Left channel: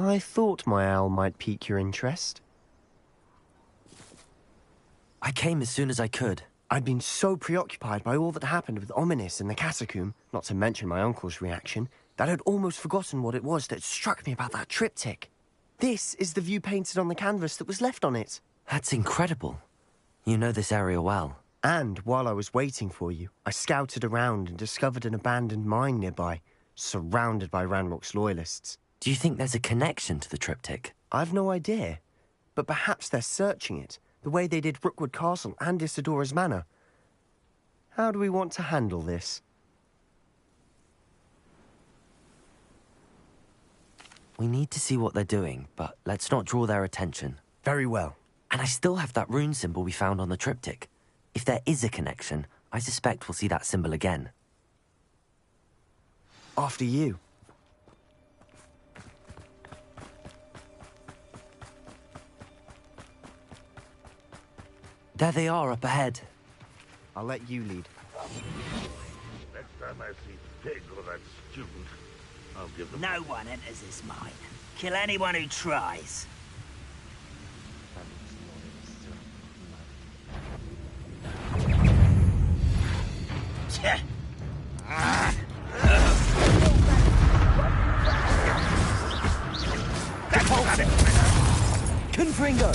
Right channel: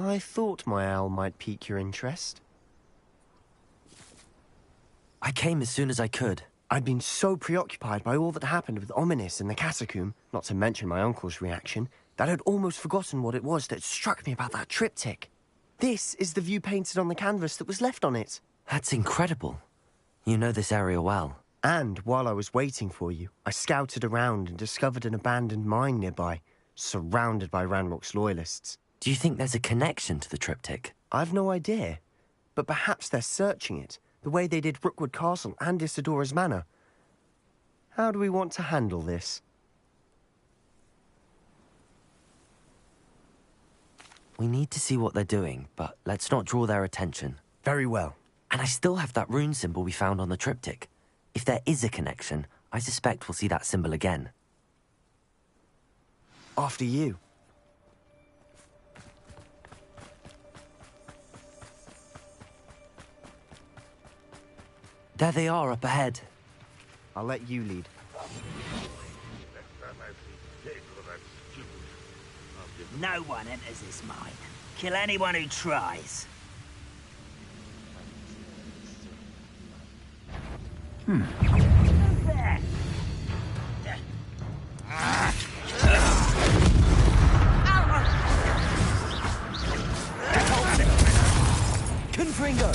I thought my owl might pique your interest. I came as soon as I could. I'd been so preoccupied by all that happened with Ominis in the catacomb, not to mention my uncle's reaction, that I'd almost forgotten what it was that struck me about that triptych. This is the view painted on the canvas that was left on it. That's incredible. You know this area well. And while I was waiting for you, I scouted around and discovered an abandoned mine nearby, surrounded by Ranrock's loyalists. Do you think there's a connection to the triptych? I've no idea, but perhaps they're searching it, the way they did Rookwood Castle and Isidora's Manor. How do we want to handle this? We need to see what they're doing, but let's not draw their attention. Very well. And I still have that rune symbol we found on the triptych. If there is a connection, I suspect we'll see that symbol again. After you. There they are up ahead. I'll let you lead. Next time I see Pig or that student, I'll give them... No one enters this mine. Kill anyone who tries. Confringo!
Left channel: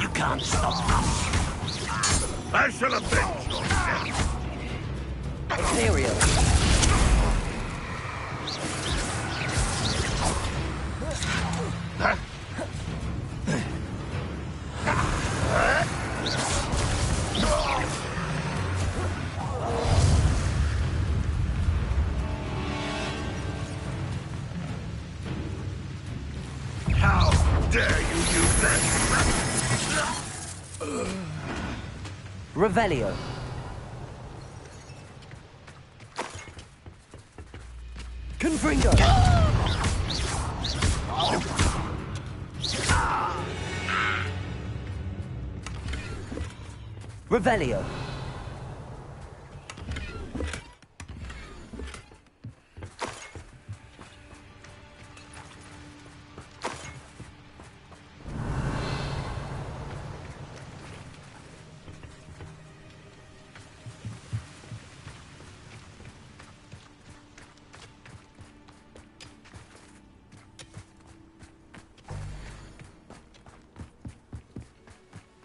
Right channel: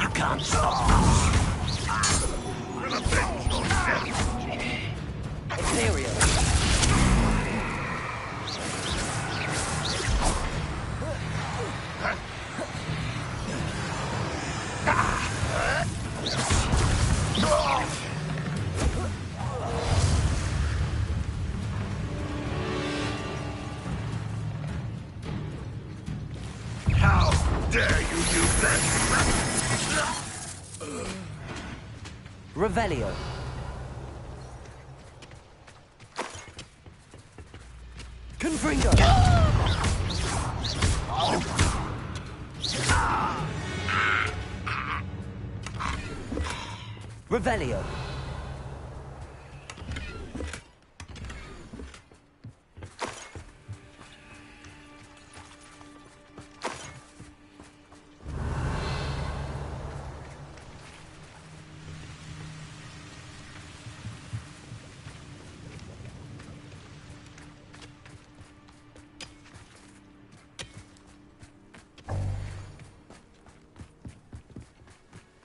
You can't stop. I shall avenge your death! Imperial! How dare you use that? Revelio! Confringo! Revelio!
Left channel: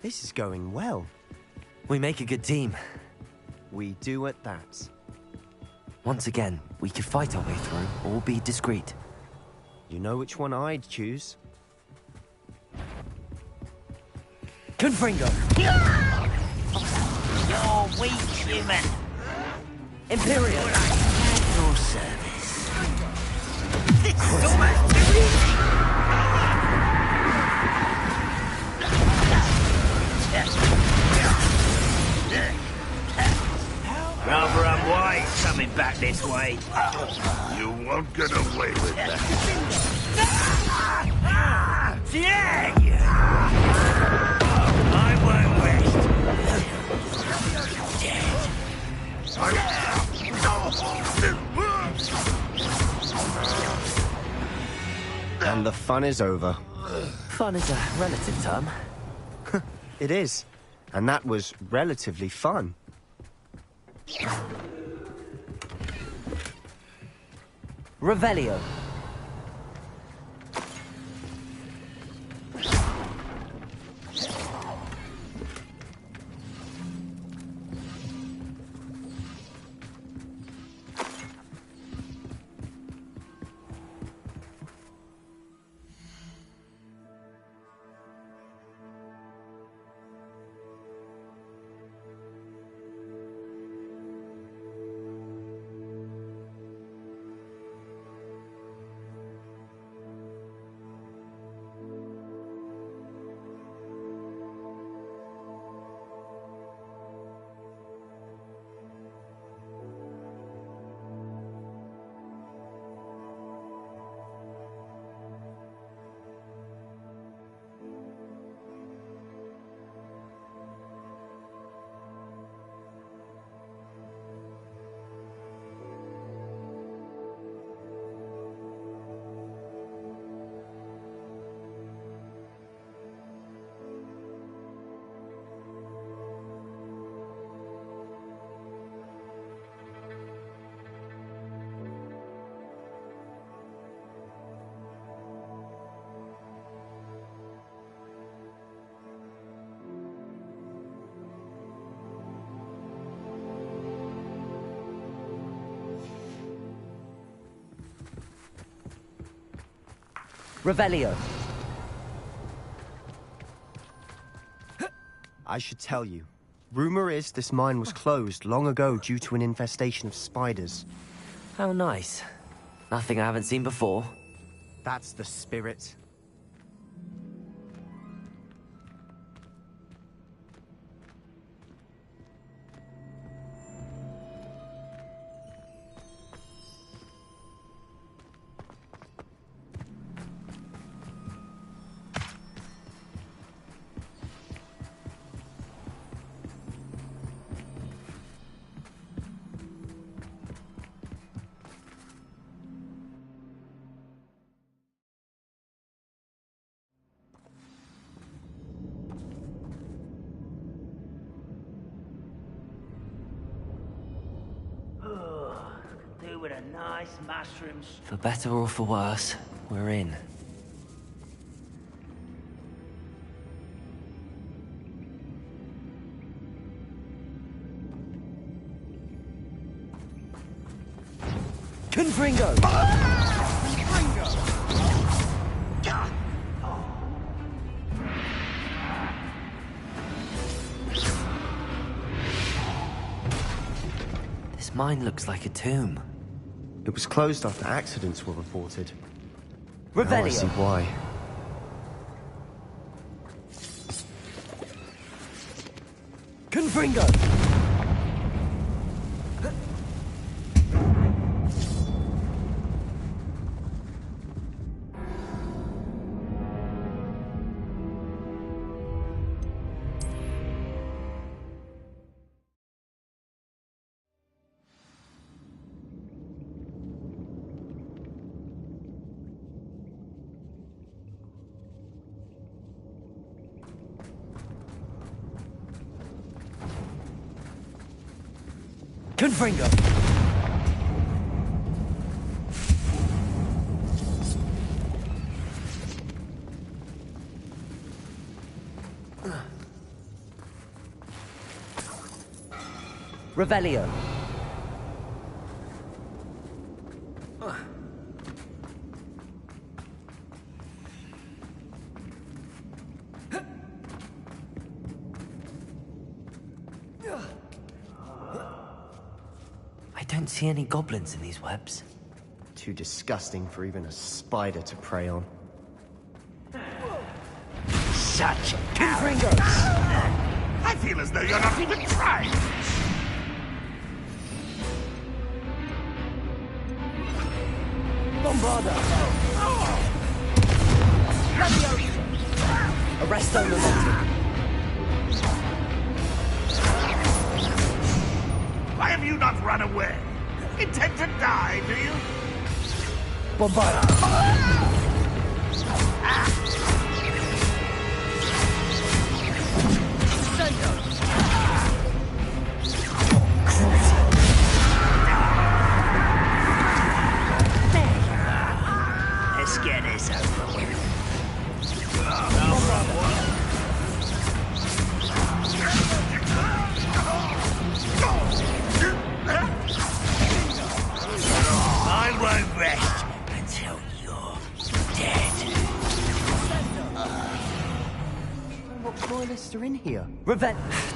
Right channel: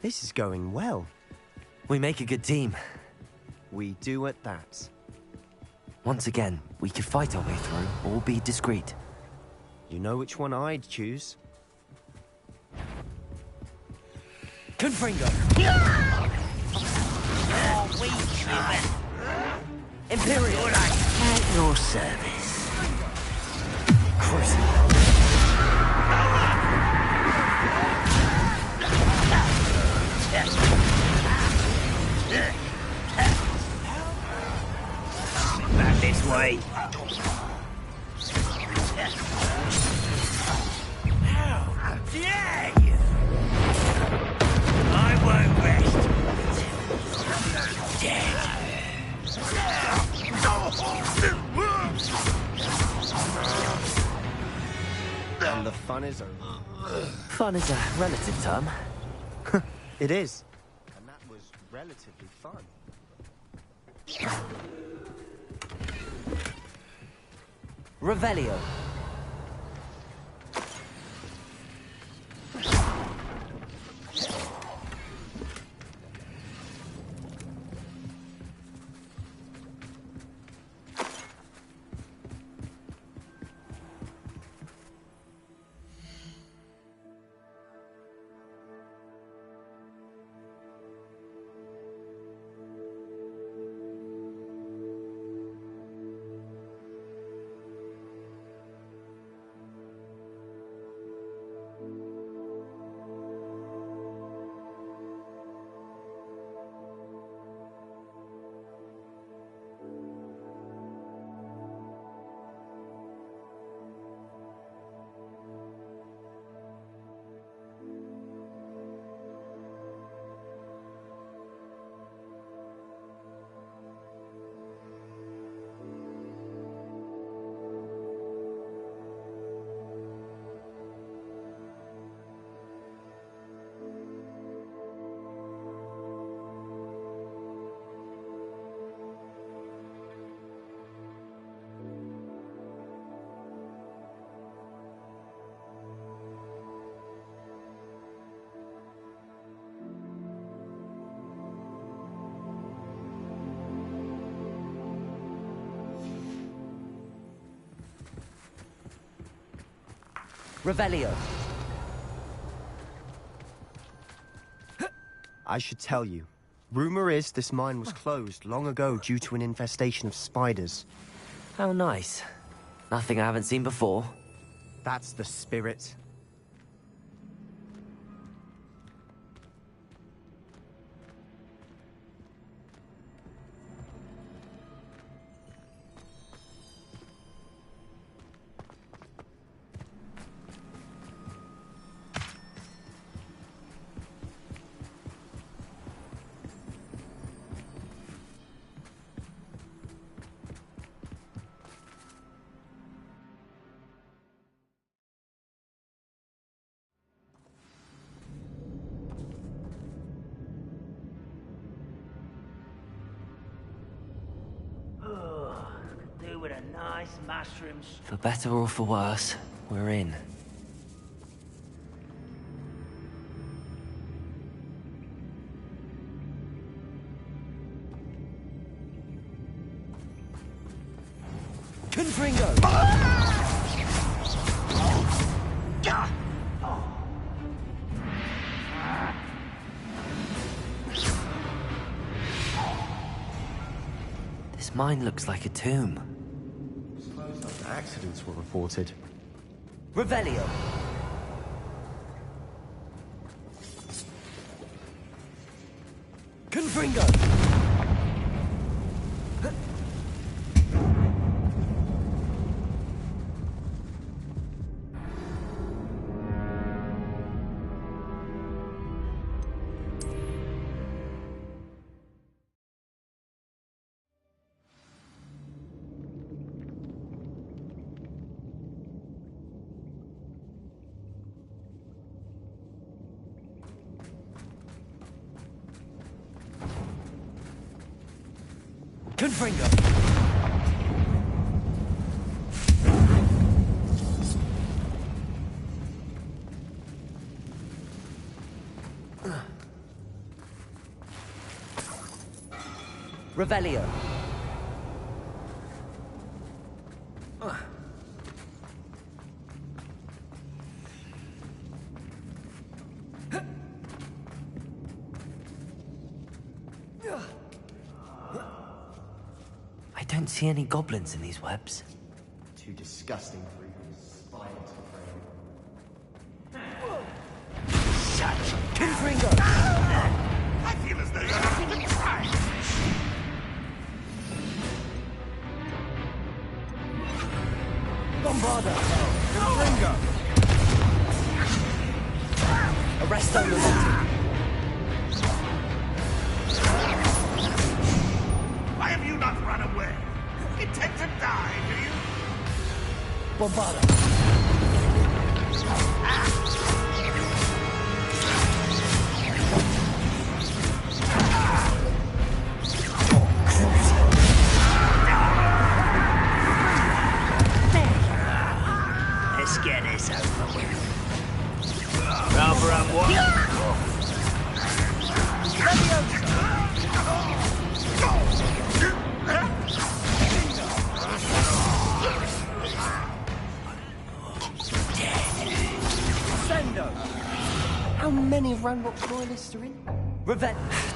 This is going well. We make a good team. We do at that. Once again, we could fight our way through, or be discreet. You know which one I'd choose. Confringo! You're weak, human. Imperial! At your service. Rather unwise coming back this way. You won't get away with that. Dare you! I won't rest. Dead. And the fun is over. Fun is a relative term. It is. And that was relatively fun. Revelio. Revelio. I should tell you. Rumor is this mine was closed long ago due to an infestation of spiders. How nice. Nothing I haven't seen before. That's the spirit. Could do with a nice mushroom. For better or for worse, we're in. Confringo! This mine looks like a tomb. It was closed after accidents were reported. Revelio. Now I see why. Confringo! Confringo! Revelio. I don't see any goblins in these webs. Too disgusting for even a spider to prey on. Such Confringo! I feel as though you're not even trying. Bombarda! Arresto momentum. Why have you not run away? Intend to die, do you? Bombarda! Let's get this over with. Cover up what? I won't rest until you're dead. How many Ranrock loyalists are in here?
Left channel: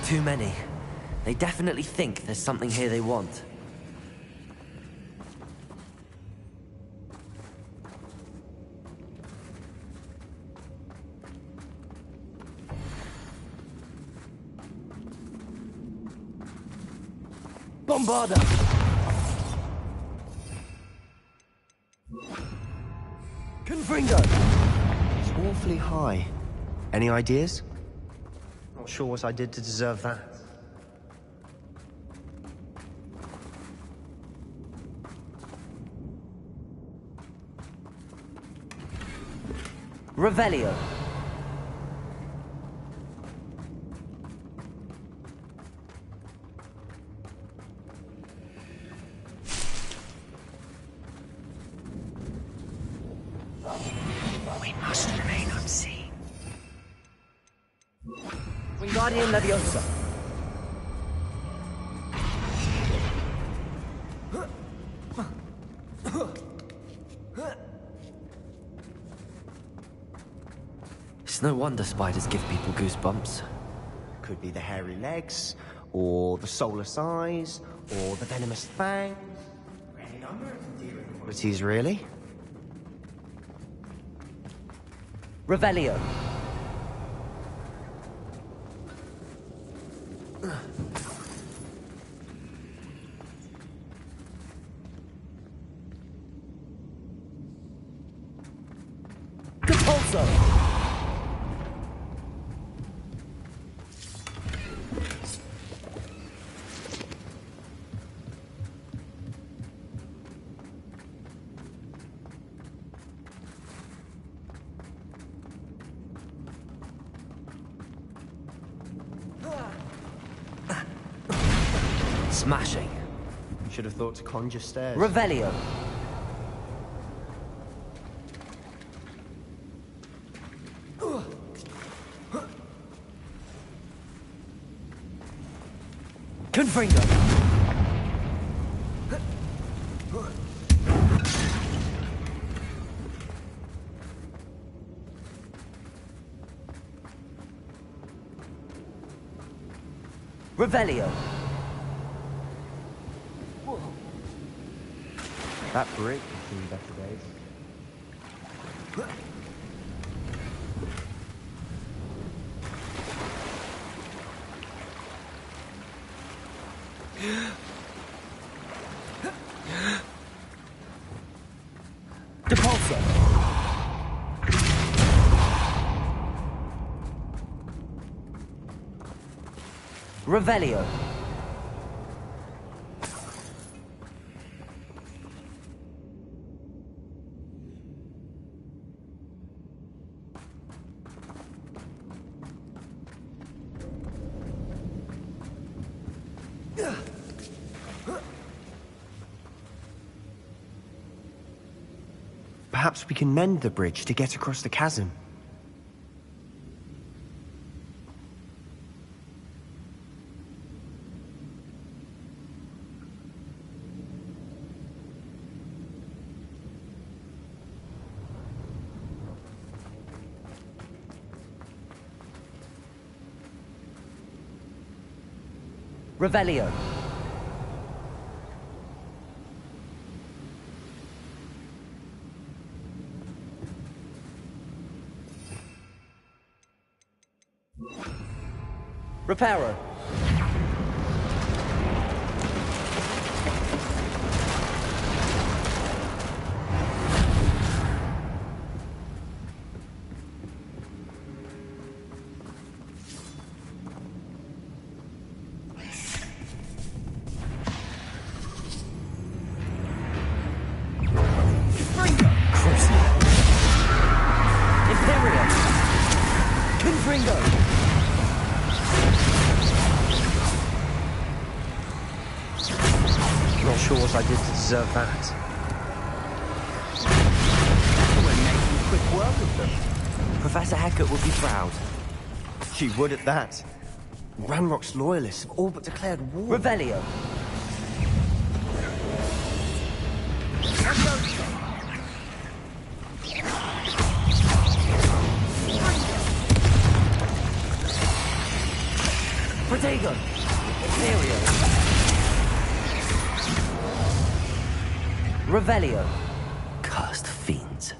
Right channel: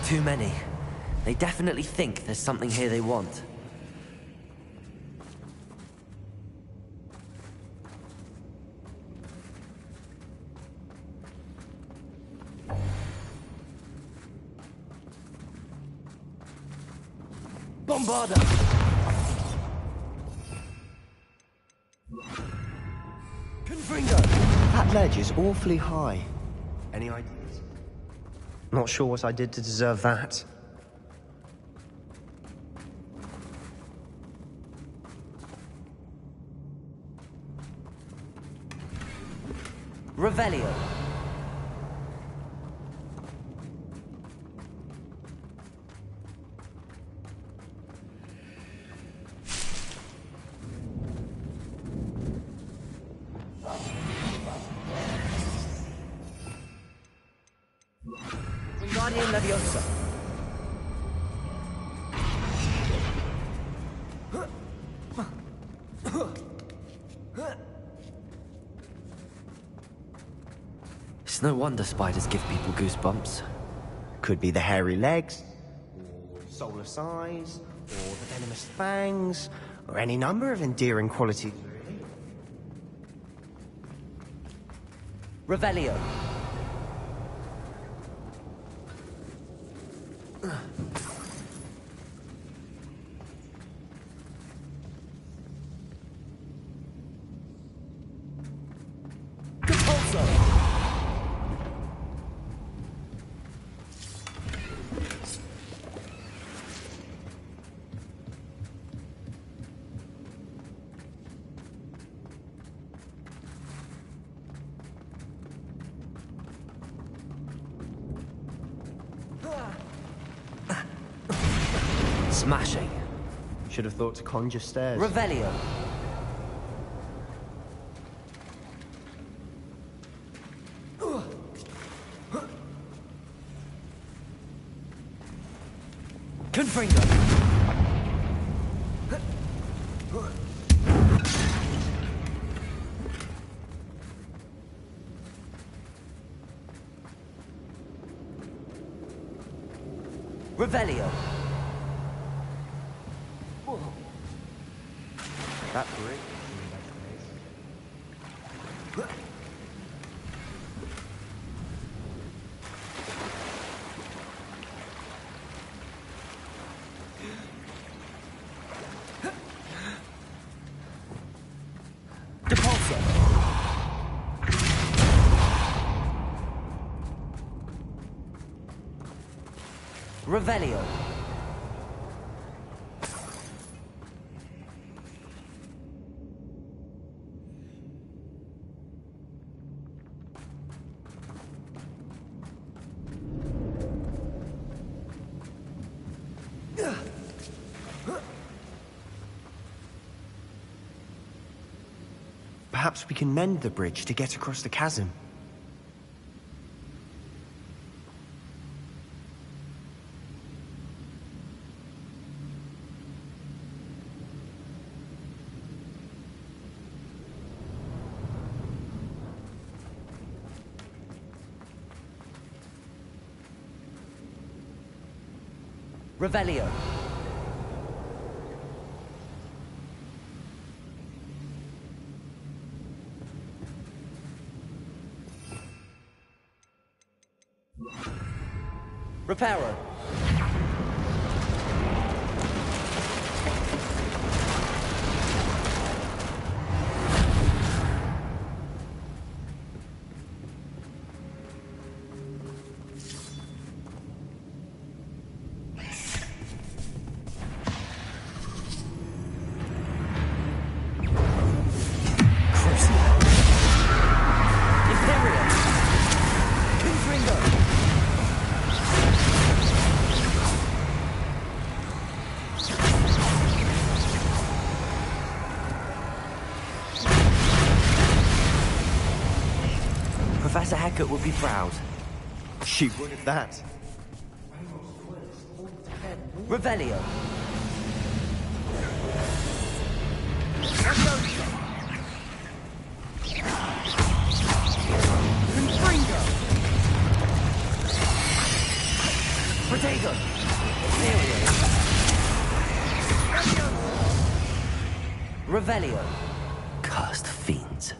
Too many. They definitely think there's something here they want. Bombarda! Confringo! That ledge is awfully high. Any ideas? Not sure what I did to deserve that. Revelio. We must remain unseen. Wingardium Leviosa. It's no wonder spiders give people goosebumps. Could be the hairy legs, or the soulless eyes, or the venomous fangs, or any number of endearing qualities, really. Revelio. Smashing. Should have thought to conjure stairs. Revelio. Confringo. Revelio. That brick in better days. Depulso. Revelio. Perhaps we can mend the bridge to get across the chasm. Revelio. Reparo. Imperio. Confringo. Deserve that. Professor Hecat would be proud. She would at that. Ranrock's loyalists have all but declared war. Revelio. Protego. Imperio. Revelio. Cursed fiends.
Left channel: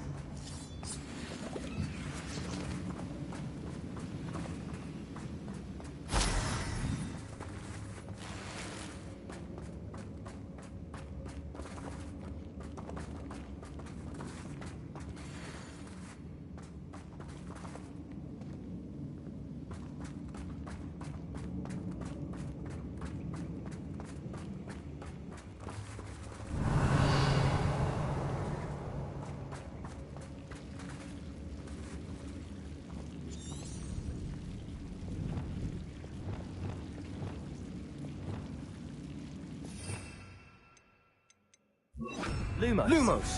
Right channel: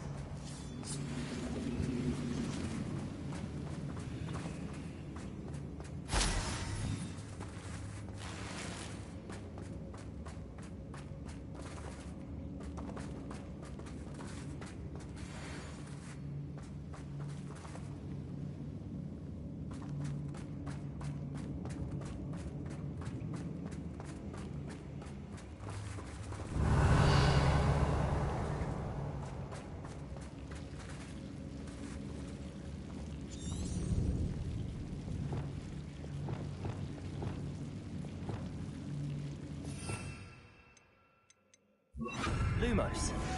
Lumos.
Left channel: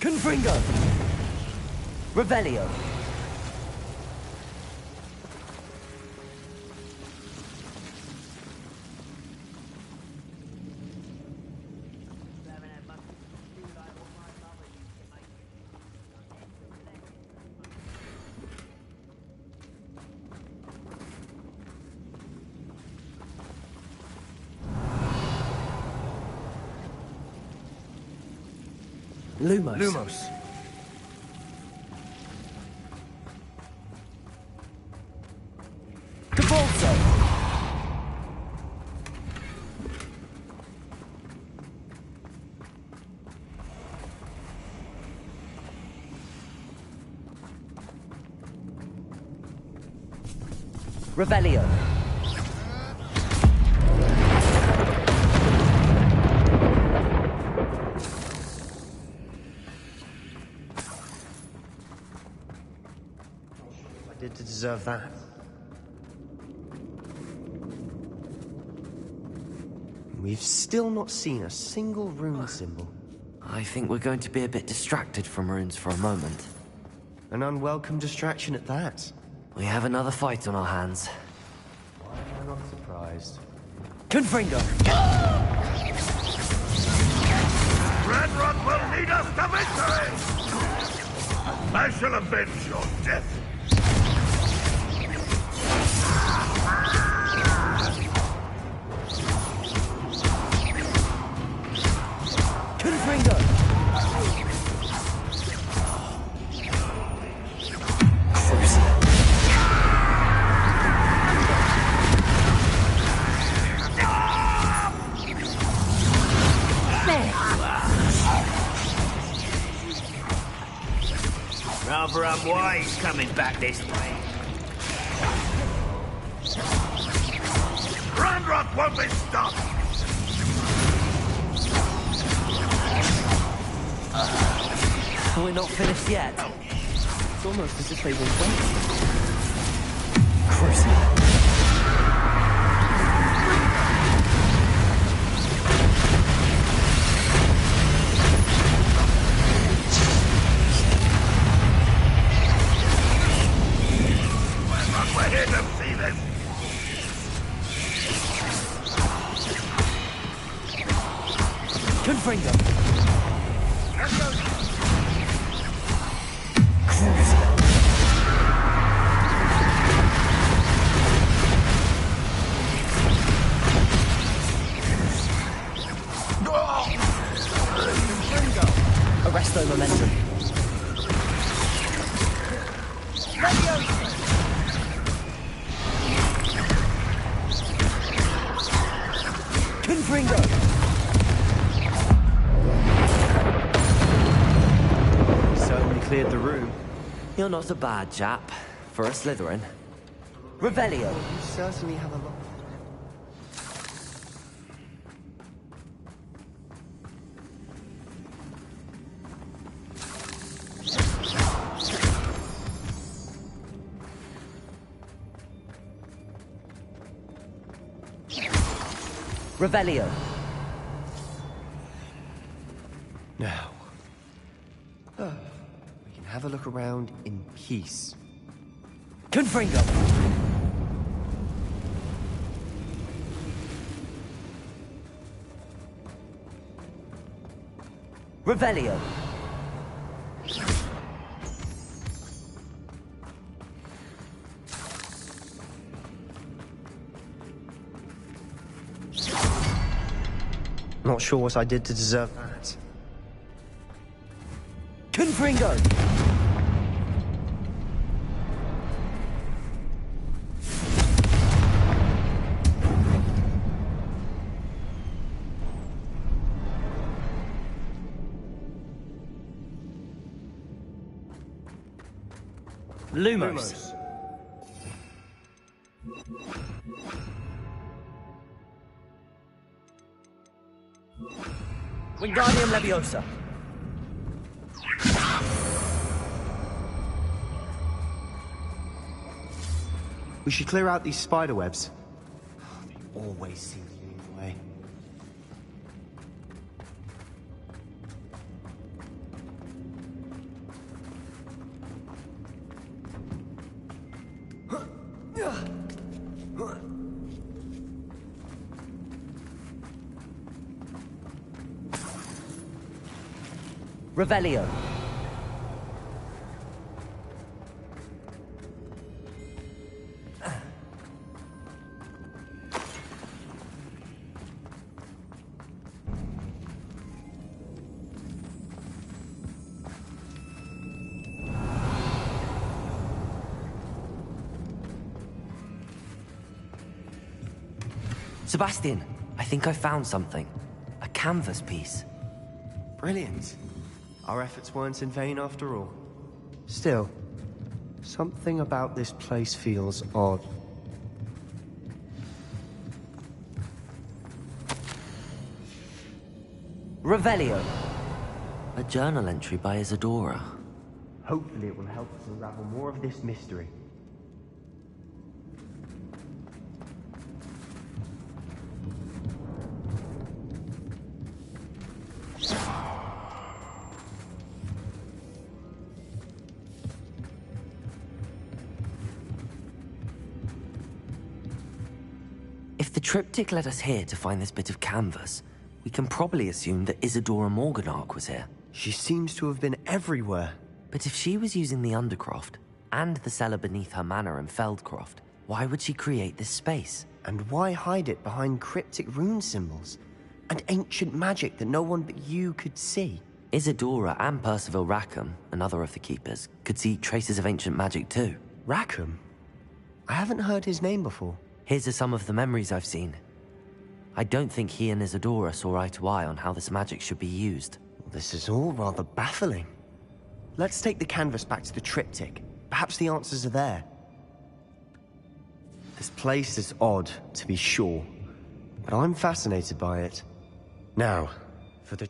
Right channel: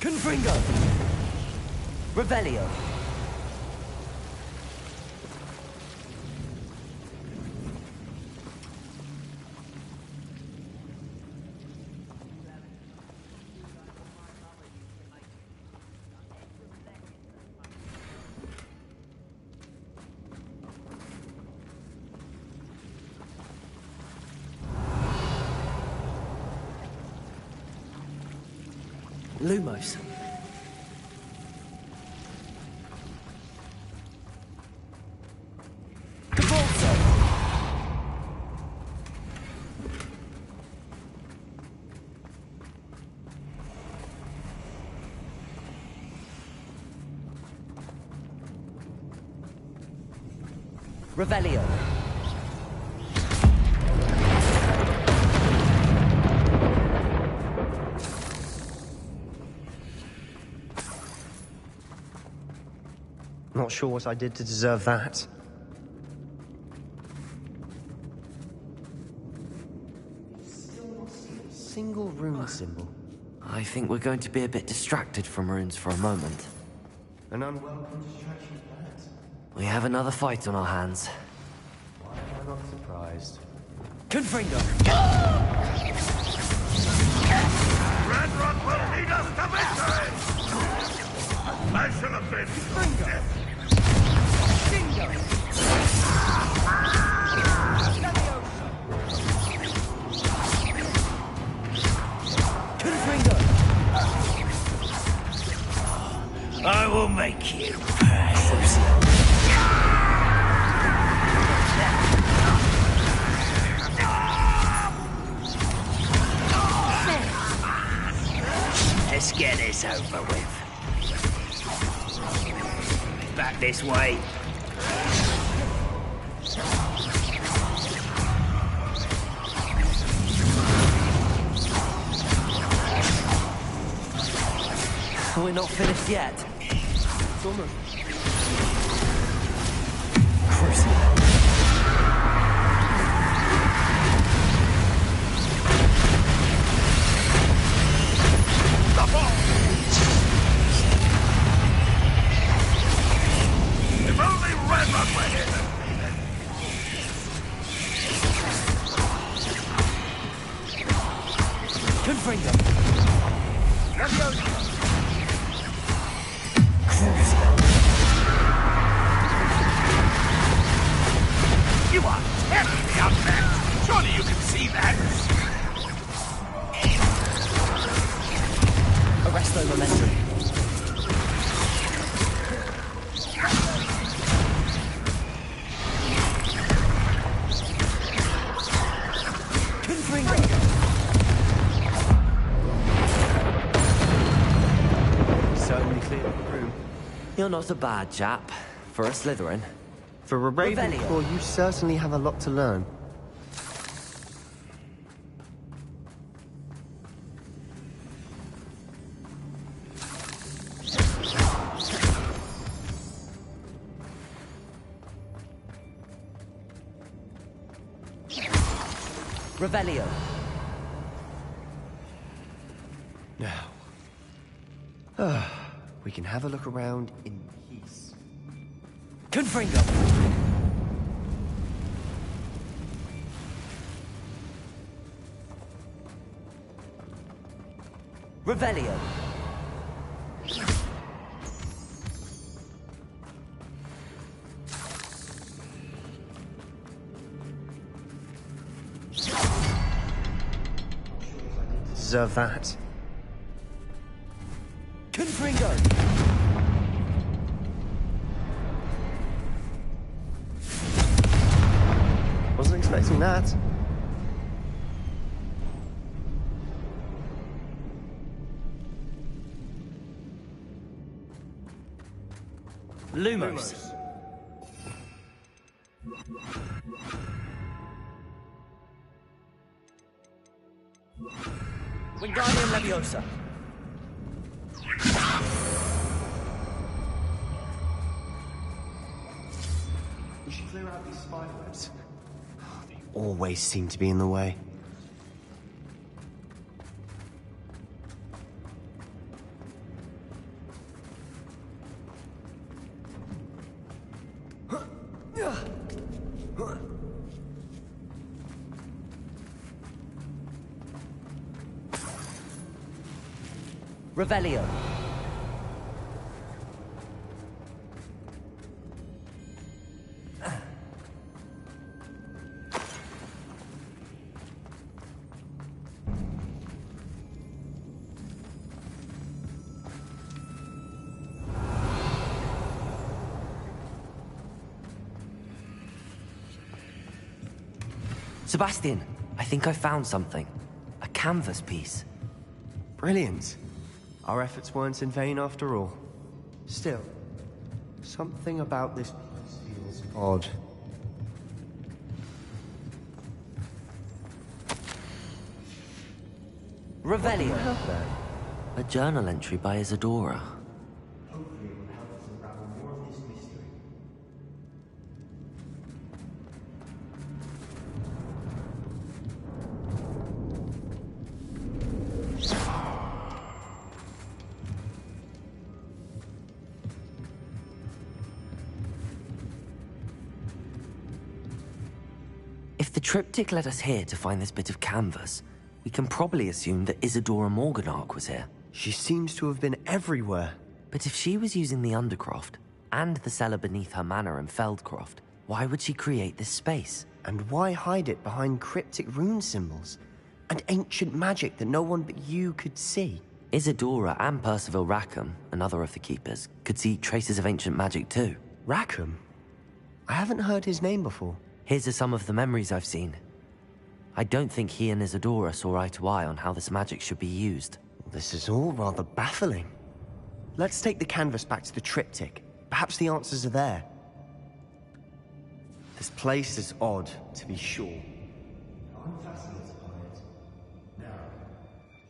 Confringo. Revelio. Lumos. Cabalso! Revelio. Not sure what I did to deserve that. We've still not seen a single rune symbol. I think we're going to be a bit distracted from runes for a moment. An unwelcome distraction at that. We have another fight on our hands. Why am I not surprised? Confringo! Red Rock will lead us to victory! I shall avenge your death. Confringo! I will make you. Let's get this over with. Rather unwise coming back this way. Red Rock won't be stopped. We're not finished yet. It's almost as if they've been Crucible. Only Red Rock were here to see this. Confringo. Let's go. Arresto momentum. Confringo. certainly cleared the room. You're not a bad chap. For a Slytherin. For a Revelio. Ravenclaw, you certainly have a lot to learn. Revelio. Now, we can have a look around in peace. Confringo. Revelio. Not sure what I did to deserve that. Confringo. Wasn't expecting that. Lumos. Wingardium Leviosa. We should clear out these spider webs. They always seem to be in the way. Revelio. Sebastian, I think I found something. A canvas piece. Brilliant. Our efforts weren't in vain after all. Still, something about this place feels odd. Revelio. A journal entry by Isadora. Hopefully it will help us unravel more of this mystery. If the triptych led us here to find this bit of canvas, we can probably assume that Isadora Morganach was here. She seems to have been everywhere. But if she was using the Undercroft, and the cellar beneath her manor in Feldcroft, why would she create this space? And why hide it behind cryptic rune symbols? And ancient magic that no one but you could see? Isadora and Percival Rackham, another of the Keepers, could see traces of ancient magic too. Rackham? I haven't heard his name before. Here's are some of the memories I've seen. I don't think he and Isadora saw eye to eye on how this magic should be used. This is all rather baffling. Let's take the canvas back to the triptych. Perhaps the answers are there. This place is odd, to be sure, but I'm fascinated by it. Now, for the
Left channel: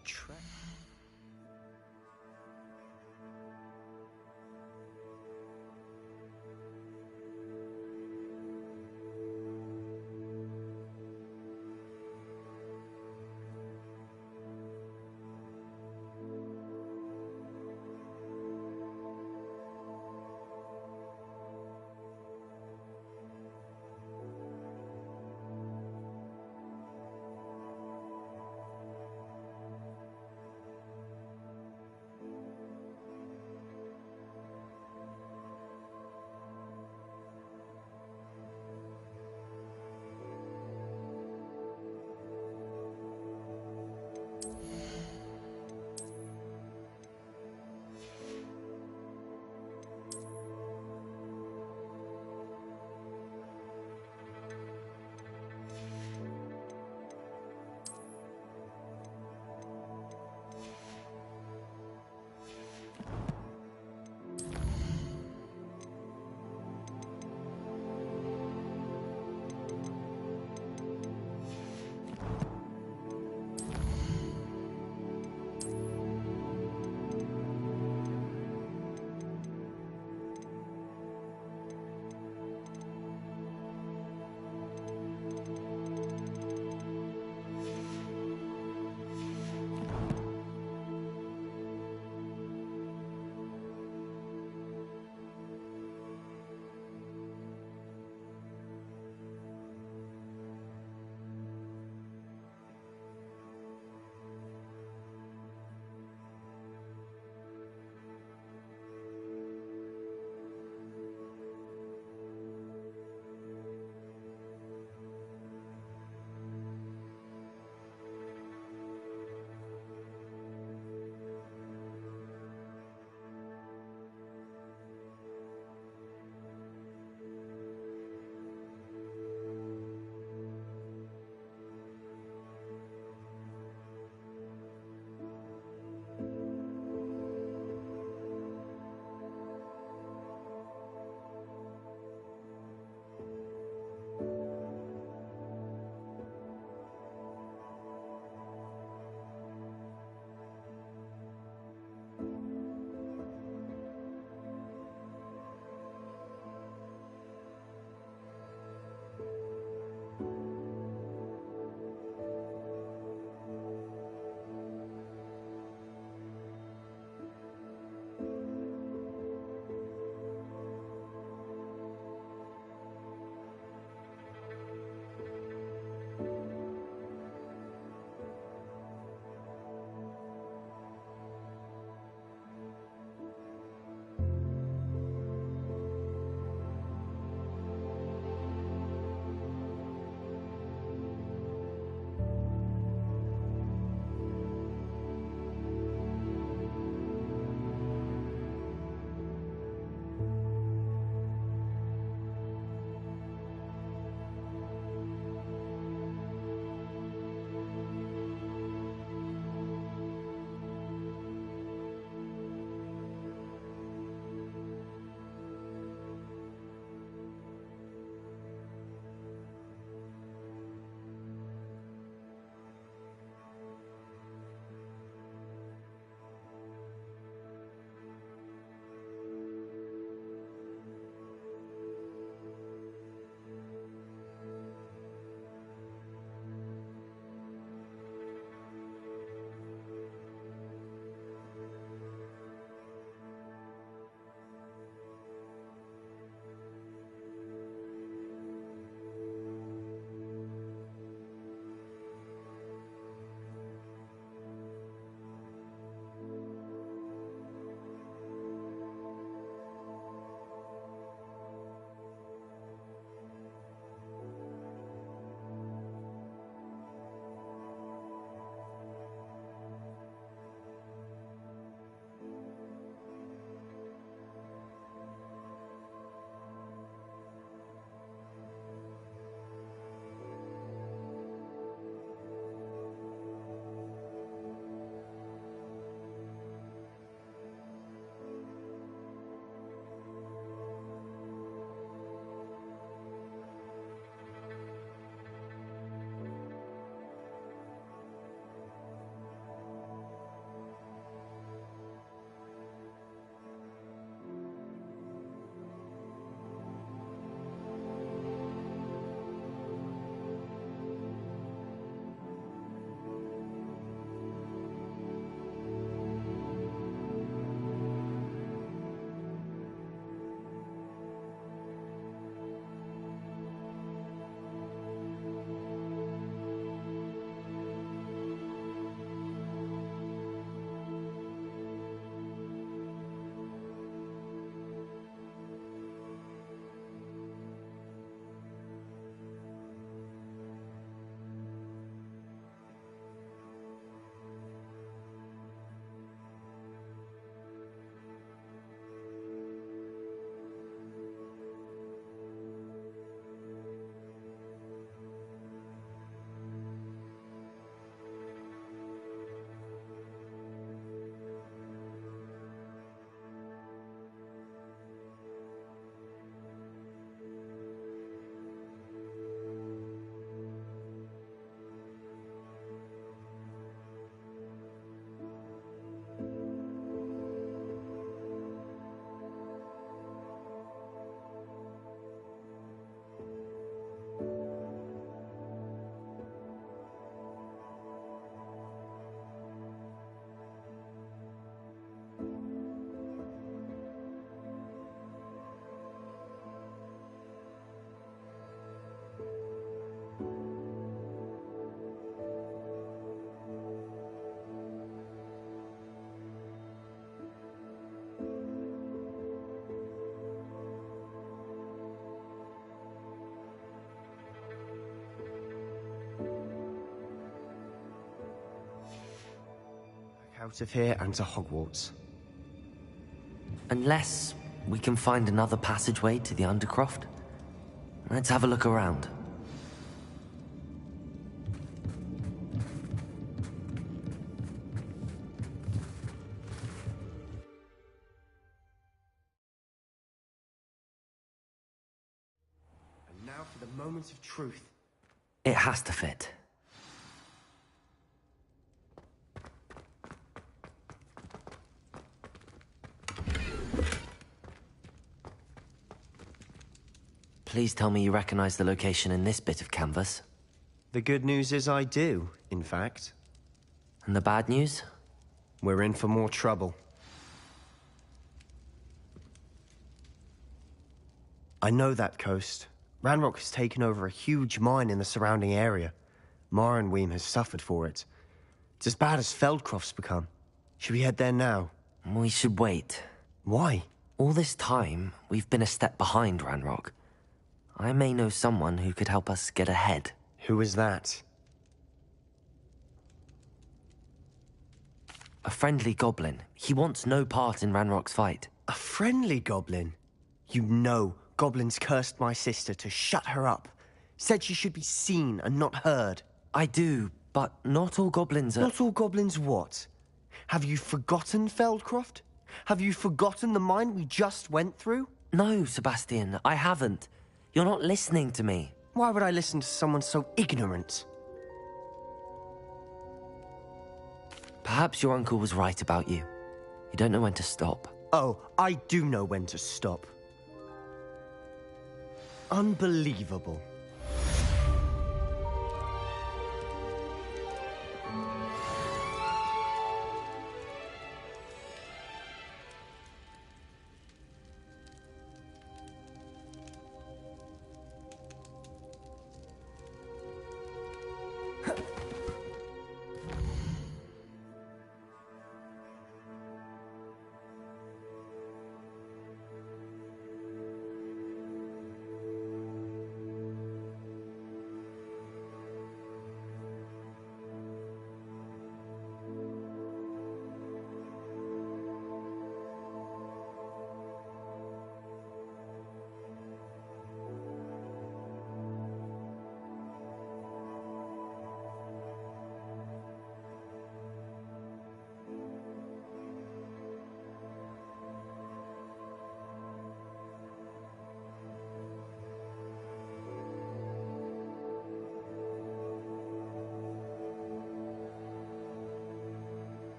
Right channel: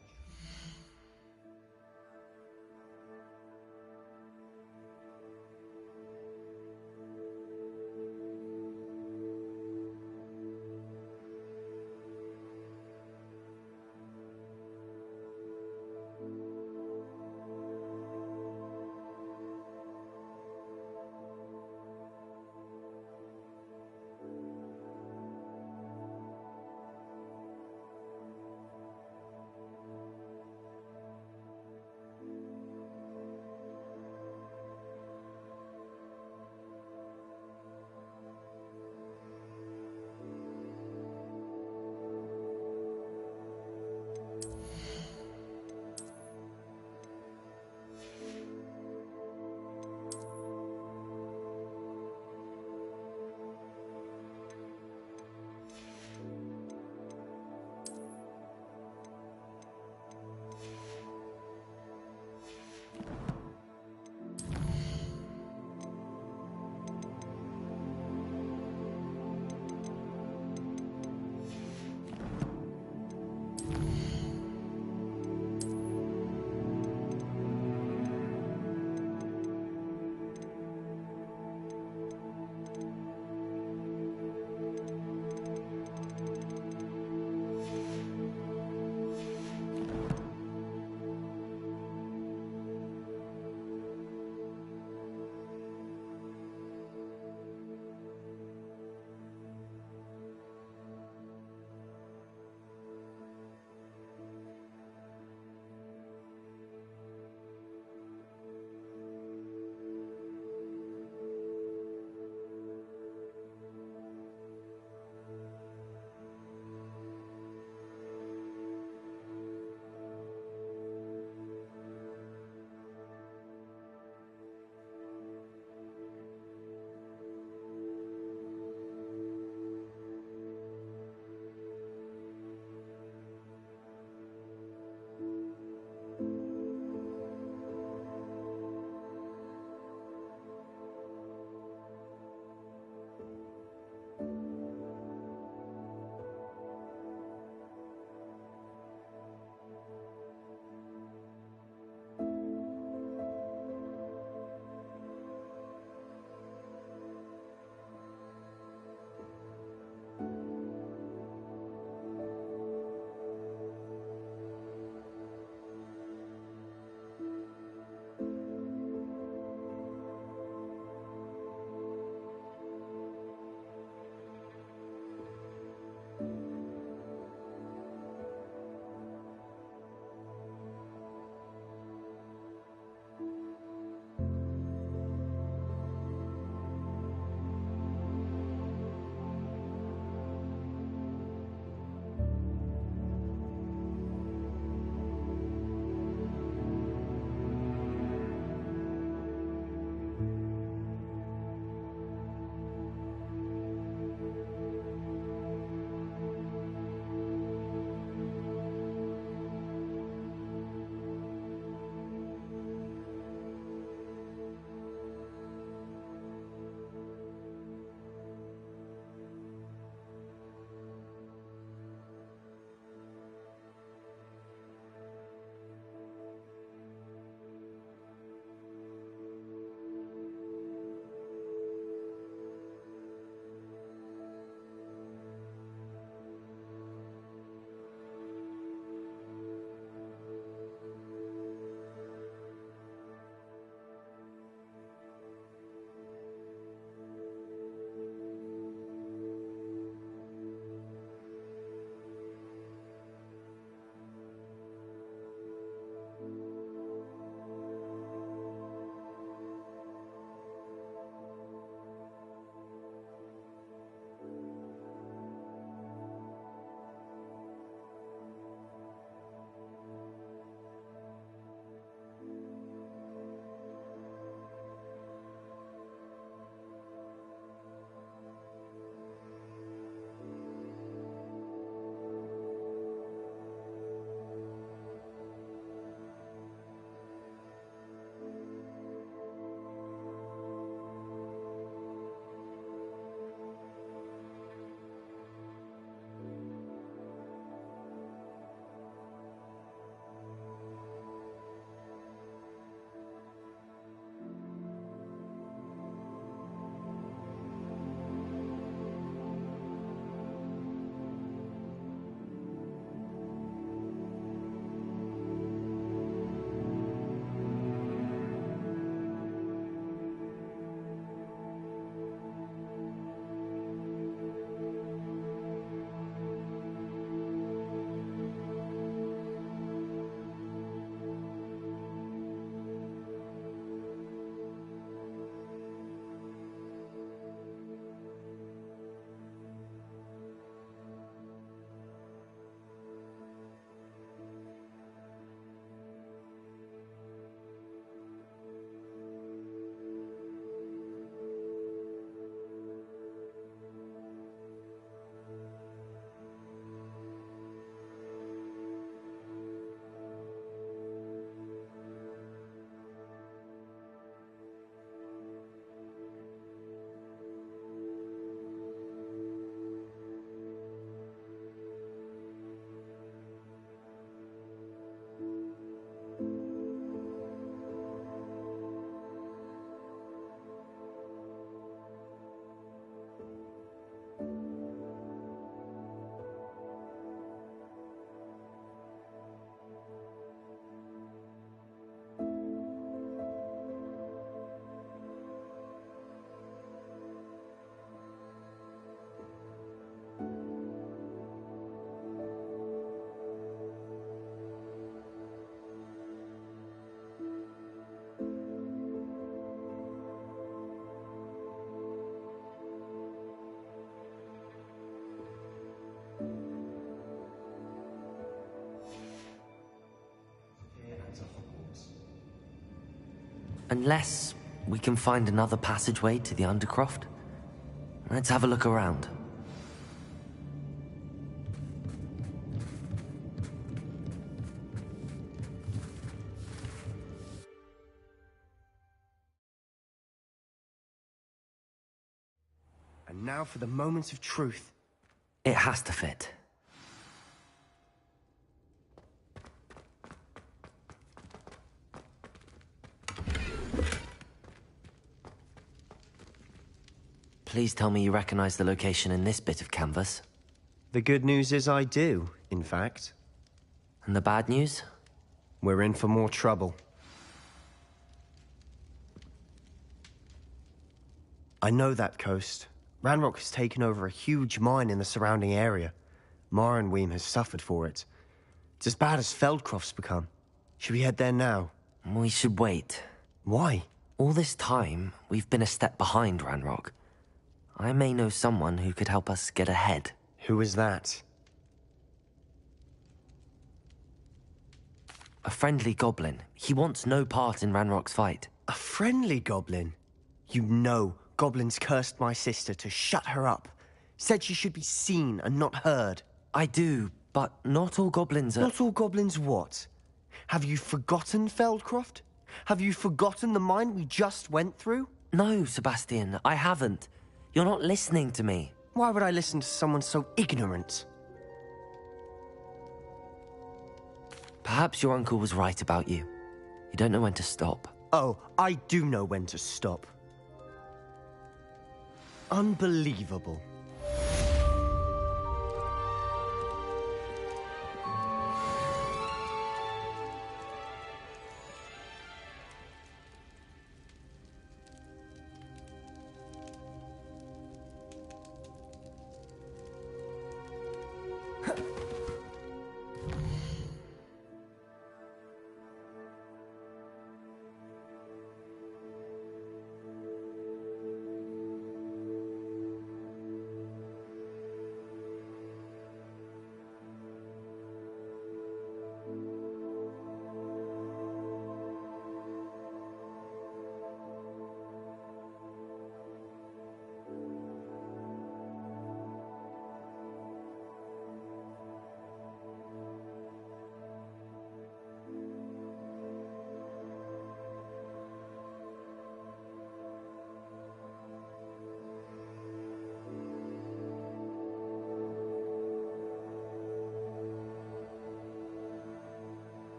Out of here and to Hogwarts. Unless we can find another passageway to the Undercroft. Let's have a look around. And now for the moment of truth. It has to fit. Please tell me you recognize the location in this bit of canvas. The good news is I do, in fact. And the bad news? We're in for more trouble. I know that coast. Ranrock has taken over a huge mine in the surrounding area. Mornweem has suffered for it. It's as bad as Feldcroft's become. Should we head there now? We should wait. Why? All this time, we've been a step behind Ranrock. I may know someone who could help us get ahead. Who is that? A friendly goblin. He wants no part in Ranrock's fight. A friendly goblin? You know, goblins cursed my sister to shut her up. Said she should be seen and not heard. I do, but not all goblins are... Not all goblins what? Have you forgotten Feldcroft? Have you forgotten the mine we just went through? No, Sebastian, I haven't. You're not listening to me. Why would I listen to someone so ignorant? Perhaps your uncle was right about you. You don't know when to stop. Oh, I do know when to stop. Unbelievable.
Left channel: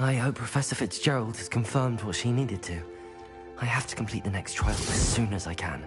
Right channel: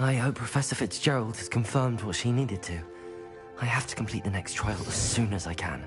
I hope Professor Fitzgerald has confirmed what she needed to. I have to complete the next trial as soon as I can.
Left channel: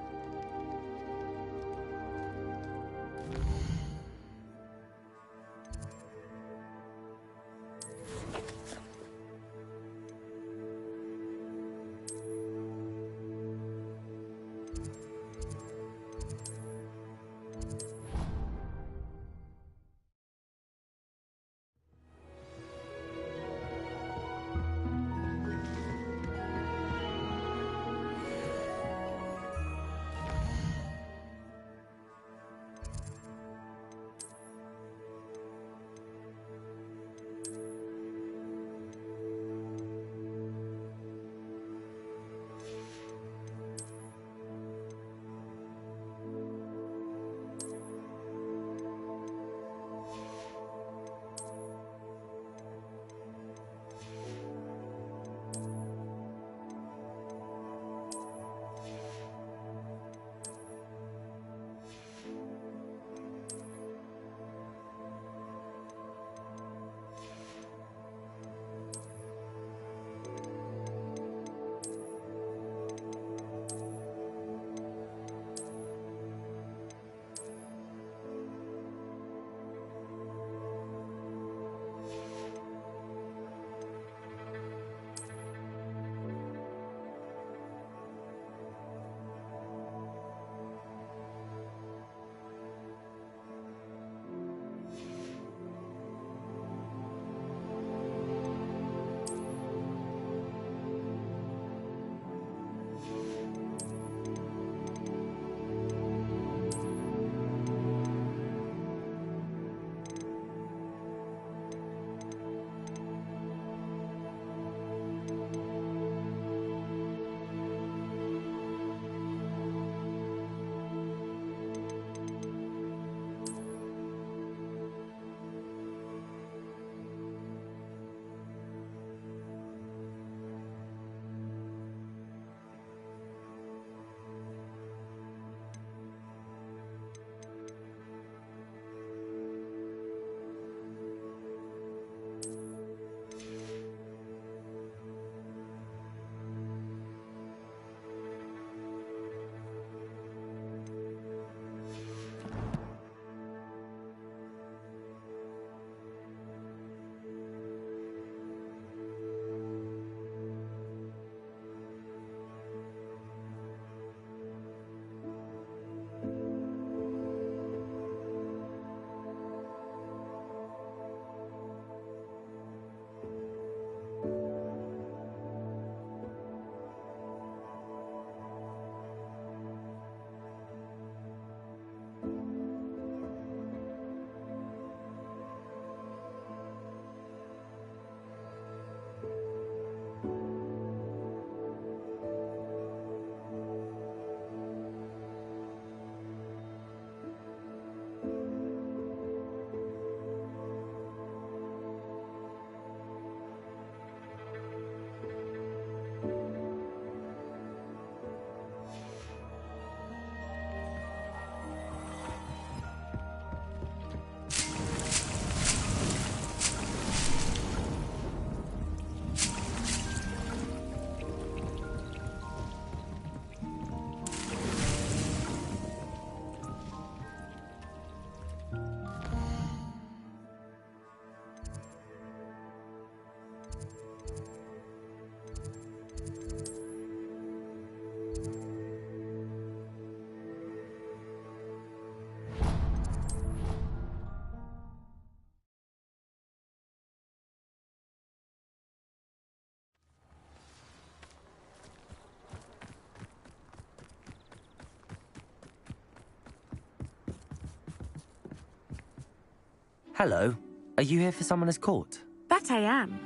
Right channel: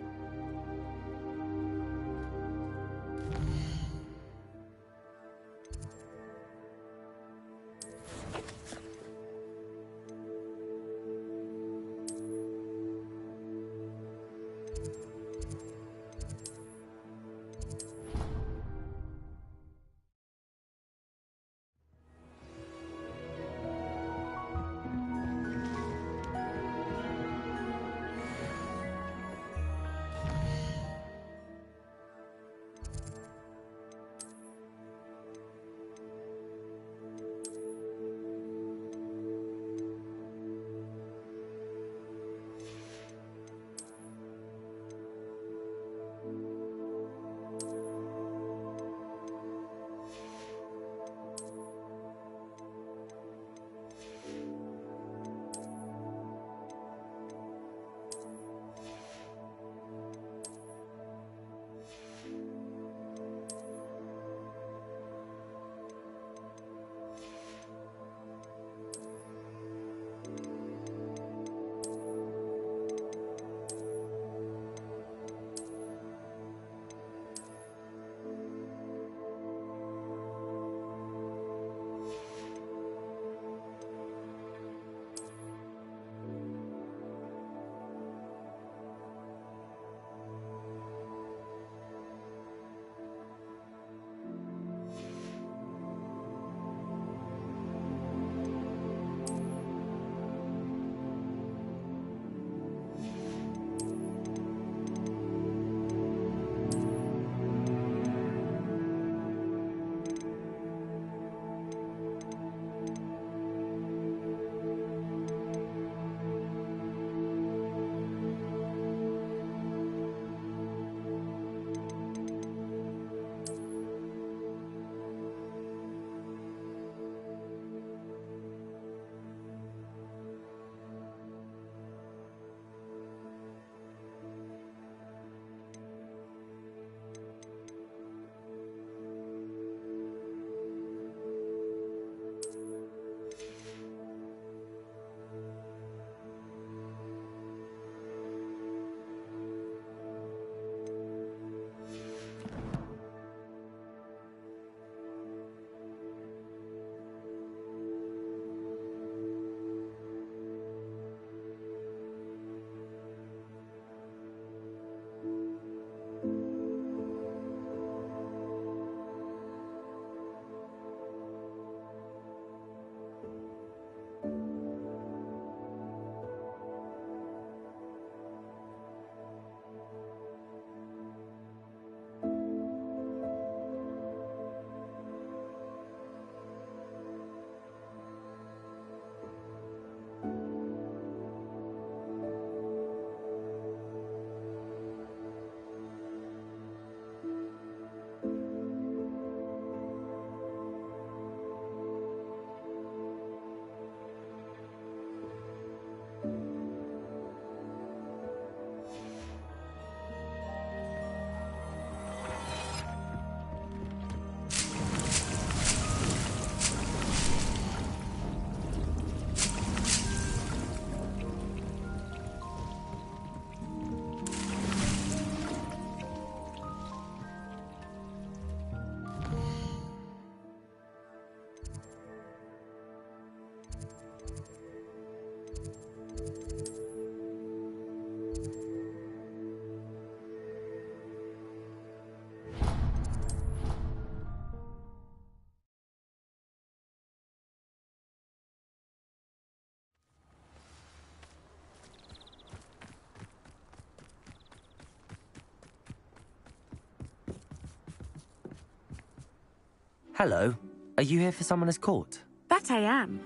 Hello. Are you here for Summoner's Court? That I am.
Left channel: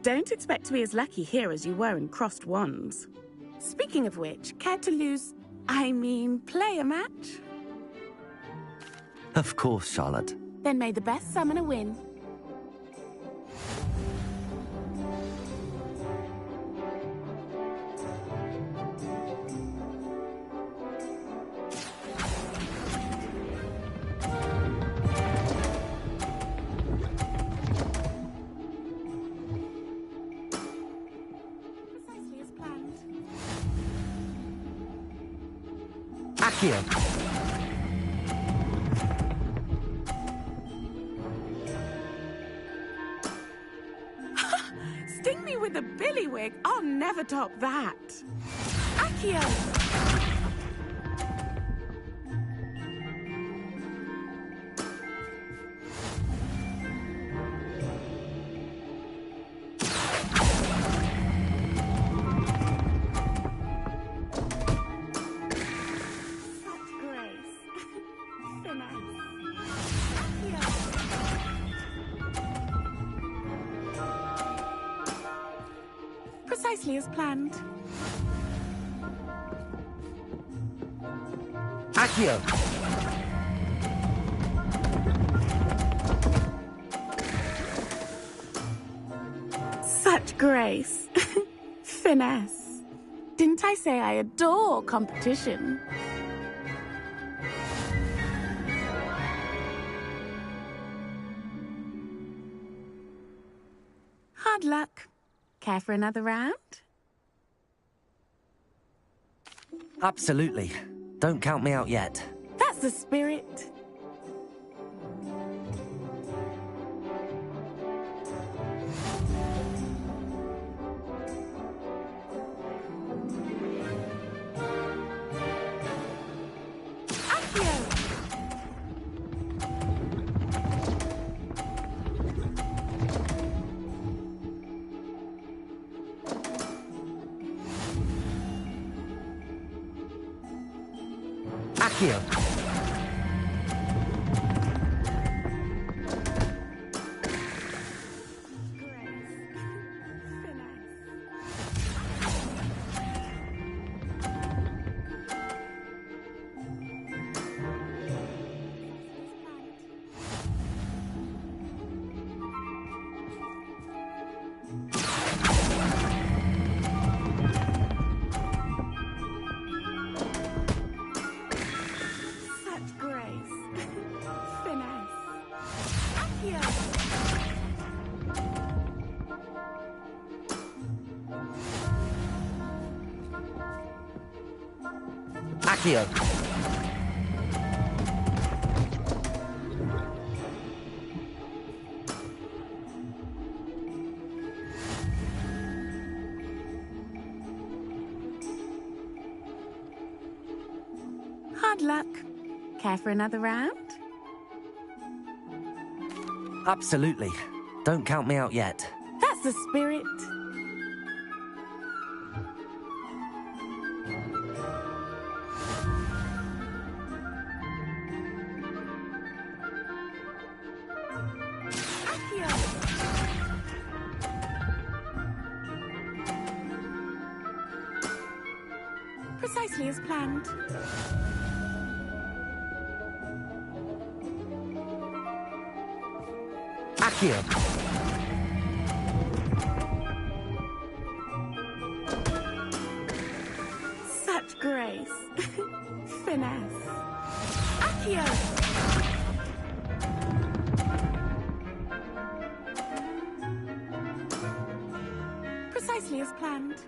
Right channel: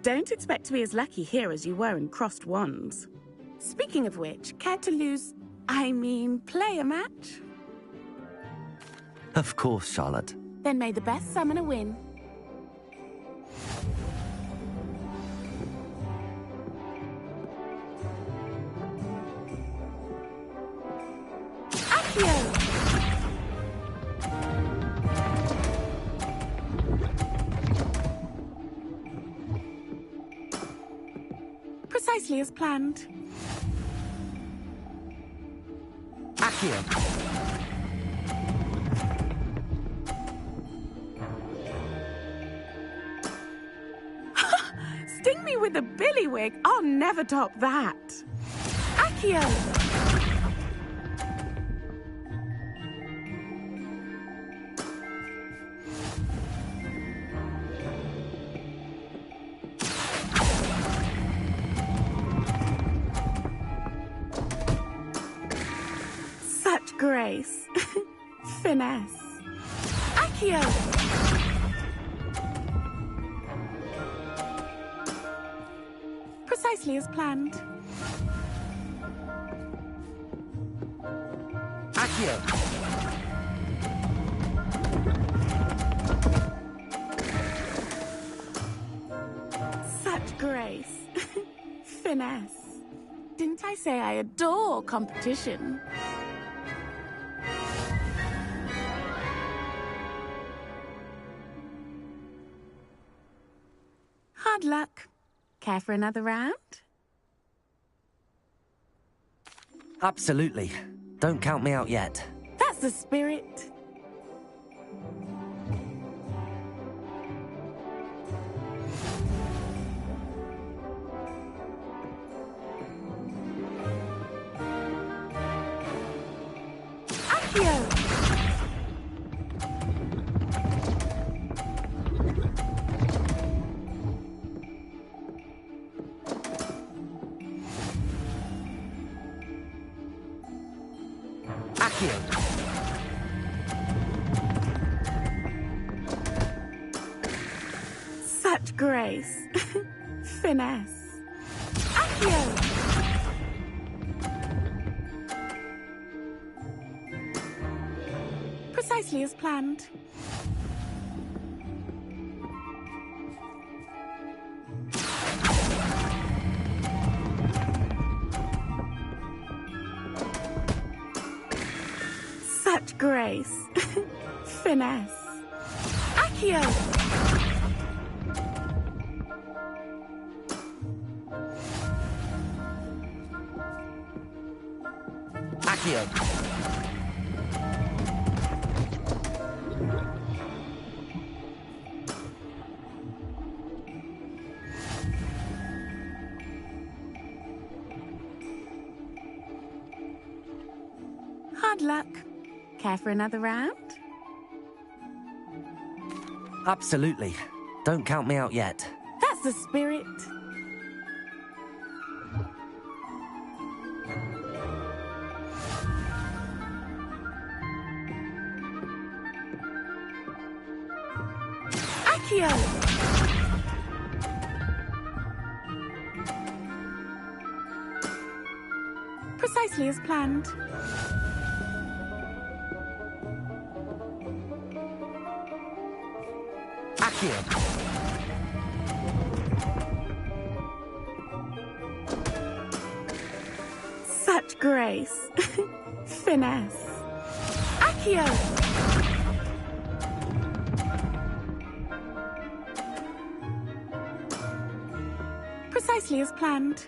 Don't expect to be as lucky here as you were in Crossed Wands. Speaking of which, care to play a match? Of course, Charlotte. Then may the best summoner win. Precisely as planned. Accio. Sting me with a billywig. I'll never top that. Accio. Grace. Finesse. Accio. Precisely as planned. Accio. Such grace. Finesse. Didn't I say I adore competition? Hard luck. Care for another round? Absolutely. Don't count me out yet. That's the spirit. Accio. Accio. Such grace. Finesse. Accio. Precisely as planned. Such grace. Finesse. Accio. Accio. Hard luck. Care for another round? Absolutely. Don't count me out yet. That's the spirit. Accio. Precisely as planned. Accio. Such grace. Finesse. Accio. Precisely as planned.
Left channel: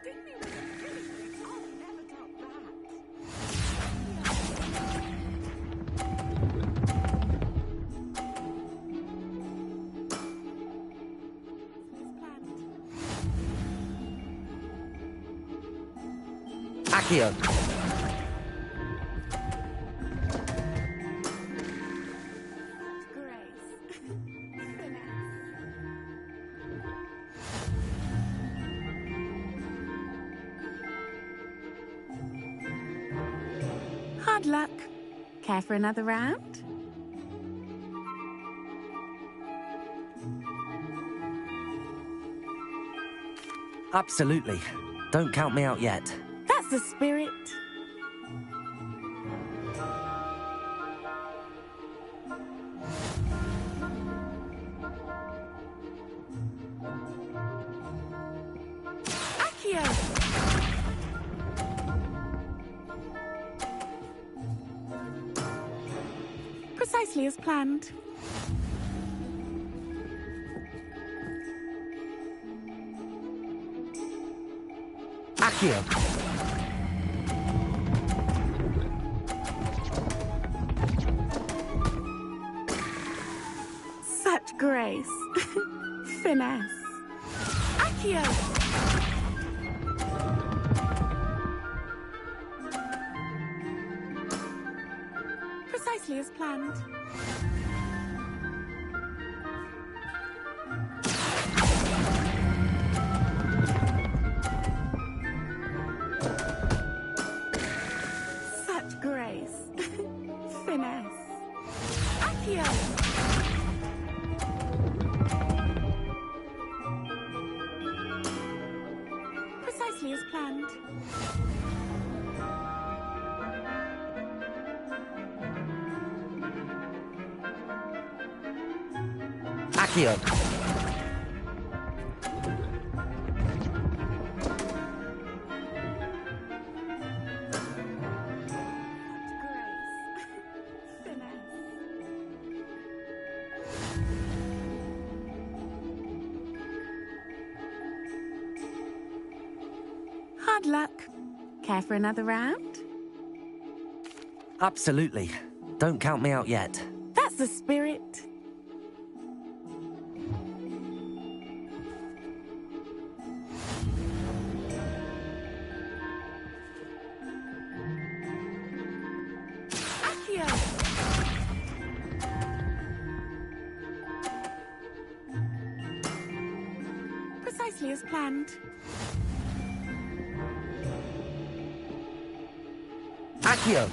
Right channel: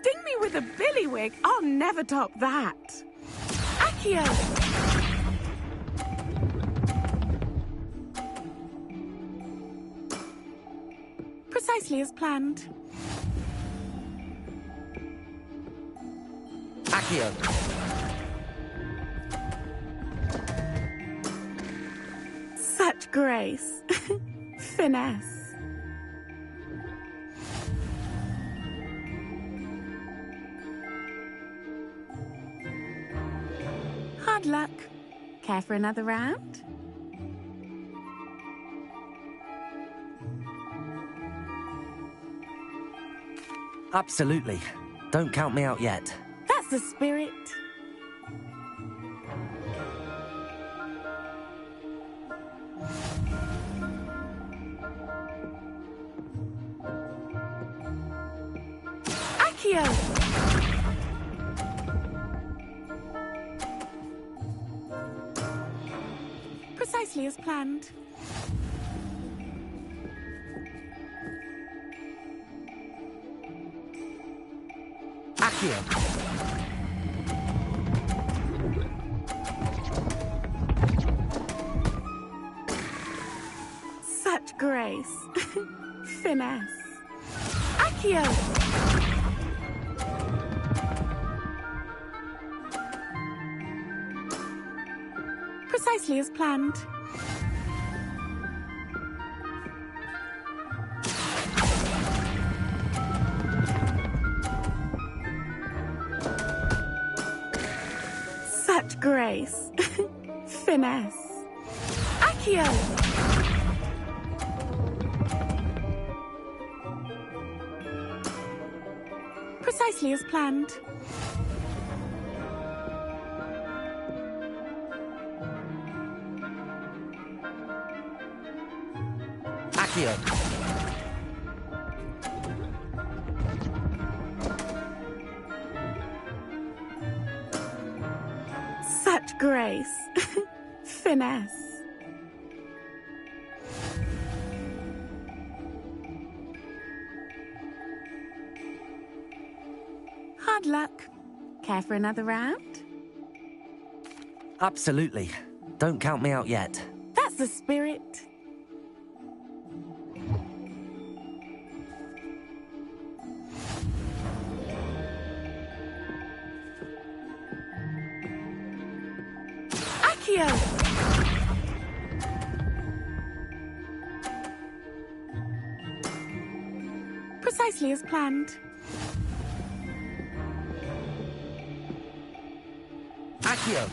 Sting me with a billywig. I'll never top that. Accio. Precisely as planned. Accio. Such grace. Finesse. Hard luck. Care for another round? Absolutely. Don't count me out yet. That's the spirit. Accio! Precisely as planned. Accio! Such grace. Finesse. Accio! Precisely as planned. Such grace. Finesse. Accio! Precisely as planned. Accio! Such grace. Finesse. Hard luck. Care for another round? Absolutely. Don't count me out yet. That's the spirit. Accio! Precisely as planned. Accio!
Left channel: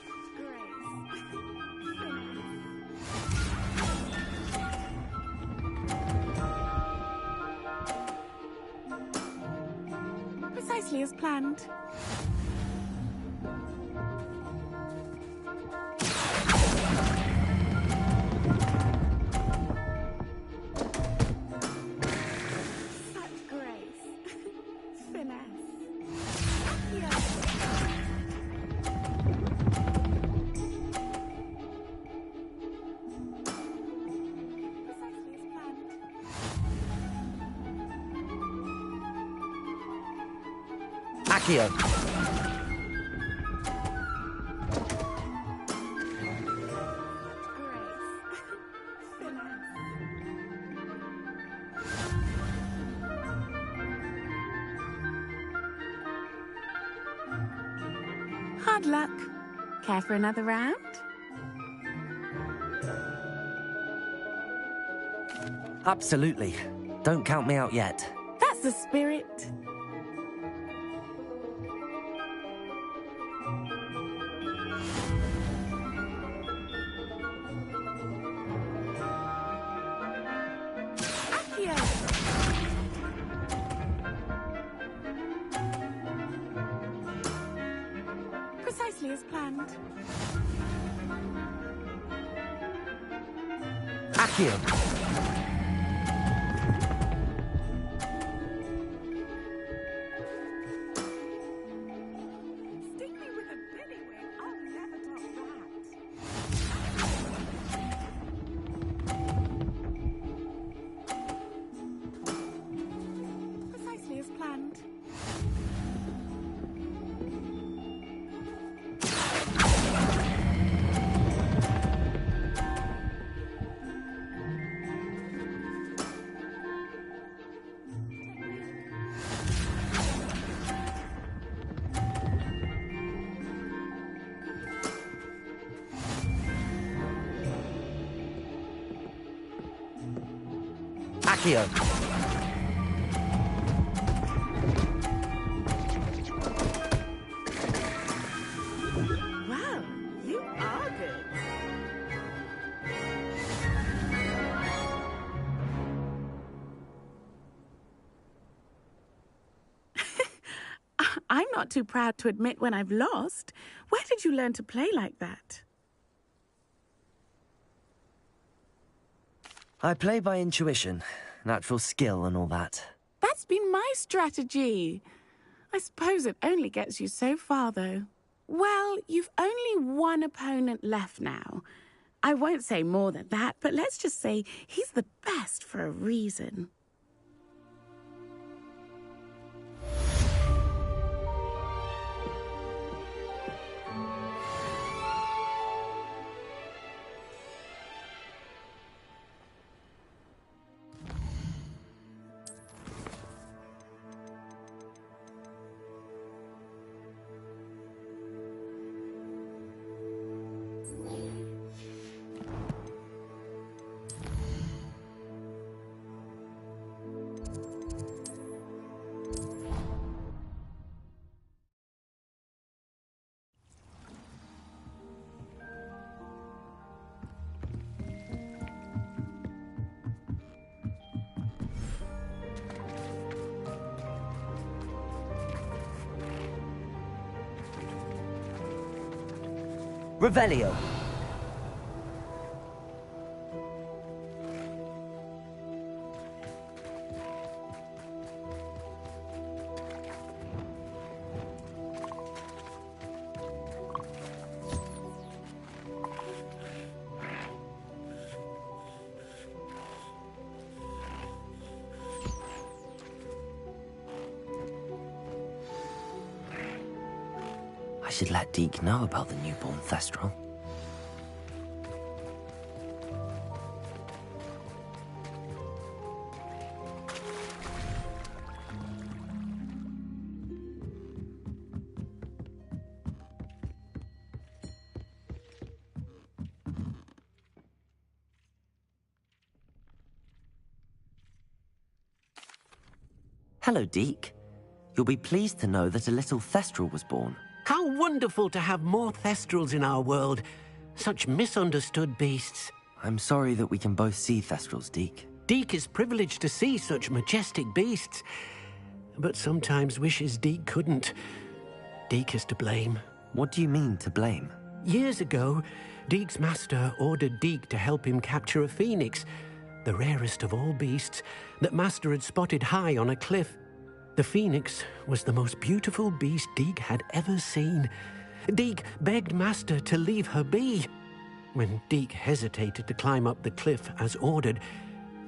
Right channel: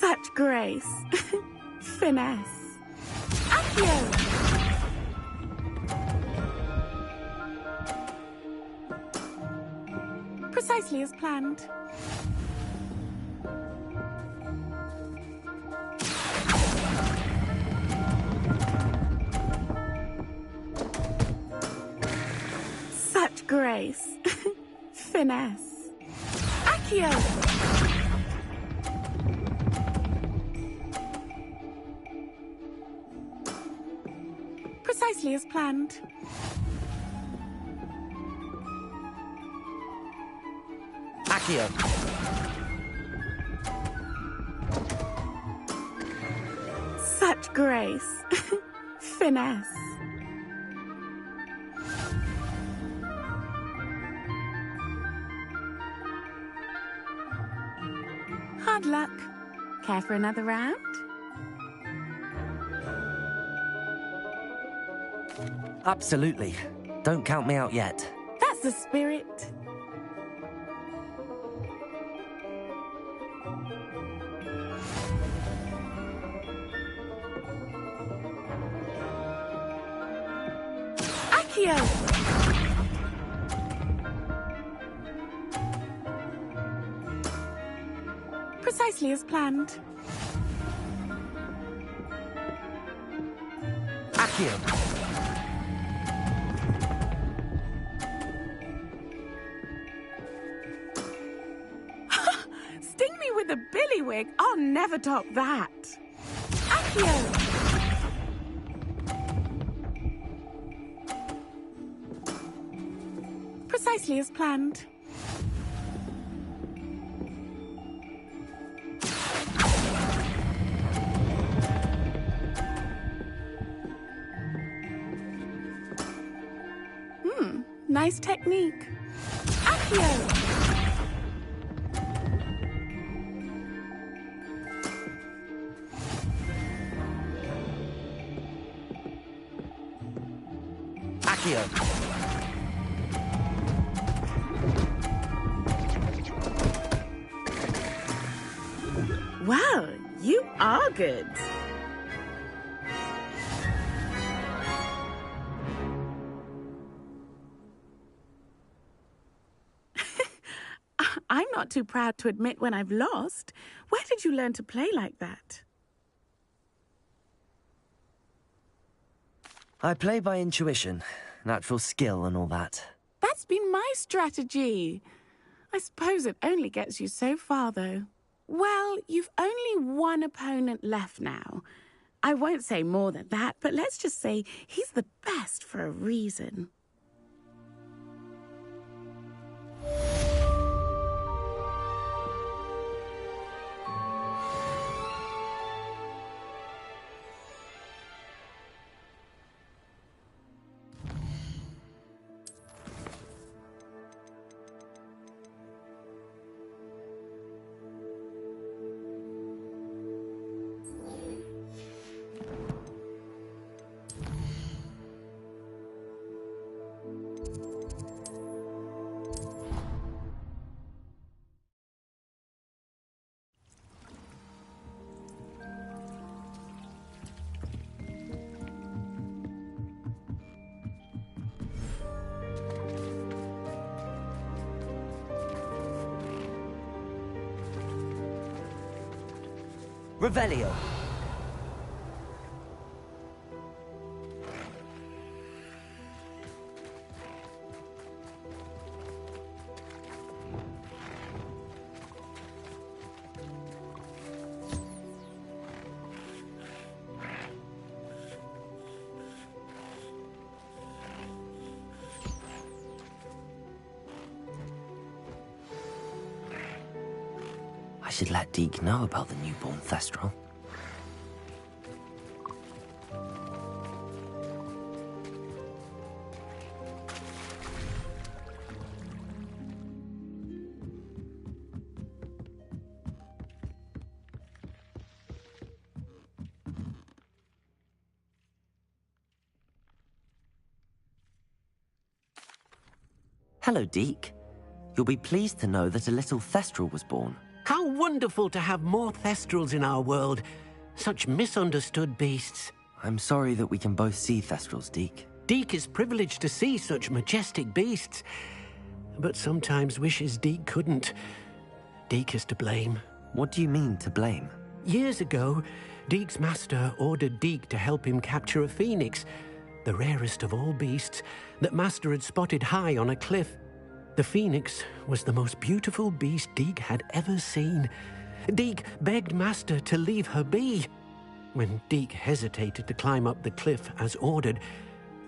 Such grace. Finesse. Accio! Precisely as planned. Such grace. Finesse. Accio! Precisely as planned. Accio! Such grace. Finesse. Hard luck. Care for another round? Absolutely. Don't count me out yet. That's the spirit. Accio! Precisely as planned. Accio! Sting me with a billywig. I'll never top that. Accio! Precisely as planned. Nice technique. Accio! Accio. Wow, you are good. I'm not too proud to admit when I've lost. Where did you learn to play like that? I play by intuition, natural skill and all that. That's been my strategy. I suppose it only gets you so far, though. Well, you've only one opponent left now. I won't say more than that, but let's just say he's the best for a reason. Revelio. I should let Deke know about the newborn Thestral. Hello, Deke. You'll be pleased to know that a little Thestral was born. How wonderful to have more Thestrals in our world. Such misunderstood beasts. I'm sorry that we can both see Thestrals, Deke. Deke is privileged to see such majestic beasts, but sometimes wishes Deke couldn't. Deke is to blame. What do you mean, to blame? Years ago, Deke's master ordered Deke to help him capture a phoenix, the rarest of all beasts, that master had spotted high on a cliff. The phoenix was the most beautiful beast Deke had ever seen. Deke begged master to leave her be. When Deke hesitated to climb up the cliff as ordered,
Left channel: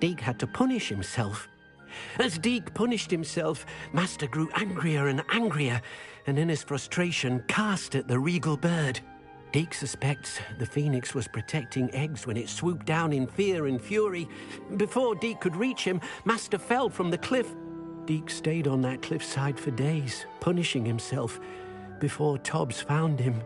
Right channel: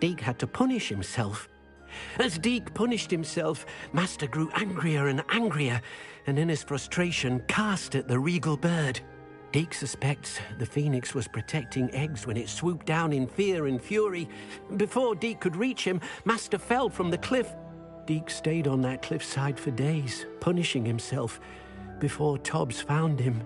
Deke had to punish himself. As Deke punished himself, master grew angrier and angrier, and in his frustration cast at the regal bird. Deke suspects the phoenix was protecting eggs when it swooped down in fear and fury. Before Deke could reach him, master fell from the cliff. Deke stayed on that cliffside for days, punishing himself, before Tobbs found him.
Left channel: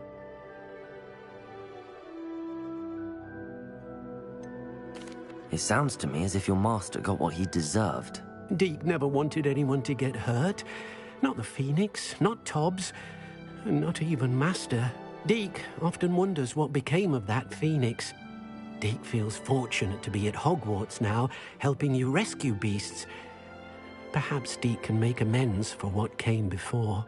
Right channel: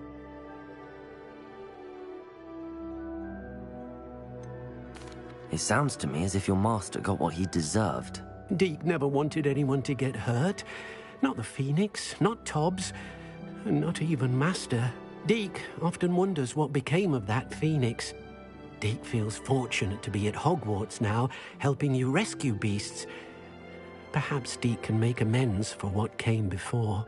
It sounds to me as if your master got what he deserved. Deke never wanted anyone to get hurt. Not the phoenix, not Tobbs, and not even master. Deke often wonders what became of that phoenix. Deke feels fortunate to be at Hogwarts now, helping you rescue beasts. Perhaps Deke can make amends for what came before.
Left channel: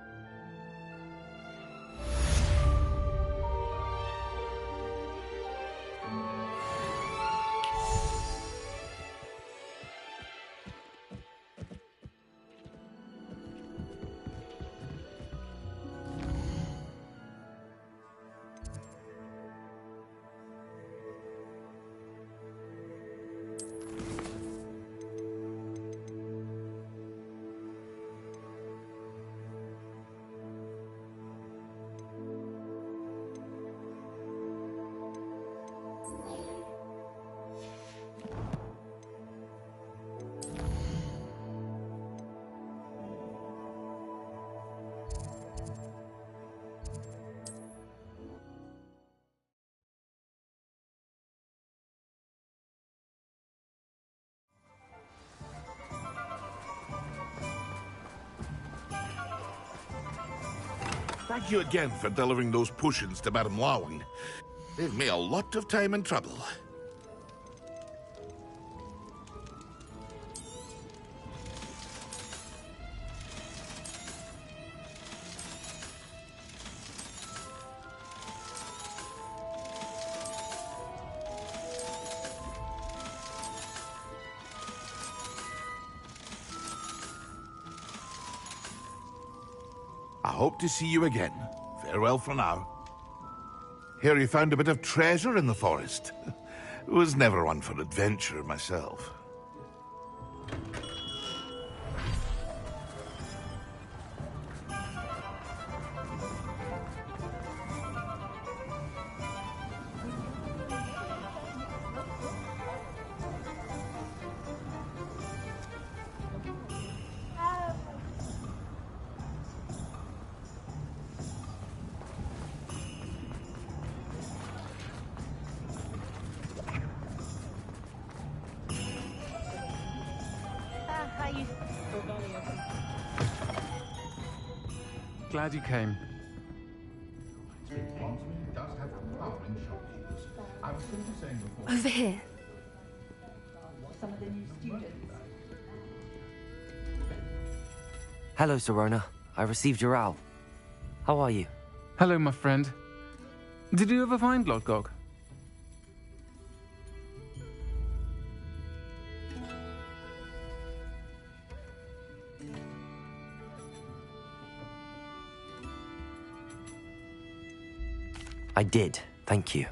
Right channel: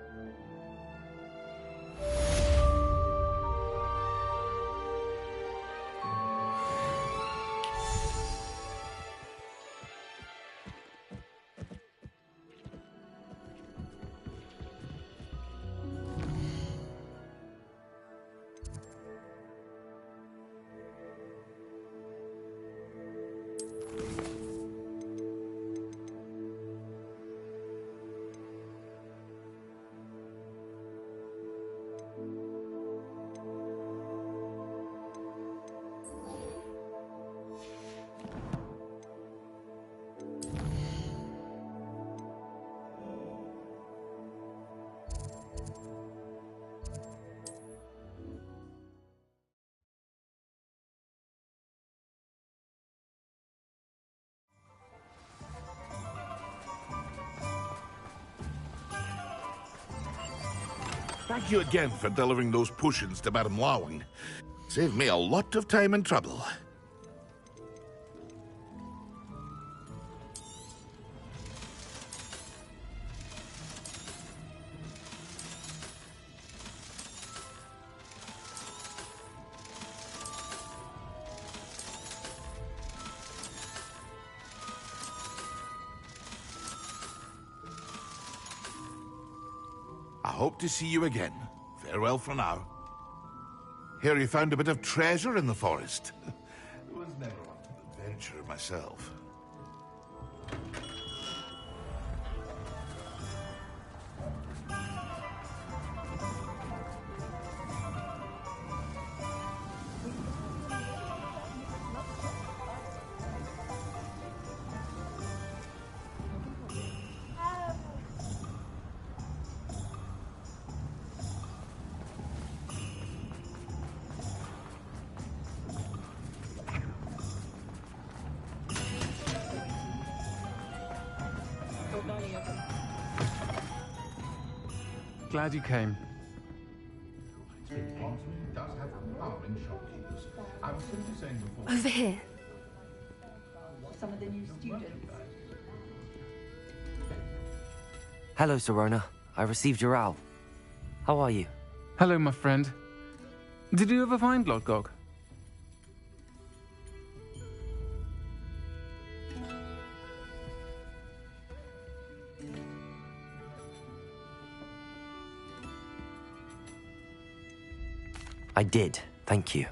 Thank you again for delivering those potions to Madame Lawing. Saved me a lot of time and trouble. I hope to see you again. Farewell for now. Hear you found a bit of treasure in the forest. Was never one for adventure myself. Glad you came. Over here. Hello, Serona. I received your owl. How are you? Hello, my friend. Did you ever find Lodgok? I did, thank you.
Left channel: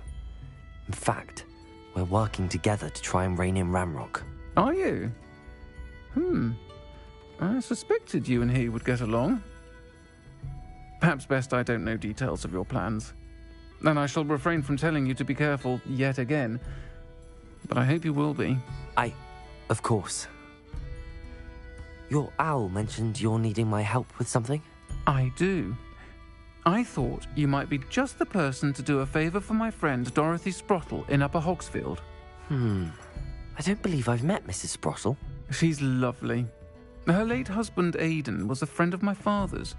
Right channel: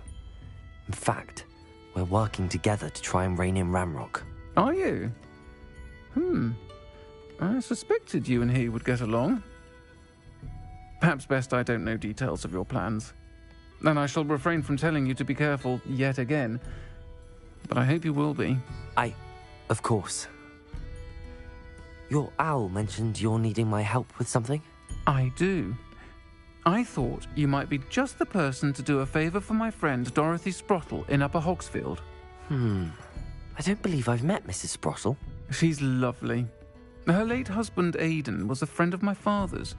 In fact, we're working together to try and rein in Ramrock. Are you? I suspected you and he would get along. Perhaps best I don't know details of your plans. And I shall refrain from telling you to be careful yet again. But I hope you will be. Of course. Your owl mentioned you're needing my help with something? I do. I thought you might be just the person to do a favour for my friend Dorothy Sprottle in Upper Hogsfield. I don't believe I've met Mrs. Sprottle. She's lovely. Her late husband Aidan was a friend of my father's.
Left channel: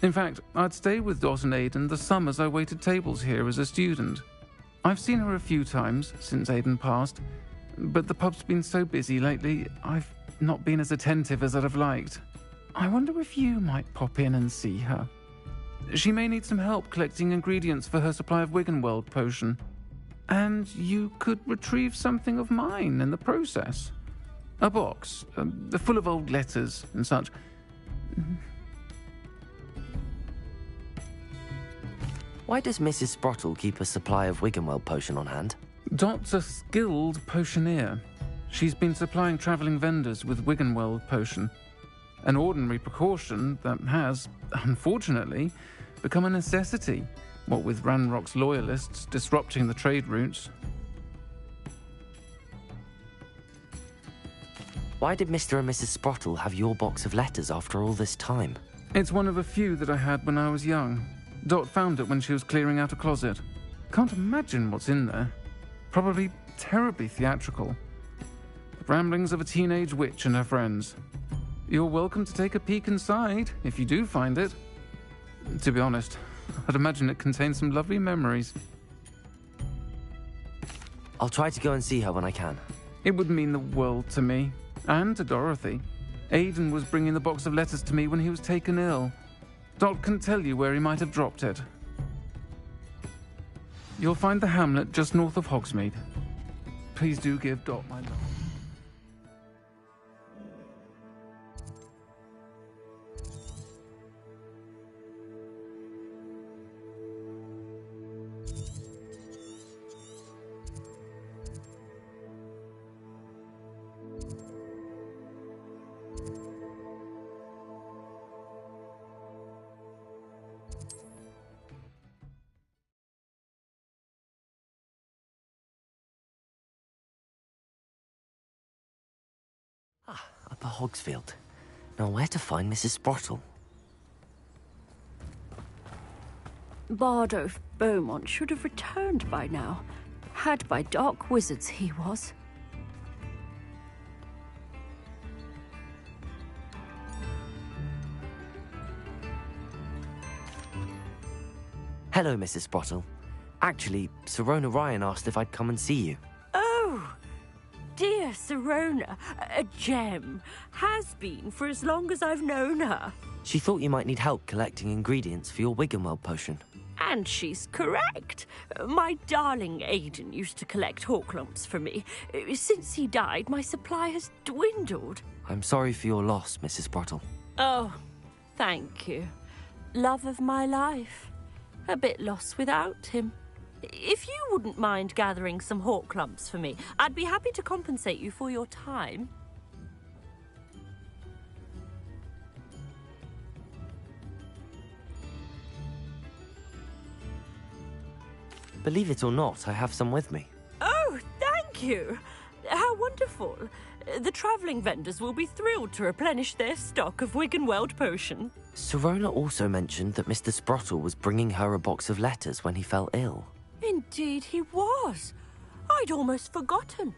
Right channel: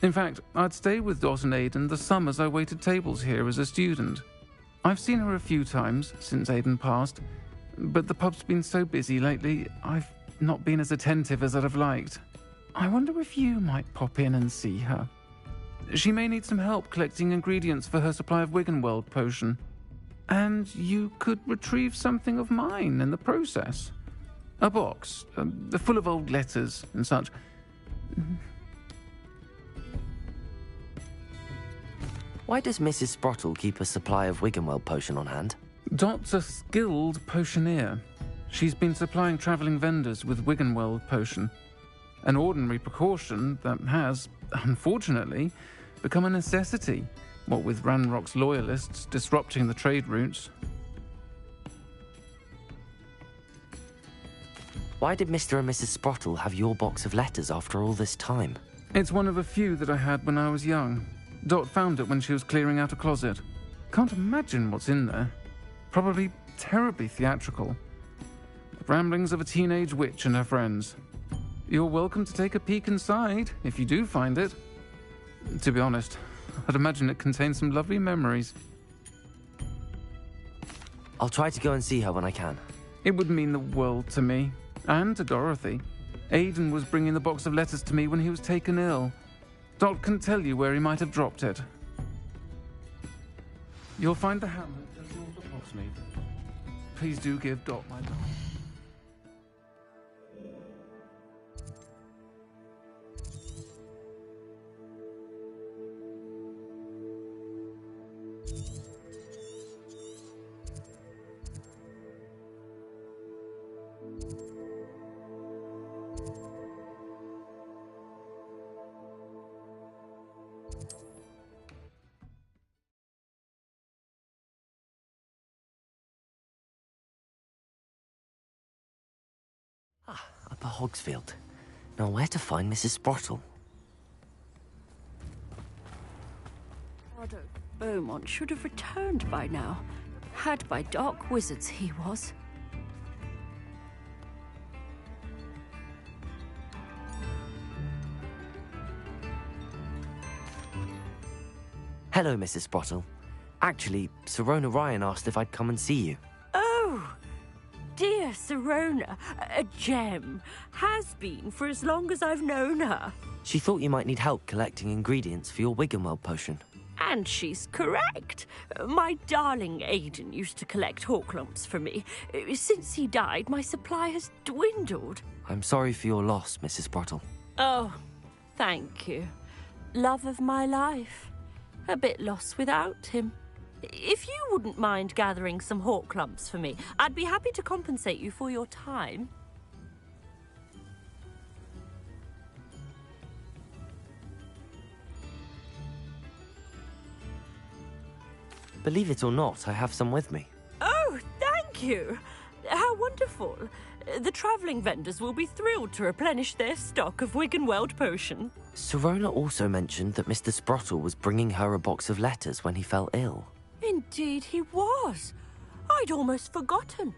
In fact, I'd stayed with Dot and Aidan the summers I waited tables here as a student. I've seen her a few times since Aidan passed, but the pub's been so busy lately, I've not been as attentive as I'd have liked. I wonder if you might pop in and see her. She may need some help collecting ingredients for her supply of Wiggenweld potion. And you could retrieve something of mine in the process. A box, full of old letters and such. Why does Mrs. Sprottle keep a supply of Wiggenweld potion on hand? Dot's a skilled potioneer. She's been supplying travelling vendors with Wiggenweld potion. An ordinary precaution that has, unfortunately, become a necessity, what with Ranrock's loyalists disrupting the trade routes. Why did Mr. and Mrs. Sprottle have your box of letters after all this time? It's one of a few that I had when I was young. Dot found it when she was clearing out a closet. Can't imagine what's in there. Probably terribly theatrical. The ramblings of a teenage witch and her friends. You're welcome to take a peek inside, if you do find it. To be honest, I'd imagine it contains some lovely memories. I'll try to go and see her when I can. It would mean the world to me, and to Dorothy. Aidan was bringing the box of letters to me when he was taken ill. Dot can tell you where he might have dropped it. You'll find the hamlet just north of Hogsmeade. Please do give Dot my love. Upper Hogsfield. Now where to find Mrs. Sprottle? Bardolph Beaumont should have returned by now. Had by dark wizards he was. Hello, Mrs. Sprottle. Actually, Sirona Ryan asked if I'd come and see you. Oh, dear Sirona, a gem. Has been for as long as I've known her. She thought you might need help collecting ingredients for your Wiggenweld potion. And she's correct. My darling Aidan used to collect hawk lumps for me. Since he died, my supply has dwindled. I'm sorry for your loss, Mrs. Sprottle. Oh, thank you. Love of my life. A bit lost without him. If you wouldn't mind gathering some hawk lumps for me, I'd be happy to compensate you for your time. Believe it or not, I have some with me. Oh, thank you. How wonderful. The travelling vendors will be thrilled to replenish their stock of Wiggenweld potion. Sirona also mentioned that Mr. Sprottle was bringing her a box of letters when he fell ill. Indeed he was. I'd almost forgotten.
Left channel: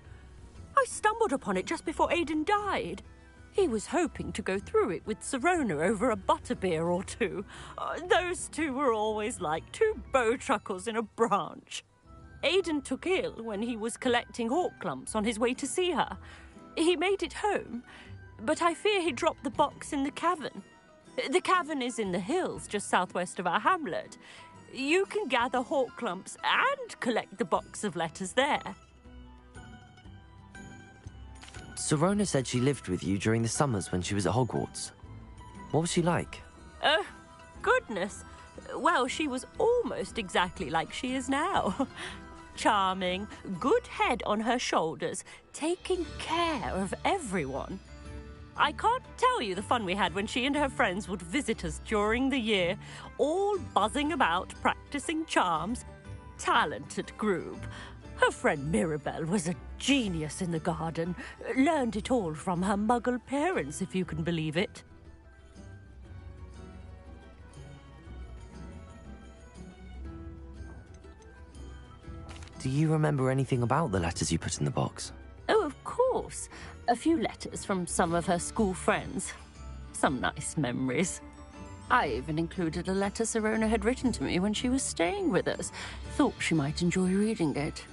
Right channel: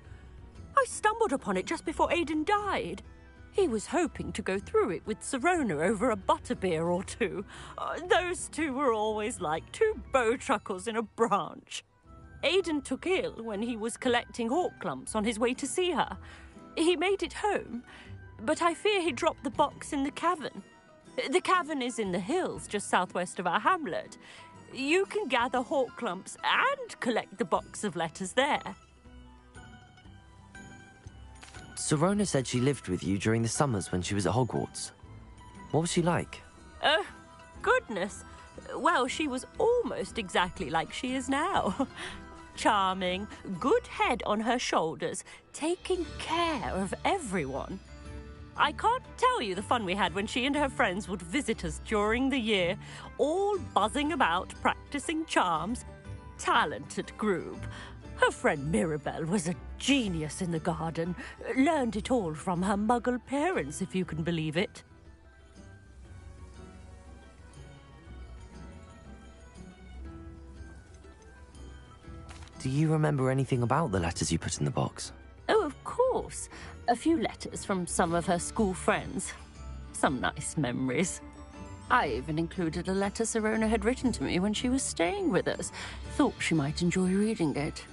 I stumbled upon it just before Aidan died. He was hoping to go through it with Sirona over a butterbeer or two. Those two were always like two bowtruckles in a branch. Aidan took ill when he was collecting hawk lumps on his way to see her. He made it home, but I fear he dropped the box in the cavern. The cavern is in the hills just southwest of our hamlet. You can gather hawk lumps and collect the box of letters there. Sirona said she lived with you during the summers when she was at Hogwarts. What was she like? Goodness. Well, she was almost exactly like she is now. Charming, good head on her shoulders, taking care of everyone. I can't tell you the fun we had when she and her friends would visit us during the year, all buzzing about, practicing charms. Talented group. Her friend Mirabelle was a genius in the garden. Learned it all from her muggle parents, if you can believe it. Do you remember anything about the letters you put in the box? Oh, of course. A few letters from some of her school friends. Some nice memories. I even included a letter Sirona had written to me when she was staying with us. Thought she might enjoy reading it.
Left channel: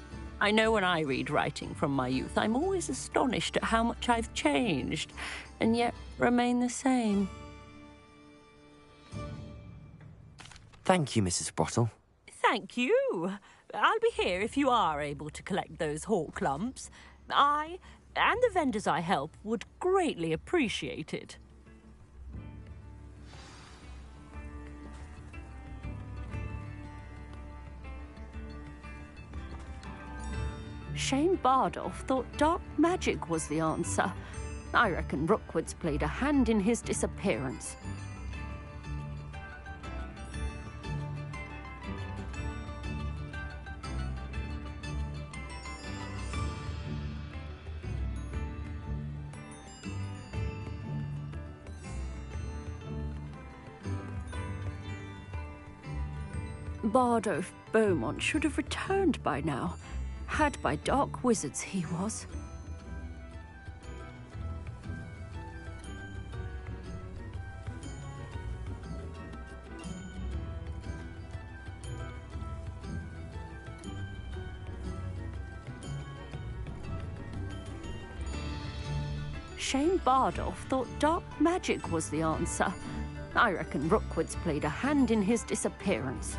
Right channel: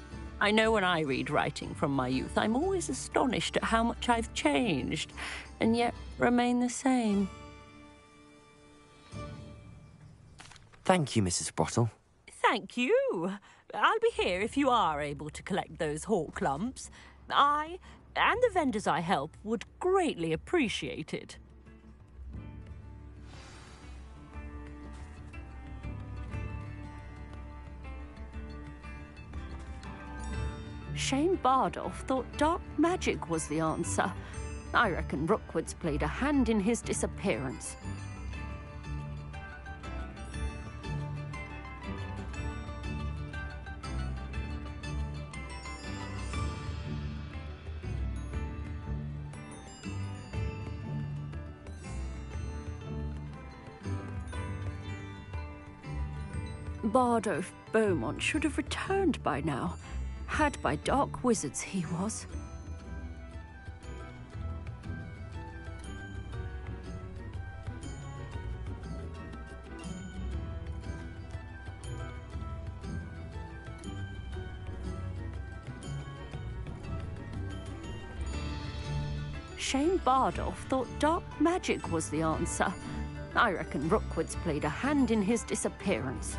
I know when I read writing from my youth, I'm always astonished at how much I've changed, and yet remain the same. Thank you, Mrs. Sprottle. Thank you. I'll be here if you are able to collect those hawk lumps. I, and the vendors I help, would greatly appreciate it. Shane Bardolph thought dark magic was the answer. I reckon Rookwood's played a hand in his disappearance. Bardolph Beaumont should have returned by now. Had by dark wizards he was. Shane Bardolph thought dark magic was the answer. I reckon Rookwood's played a hand in his disappearance.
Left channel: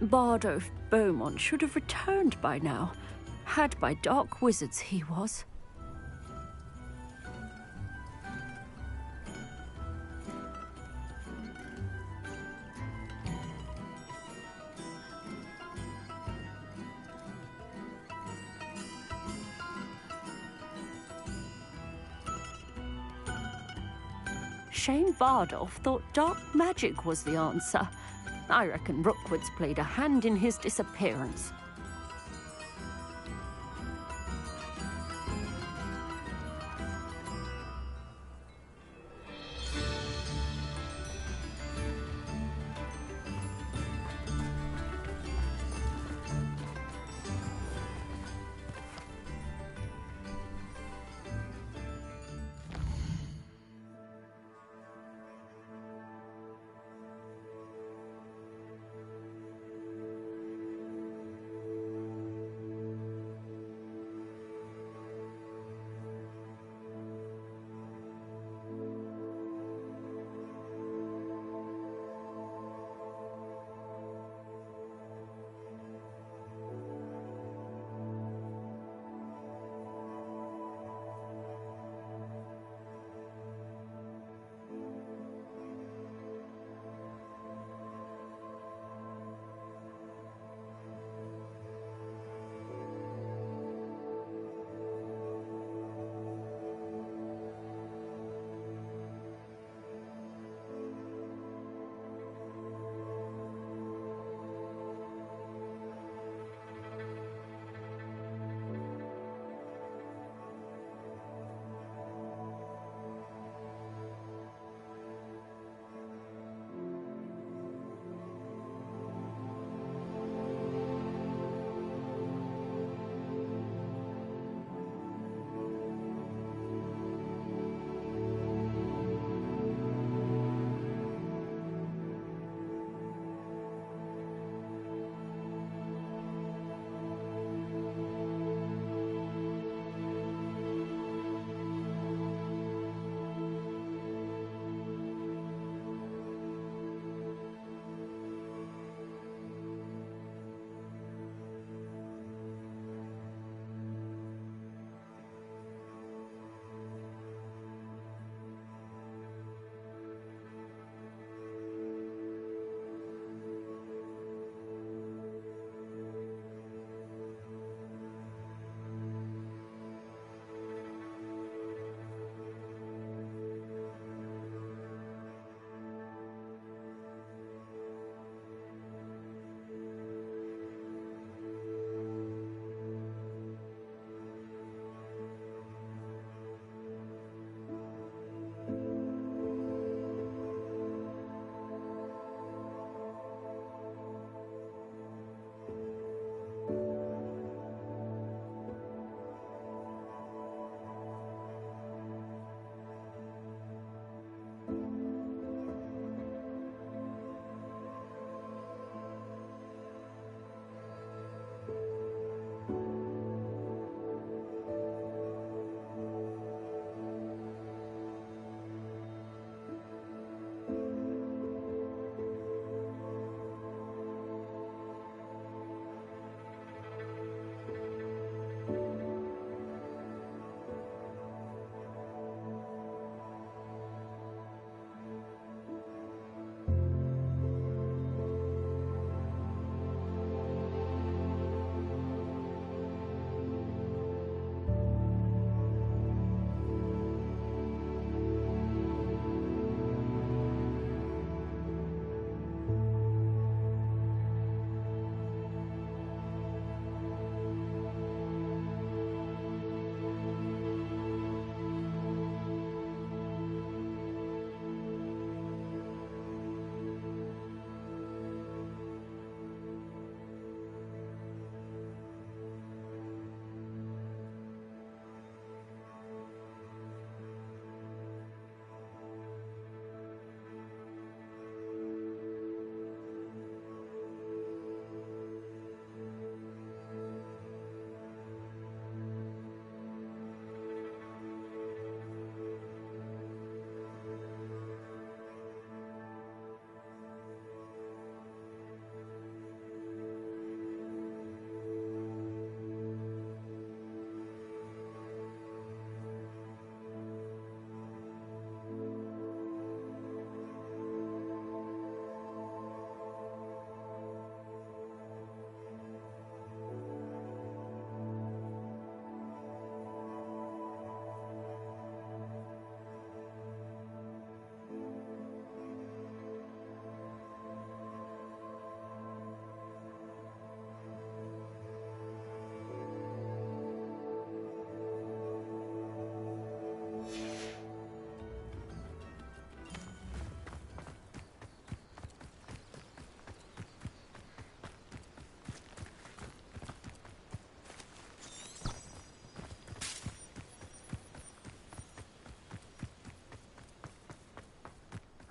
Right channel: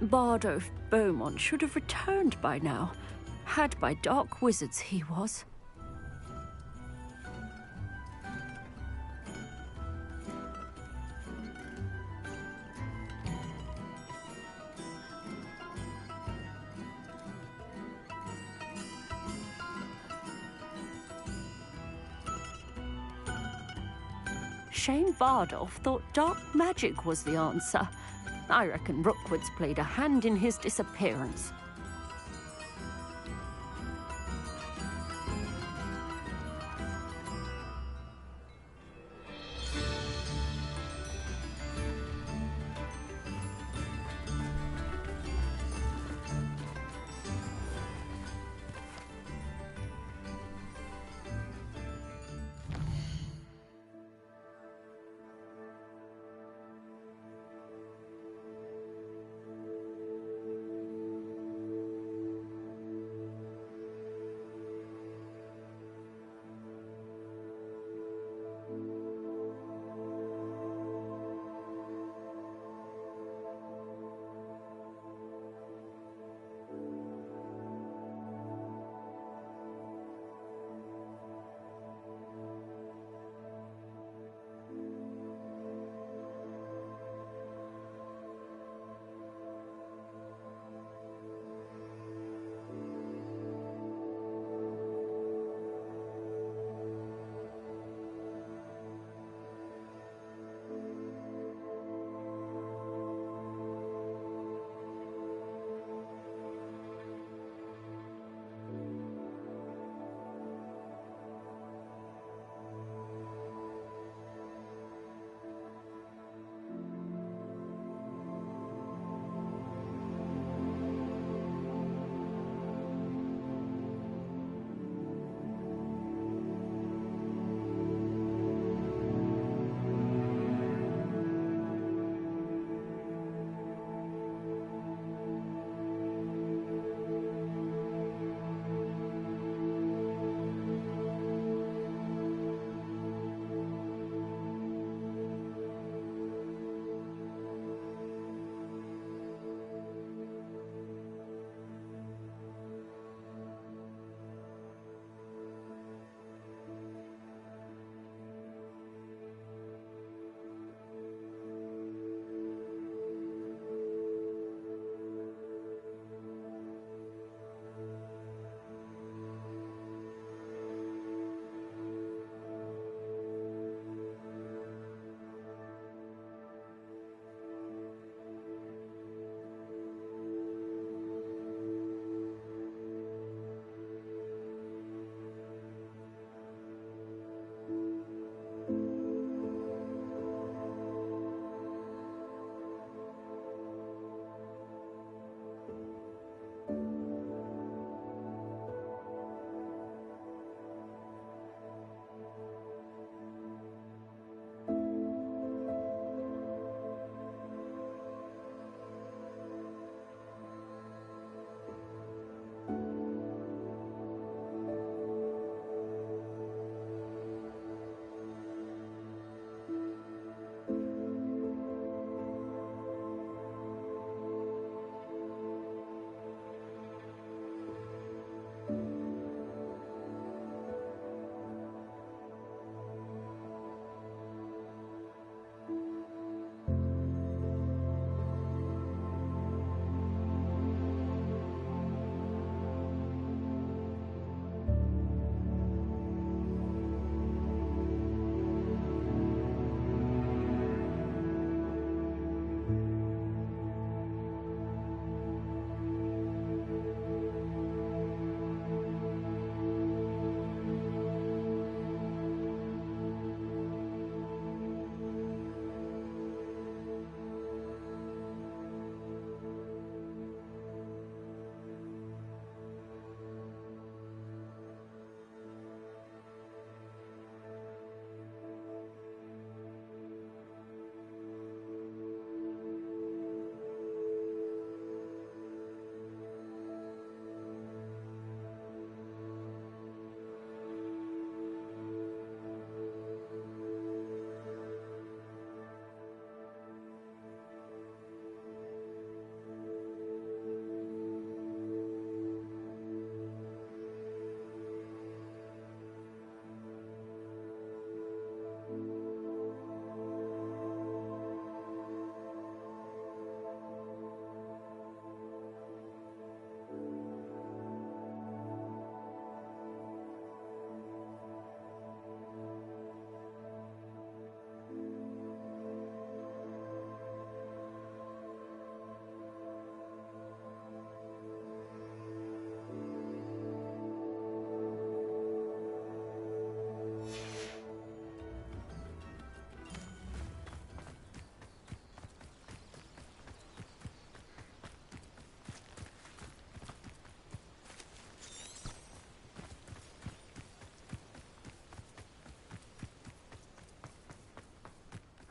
Bardolph Beaumont should have returned by now. Had by dark wizards he was. Shane Bardolph thought dark magic was the answer. I reckon Rookwood's played a hand in his disappearance.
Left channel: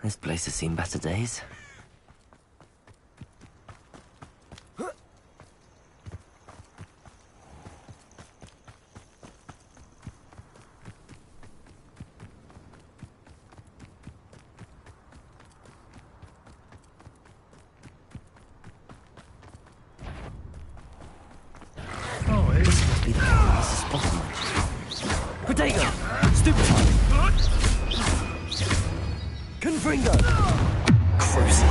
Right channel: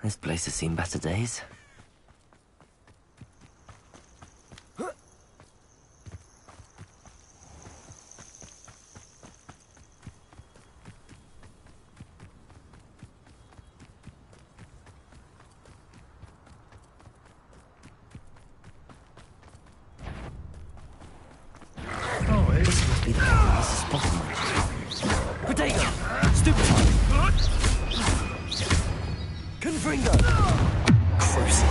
This place has seen better days. This must be the one Mrs. Bottom mentioned. Potato! Stupefy! Confringo! Crucial!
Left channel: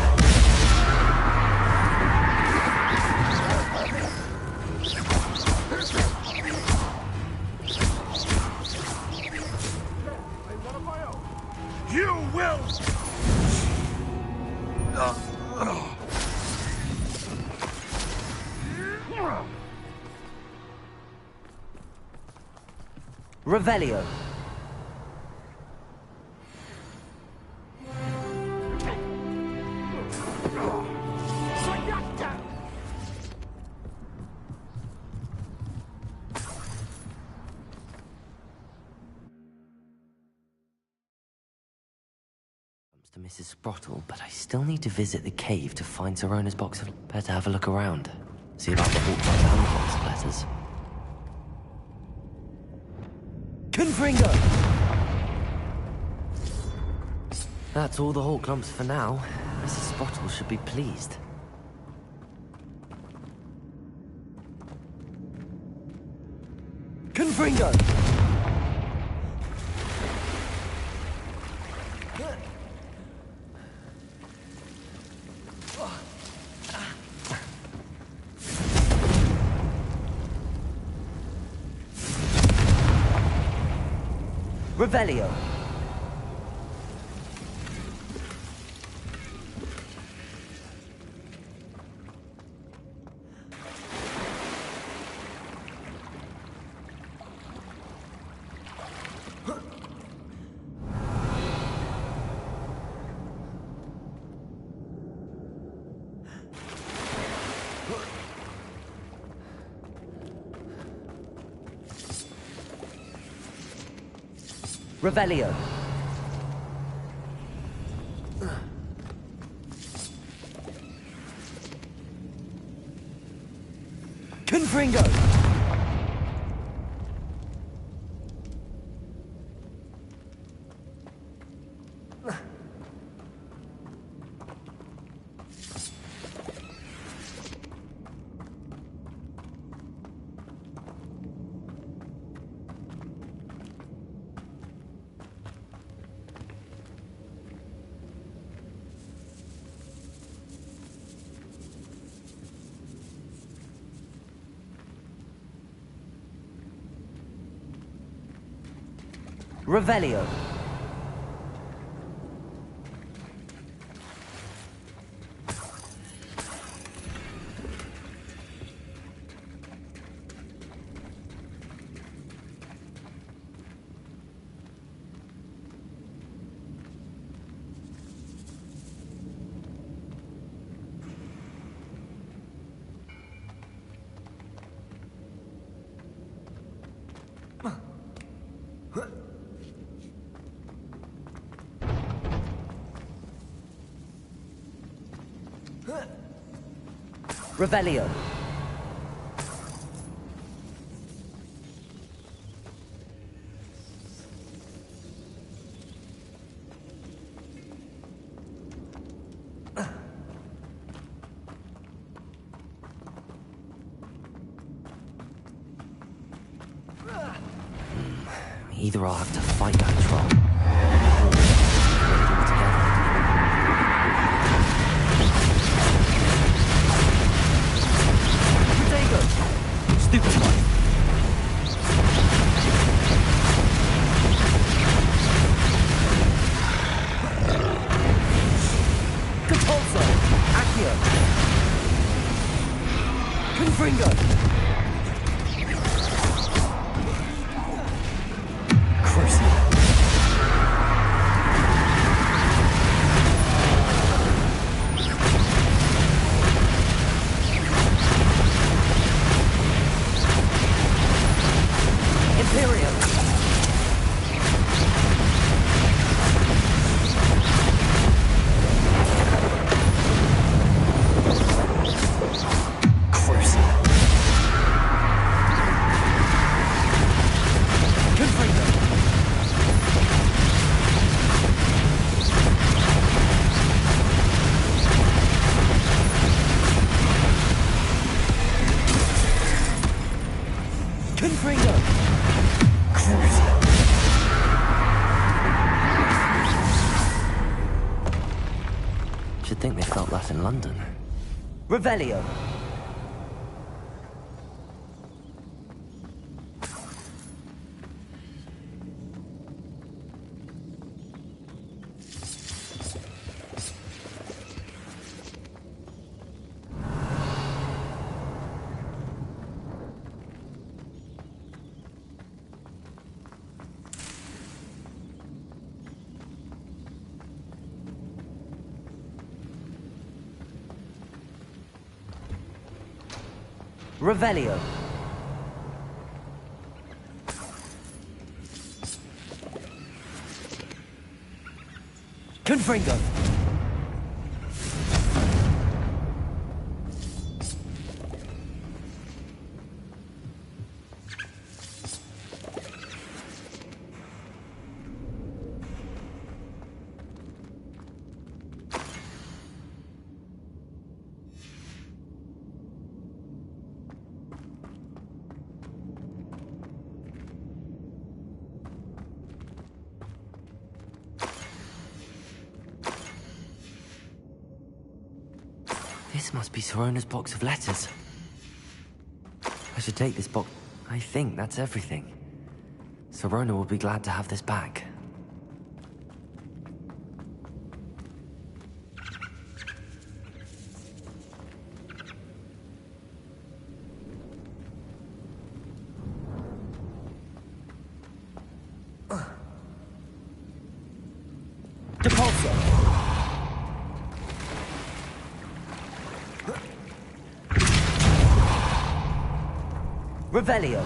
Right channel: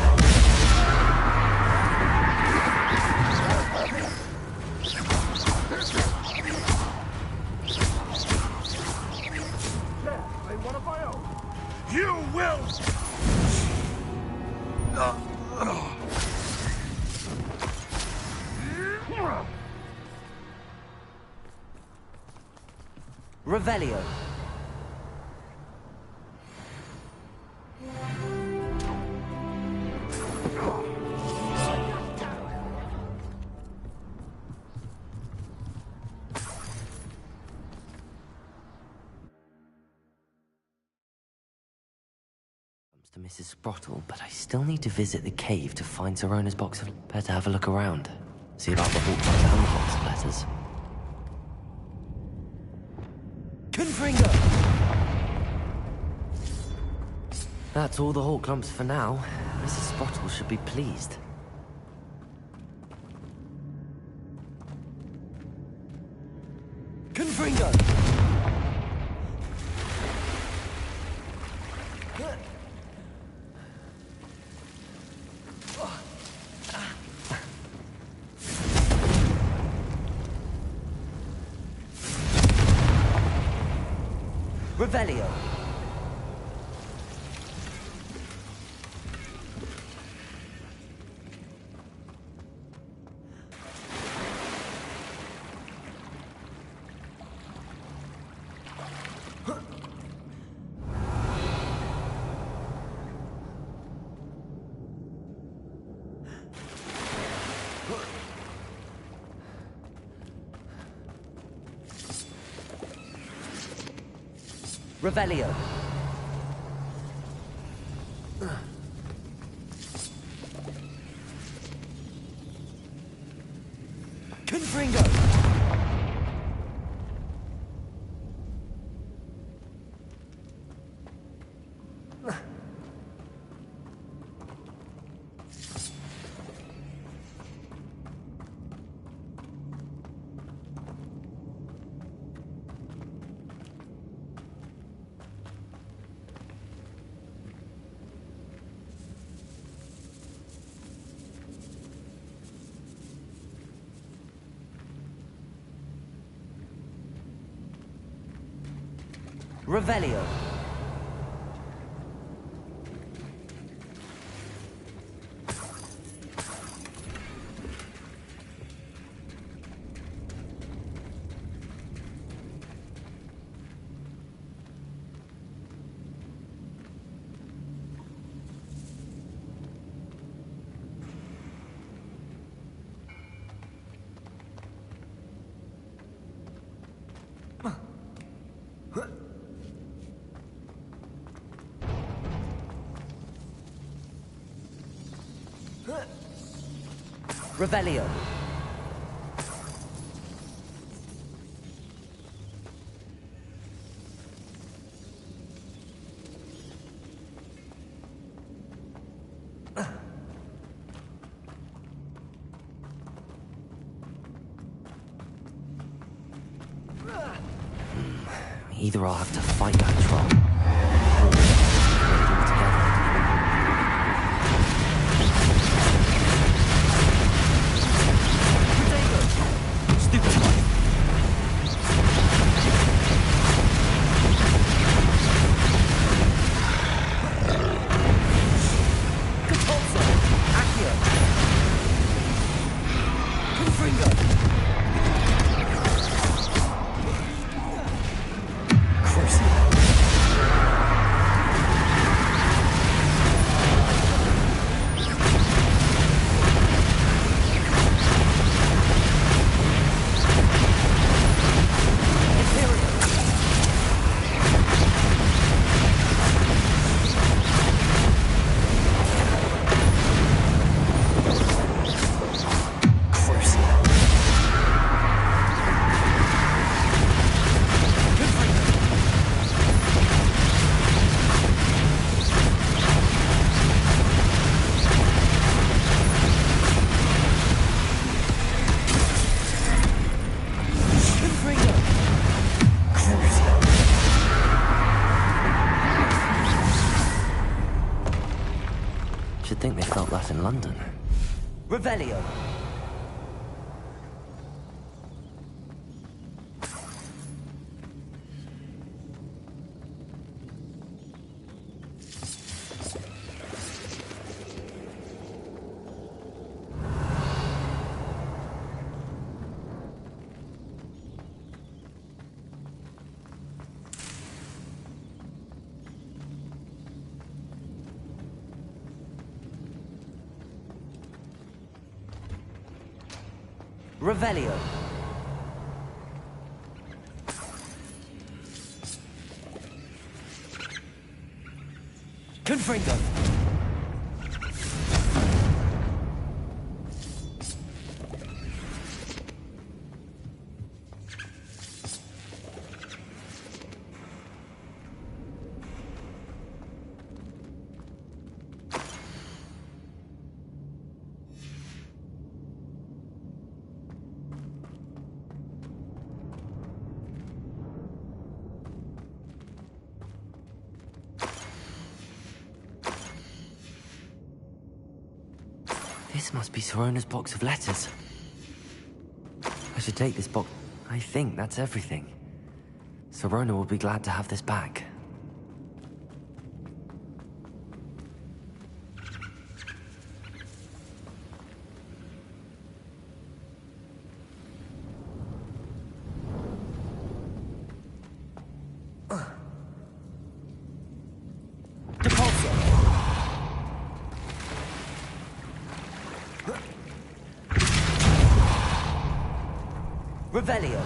You will! Revelio. To Mrs. Sprottle, but I still need to visit the cave to find Zerona's box of... Better have a look around. See about the Hogwarts and the box of letters. Confringo! That's all the Hawk clumps for now. Mrs. Sprottle should be pleased. Confringo! Revelio. Revelio. Confringo. Revelio. Revelio. Either I'll have to fight that troll. felt that in London. Revelio! Revelio. Confringo. This must be Sorona's box of letters. I should take this box. I think that's everything. Sorona will be glad to have this back. Revelio.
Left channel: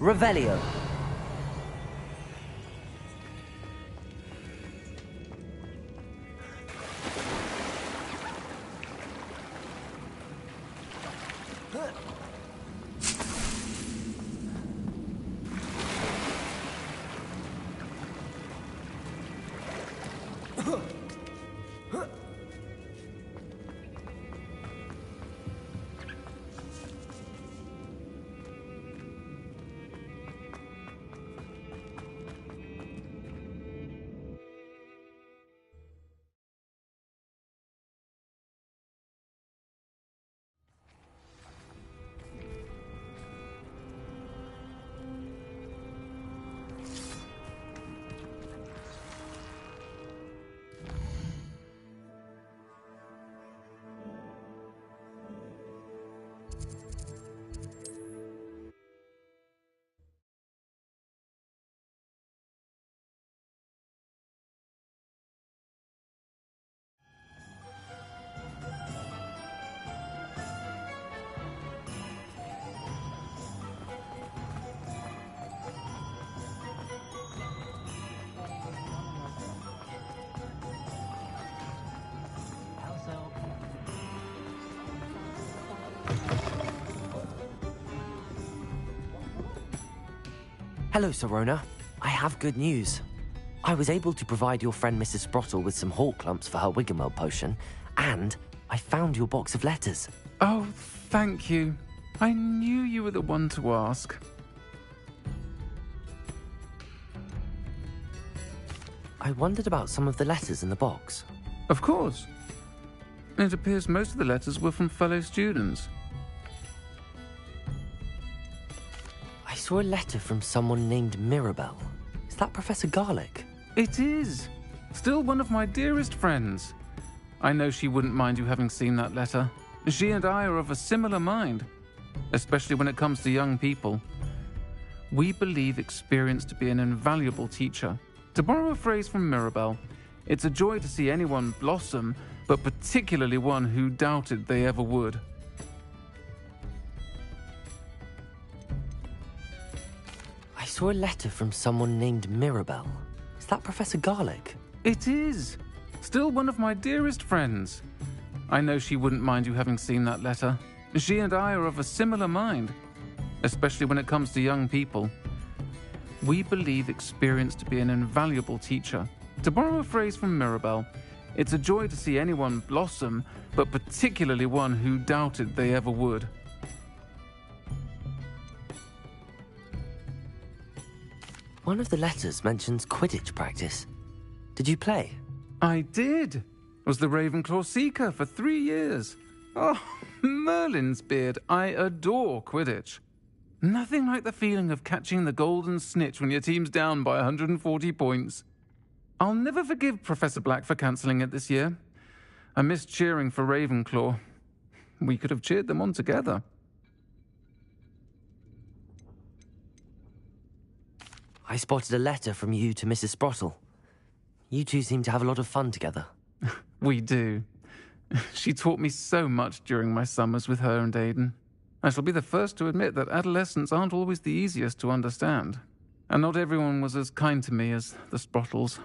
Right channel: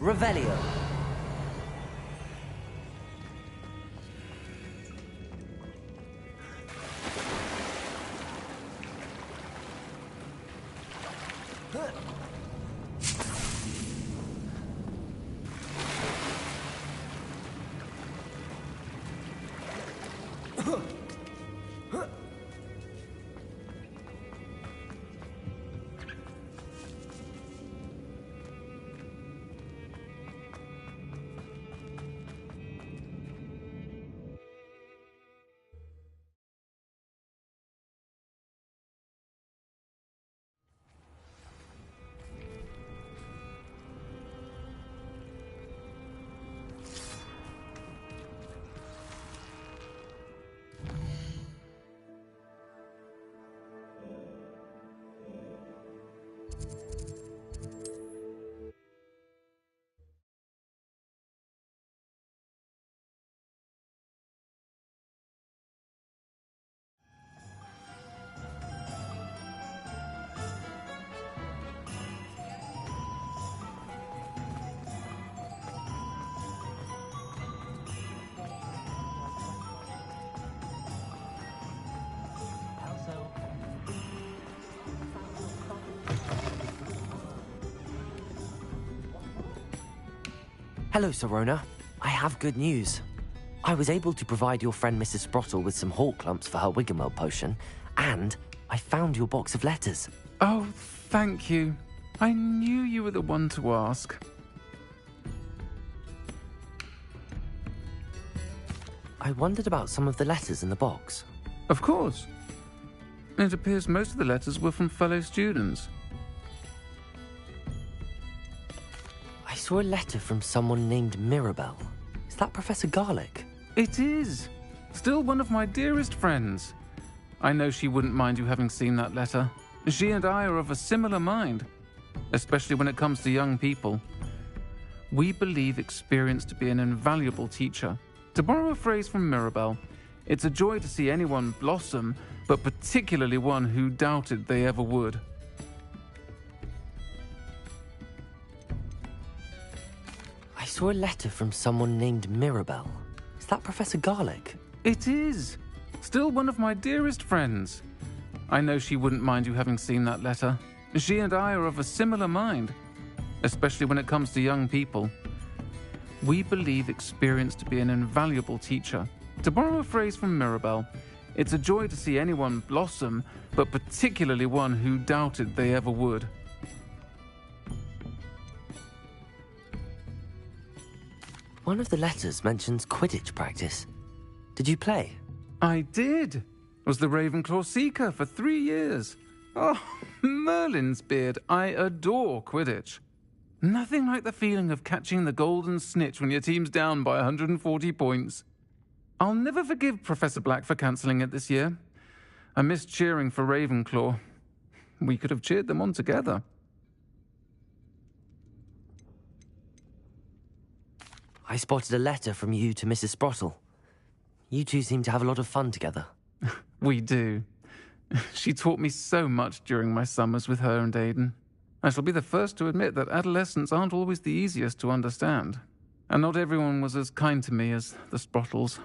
Revelio. Hello, Sorona. I have good news. I was able to provide your friend Mrs. Sprottle with some hawk clumps for her Wiggenweld potion, and I found your box of letters. Oh, thank you. I knew you were the one to ask. I wondered about some of the letters in the box. Of course. It appears most of the letters were from fellow students. I saw a letter from someone named Mirabelle. Is that Professor Garlick? It is. Still one of my dearest friends. I know she wouldn't mind you having seen that letter. She and I are of a similar mind, especially when it comes to young people. We believe experience to be an invaluable teacher. To borrow a phrase from Mirabelle, it's a joy to see anyone blossom, but particularly one who doubted they ever would. I saw a letter from someone named Mirabelle. Is that Professor Garlick? It is. Still one of my dearest friends. I know she wouldn't mind you having seen that letter. She and I are of a similar mind, especially when it comes to young people. We believe experience to be an invaluable teacher. To borrow a phrase from Mirabelle, It's a joy to see anyone blossom, but particularly one who doubted they ever would. One of the letters mentions Quidditch practice. Did you play? I did. Was the Ravenclaw Seeker for 3 years. Oh, Merlin's beard. I adore Quidditch. Nothing like the feeling of catching the golden snitch when your team's down by 140 points. I'll never forgive Professor Black for cancelling it this year. I missed cheering for Ravenclaw. We could have cheered them on together. I spotted a letter from you to Mrs. Sprottle. You two seem to have a lot of fun together. We do. She taught me so much during my summers with her and Aiden. I shall be the first to admit that adolescents aren't always the easiest to understand. And not everyone was as kind to me as the Sprottles.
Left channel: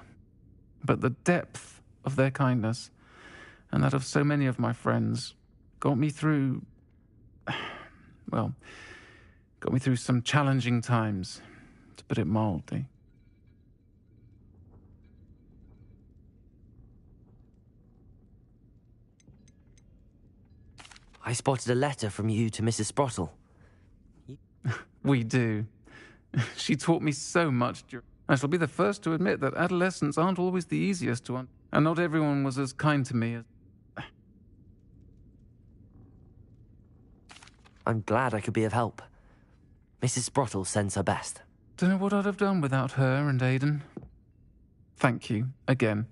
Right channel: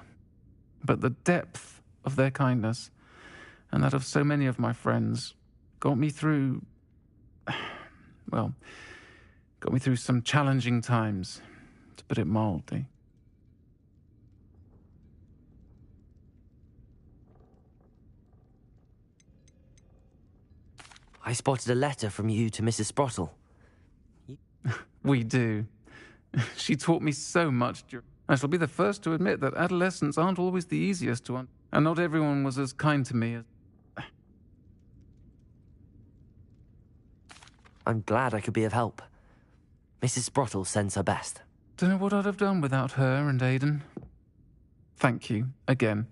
But the depth of their kindness, and that of so many of my friends, got me through... well, got me through some challenging times, to put it mildly. I spotted a letter from you to Mrs. Sprottle. We do. She taught me so much. I shall be the first to admit that adolescents aren't always the easiest to and not everyone was as kind to me as... I'm glad I could be of help. Mrs. Sprottle sends her best. Don't know what I'd have done without her and Aiden. Thank you, again,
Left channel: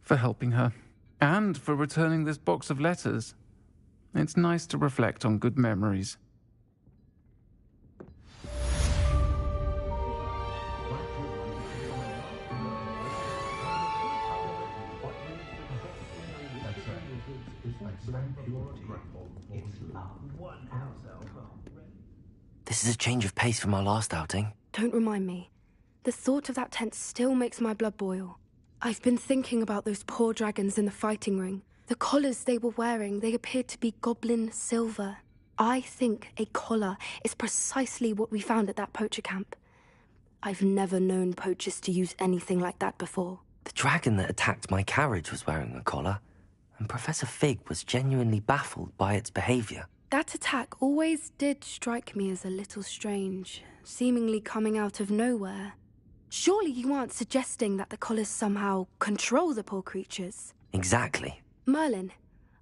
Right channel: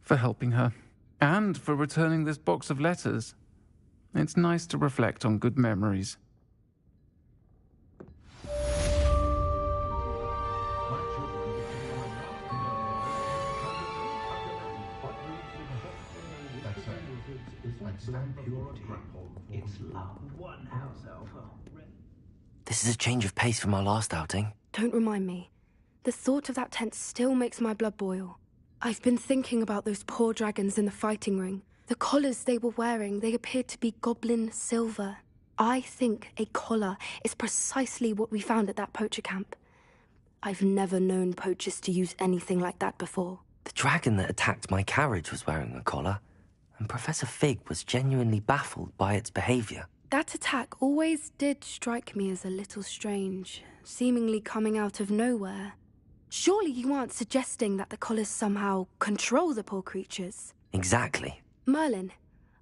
for helping her. And for returning this box of letters. It's nice to reflect on good memories. This is a change of pace from our last outing. Don't remind me. The thought of that tent still makes my blood boil. I've been thinking about those poor dragons in the fighting ring. The collars they were wearing, they appeared to be goblin silver. I think a collar is precisely what we found at that poacher camp. I've never known poachers to use anything like that before. The dragon that attacked my carriage was wearing a collar, and Professor Fig was genuinely baffled by its behavior. That attack always did strike me as a little strange, seemingly coming out of nowhere. Surely you aren't suggesting that the collars somehow control the poor creatures? Exactly. Merlin,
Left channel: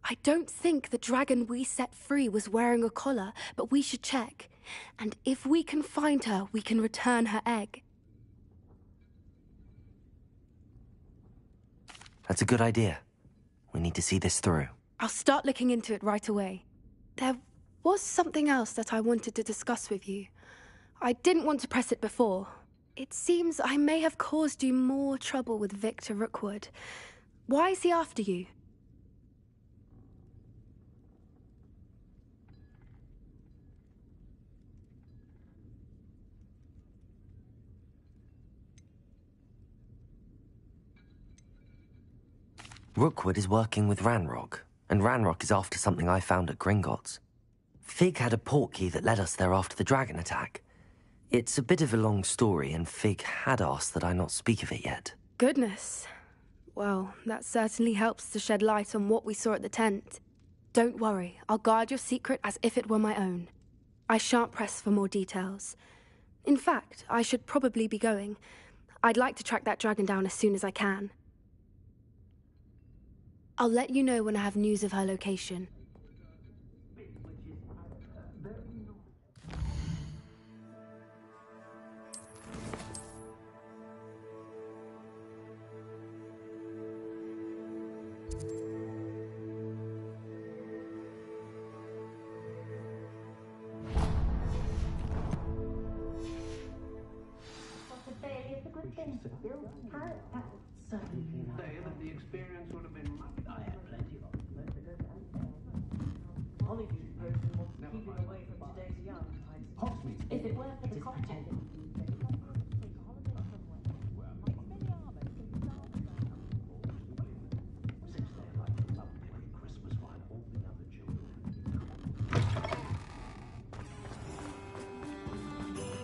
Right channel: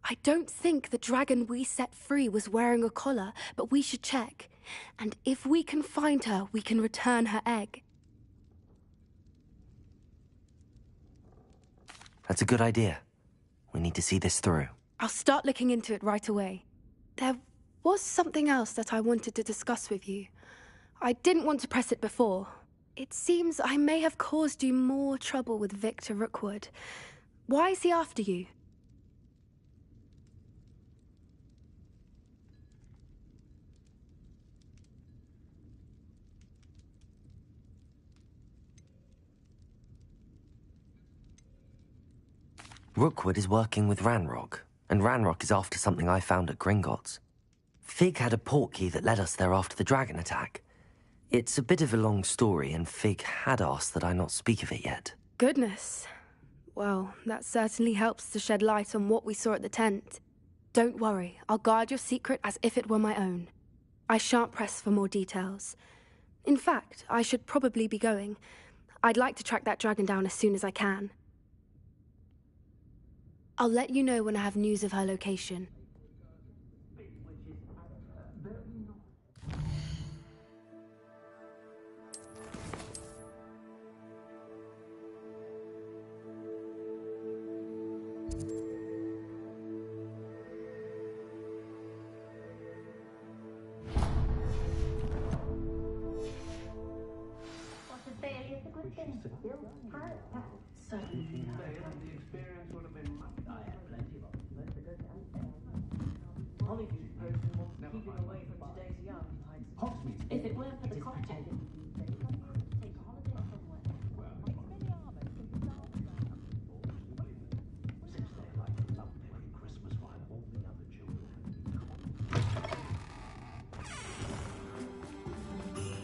I don't think the dragon we set free was wearing a collar, but we should check. And if we can find her, we can return her egg. That's a good idea. We need to see this through. I'll start looking into it right away. There was something else that I wanted to discuss with you. I didn't want to press it before. It seems I may have caused you more trouble with Victor Rookwood. Why is he after you? Rookwood is working with Ranrock, and Ranrock is after something I found at Gringotts. Fig had a portkey that led us there after the dragon attack. It's a bit of a long story, and Fig had asked that I not speak of it yet. Goodness. Well, that certainly helps to shed light on what we saw at the tent. Don't worry, I'll guard your secret as if it were my own. I shan't press for more details. In fact, I should probably be going. I'd like to track that dragon down as soon as I can. I'll let you know when I have news of her location.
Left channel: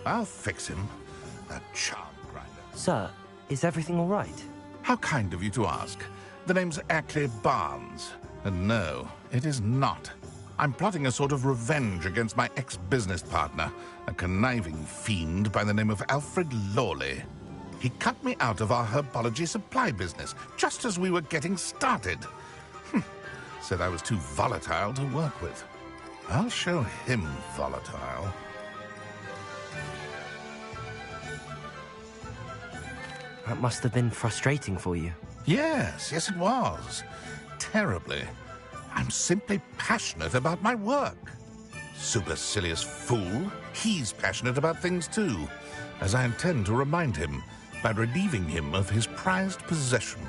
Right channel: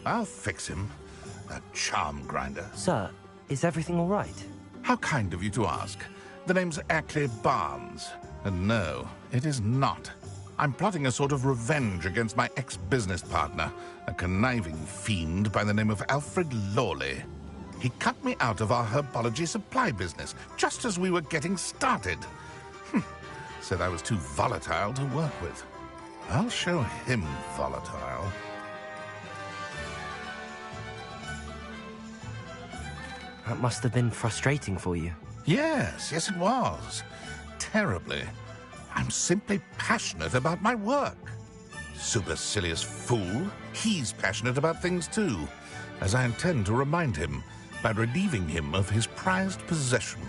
I'll fix him. That charm grinder. Sir, is everything all right? How kind of you to ask. The name's Ackley Barnes. And no, it is not. I'm plotting a sort of revenge against my ex-business partner, a conniving fiend by the name of Alfred Lawley. He cut me out of our herbology supply business just as we were getting started. Said I was too volatile to work with. I'll show him volatile. That must have been frustrating for you. Yes, it was. Terribly. I'm simply passionate about my work. Supercilious fool. He's passionate about things too, as I intend to remind him by relieving him of his prized possession.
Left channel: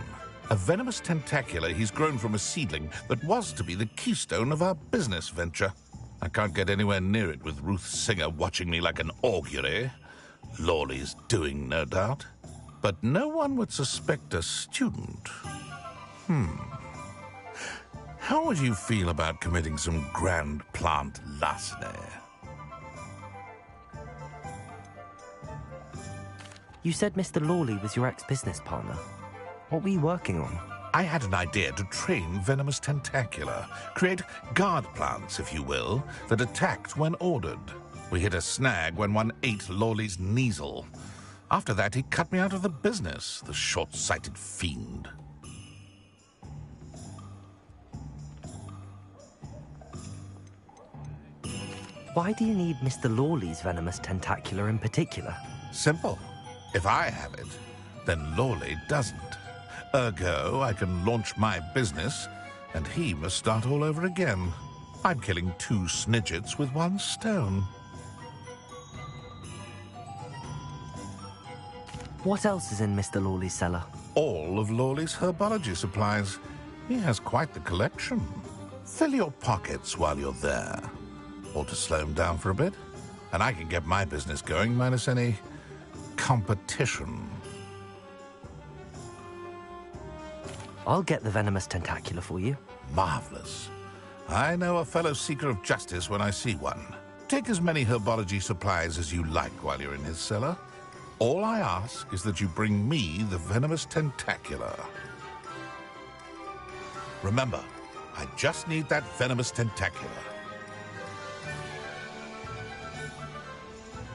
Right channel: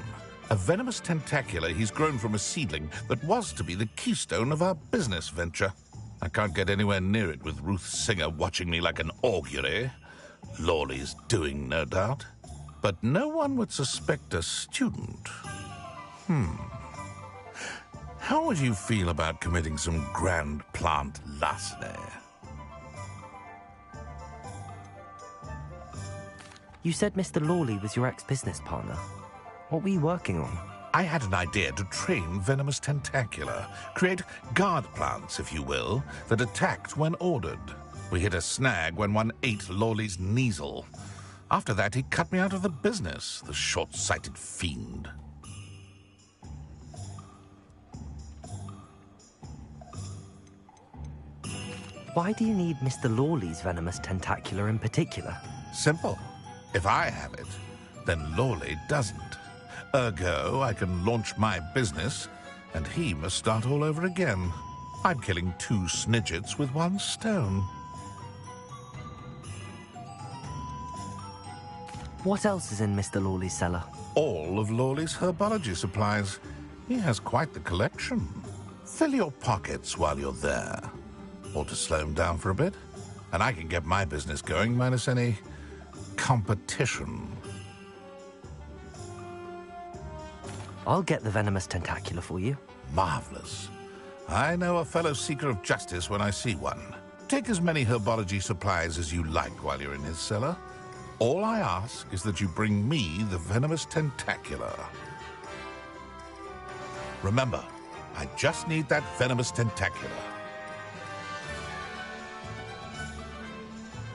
A venomous tentacula he's grown from a seedling that was to be the keystone of our business venture. I can't get anywhere near it with Ruth Singer watching me like an augury. Lawley's doing, no doubt. But no one would suspect a student. How would you feel about committing some grand plant larceny? You said Mr. Lawley was your ex-business partner. What were you working on? I had an idea to train venomous tentacula, create guard plants, if you will, that attacked when ordered. We hit a snag when one ate Lawley's Kneasel. After that, he cut me out of the business, the short-sighted fiend. Why do you need Mr. Lawley's venomous tentacula in particular? Simple. If I have it, then Lawley doesn't. Ergo, I can launch my business, and he must start all over again. I'm killing 2 snidgets with 1 stone. What else is in Mr. Lawley's cellar? All of Lawley's herbology supplies. He has quite the collection. Fill your pockets while you're there. Or to slow him down for a bit, and I can get my business going minus any competition. I'll get the venomous tentacula for you. Marvelous. I know a fellow seeker of justice when I see one. Take as many herbology supplies as you like while you're in his cellar. All I ask is that you bring me the venomous tentacula. Remember, I just need that venomous tentacula.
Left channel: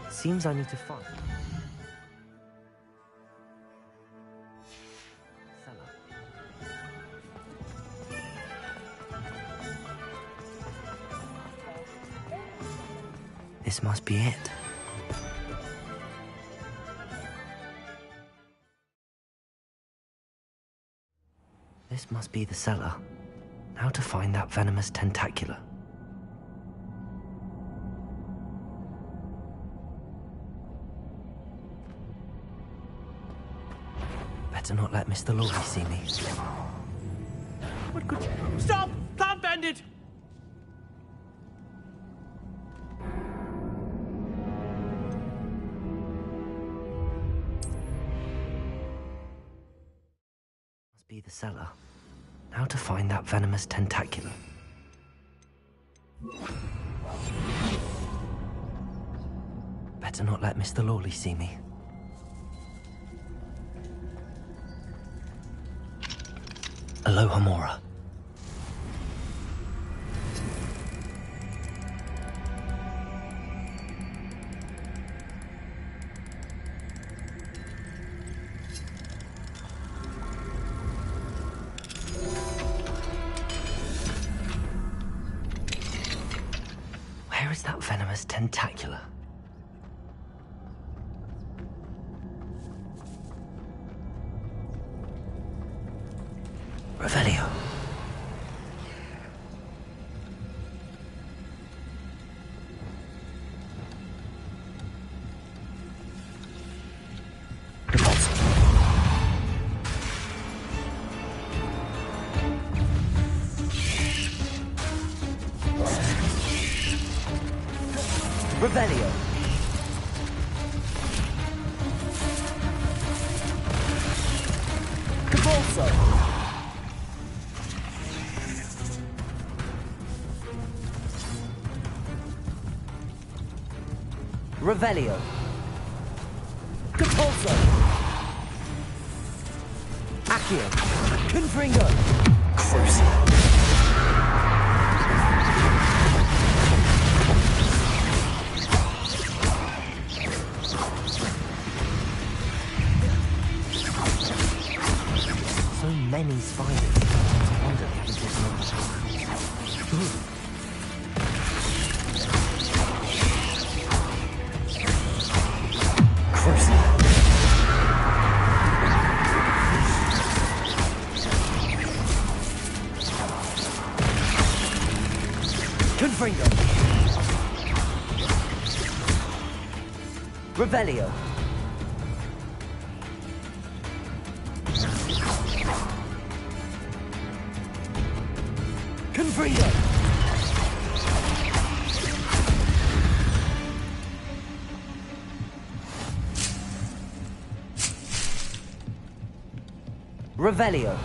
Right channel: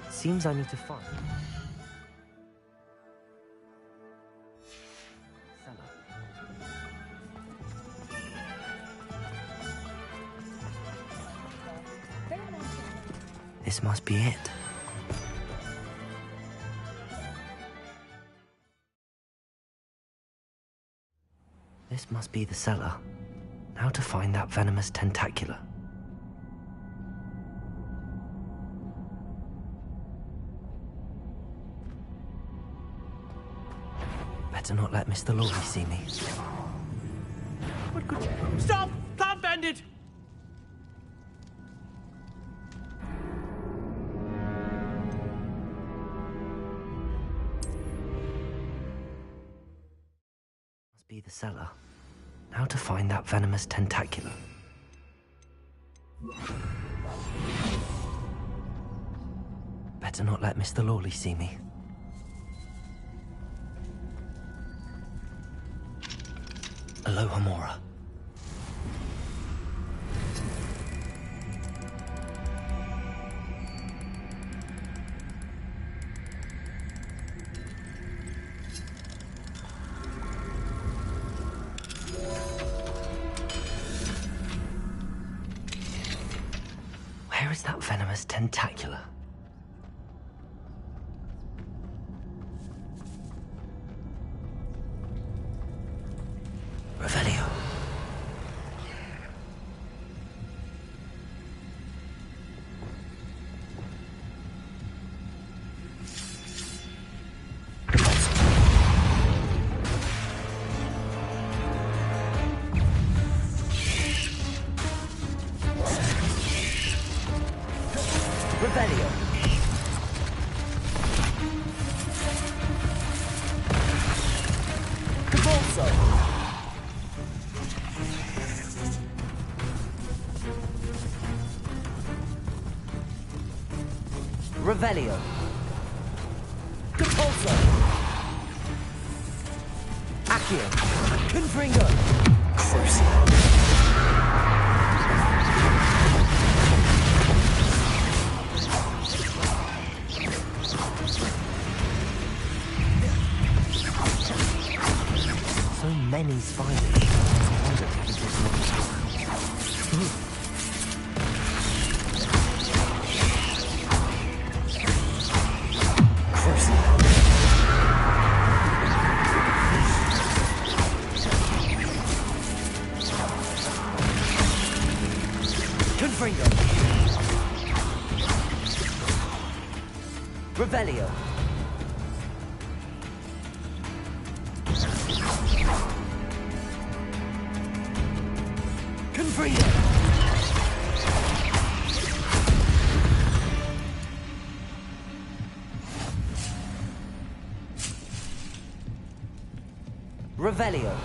Seems I need to find... cellar. This must be it. This must be the cellar. How to find that venomous tentacula? Better not let Mr. Lawley see me. What could... Stop! Plant bandit! Must be the cellar. How to find that venomous tentacula? Better not let Mr. Lawley see me. Aloha Mora. Where is that venomous tentacula? Revelio. Revelio. Convulso. Revelio. Compulso. Accio! Confringo! Crucial. So many spiders. I wonder if this is not... Confringo. Revelio. Confringo. Revelio.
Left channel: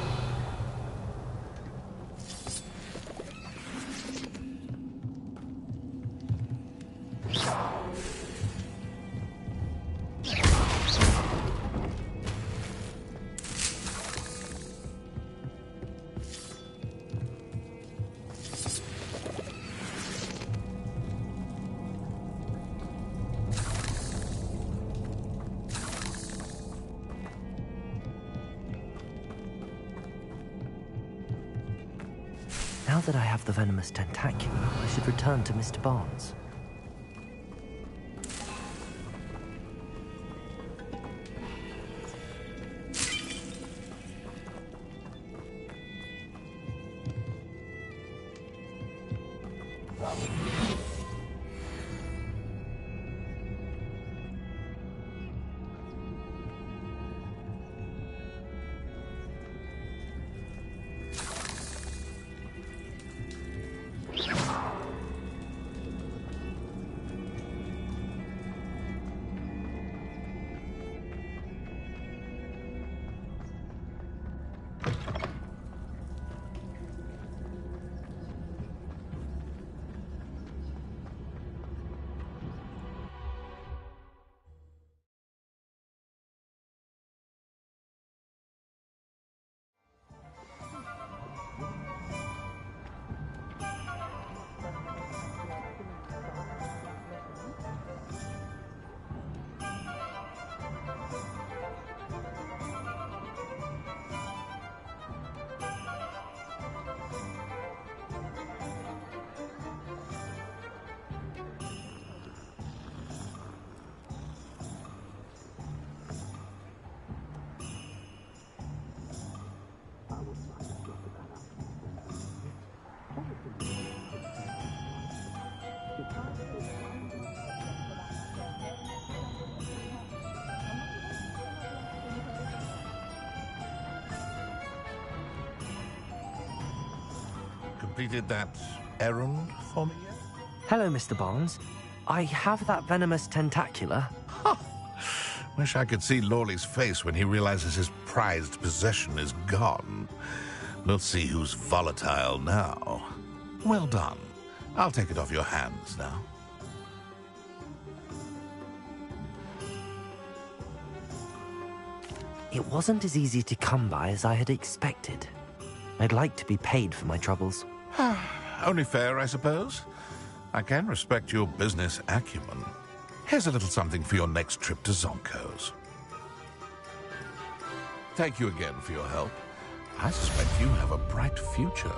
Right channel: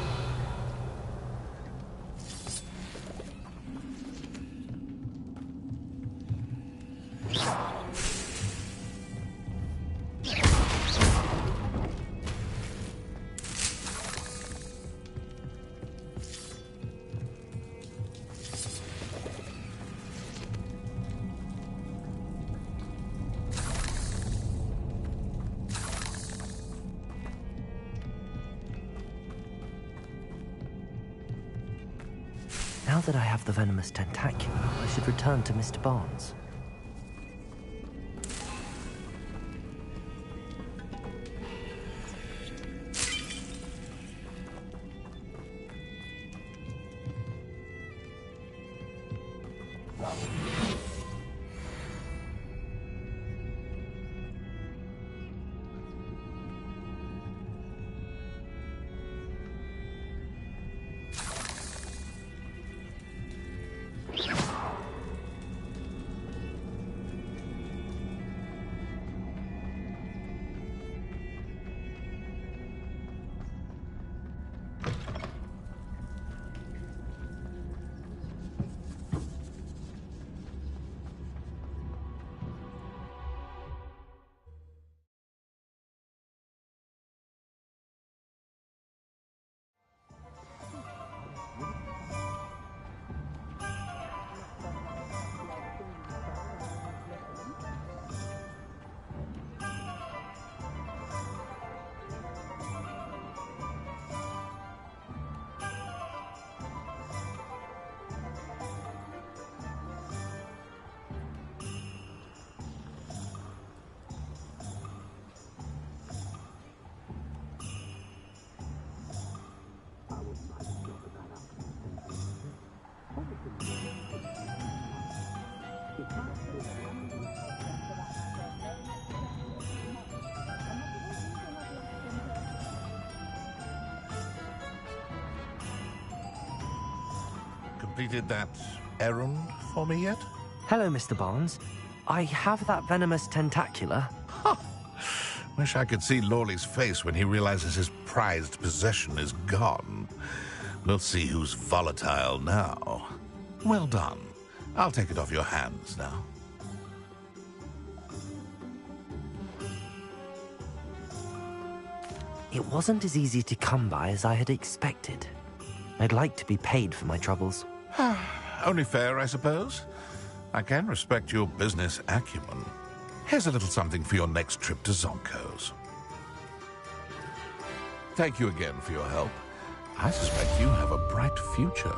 Now that I have the venomous tentacula, I should return to Mr. Barnes. Completed that errand for me yet? Hello, Mr. Barnes. I have that venomous tentacula. Wish I could see Lawley's face when he realizes his prized possession is gone. We'll see who's volatile now. Well done. I'll take it off your hands now. It wasn't as easy to come by as I had expected. I'd like to be paid for my troubles. Only fair, I suppose. I can respect your business acumen. Here's a little something for your next trip to Zonko's. Thank you again for your help. I suspect you have a bright future.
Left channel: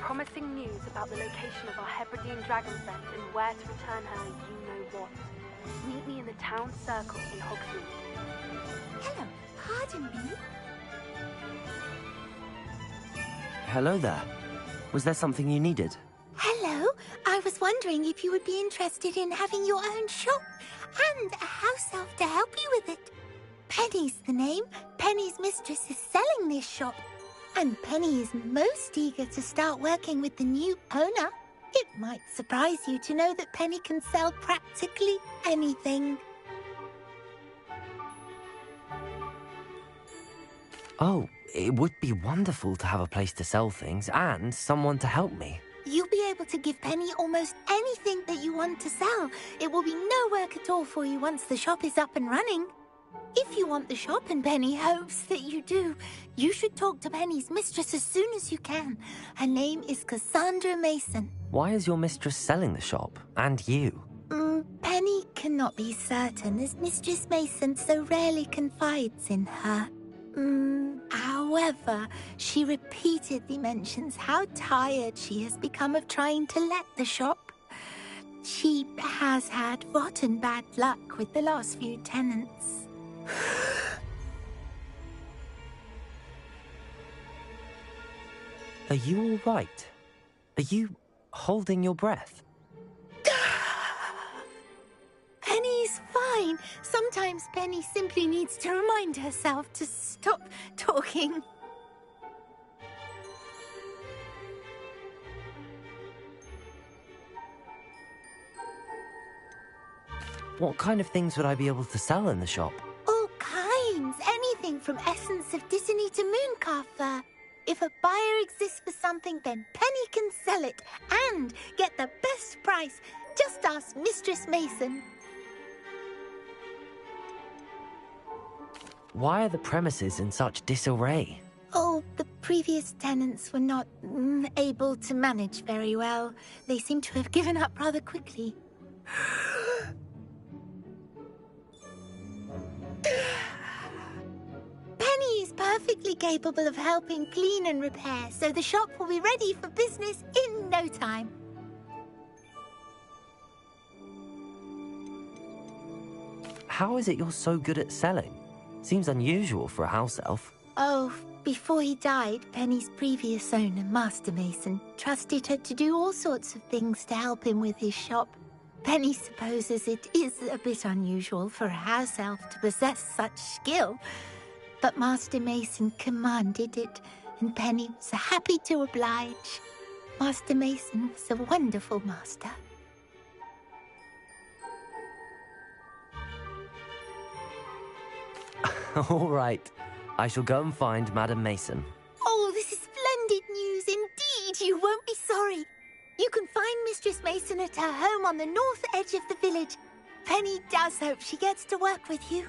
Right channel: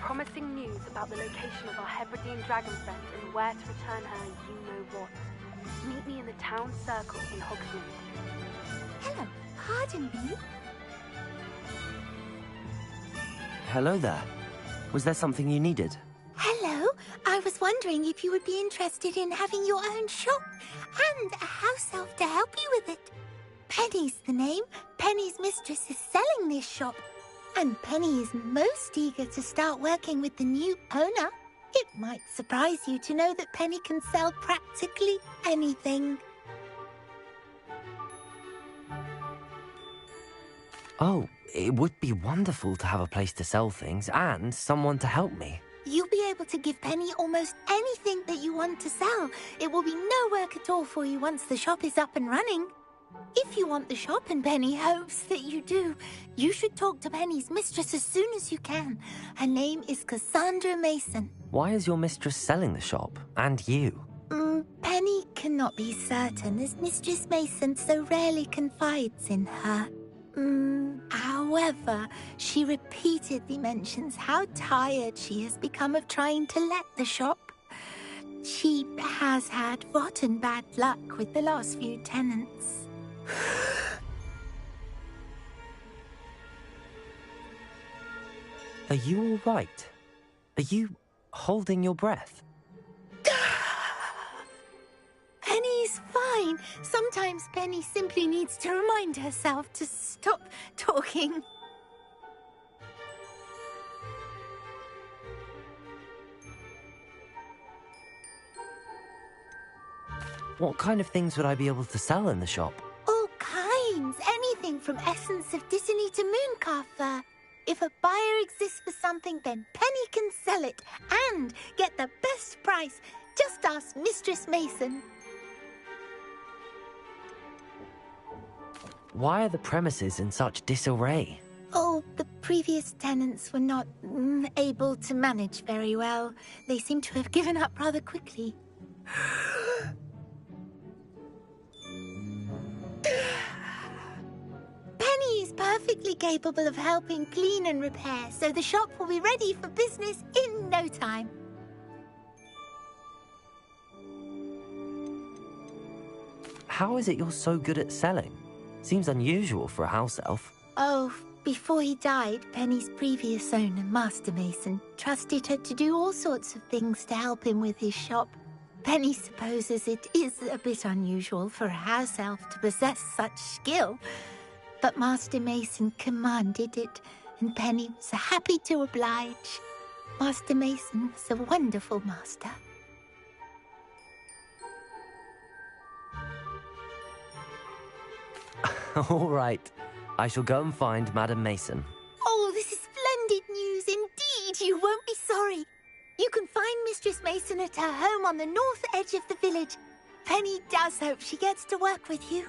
Promising news about the location of our Hebridean dragon friend and where to return her you-know-what. Meet me in the town circle in Hogsmeade. Hello, pardon me? Hello there. Was there something you needed? Hello, I was wondering if you would be interested in having your own shop and a house elf to help you with it. Penny's the name. Penny's mistress is selling this shop. And Penny is most eager to start working with the new owner. It might surprise you to know that Penny can sell practically anything. Oh, it would be wonderful to have a place to sell things and someone to help me. You'll be able to give Penny almost anything that you want to sell. It will be no work at all for you once the shop is up and running. If you want the shop and Penny hopes that you do, you should talk to Penny's mistress as soon as you can. Her name is Cassandra Mason. Why is your mistress selling the shop? And you? Penny cannot be certain as Mistress Mason so rarely confides in her. However, she repeatedly mentions how tired she has become of trying to let the shop. She has had rotten bad luck with the last few tenants. Are you all right? Are you holding your breath? Penny's fine. Sometimes Penny simply needs to remind herself to stop talking. What kind of things would I be able to sell in the shop? All kinds. Anything from essence of Disney to mooncalf fur. If a buyer exists for something, then Penny can sell it and get the best price. Just ask Mistress Mason. Why are the premises in such disarray? Oh, the previous tenants were not able to manage very well. They seem to have given up rather quickly. Penny is perfectly capable of helping clean and repair, so the shop will be ready for business in no time. How is it you're so good at selling? Seems unusual for a house elf. Oh, before he died, Penny's previous owner, Master Mason, trusted her to do all sorts of things to help him with his shop. Penny supposes it is a bit unusual for a house elf to possess such skill, but Master Mason commanded it, and Penny was happy to oblige. Master Mason was a wonderful master. All right. I shall go and find Madam Mason. Oh, this is splendid news indeed. You won't be sorry. You can find Mistress Mason at her home on the north edge of the village. Penny does hope she gets to work with you.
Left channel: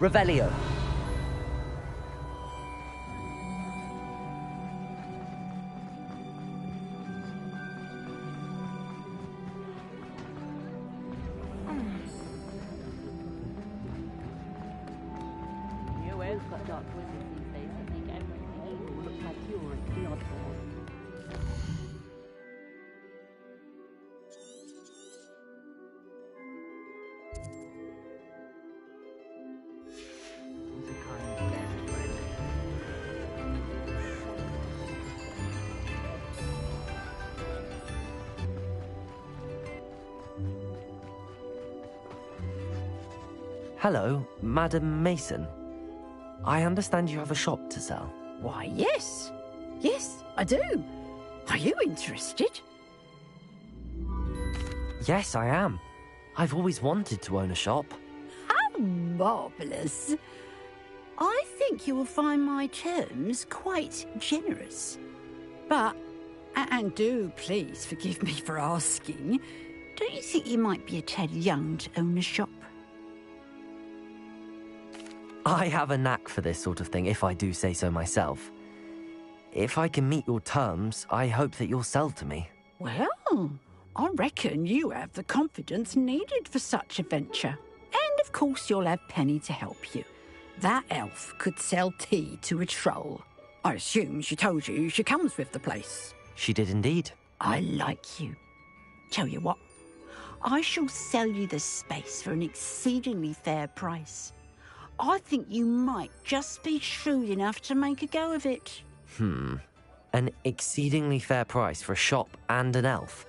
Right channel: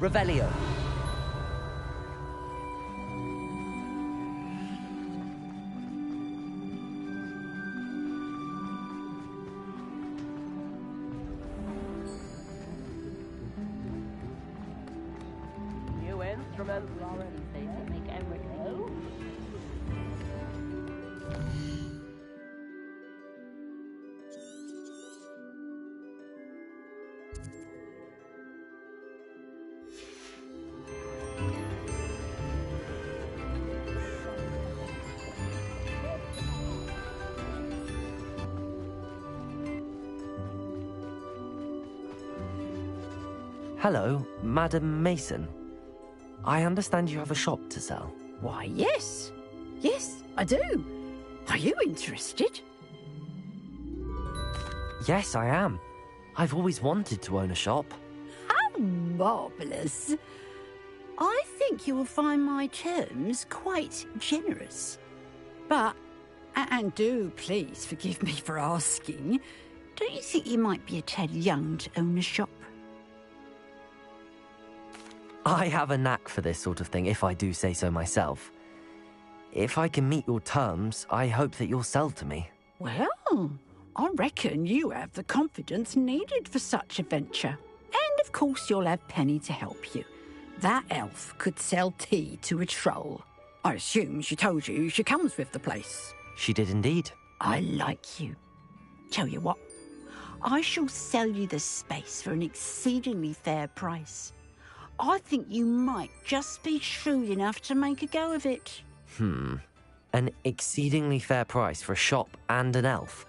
Revelio. New instrument wizards these days that make everything evil look like pure and philosophical. Hello, Madam Mason. I understand you have a shop to sell. Why, yes. Yes, I do. Are you interested? Yes, I am. I've always wanted to own a shop. How marvellous. I think you will find my terms quite generous. But, and do please forgive me for asking, don't you think you might be a tad young to own a shop? I have a knack for this sort of thing, if I do say so myself. If I can meet your terms, I hope that you'll sell to me. Well, I reckon you have the confidence needed for such a venture. And of course you'll have Penny to help you. That elf could sell tea to a troll. I assume she told you she comes with the place. She did indeed. I like you. Tell you what, I shall sell you the space for an exceedingly fair price. I think you might just be shrewd enough to make a go of it. An exceedingly fair price for a shop and an elf.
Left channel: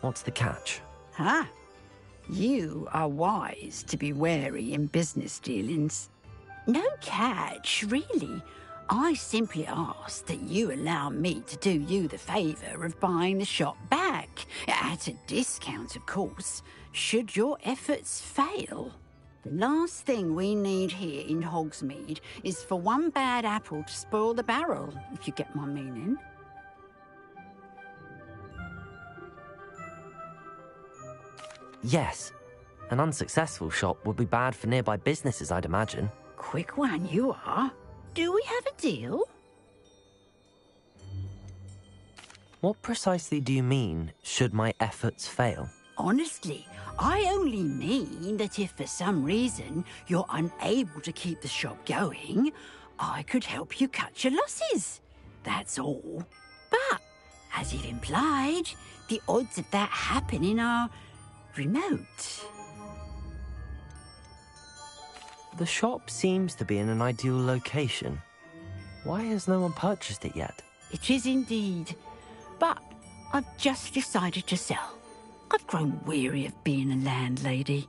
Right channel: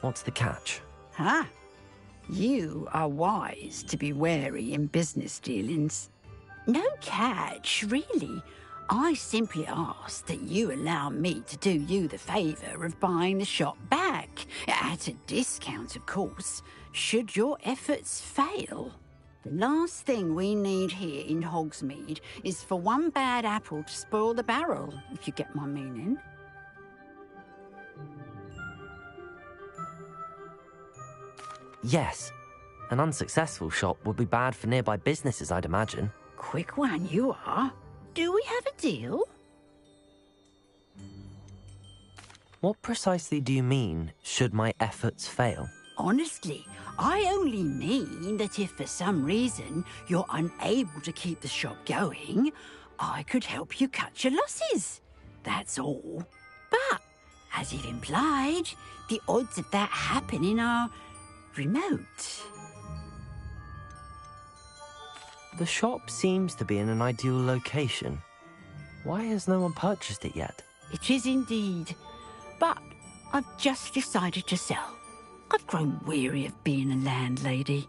What's the catch? You are wise to be wary in business dealings. No catch, really. I simply ask that you allow me to do you the favour of buying the shop back, at a discount, of course, should your efforts fail. The last thing we need here in Hogsmeade is for one bad apple to spoil the barrel, if you get my meaning. Yes. An unsuccessful shop would be bad for nearby businesses, I'd imagine. Quick one you are. Do we have a deal? What precisely do you mean, should my efforts fail? Honestly, I only mean that if for some reason you're unable to keep the shop going, I could help you cut your losses. That's all. But, as you've implied, the odds of that happening are remote. The shop seems to be in an ideal location. Why has no one purchased it yet? It is indeed. But I've just decided to sell. I've grown weary of being a landlady.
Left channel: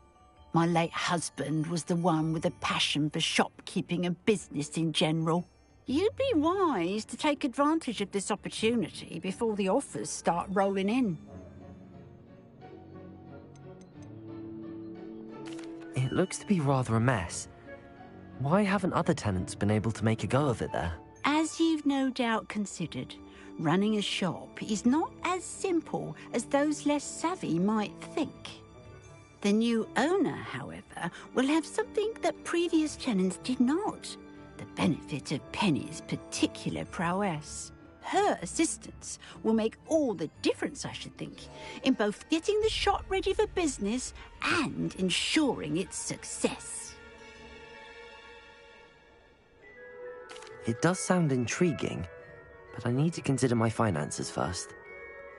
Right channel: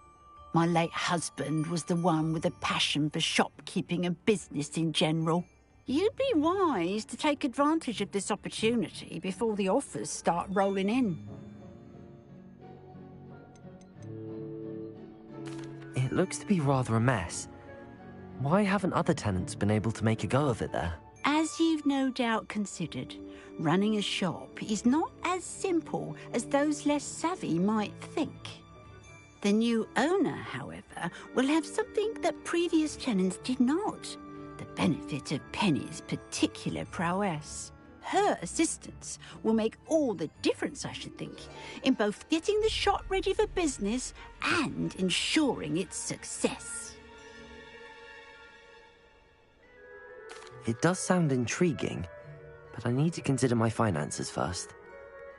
My late husband was the one with a passion for shopkeeping and business in general. You'd be wise to take advantage of this opportunity before the offers start rolling in. It looks to be rather a mess. Why haven't other tenants been able to make a go of it there? As you've no doubt considered, running a shop is not as simple as those less savvy might think. The new owner, however, will have something that previous tenants did not: the benefit of Penny's particular prowess. Her assistance will make all the difference, I should think, in both getting the shop ready for business and ensuring its success. It does sound intriguing, but I need to consider my finances first.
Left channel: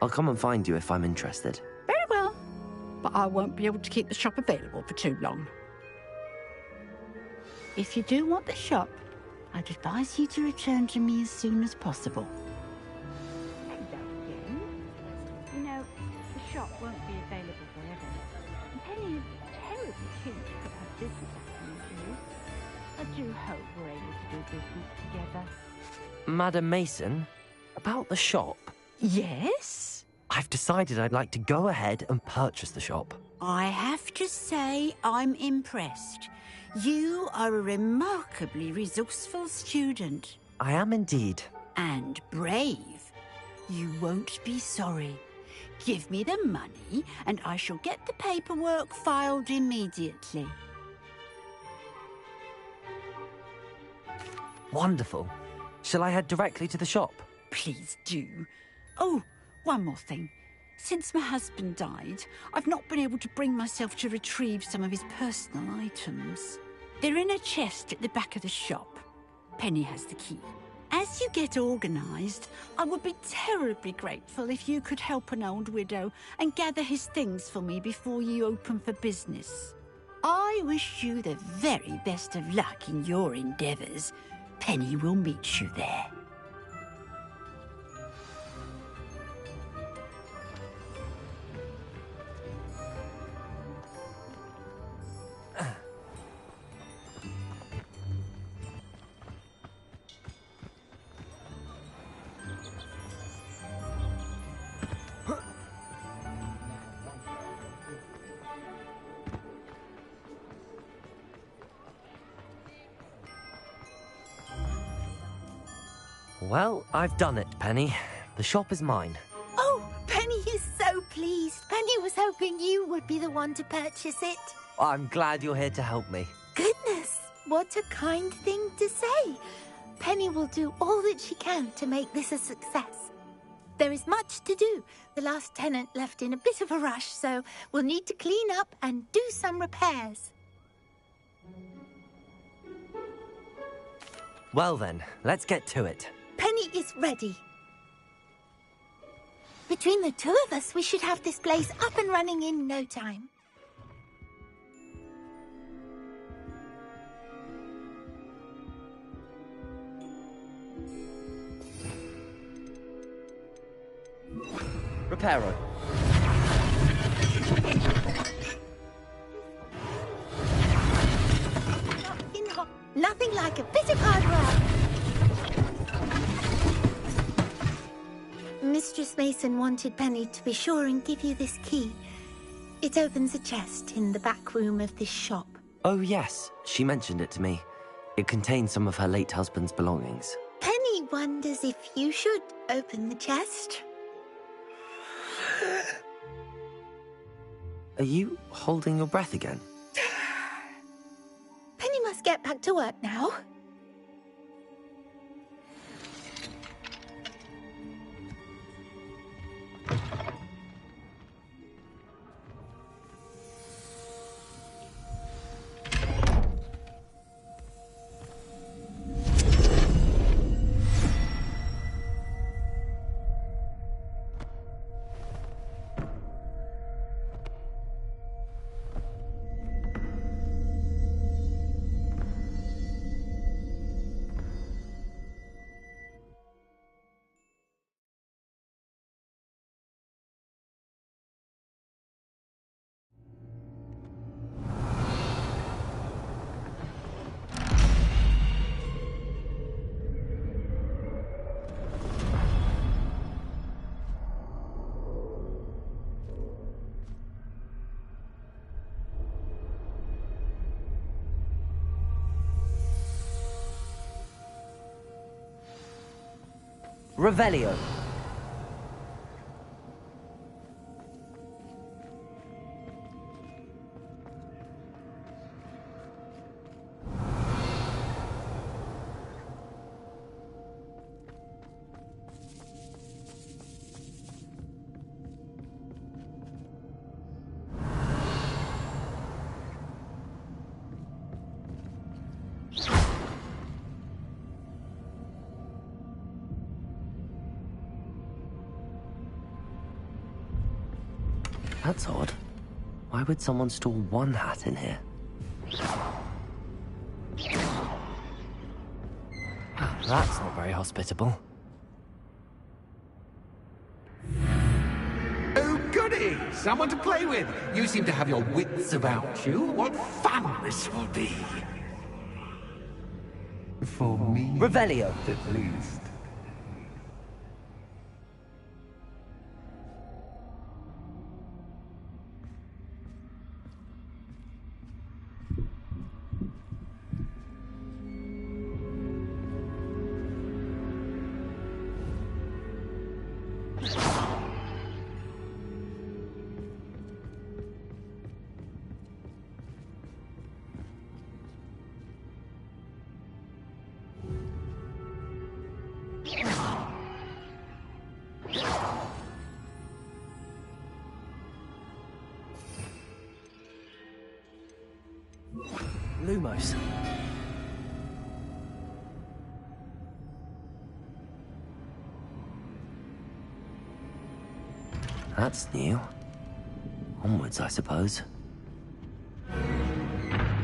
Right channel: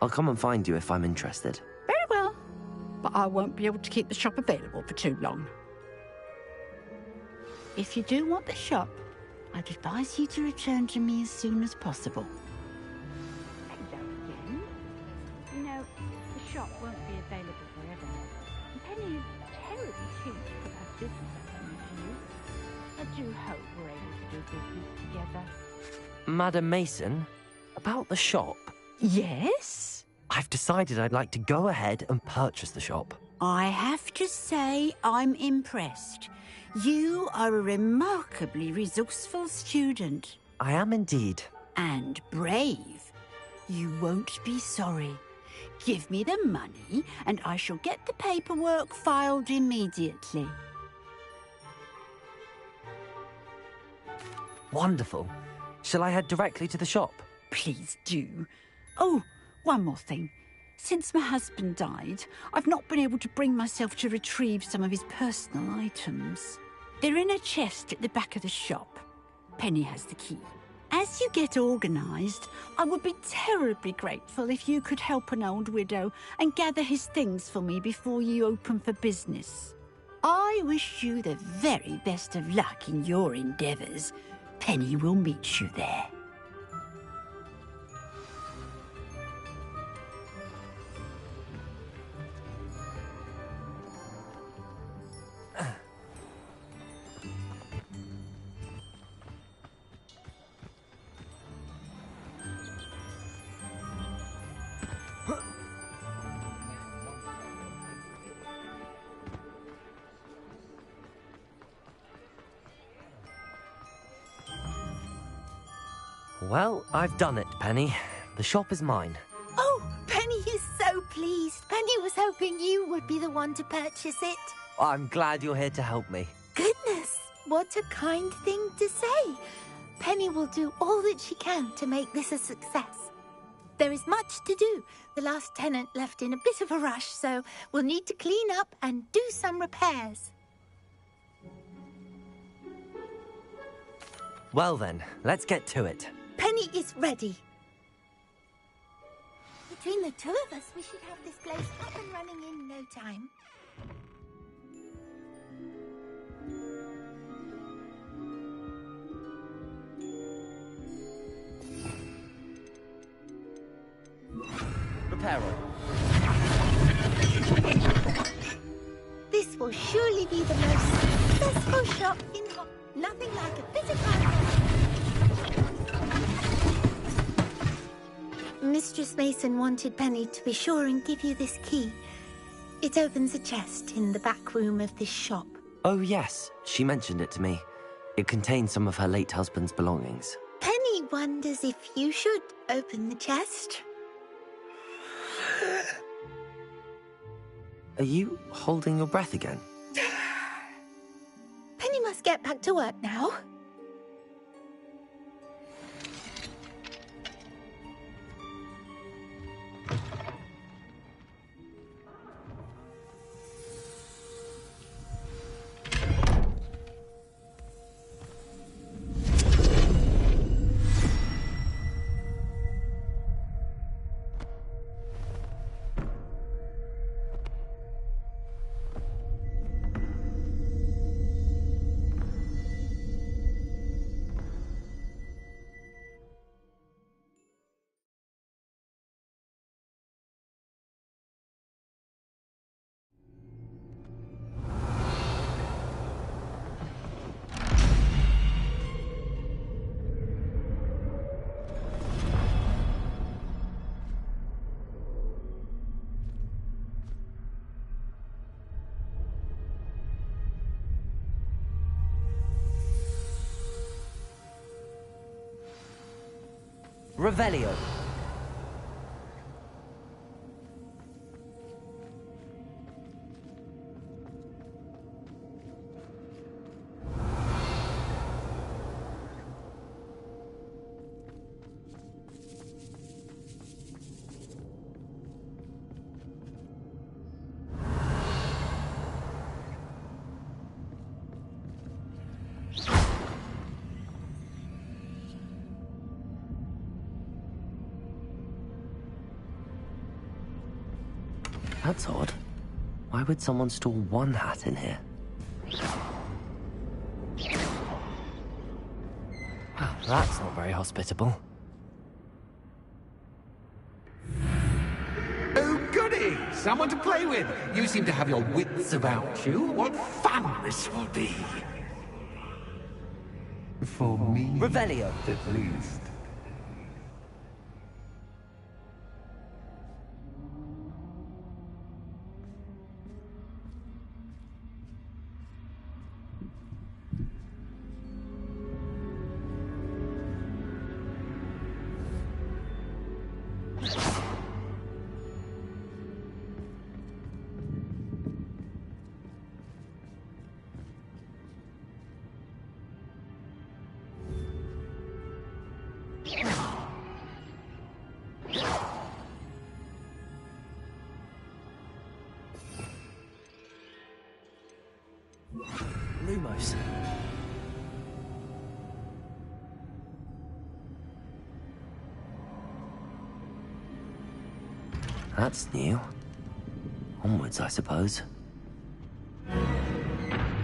I'll come and find you if I'm interested. Very well, but I won't be able to keep the shop available for too long. If you do want the shop, I'd advise you to return to me as soon as possible. Hello again. You know, the shop won't be available forever. Penny is terribly keen to put her business acumen to use. I do hope we're able to do business together. Madam Mason, about the shop. Yes? I've decided I'd like to go ahead and purchase the shop. I have to say I'm impressed. You are a remarkably resourceful student. I am indeed. And brave. You won't be sorry. Give me the money and I shall get the paperwork filed immediately. Wonderful. Shall I head directly to the shop? Please do. Oh, one more thing. Since my husband died, I've not been able to bring myself to retrieve some of his personal items. They're in a chest at the back of the shop. Penny has the key. As you get organised, I would be terribly grateful if you could help an old widow and gather his things for me before you open for business. I wish you the very best of luck in your endeavours. Penny will meet you there. Well, I've done it, Penny. The shop is mine. Oh, Penny is so pleased. Penny was hoping you would be the one to purchase it. I'm glad you're here to help me. Goodness, what a kind thing to say. Penny will do all that she can to make this a success. There is much to do. The last tenant left in a bit of a rush, so we'll need to clean up and do some repairs. Well then, let's get to it. Penny is ready. Between the two of us, we should have this place up and running in no time. Reparo. This will surely be the most successful shop in Nothing like a bit of hard work. Mistress Mason wanted Penny to be sure and give you this key. It opens a chest in the back room of this shop. Oh yes, she mentioned it to me. It contains some of her late husband's belongings. Penny wonders if you should open the chest. Are you holding your breath again? Penny must get back to work now. Revelio. That's odd. Why would someone store one hat in here? That's not very hospitable. Oh, goody! Someone to play with! You seem to have your wits about you. What fun this will be! For me, Revelio. at least. Lumos. That's new. Onwards, I suppose.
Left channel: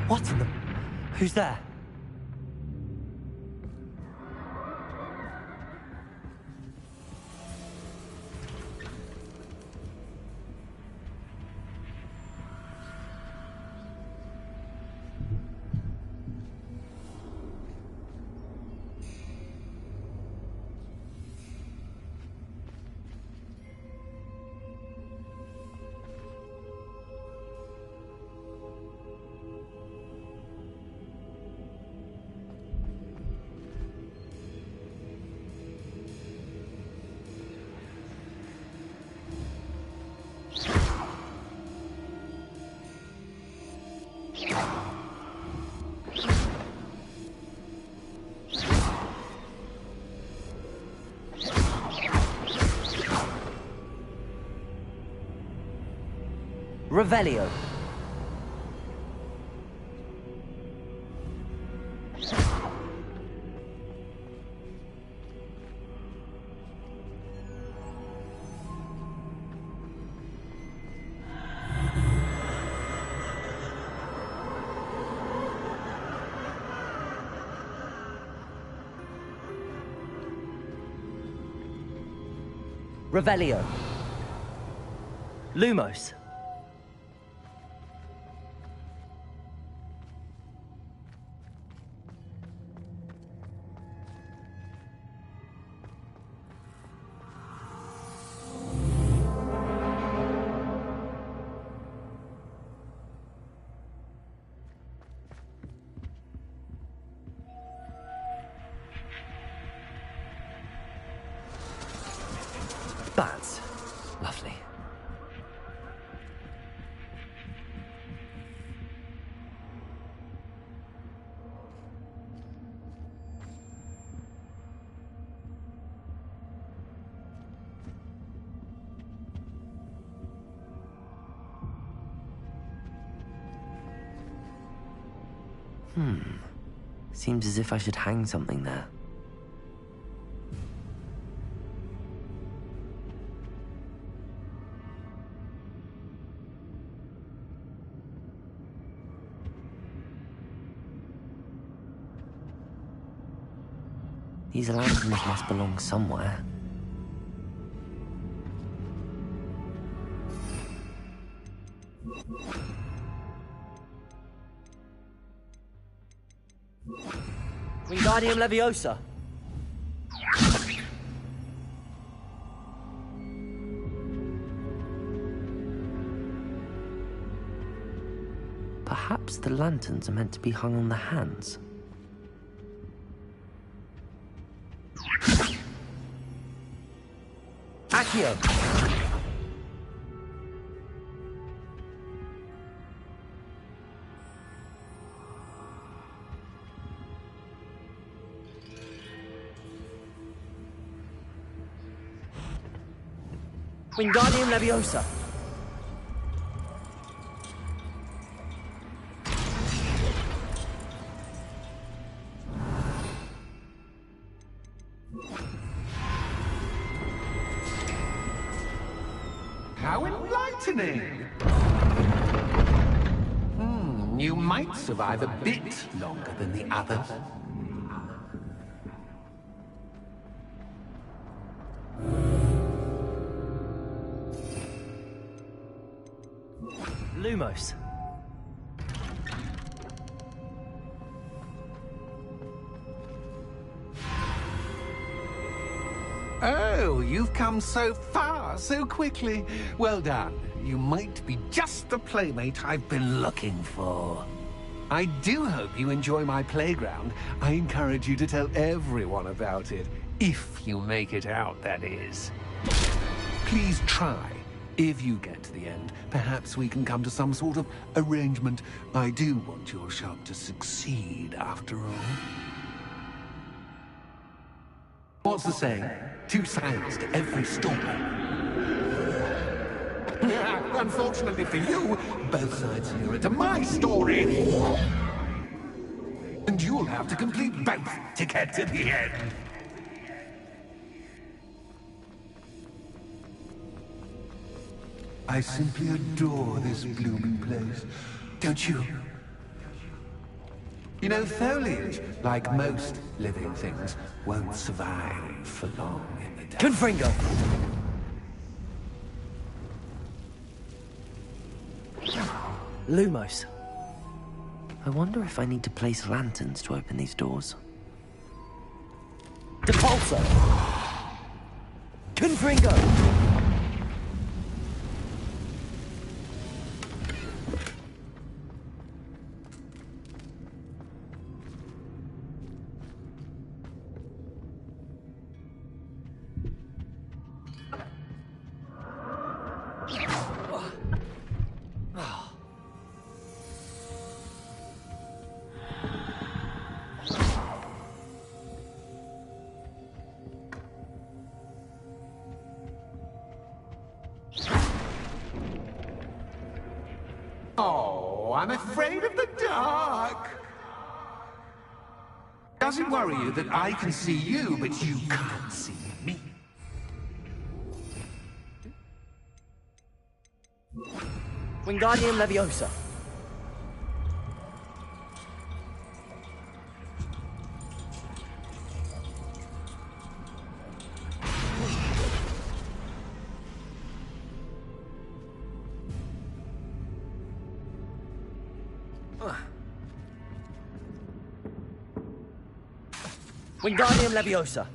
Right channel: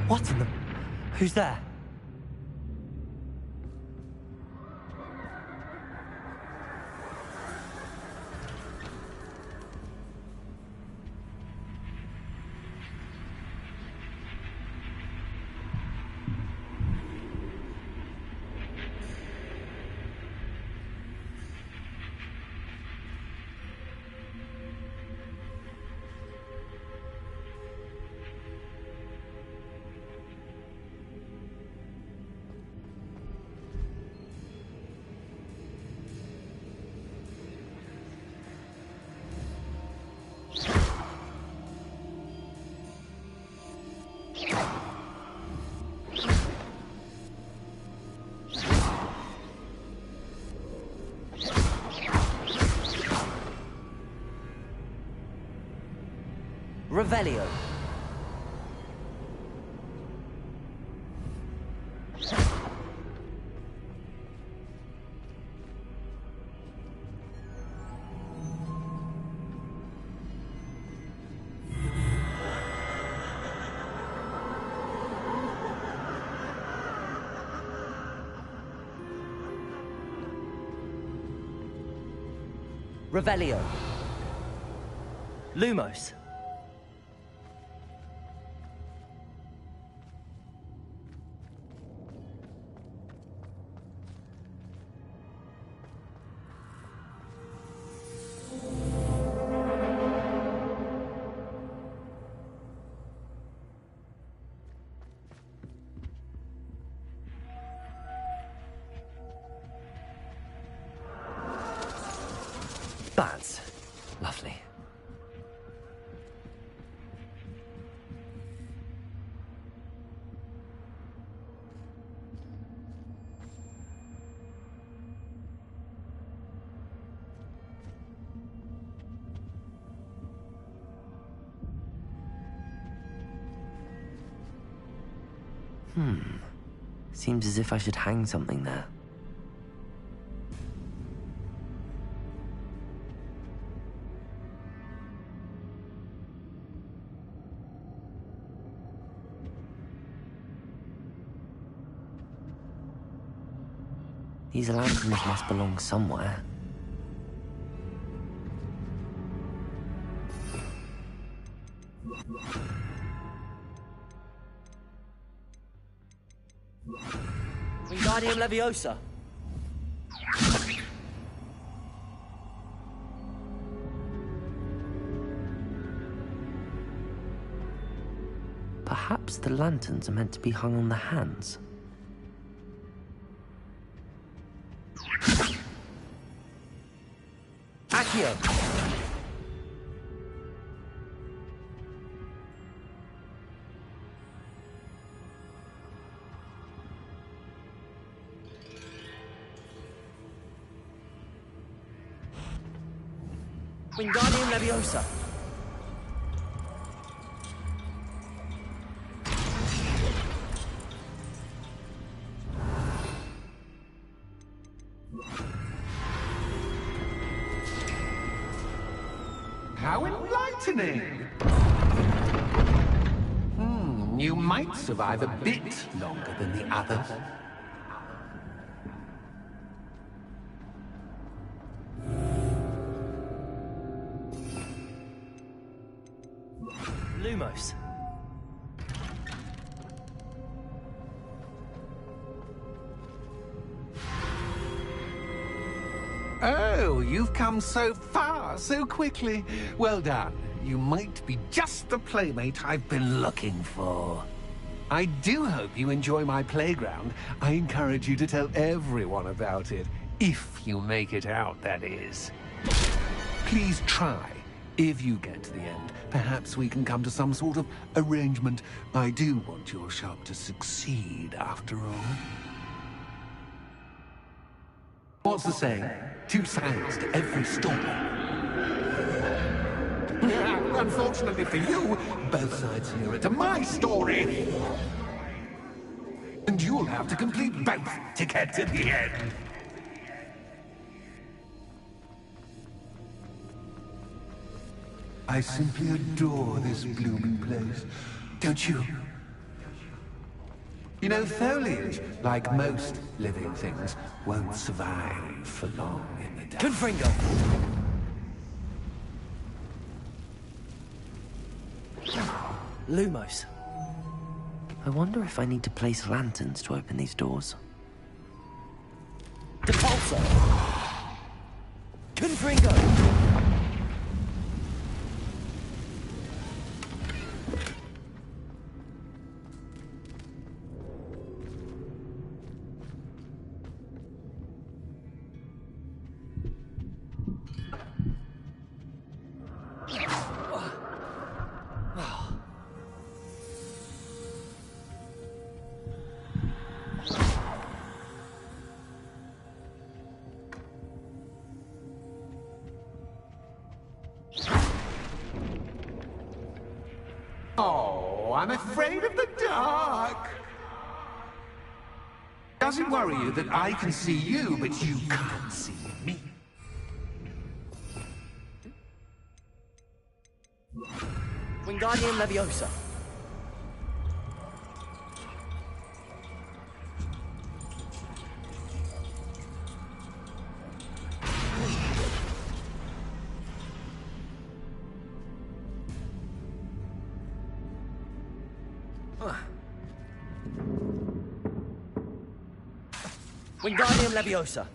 What in the... Who's there? Revelio. Revelio. Lumos. That's lovely. Seems as if I should hang something there. These lanterns must belong somewhere. Wingardium Leviosa. Perhaps the lanterns are meant to be hung on the hands. Accio. Wingardium Leviosa. How enlightening! You might survive a bit longer than the others. Lumos. Oh, you've come so far so quickly. Well done. You might be just the playmate I've been looking for. I do hope you enjoy my playground. I encourage you to tell everyone about it. If you make it out, that is. Please try. If you get to the end, perhaps we can come to some sort of arrangement. I do want your shop to succeed, after all. What's the saying? Two sides to every story. Unfortunately for you, both sides here are to my story. And you'll have to complete both to get to the end. I simply adore this blooming place, don't you? You know, foliage, like most living things, won't survive for long in the dark. Confringo! Lumos. I wonder if I need to place lanterns to open these doors. Depulso! Confringo! I'm afraid of the dark. Does it worry you that I can see you, but you can't see me? Wingardium Leviosa. Wingardium Leviosa.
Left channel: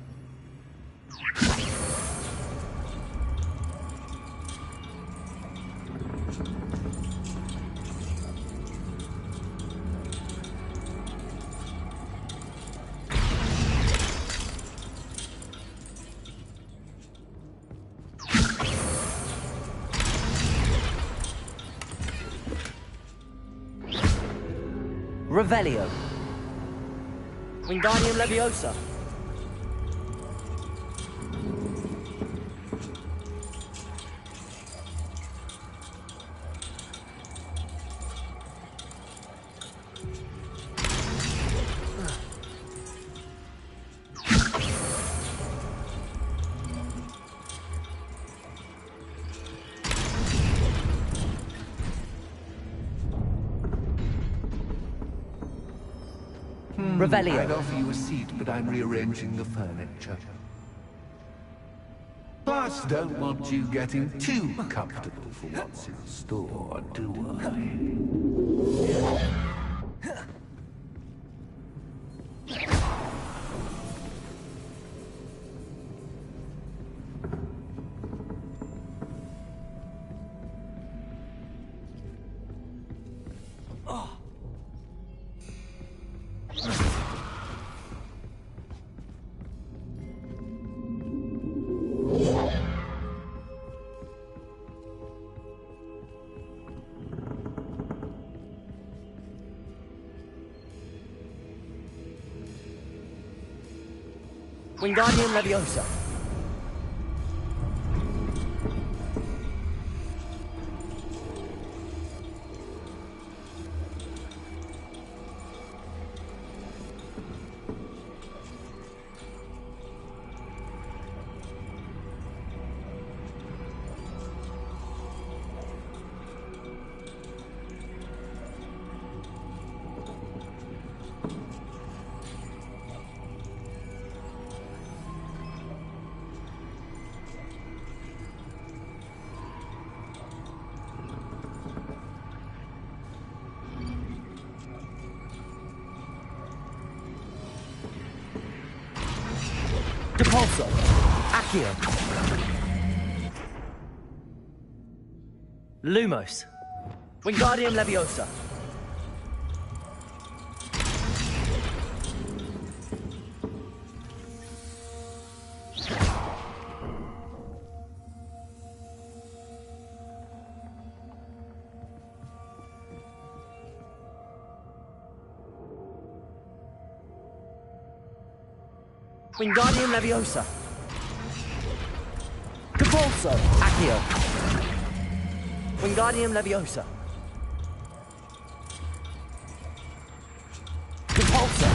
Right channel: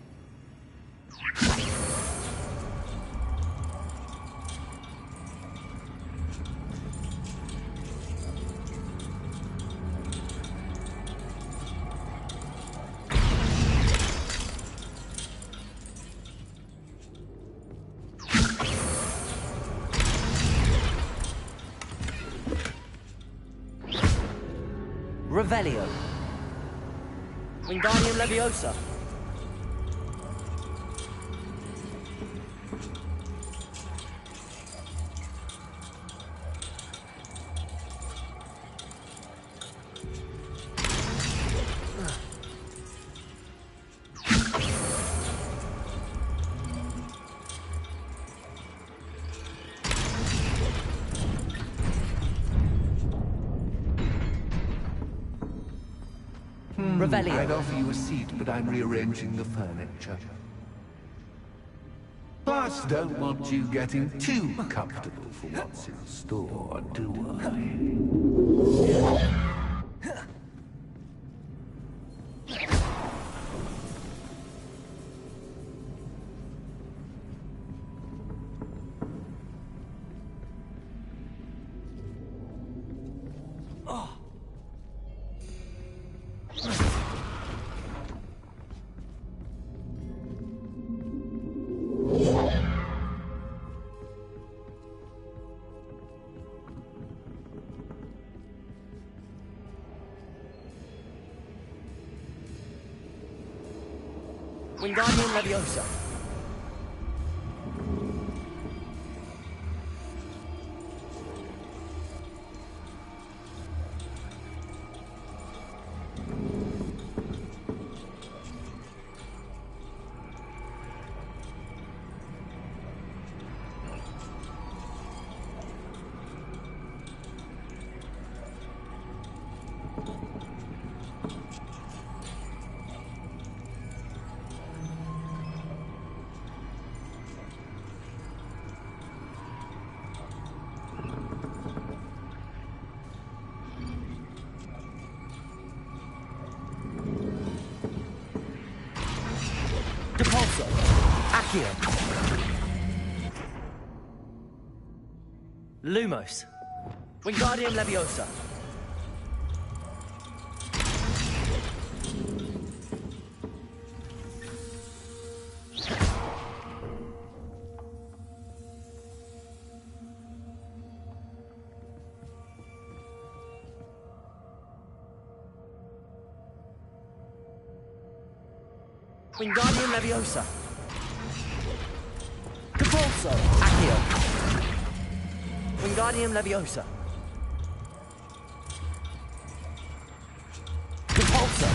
Revelio. Wingardium Leviosa. Revelio. I'd offer you a seat, but I'm rearranging the furniture. Plus, don't want you getting too comfortable for what's in store, do I? Wingardium Leviosa. Depulso. Accio. Lumos. Wingardium Leviosa. Wingardium Leviosa. Depulso. Accio. Wingardium Leviosa. Depulso.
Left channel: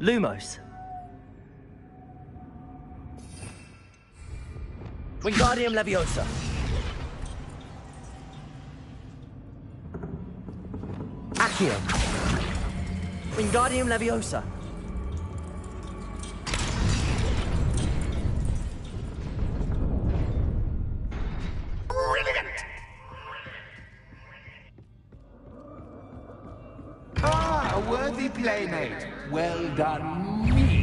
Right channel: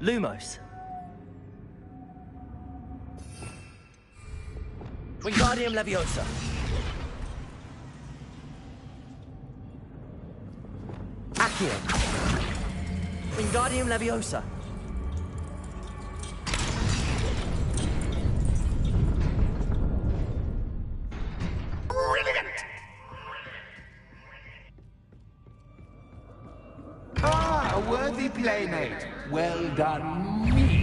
Lumos. Wingardium Leviosa. Accio. Wingardium Leviosa. Brilliant! Ah, a worthy playmate. Well done, me.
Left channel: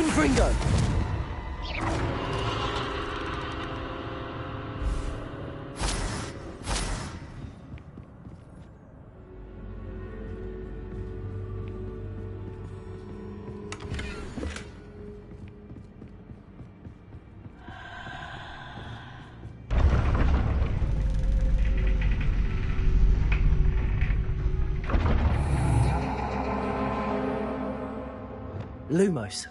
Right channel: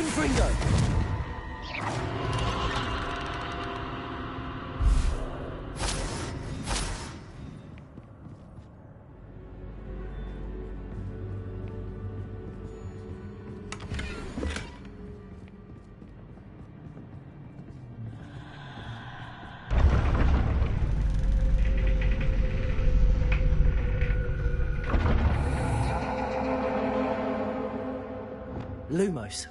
Confringo! Lumos.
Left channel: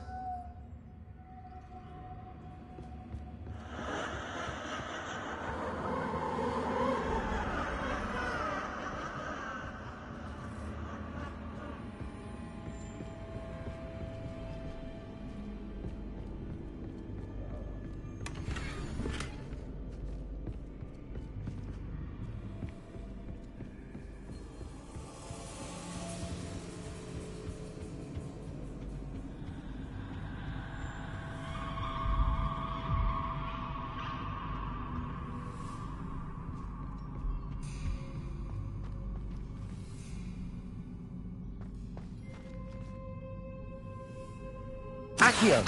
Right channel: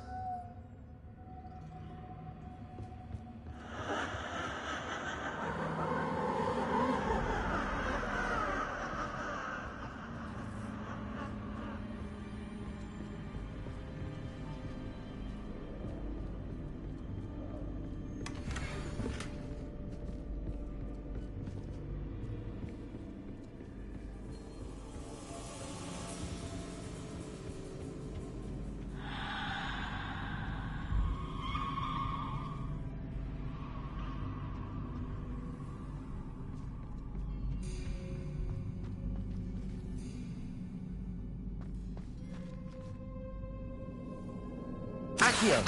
Accio!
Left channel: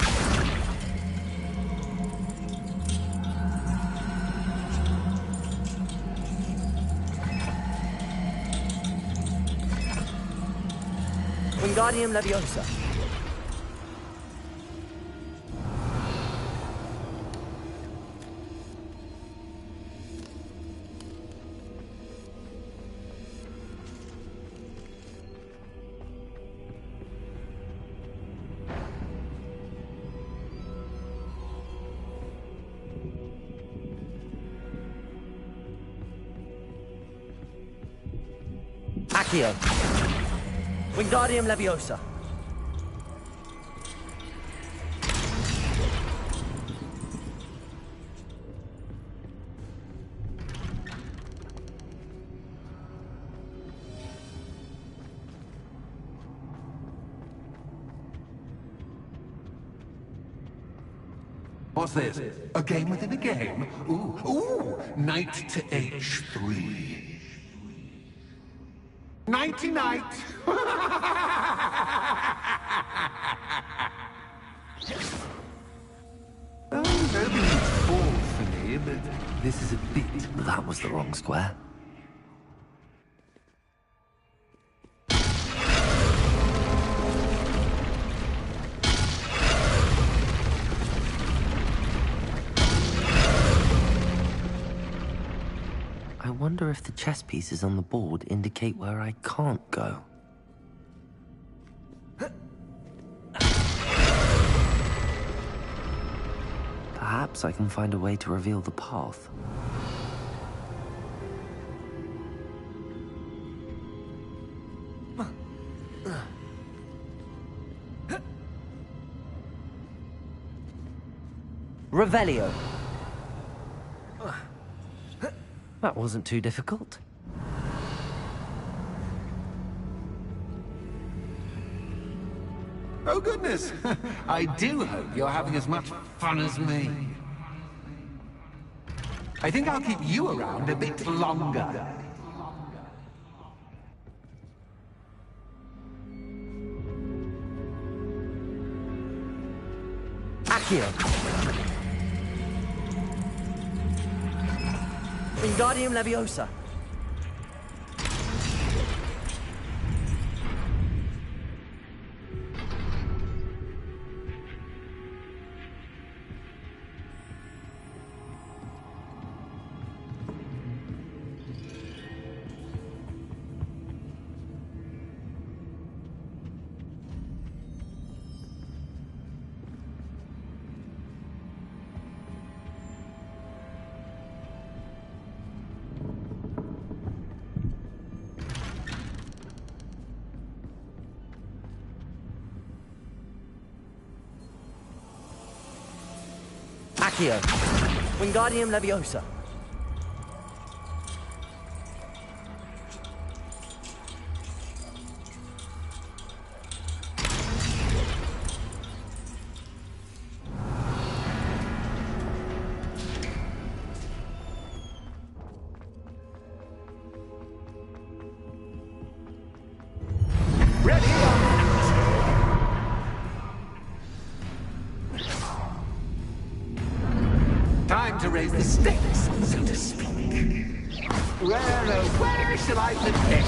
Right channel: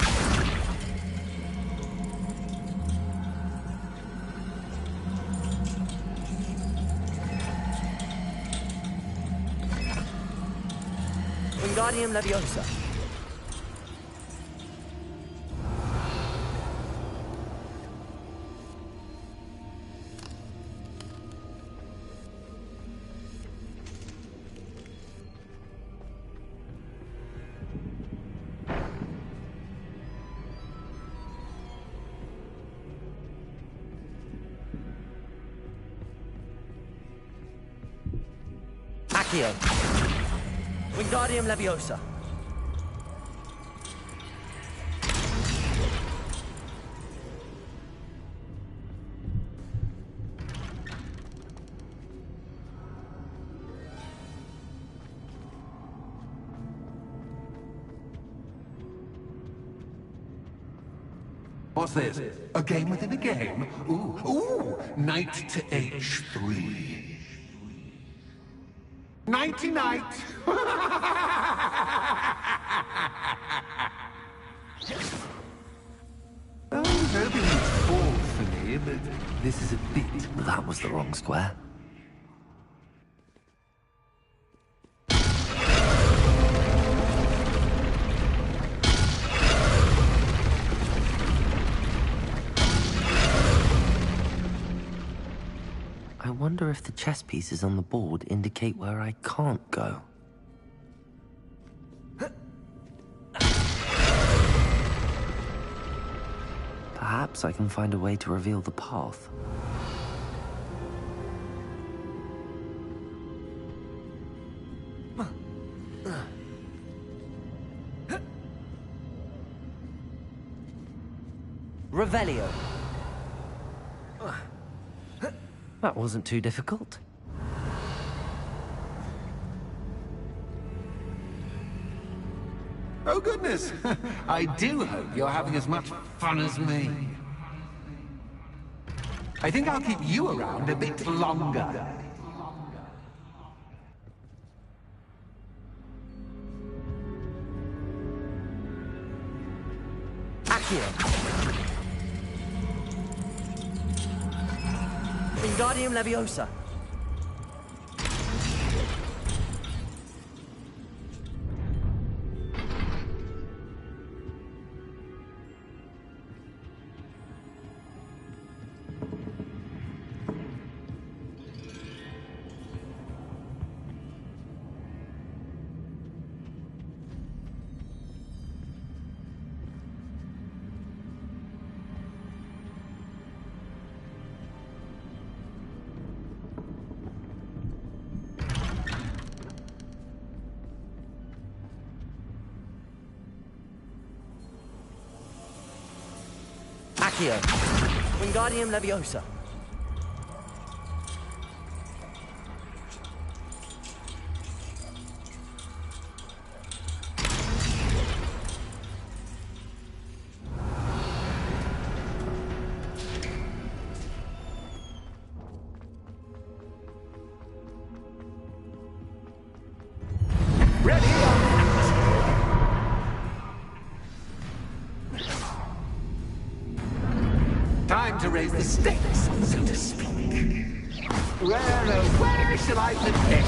Wingardium Leviosa. Accio. Wingardium Leviosa. What's this? A game within a game? Ooh, knight to h3. Nighty-night! Oh, nobody needs fall for me, but this is a bit... That was the wrong square. I wonder if the chess pieces on the board indicate where I can't go. Perhaps I can find a way to reveal the path. Revelio. That wasn't too difficult. Oh, goodness! I do hope you're having as much fun as me. I think I'll keep you around a bit longer. Accio. Wingardium Leviosa. Accio. Wingardium Leviosa. Time to raise the stakes, so to speak. Where shall I begin?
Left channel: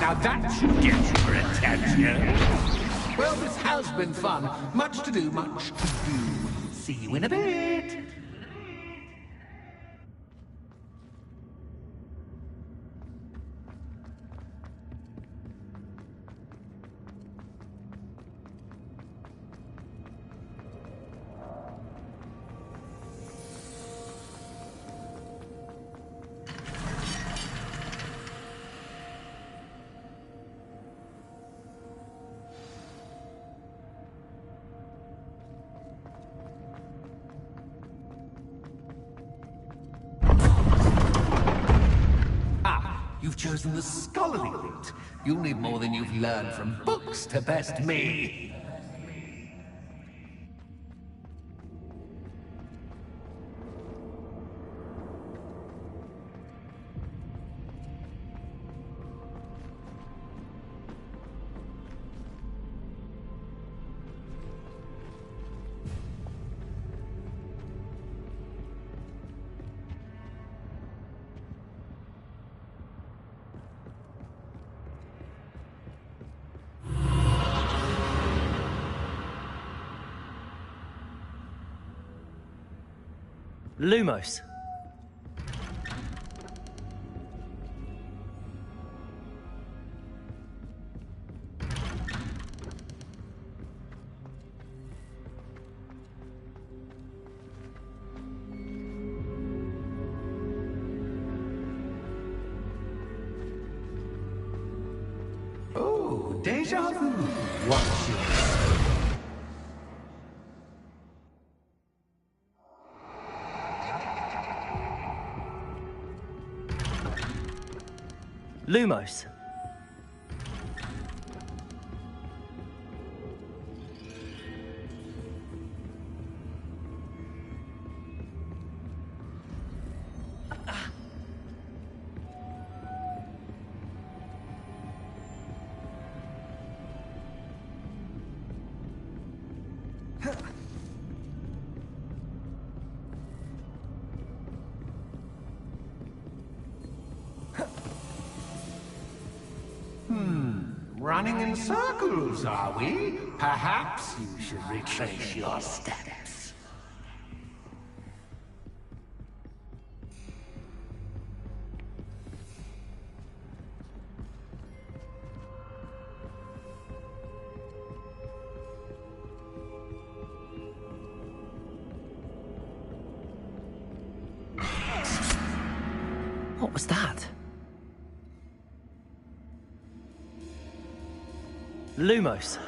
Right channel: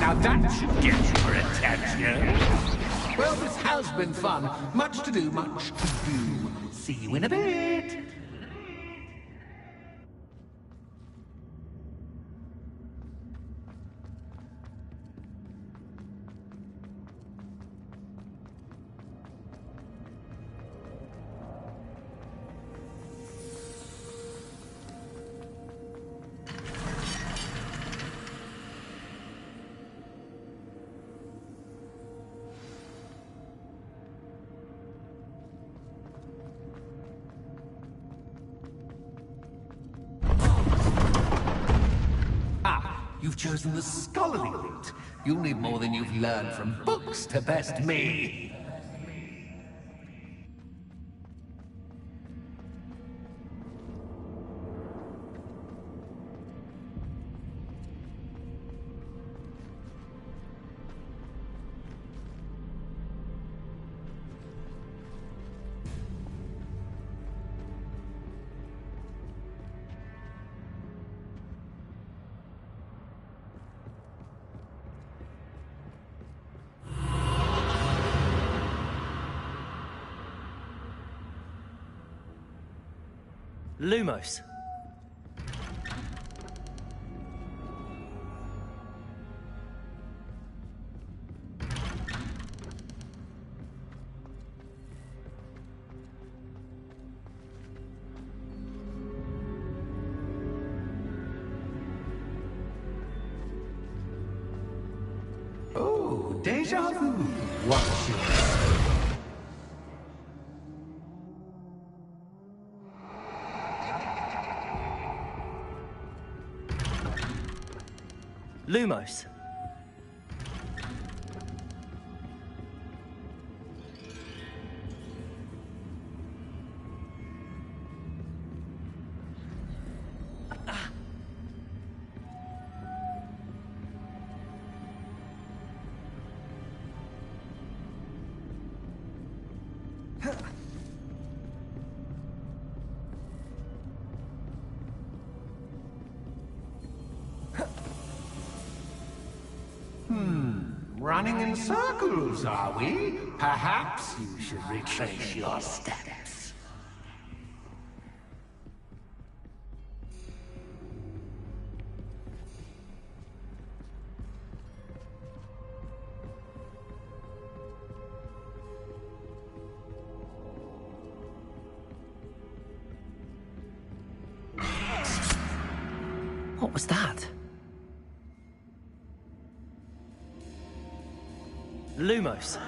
Now that should get your attention. Well, this has been fun. Much to do, much to do. See you in a bit. You've chosen the scholarly route. You'll need more than you've learned from books to best me. Lumos. Oh, déjà vu. Watch your Lumos. Running in circles, are we? Perhaps you should retrace your steps. What was that? Lumos.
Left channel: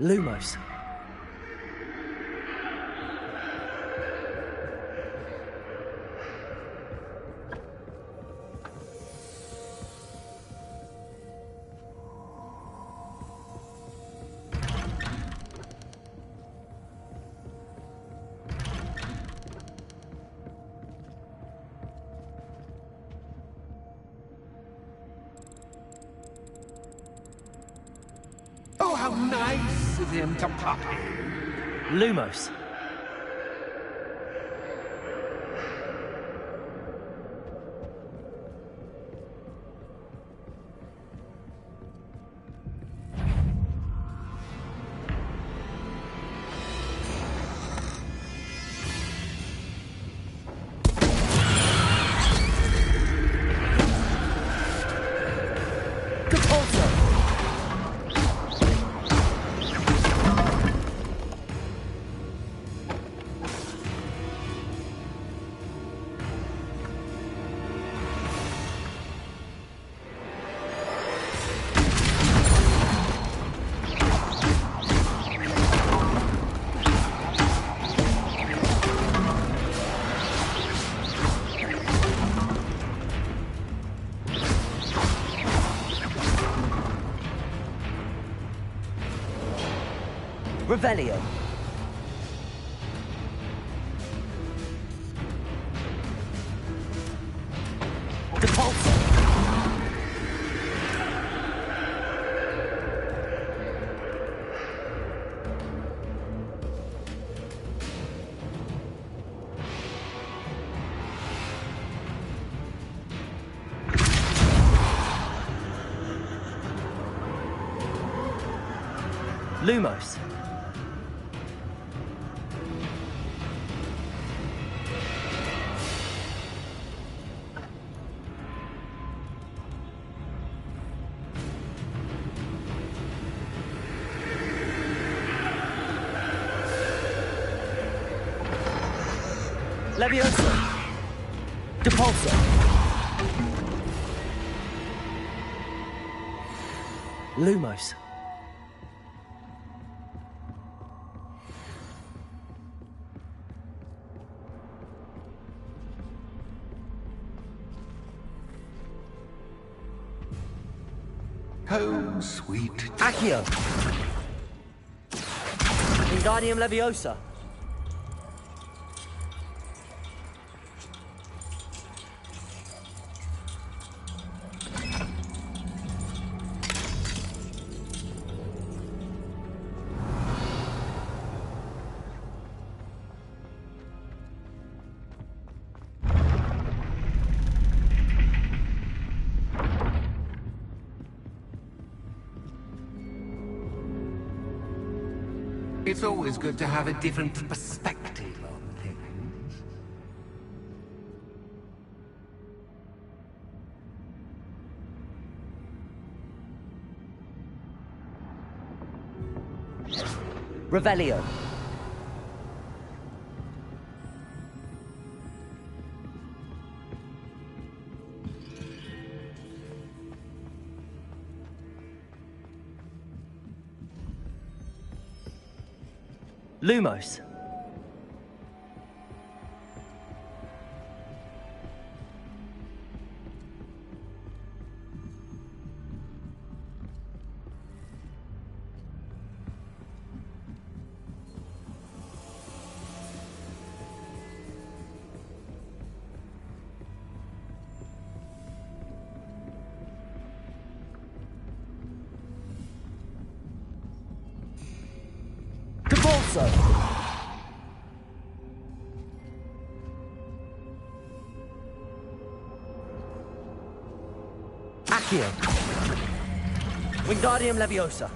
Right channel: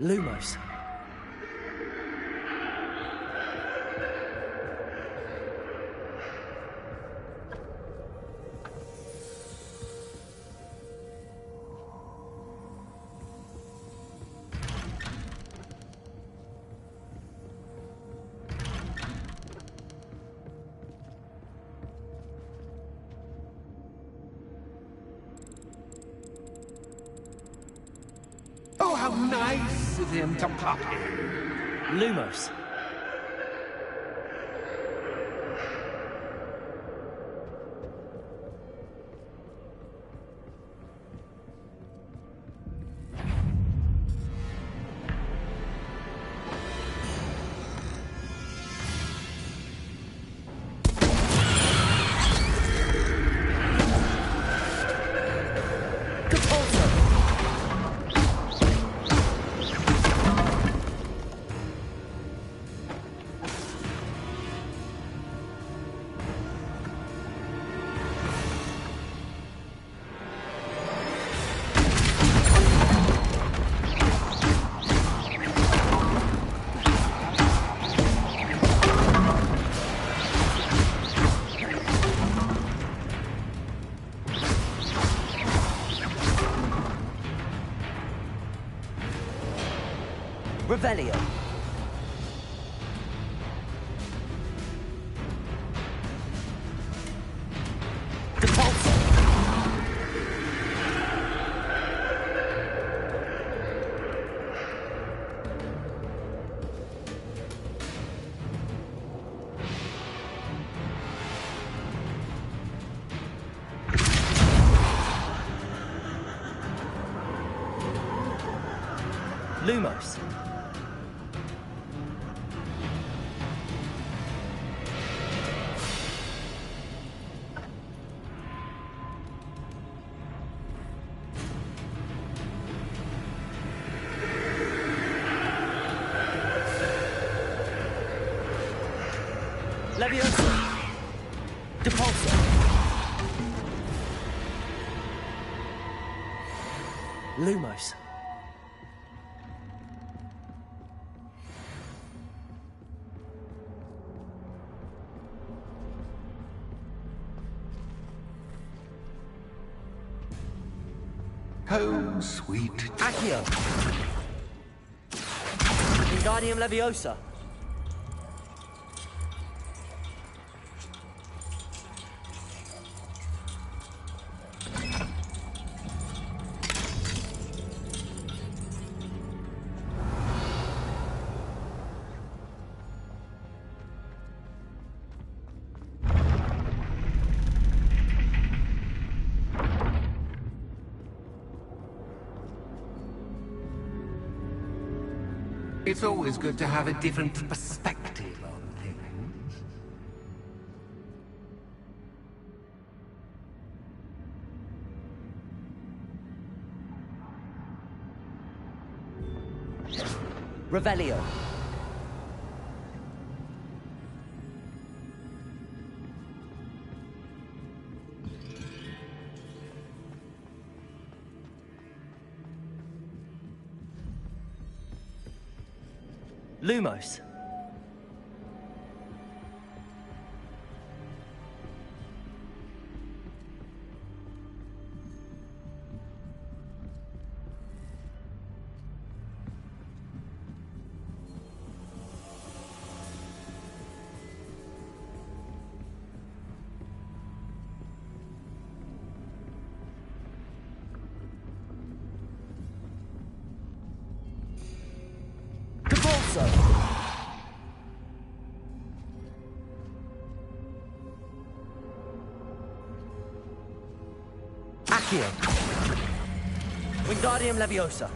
Lumos. How nice of him to pop in. Lumos. Revelio. Depulso. Lumos. Leviosa. Depulso. Lumos. Oh, sweet. Accio. Wingardium Leviosa. It's always good to have a different perspective on things. Revelio. Lumos. Depulso. Accio. Wingardium Leviosa.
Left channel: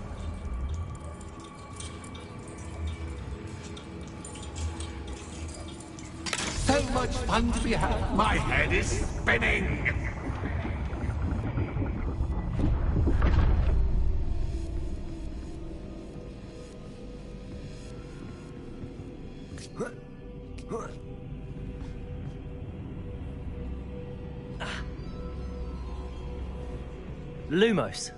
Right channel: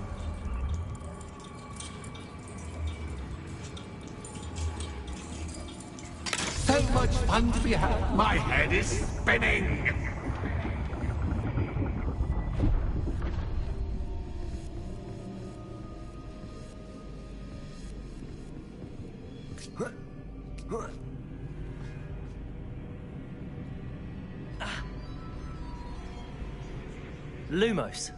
So much fun to be had. My head is spinning. Lumos.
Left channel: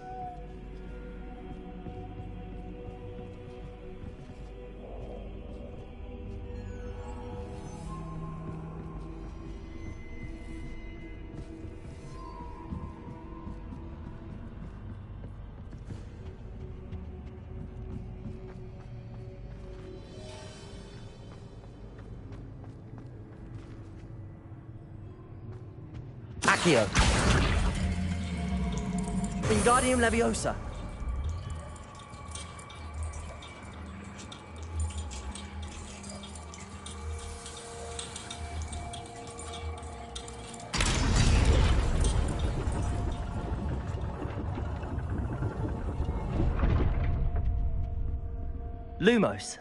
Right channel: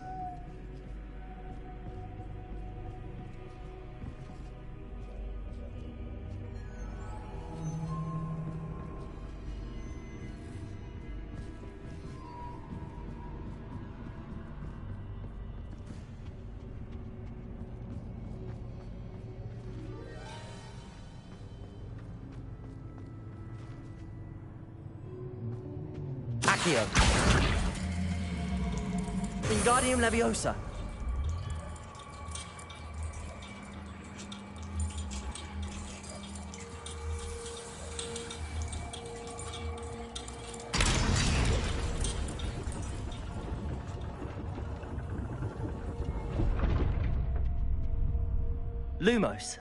Accio. Wingardium Leviosa. Lumos.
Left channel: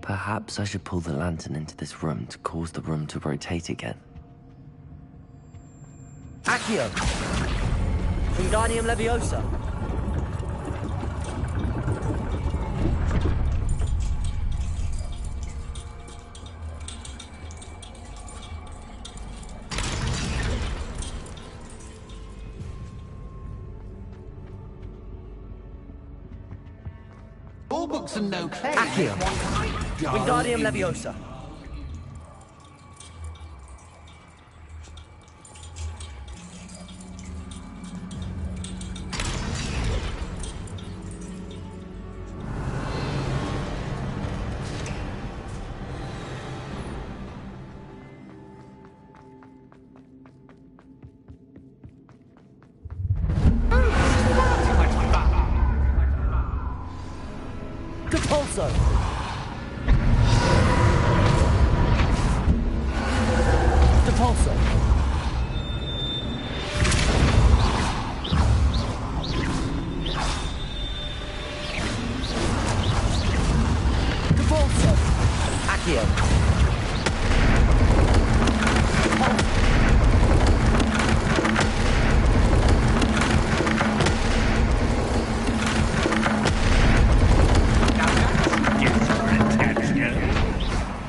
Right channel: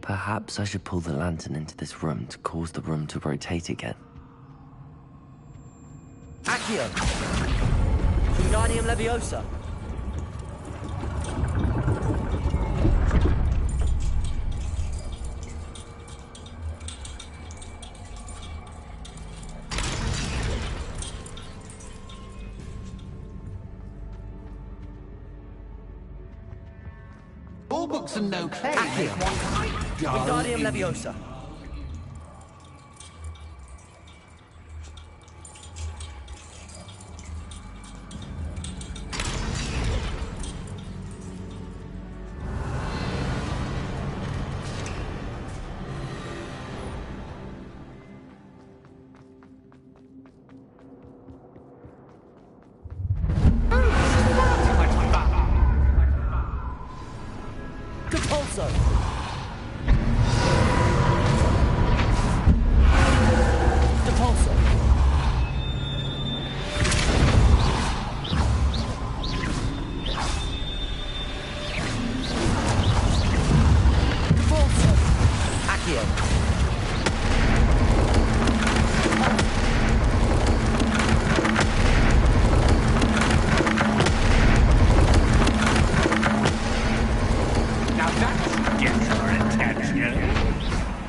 Perhaps I should pull the lantern into this room to cause the room to rotate again. Accio. Wingardium Leviosa. All books and no claim. Accio. Wingardium Leviosa. Capulso. Depulso. Depulso. Accio.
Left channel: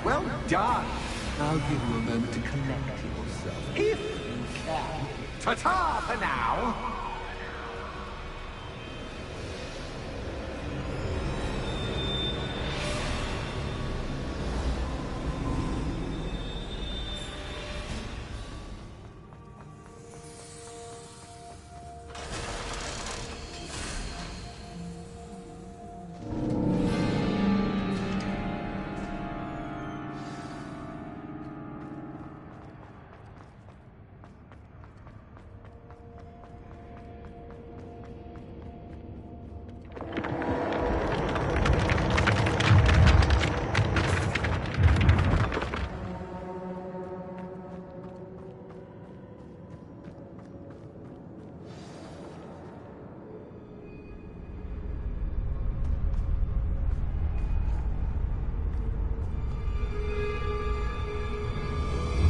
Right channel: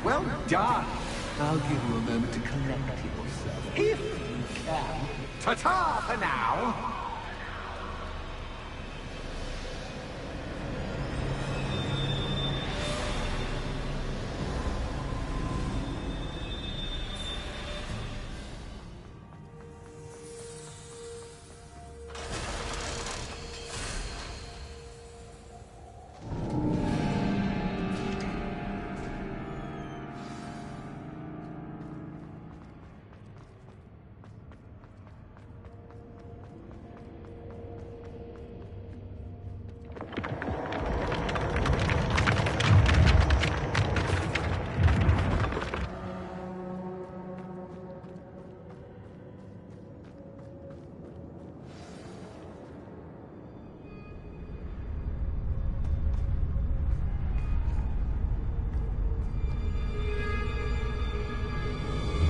Well done. I'll give you a moment to collect yourself, if you can. Ta-ta for now.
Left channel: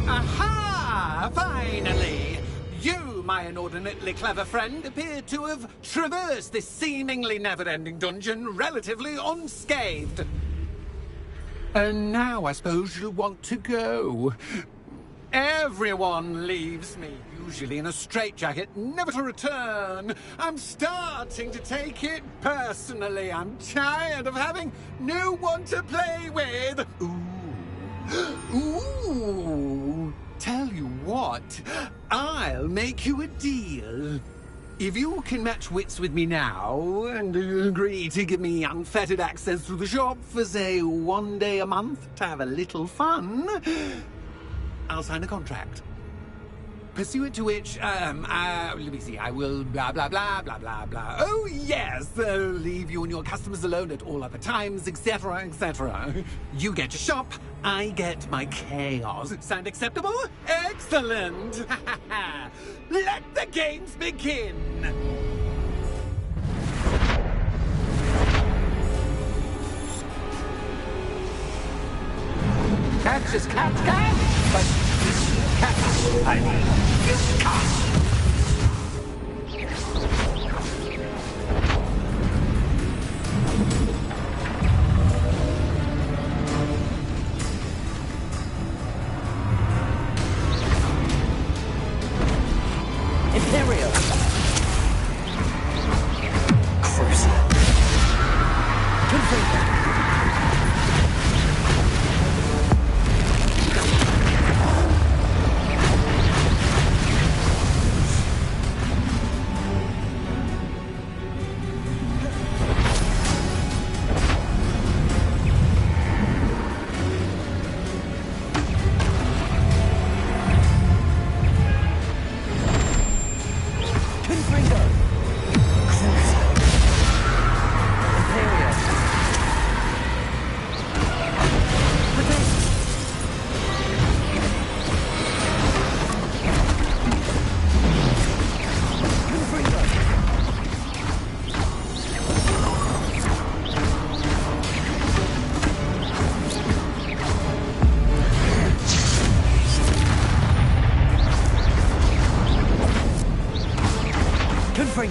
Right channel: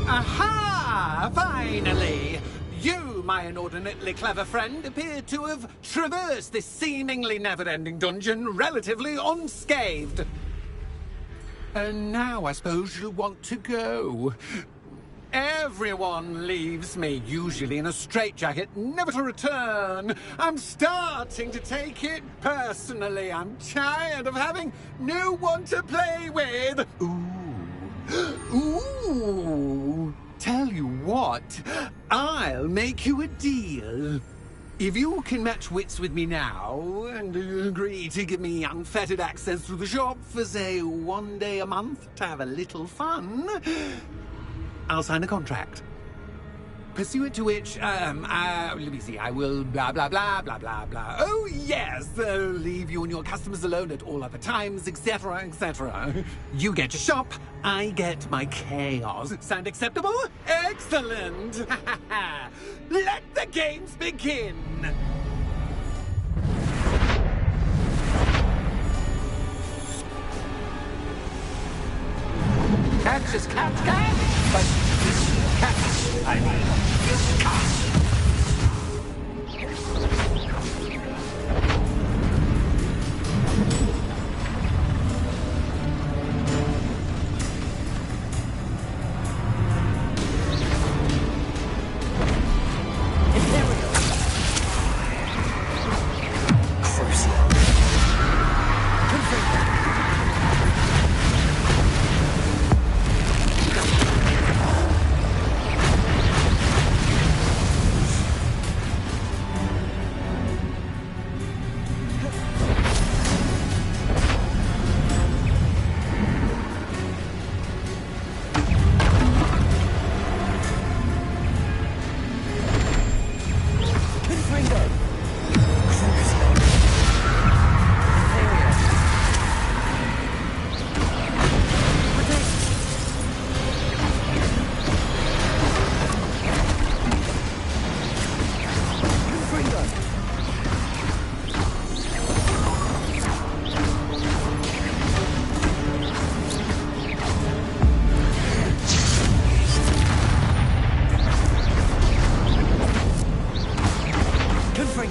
Aha! Finally! You, my inordinately clever friend, appear to have traversed this seemingly never-ending dungeon relatively unscathed. And now I suppose you'll want to go. Everyone leaves me, usually in a straitjacket, never to return. I'm starting to take it personally. I'm tired of having no one to play with. Ooh, tell you what, I'll make you a deal. If you can match wits with me now and agree to give me unfettered access to the shop for, say, 1 day a month to have a little fun, I'll sign a contract. Pursuant to which, let me see, I will blah, blah, blah, blah, blah, blah. Oh, yes, leave you and your customers alone at all other times, etc., etc. You get your shop, I get my chaos. Sound acceptable? Excellent! Let the games begin! Catch is catch, but catch, I mean, catch. Imperial. Crucial. Confirm.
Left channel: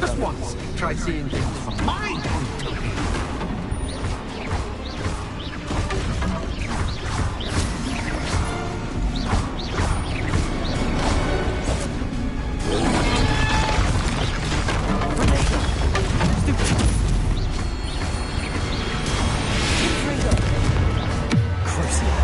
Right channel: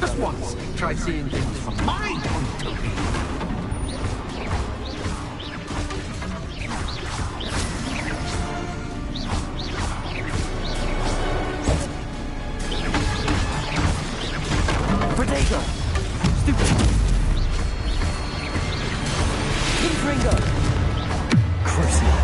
Just once, try seeing things from my point of view. Protego! Stupid! Ringo! Crucial!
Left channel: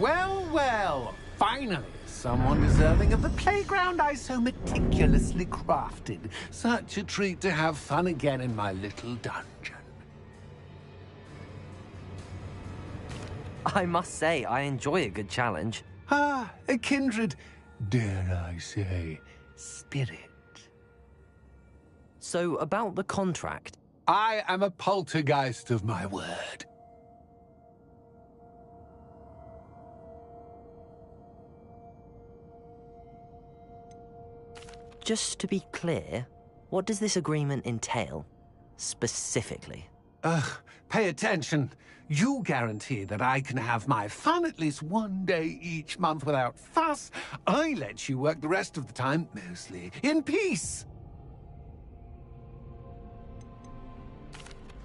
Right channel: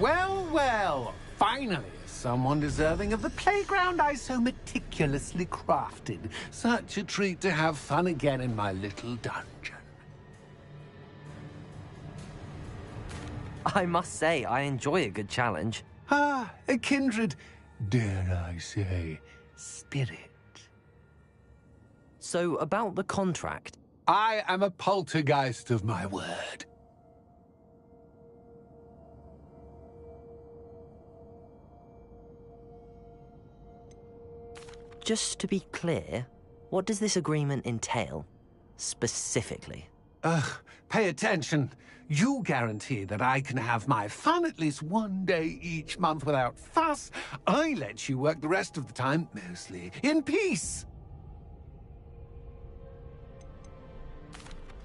Well, well, finally, someone deserving of the playground I so meticulously crafted. Such a treat to have fun again in my little dungeon. I must say, I enjoy a good challenge. Ah, a kindred, dare I say, spirit. So, about the contract. I am a poltergeist of my word. Just to be clear, what does this agreement entail, specifically? Pay attention. You guarantee that I can have my fun at least one day each month without fuss. I let you work the rest of the time, mostly in peace.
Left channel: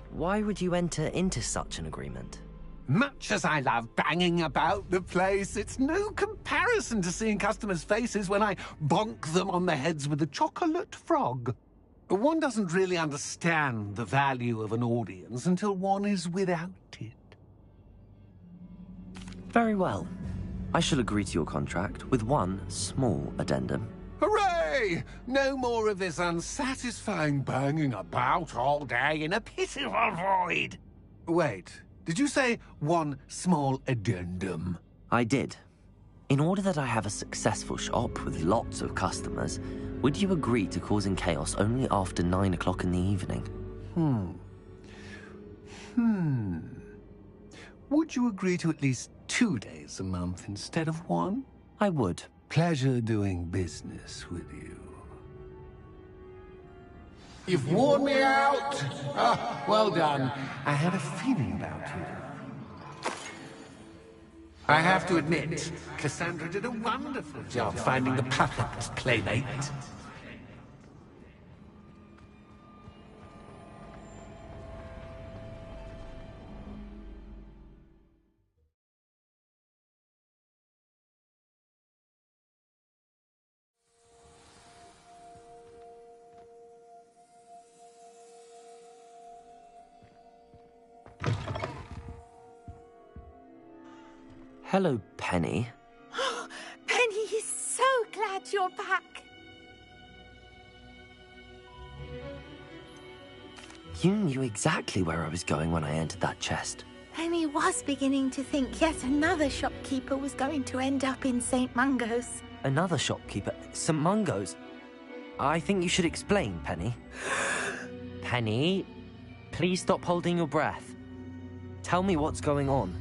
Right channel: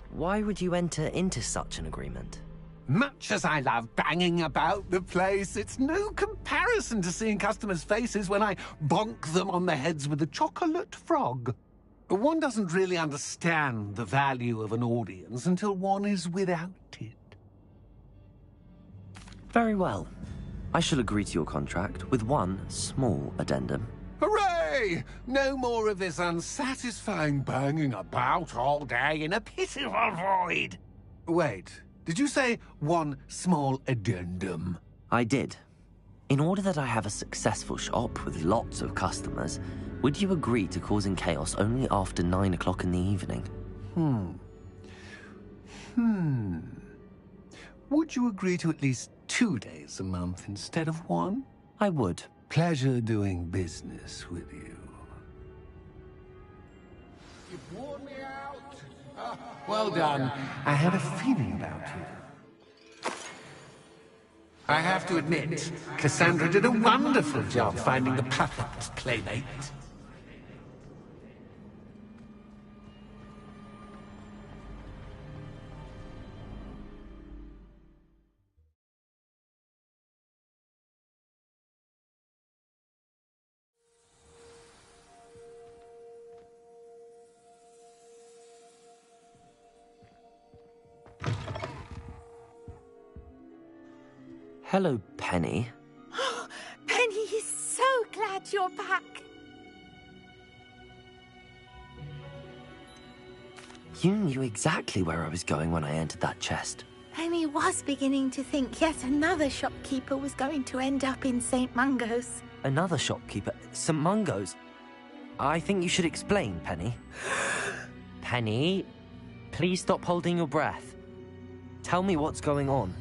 Why would you enter into such an agreement? Much as I love banging about the place, it's no comparison to seeing customers' faces when I bonk them on the heads with a chocolate frog. One doesn't really understand the value of an audience until one is without it. Very well. I shall agree to your contract with one small addendum. Hooray! No more of this unsatisfying banging about all day in a pitiful void. Wait, did you say one small addendum? I did. In order that I have a successful shop with lots of customers, would you agree to causing chaos only after 9 o'clock in the evening? Would you agree to at least 2 days a month instead of one? I would. Pleasure doing business with you. You've worn me out. Ah, well done. I had a feeling about you. I have to admit, Cassandra did a wonderful job finding the perfect playmate. Hello, Penny. Penny is so glad you're back. You knew exactly where I was going when I entered that chest. Penny was beginning to think yet another shopkeeper was going to end up in St. Mungo's. Another shopkeeper? St. Mungo's? I think you should explain, Penny. Penny, please stop holding your breath. Tell me what's going on.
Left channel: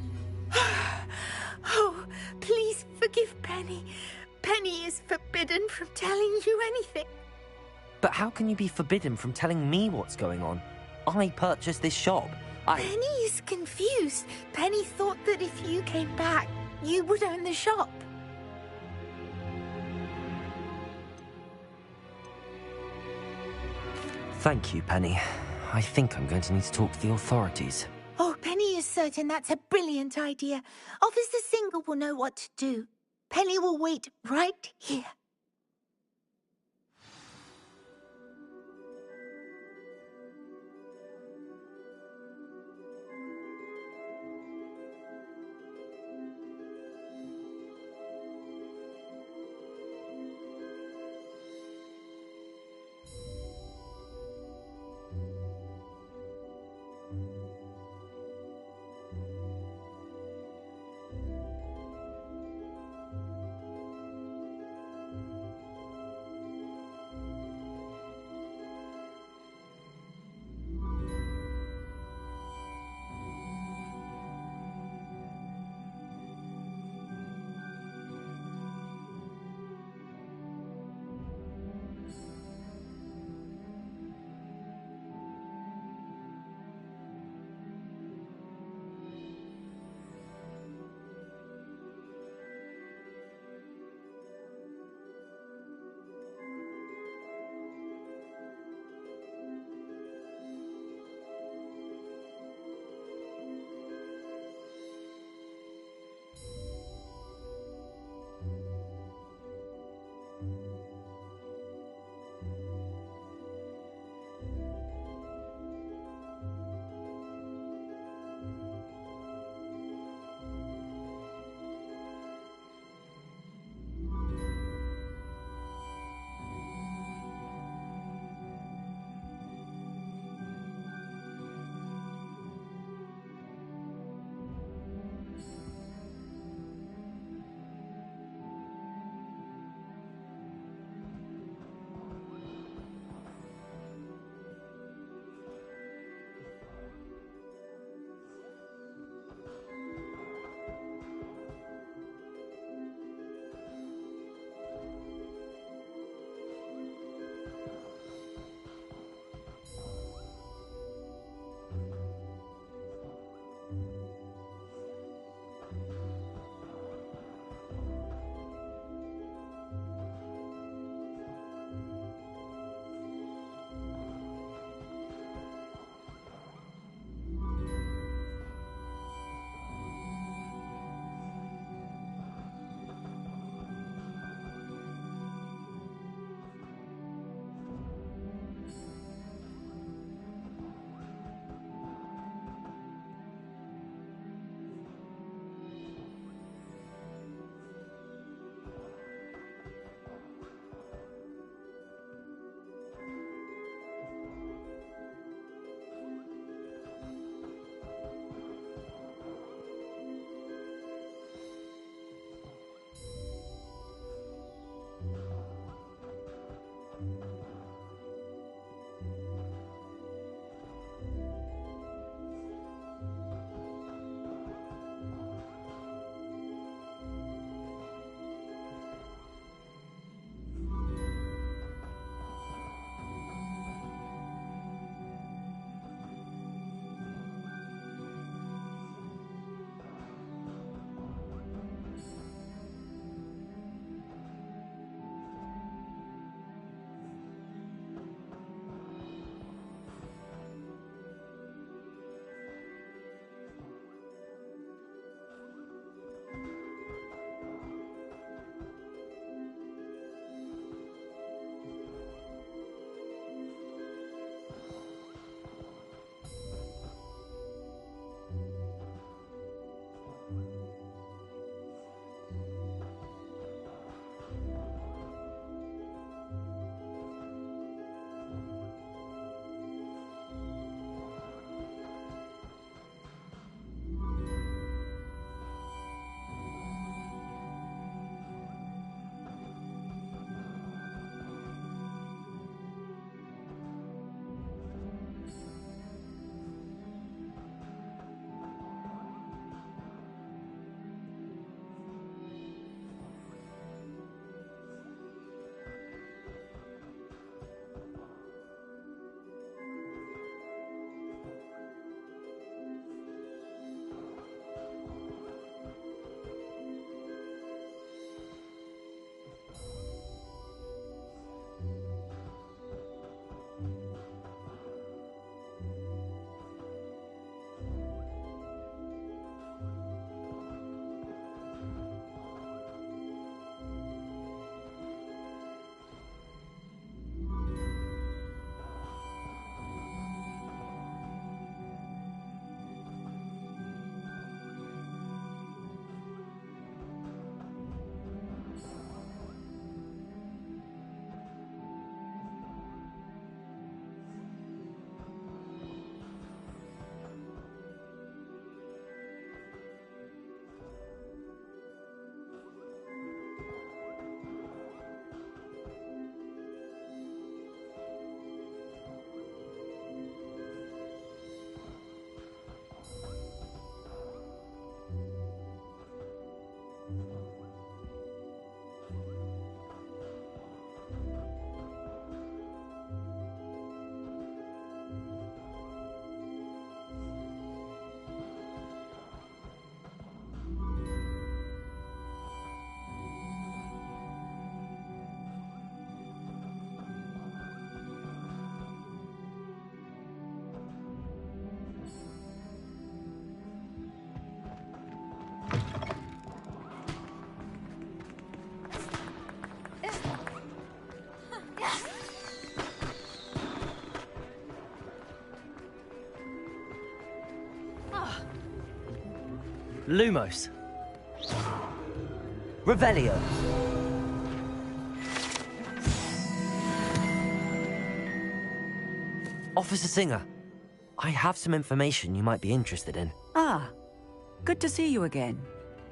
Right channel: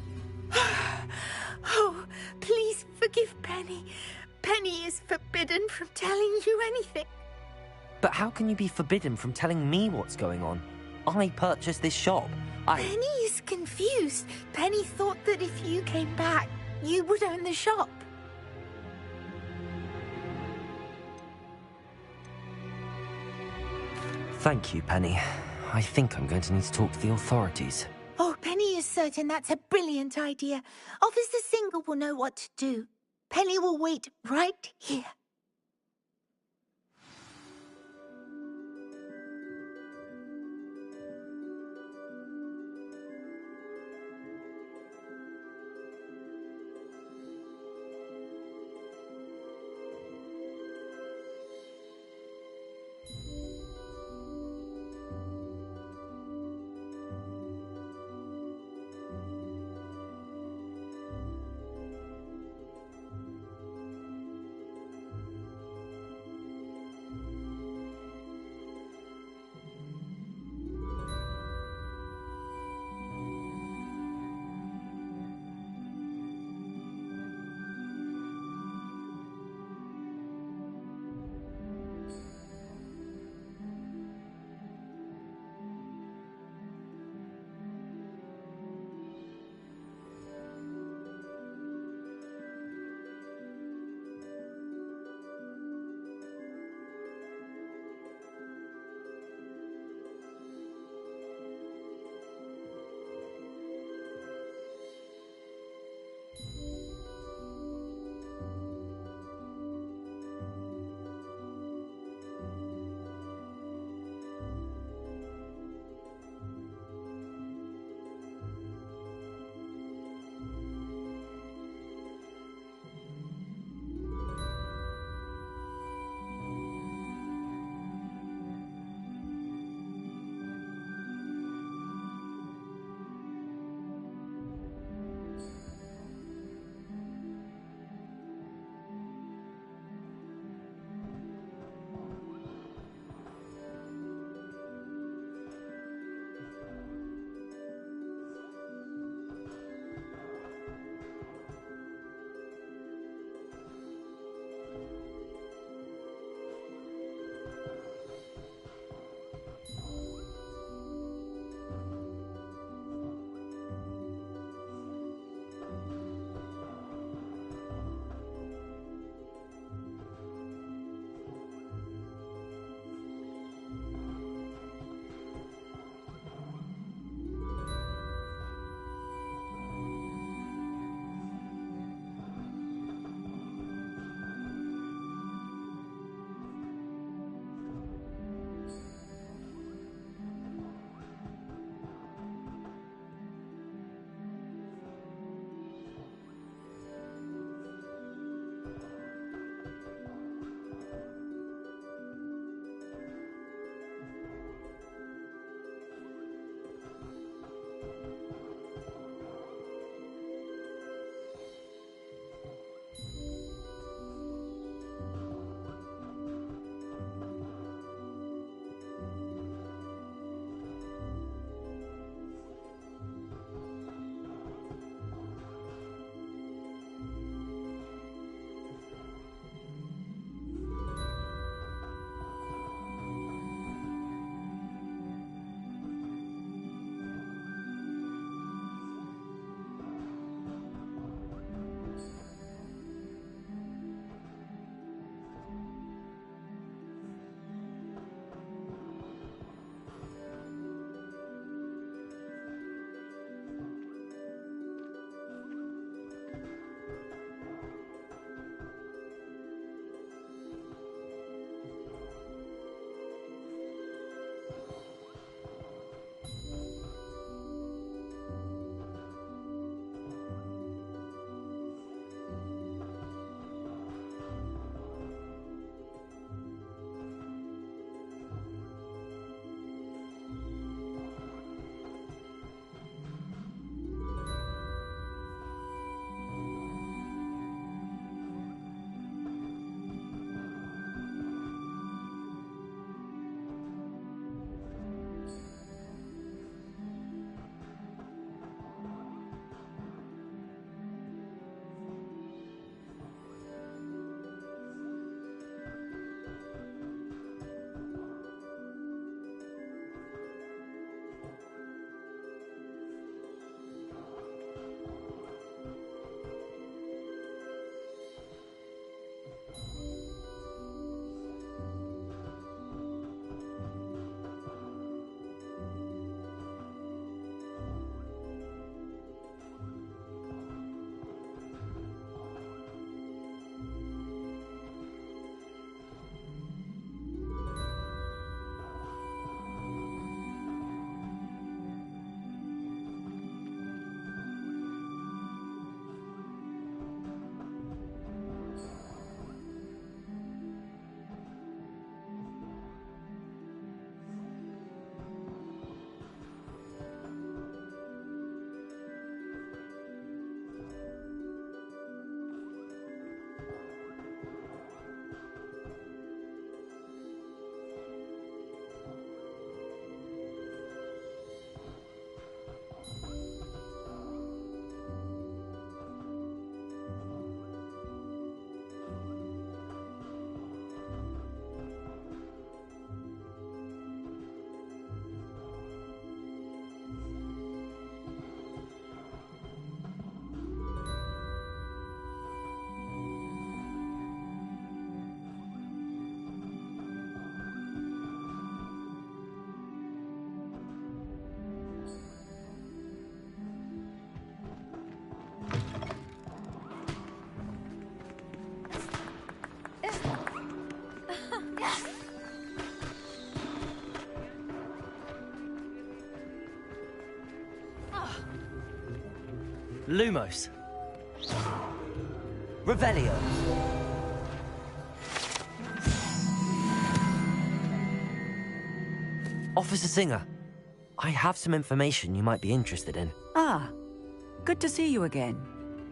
Oh, please forgive Penny. Penny is forbidden from telling you anything. But how can you be forbidden from telling me what's going on? I purchased this shop. Penny is confused. Penny thought that if you came back, you would own the shop. Thank you, Penny. I think I'm going to need to talk to the authorities. Oh, Penny is certain that's a brilliant idea. Officer Single will know what to do. Penny will wait right here. Lumos. Revelio. Officer Singer, I have some information you might be interested in. Ah, good to see you again.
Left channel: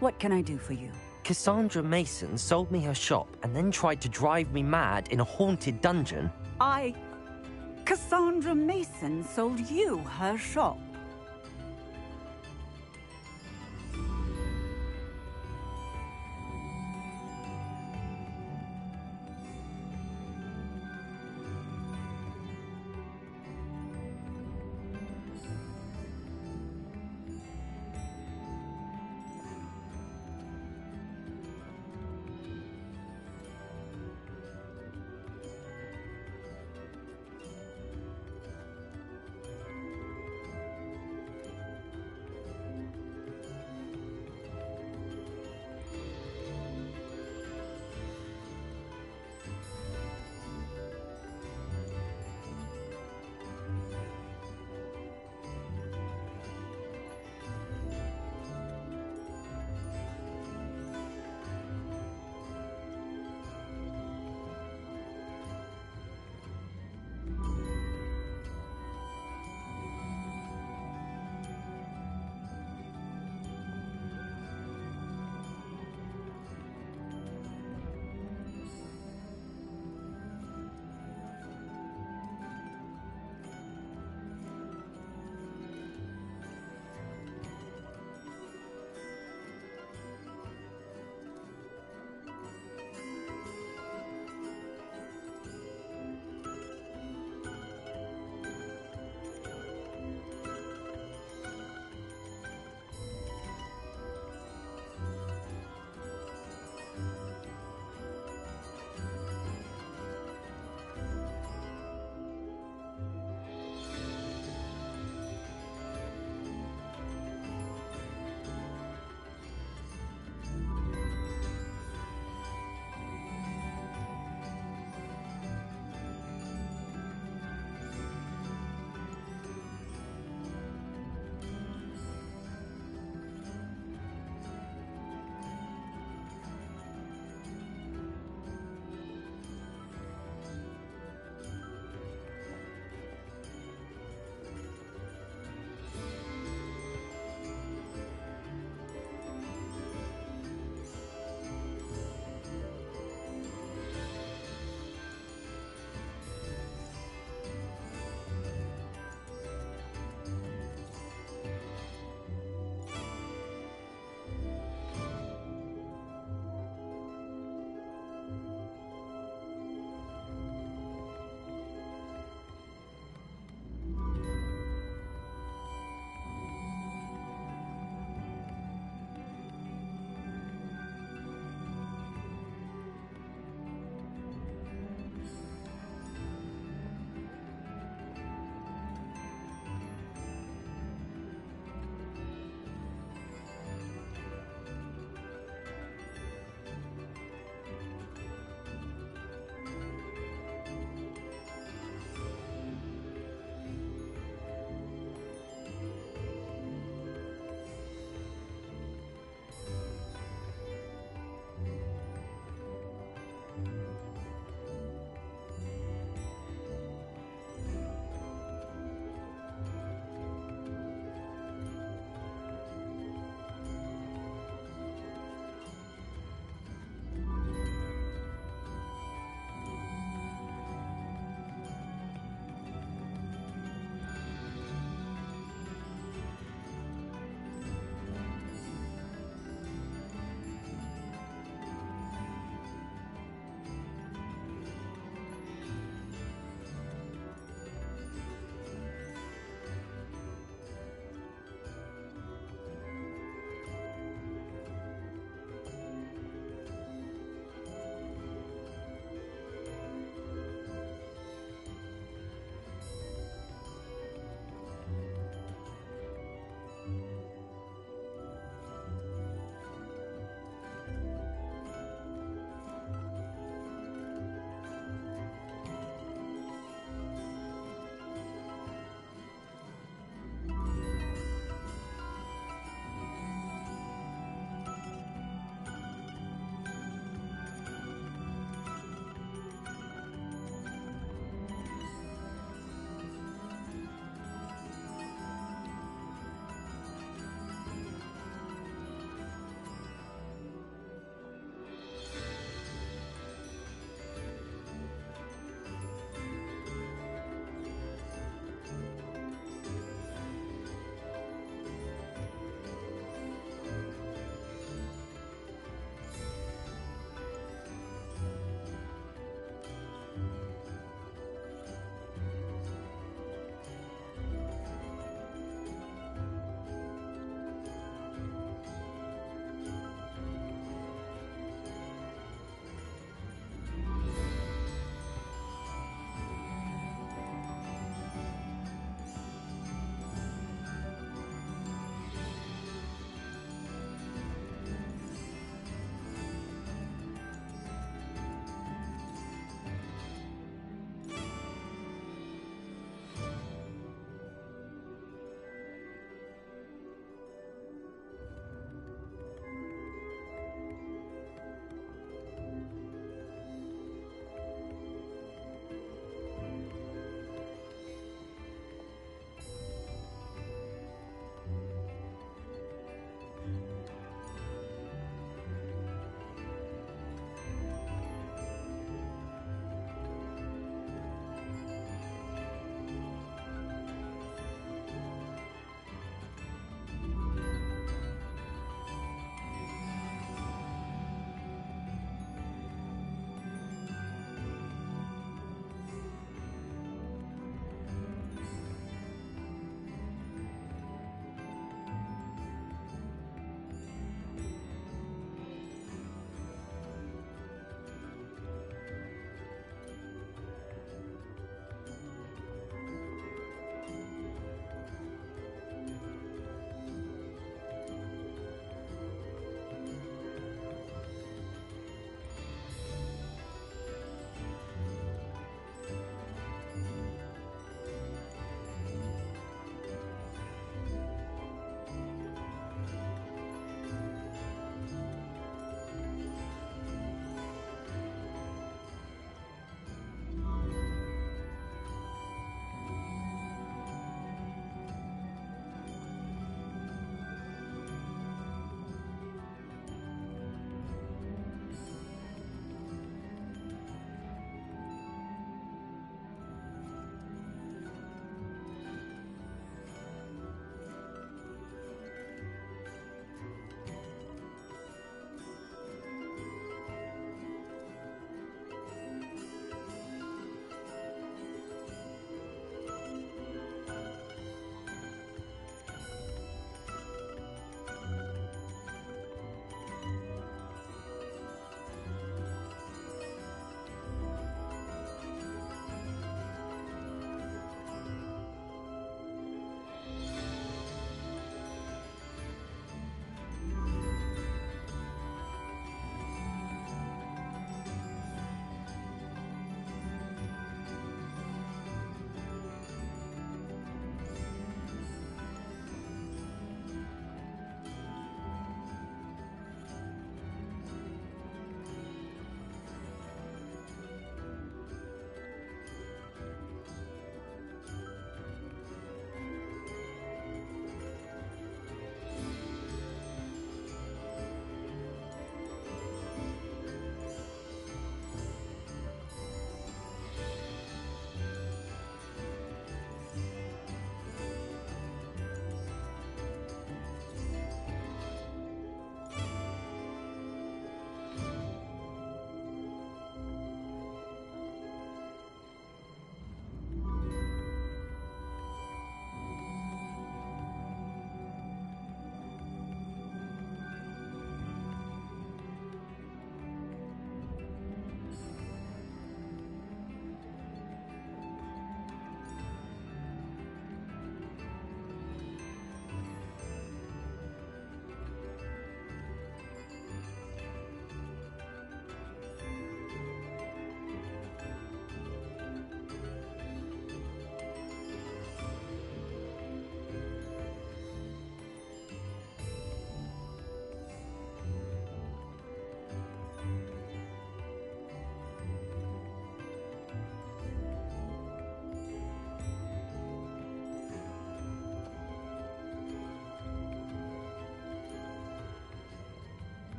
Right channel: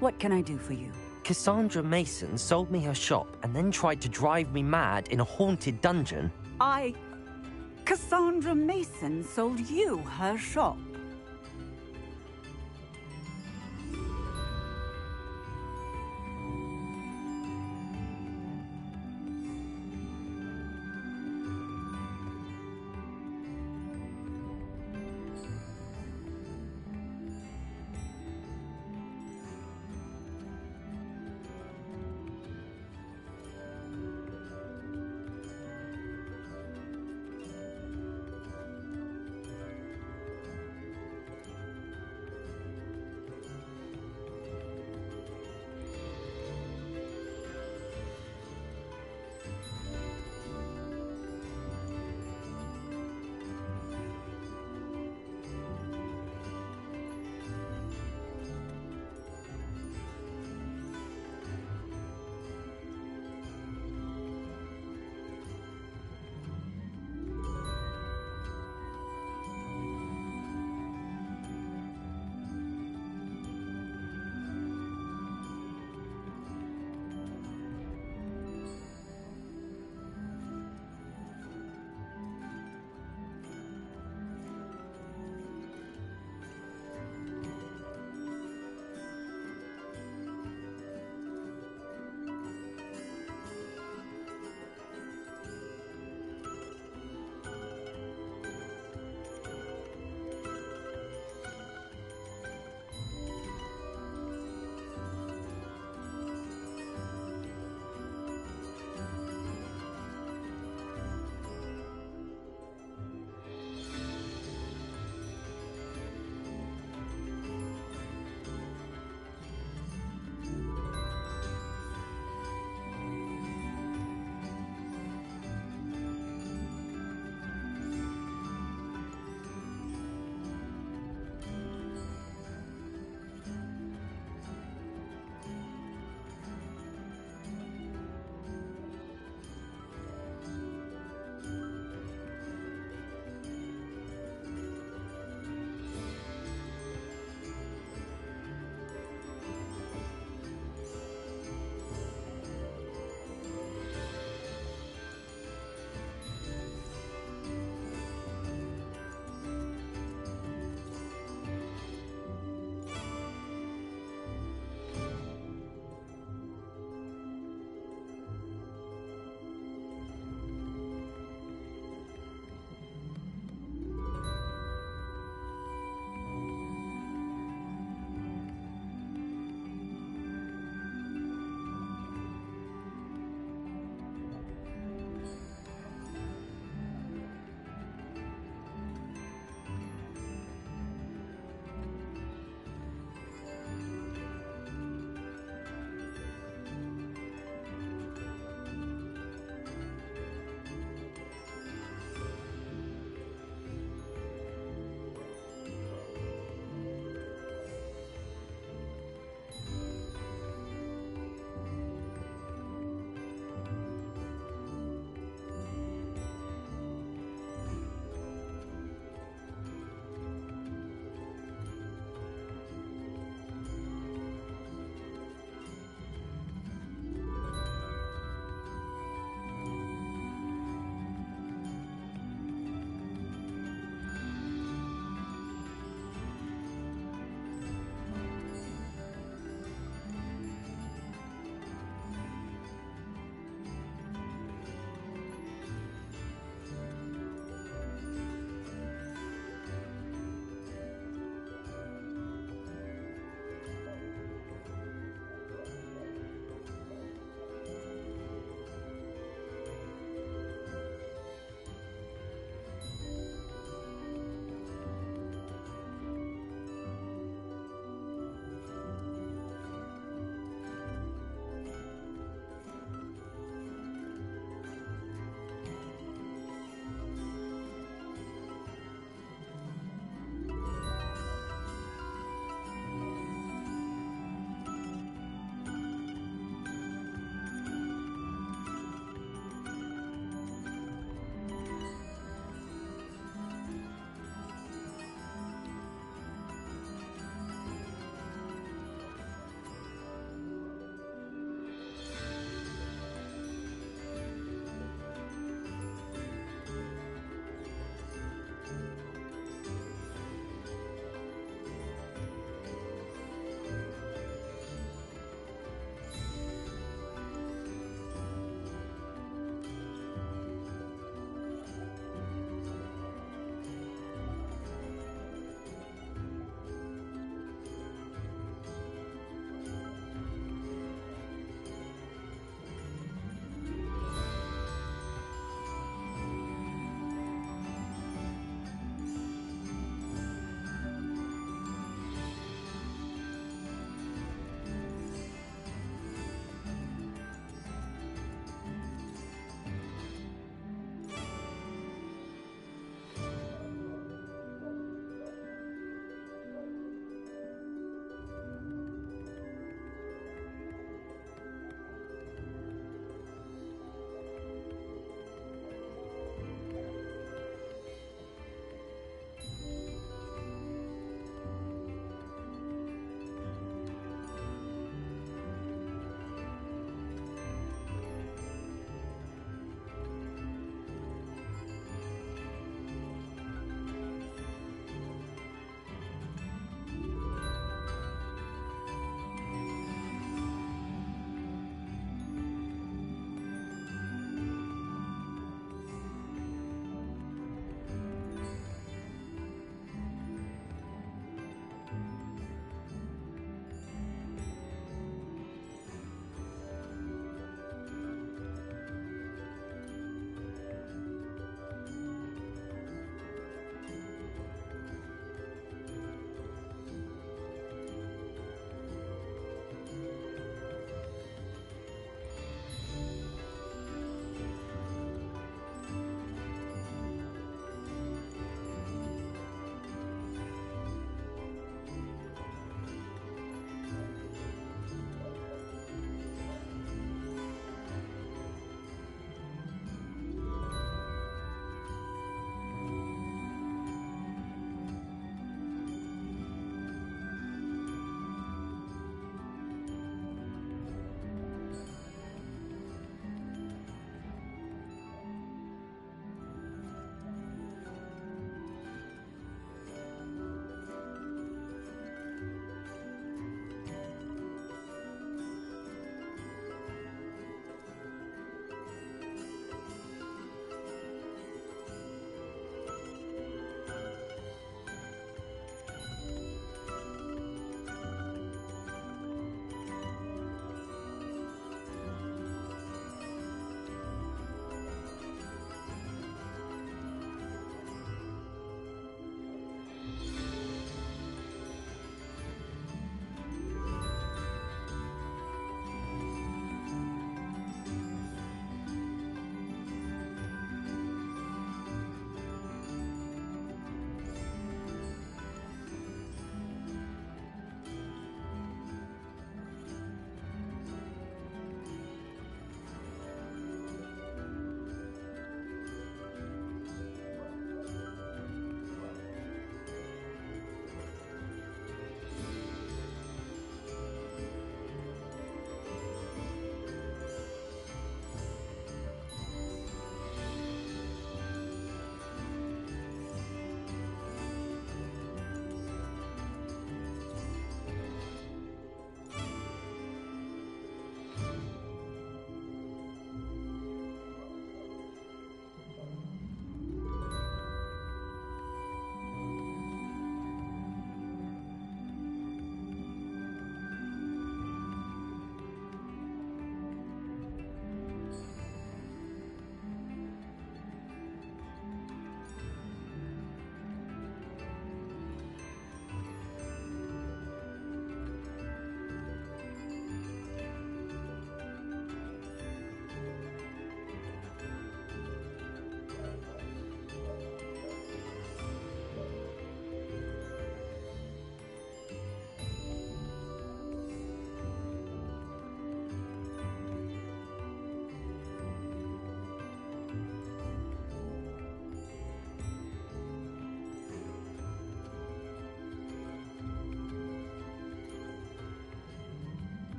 What can I do for you? Cassandra Mason sold me her shop and then tried to drive me mad in a haunted dungeon. Cassandra Mason sold you her shop.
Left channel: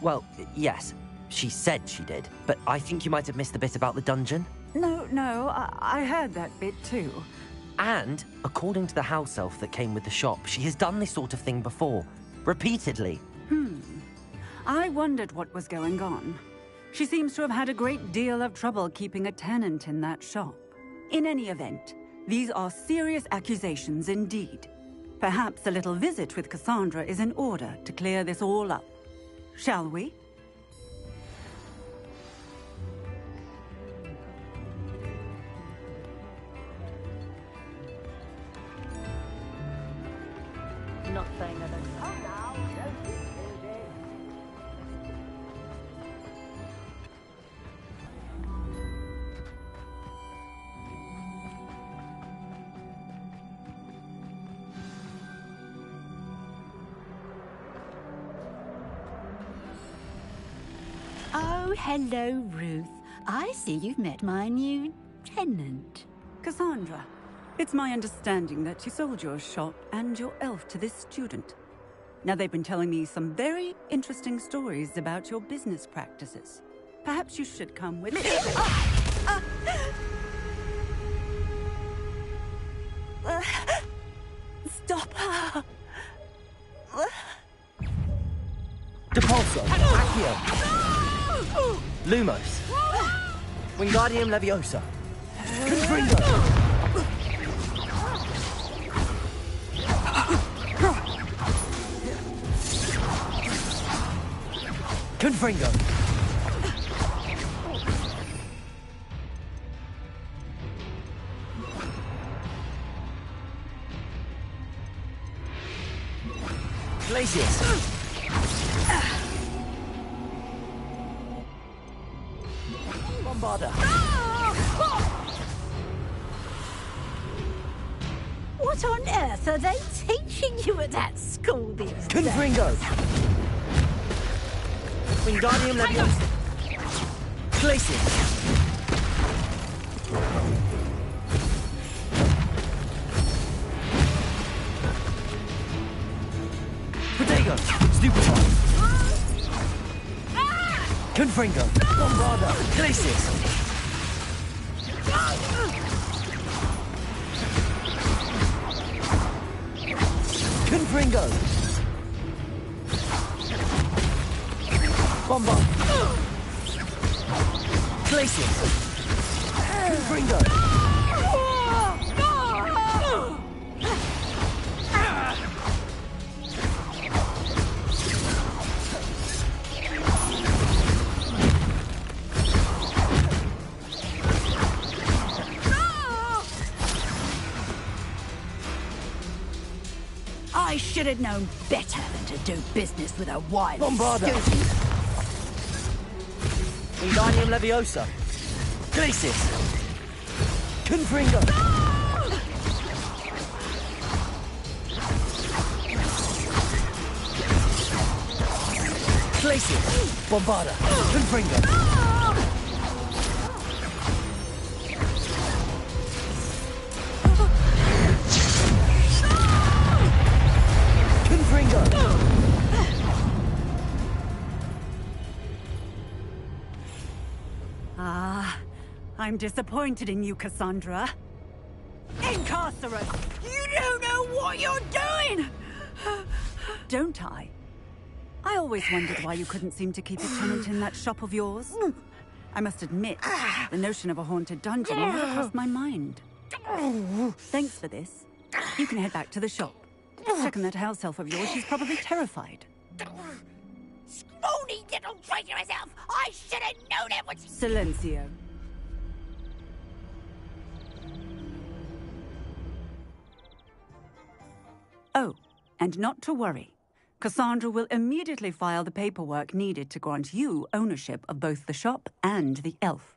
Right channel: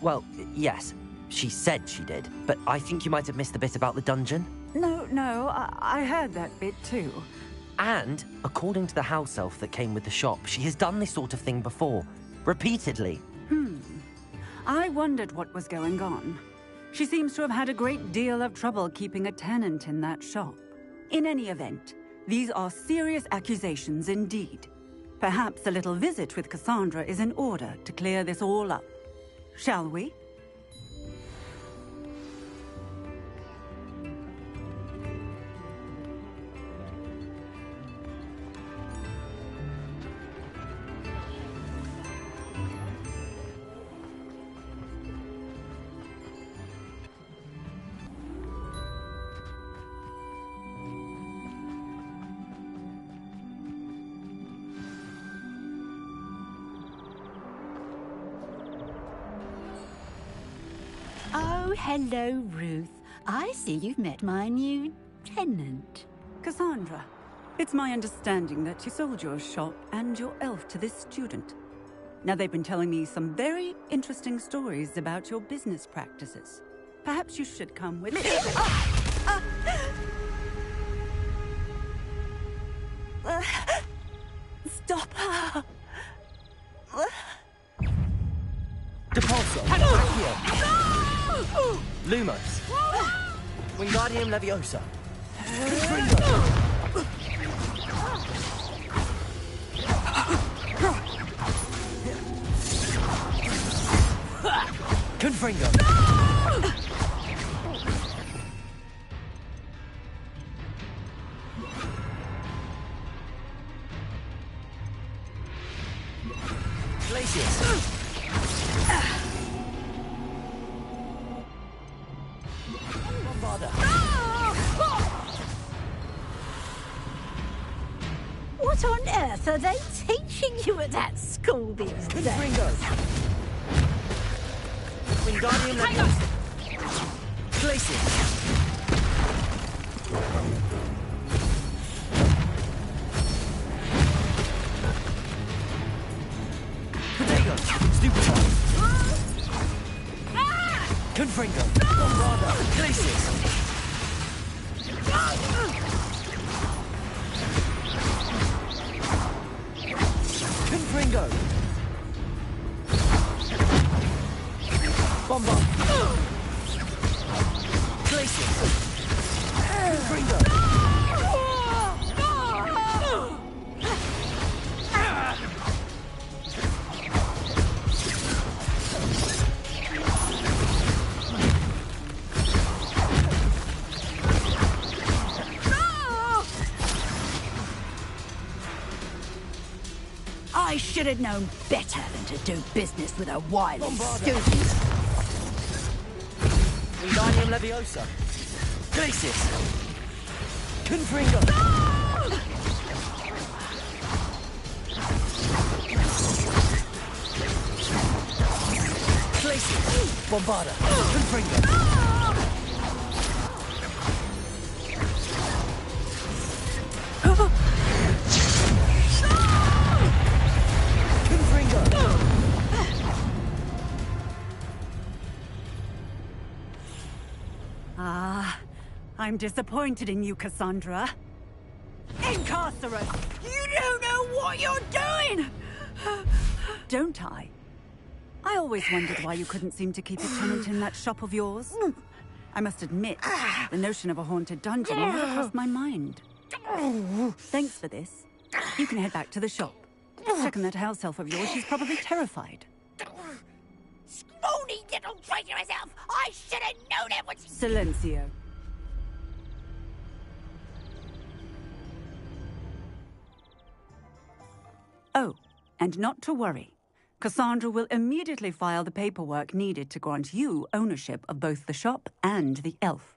Well, yes, she said she did, but I think you might have missed the bit about the dungeon. No, I heard that bit too. And, according to the house elf that came with the shop, she has done this sort of thing before. Repeatedly. I wondered what was going on. She seems to have had a great deal of trouble keeping a tenant in that shop. In any event, these are serious accusations indeed. Perhaps a little visit with Cassandra is in order to clear this all up. Shall we? Oh, hello, Ruth. I see you've met my new tenant. Cassandra, it's my understanding that you sold your shop and your elf to this student. Now, they've been telling me some very interesting stories about your business practices. Perhaps you should come with me. Stop her! Depulso, Accio, Lumos, Wingardium Leviosa, Confringo, Confringo, Glacius, Bombarda. What on earth are they teaching you at that school these days? Confringo, Wingardium Leviosa, Glacius, Protego, Stupefy, Confringo, Bombarda, Glacius, Confringo, Bombard, Glacius, Confringo, I should have known better than to do business with a wily Bombarda. student. Wingardium Leviosa, Glacius, Confringo, Glacius, Bombarda, Confringo, I'm disappointed in you, Cassandra. Incarcerate! You don't know what you're doing! Don't I? I always wondered why you couldn't seem to keep a tenant in that shop of yours. I must admit, the notion of a haunted dungeon never crossed my mind. Thanks for this. You can head back to the shop. Checking that house elf of yours, she's probably terrified. Scrawny little traitorous elf! I should have known it was... Silencio. Oh, and not to worry. Cassandra will immediately file the paperwork needed to grant you ownership of both the shop and the elf.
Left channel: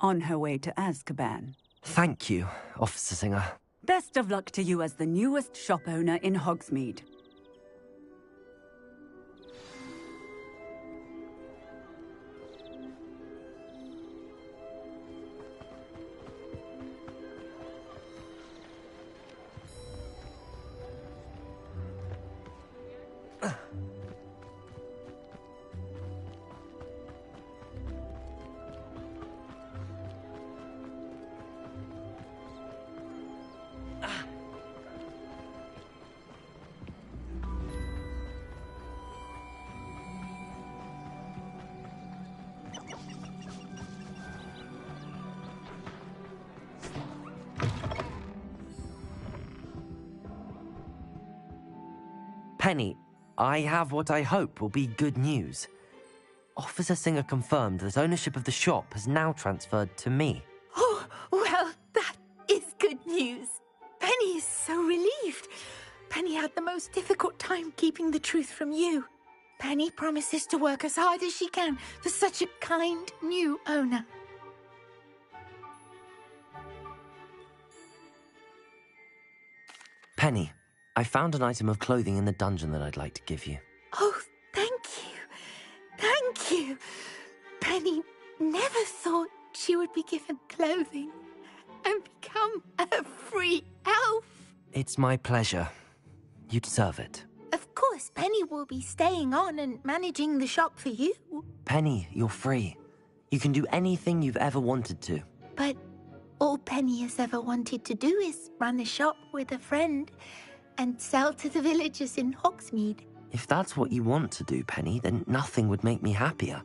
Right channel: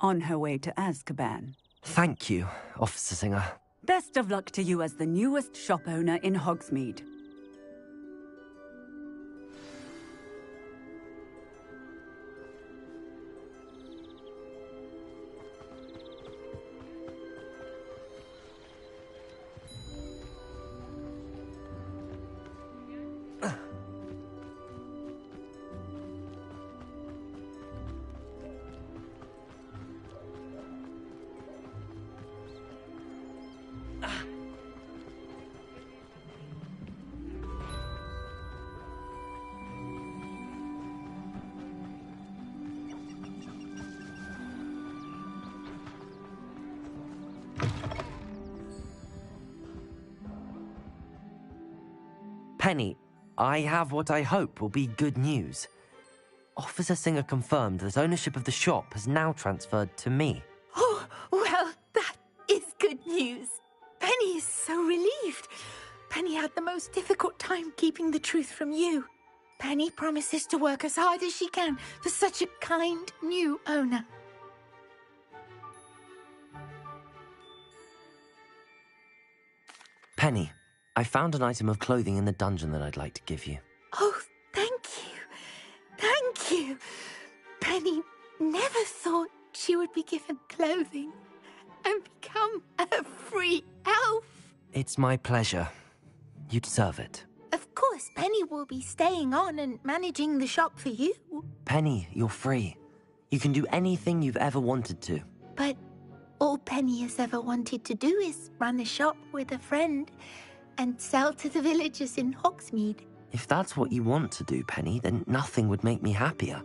On her way to Azkaban. Thank you, Officer Singer. Best of luck to you as the newest shop owner in Hogsmeade. Penny, I have what I hope will be good news. Officer Singer confirmed that ownership of the shop has now transferred to me. Oh, well, that is good news. Penny is so relieved. Penny had the most difficult time keeping the truth from you. Penny promises to work as hard as she can for such a kind new owner. Penny, I found an item of clothing in the dungeon that I'd like to give you. Oh, thank you. Thank you. Penny never thought she would be given clothing and become a free elf. It's my pleasure. You deserve it. Of course, Penny will be staying on and managing the shop for you. Penny, you're free. You can do anything you've ever wanted to. But all Penny has ever wanted to do is run a shop with a friend and sell to the villagers in Hogsmeade. If that's what you want to do, Penny, then nothing would make me happier.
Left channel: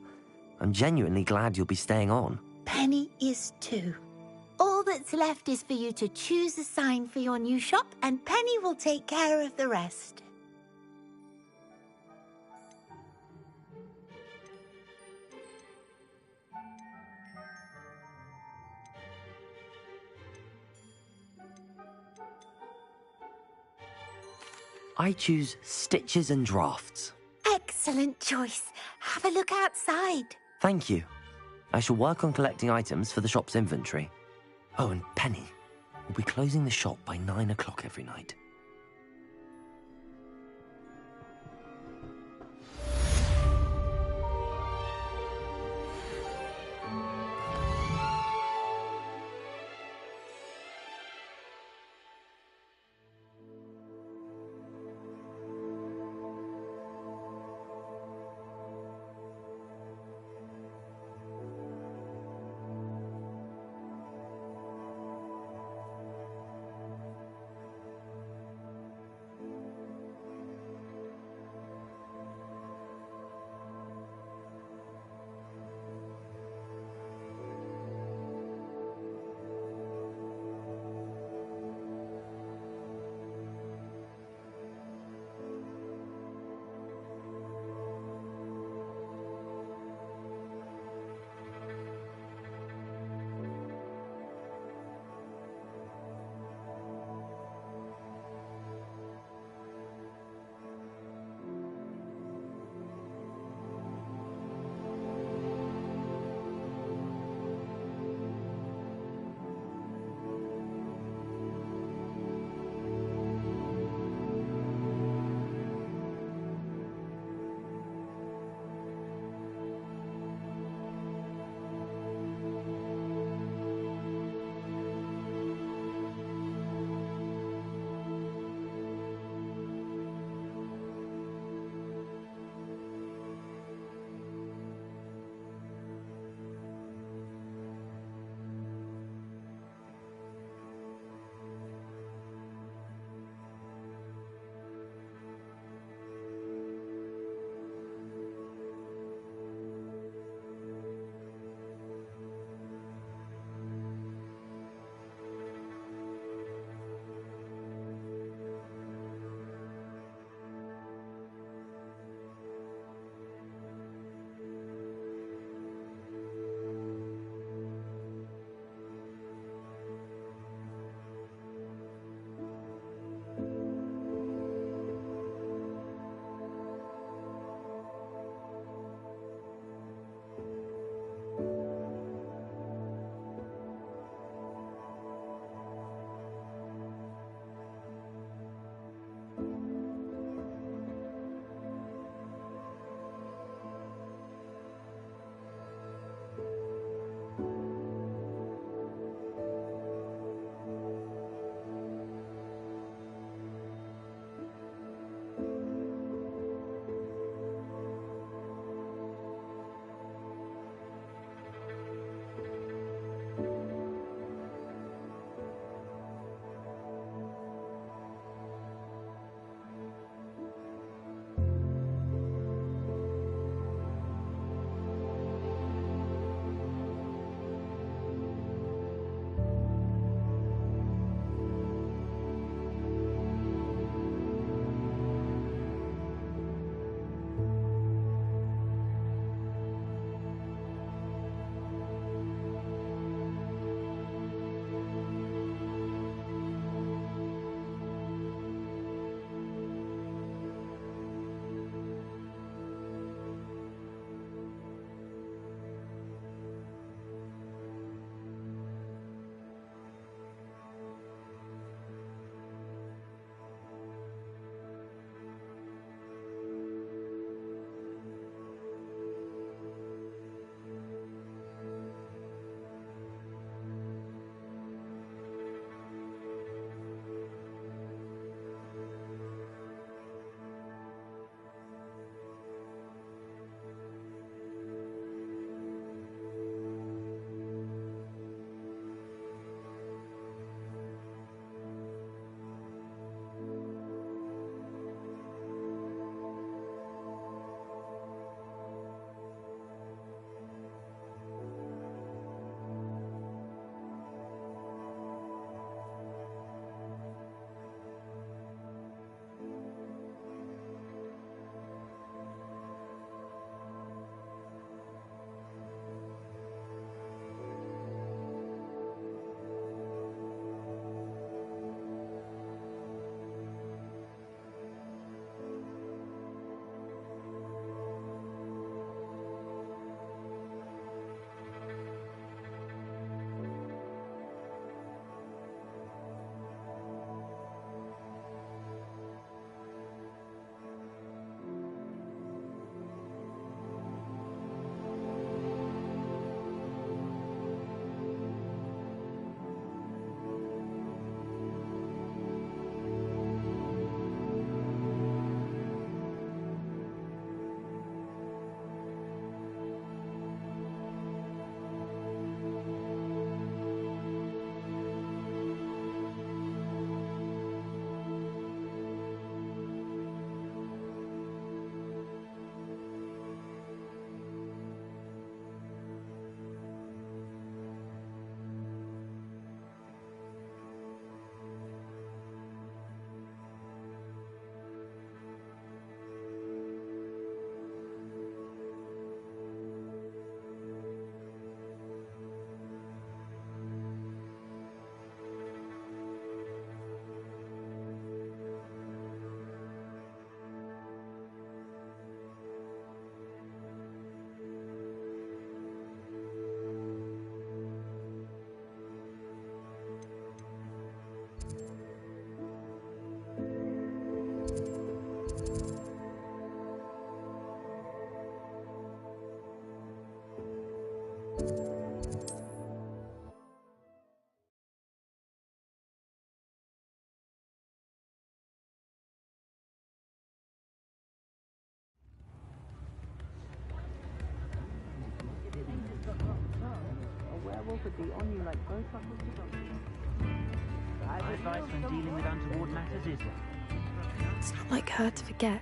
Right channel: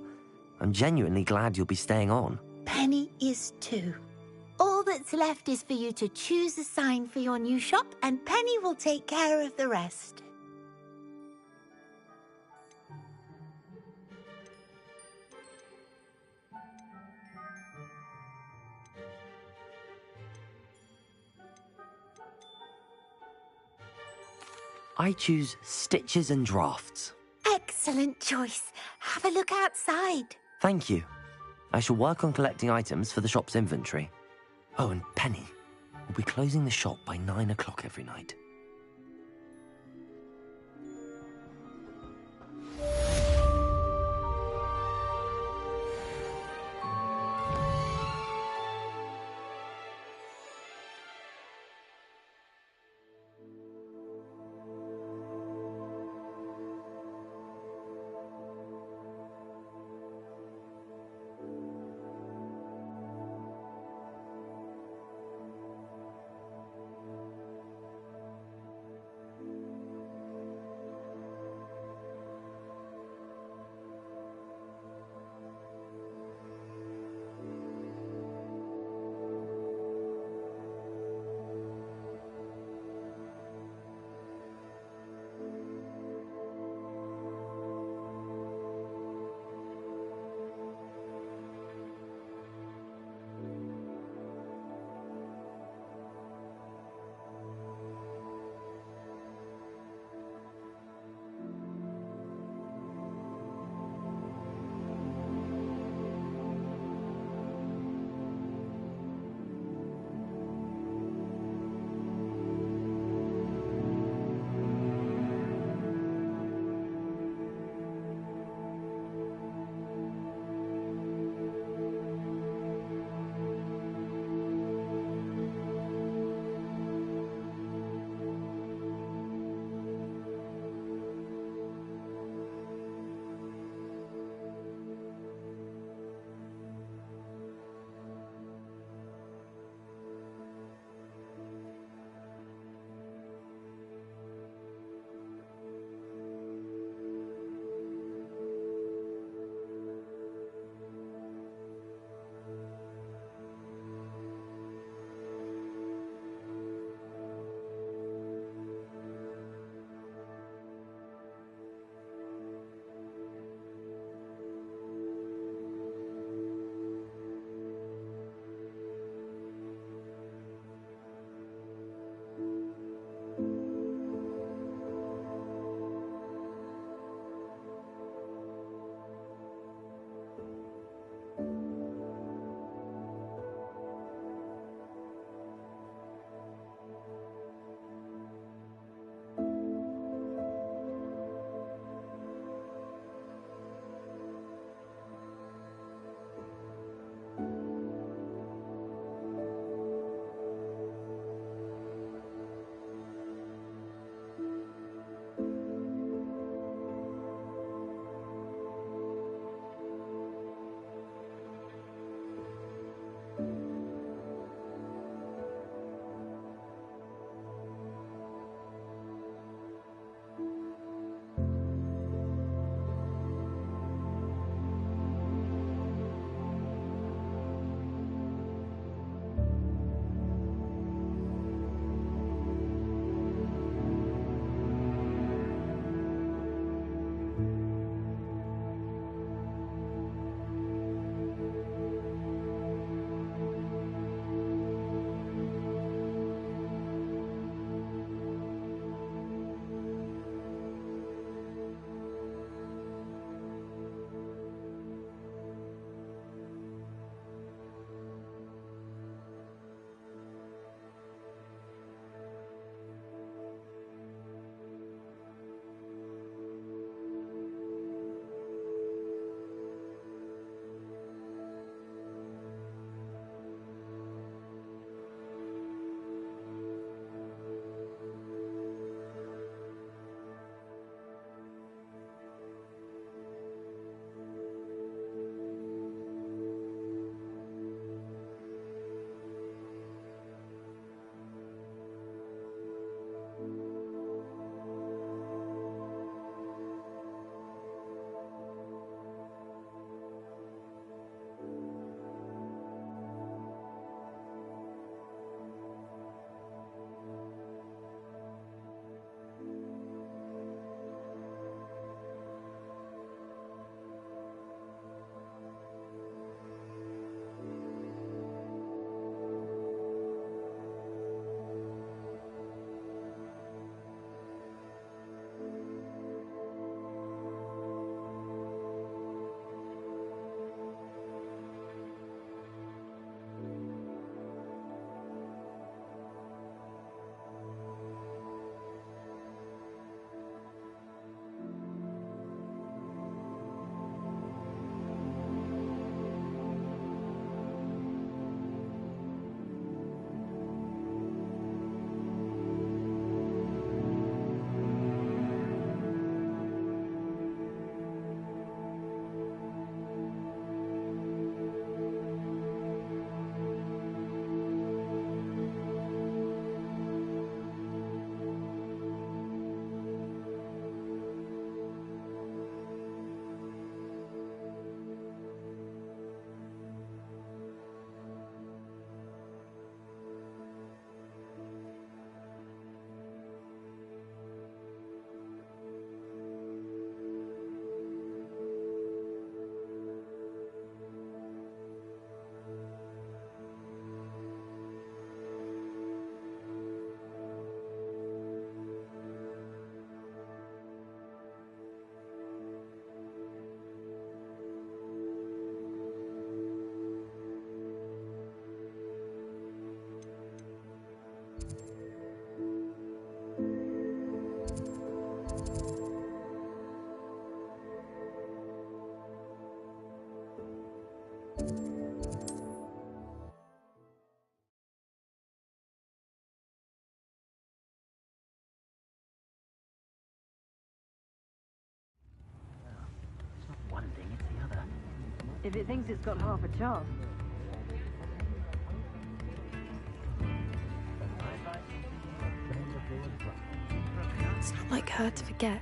I'm genuinely glad you'll be staying on. Penny is too. All that's left is for you to choose a sign for your new shop, and Penny will take care of the rest. I choose stitches and drafts. Excellent choice. Have a look outside. Thank you. I shall work on collecting items for the shop's inventory. Oh, and Penny, we'll be closing the shop by 9 o'clock every night. It thinks it's got half a chance. A werewolf would be only like It's not like her to forget.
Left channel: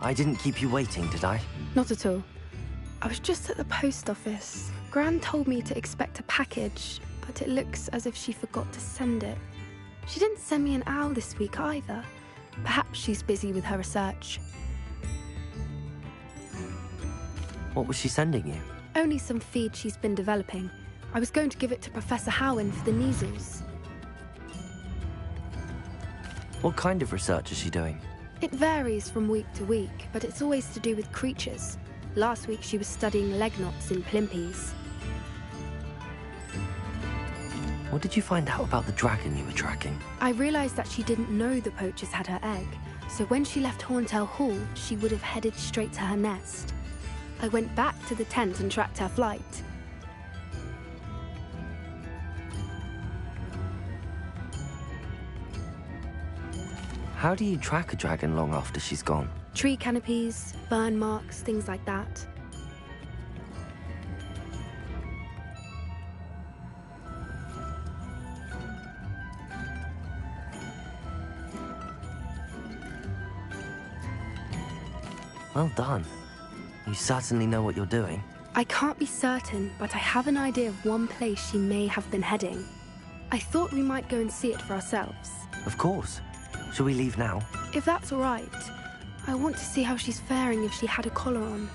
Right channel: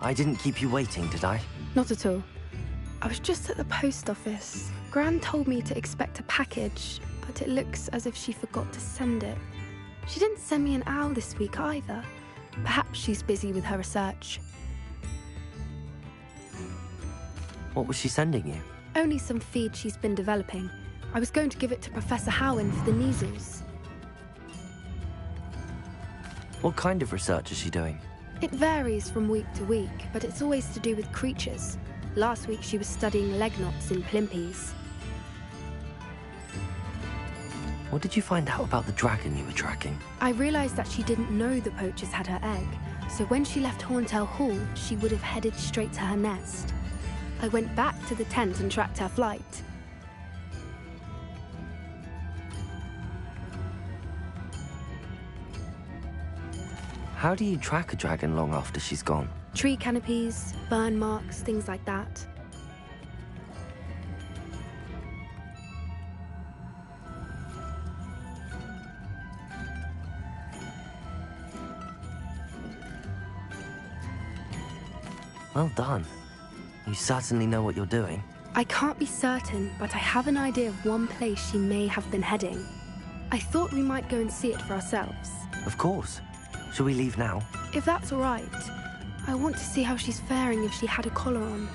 I didn't keep you waiting, did I? Not at all. I was just at the post office. Gran told me to expect a package, but it looks as if she forgot to send it. She didn't send me an owl this week either. Perhaps she's busy with her research. What was she sending you? Only some feed she's been developing. I was going to give it to Professor Howen for the measles. What kind of research is she doing? It varies from week to week, but it's always to do with creatures. Last week she was studying leg knots in plimpies. What did you find out about the dragon you were tracking? I realized that she didn't know the poachers had her egg, so when she left Horntail Hall, she would have headed straight to her nest. I went back to the tent and tracked her flight. How do you track a dragon long after she's gone? Tree canopies, burn marks, things like that. Well done. You certainly know what you're doing. I can't be certain, but I have an idea of one place she may have been heading. I thought we might go and see it for ourselves. Of course. Shall we leave now? If that's all right. I want to see how she's faring if she had a collar on.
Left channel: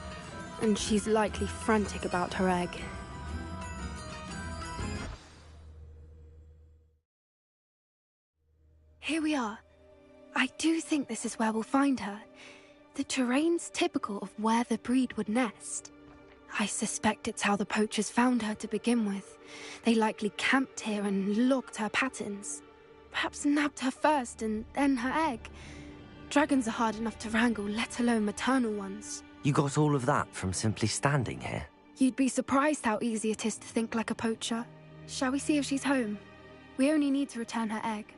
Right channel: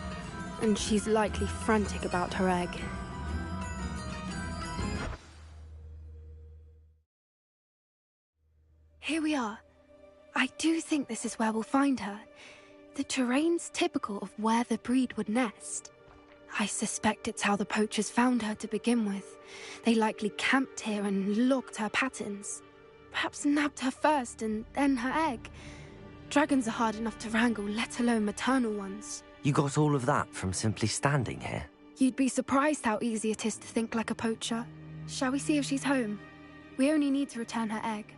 And she's likely frantic about her egg. Here we are. I do think this is where we'll find her. The terrain's typical of where the breed would nest. I suspect it's how the poachers found her to begin with. They likely camped here and logged her patterns. Perhaps nabbed her first and then her egg. Dragons are hard enough to wrangle, let alone maternal ones. You got all of that from simply standing here? You'd be surprised how easy it is to think like a poacher. Shall we see if she's home? We only need to return her egg.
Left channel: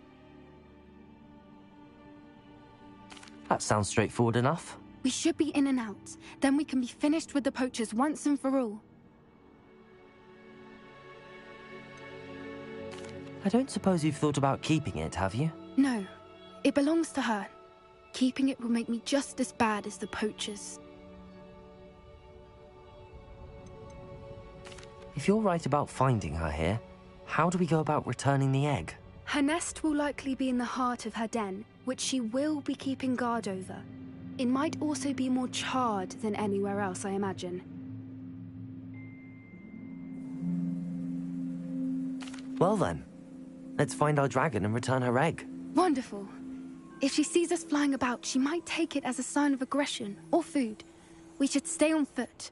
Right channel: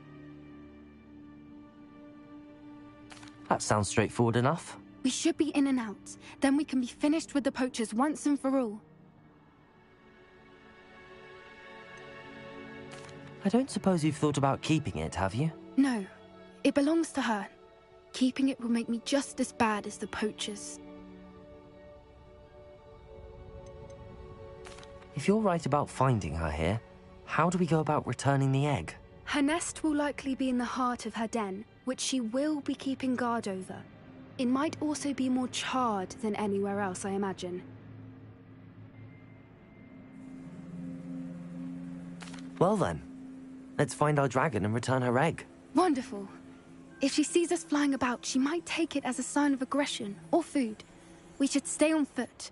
That sounds straightforward enough. We should be in and out. Then we can be finished with the poachers once and for all. I don't suppose you've thought about keeping it, have you? No. It belongs to her. Keeping it will make me just as bad as the poachers. If you're right about finding her here, how do we go about returning the egg? Her nest will likely be in the heart of her den, which she will be keeping guard over. It might also be more charred than anywhere else, I imagine. Well then, let's find our dragon and return her egg. Wonderful. If she sees us flying about, she might take it as a sign of aggression or food. We should stay on foot.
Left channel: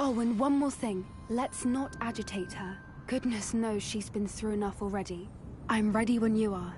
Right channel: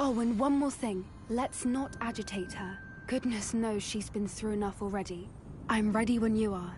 Oh, and one more thing. Let's not agitate her. Goodness knows she's been through enough already. I'm ready when you are.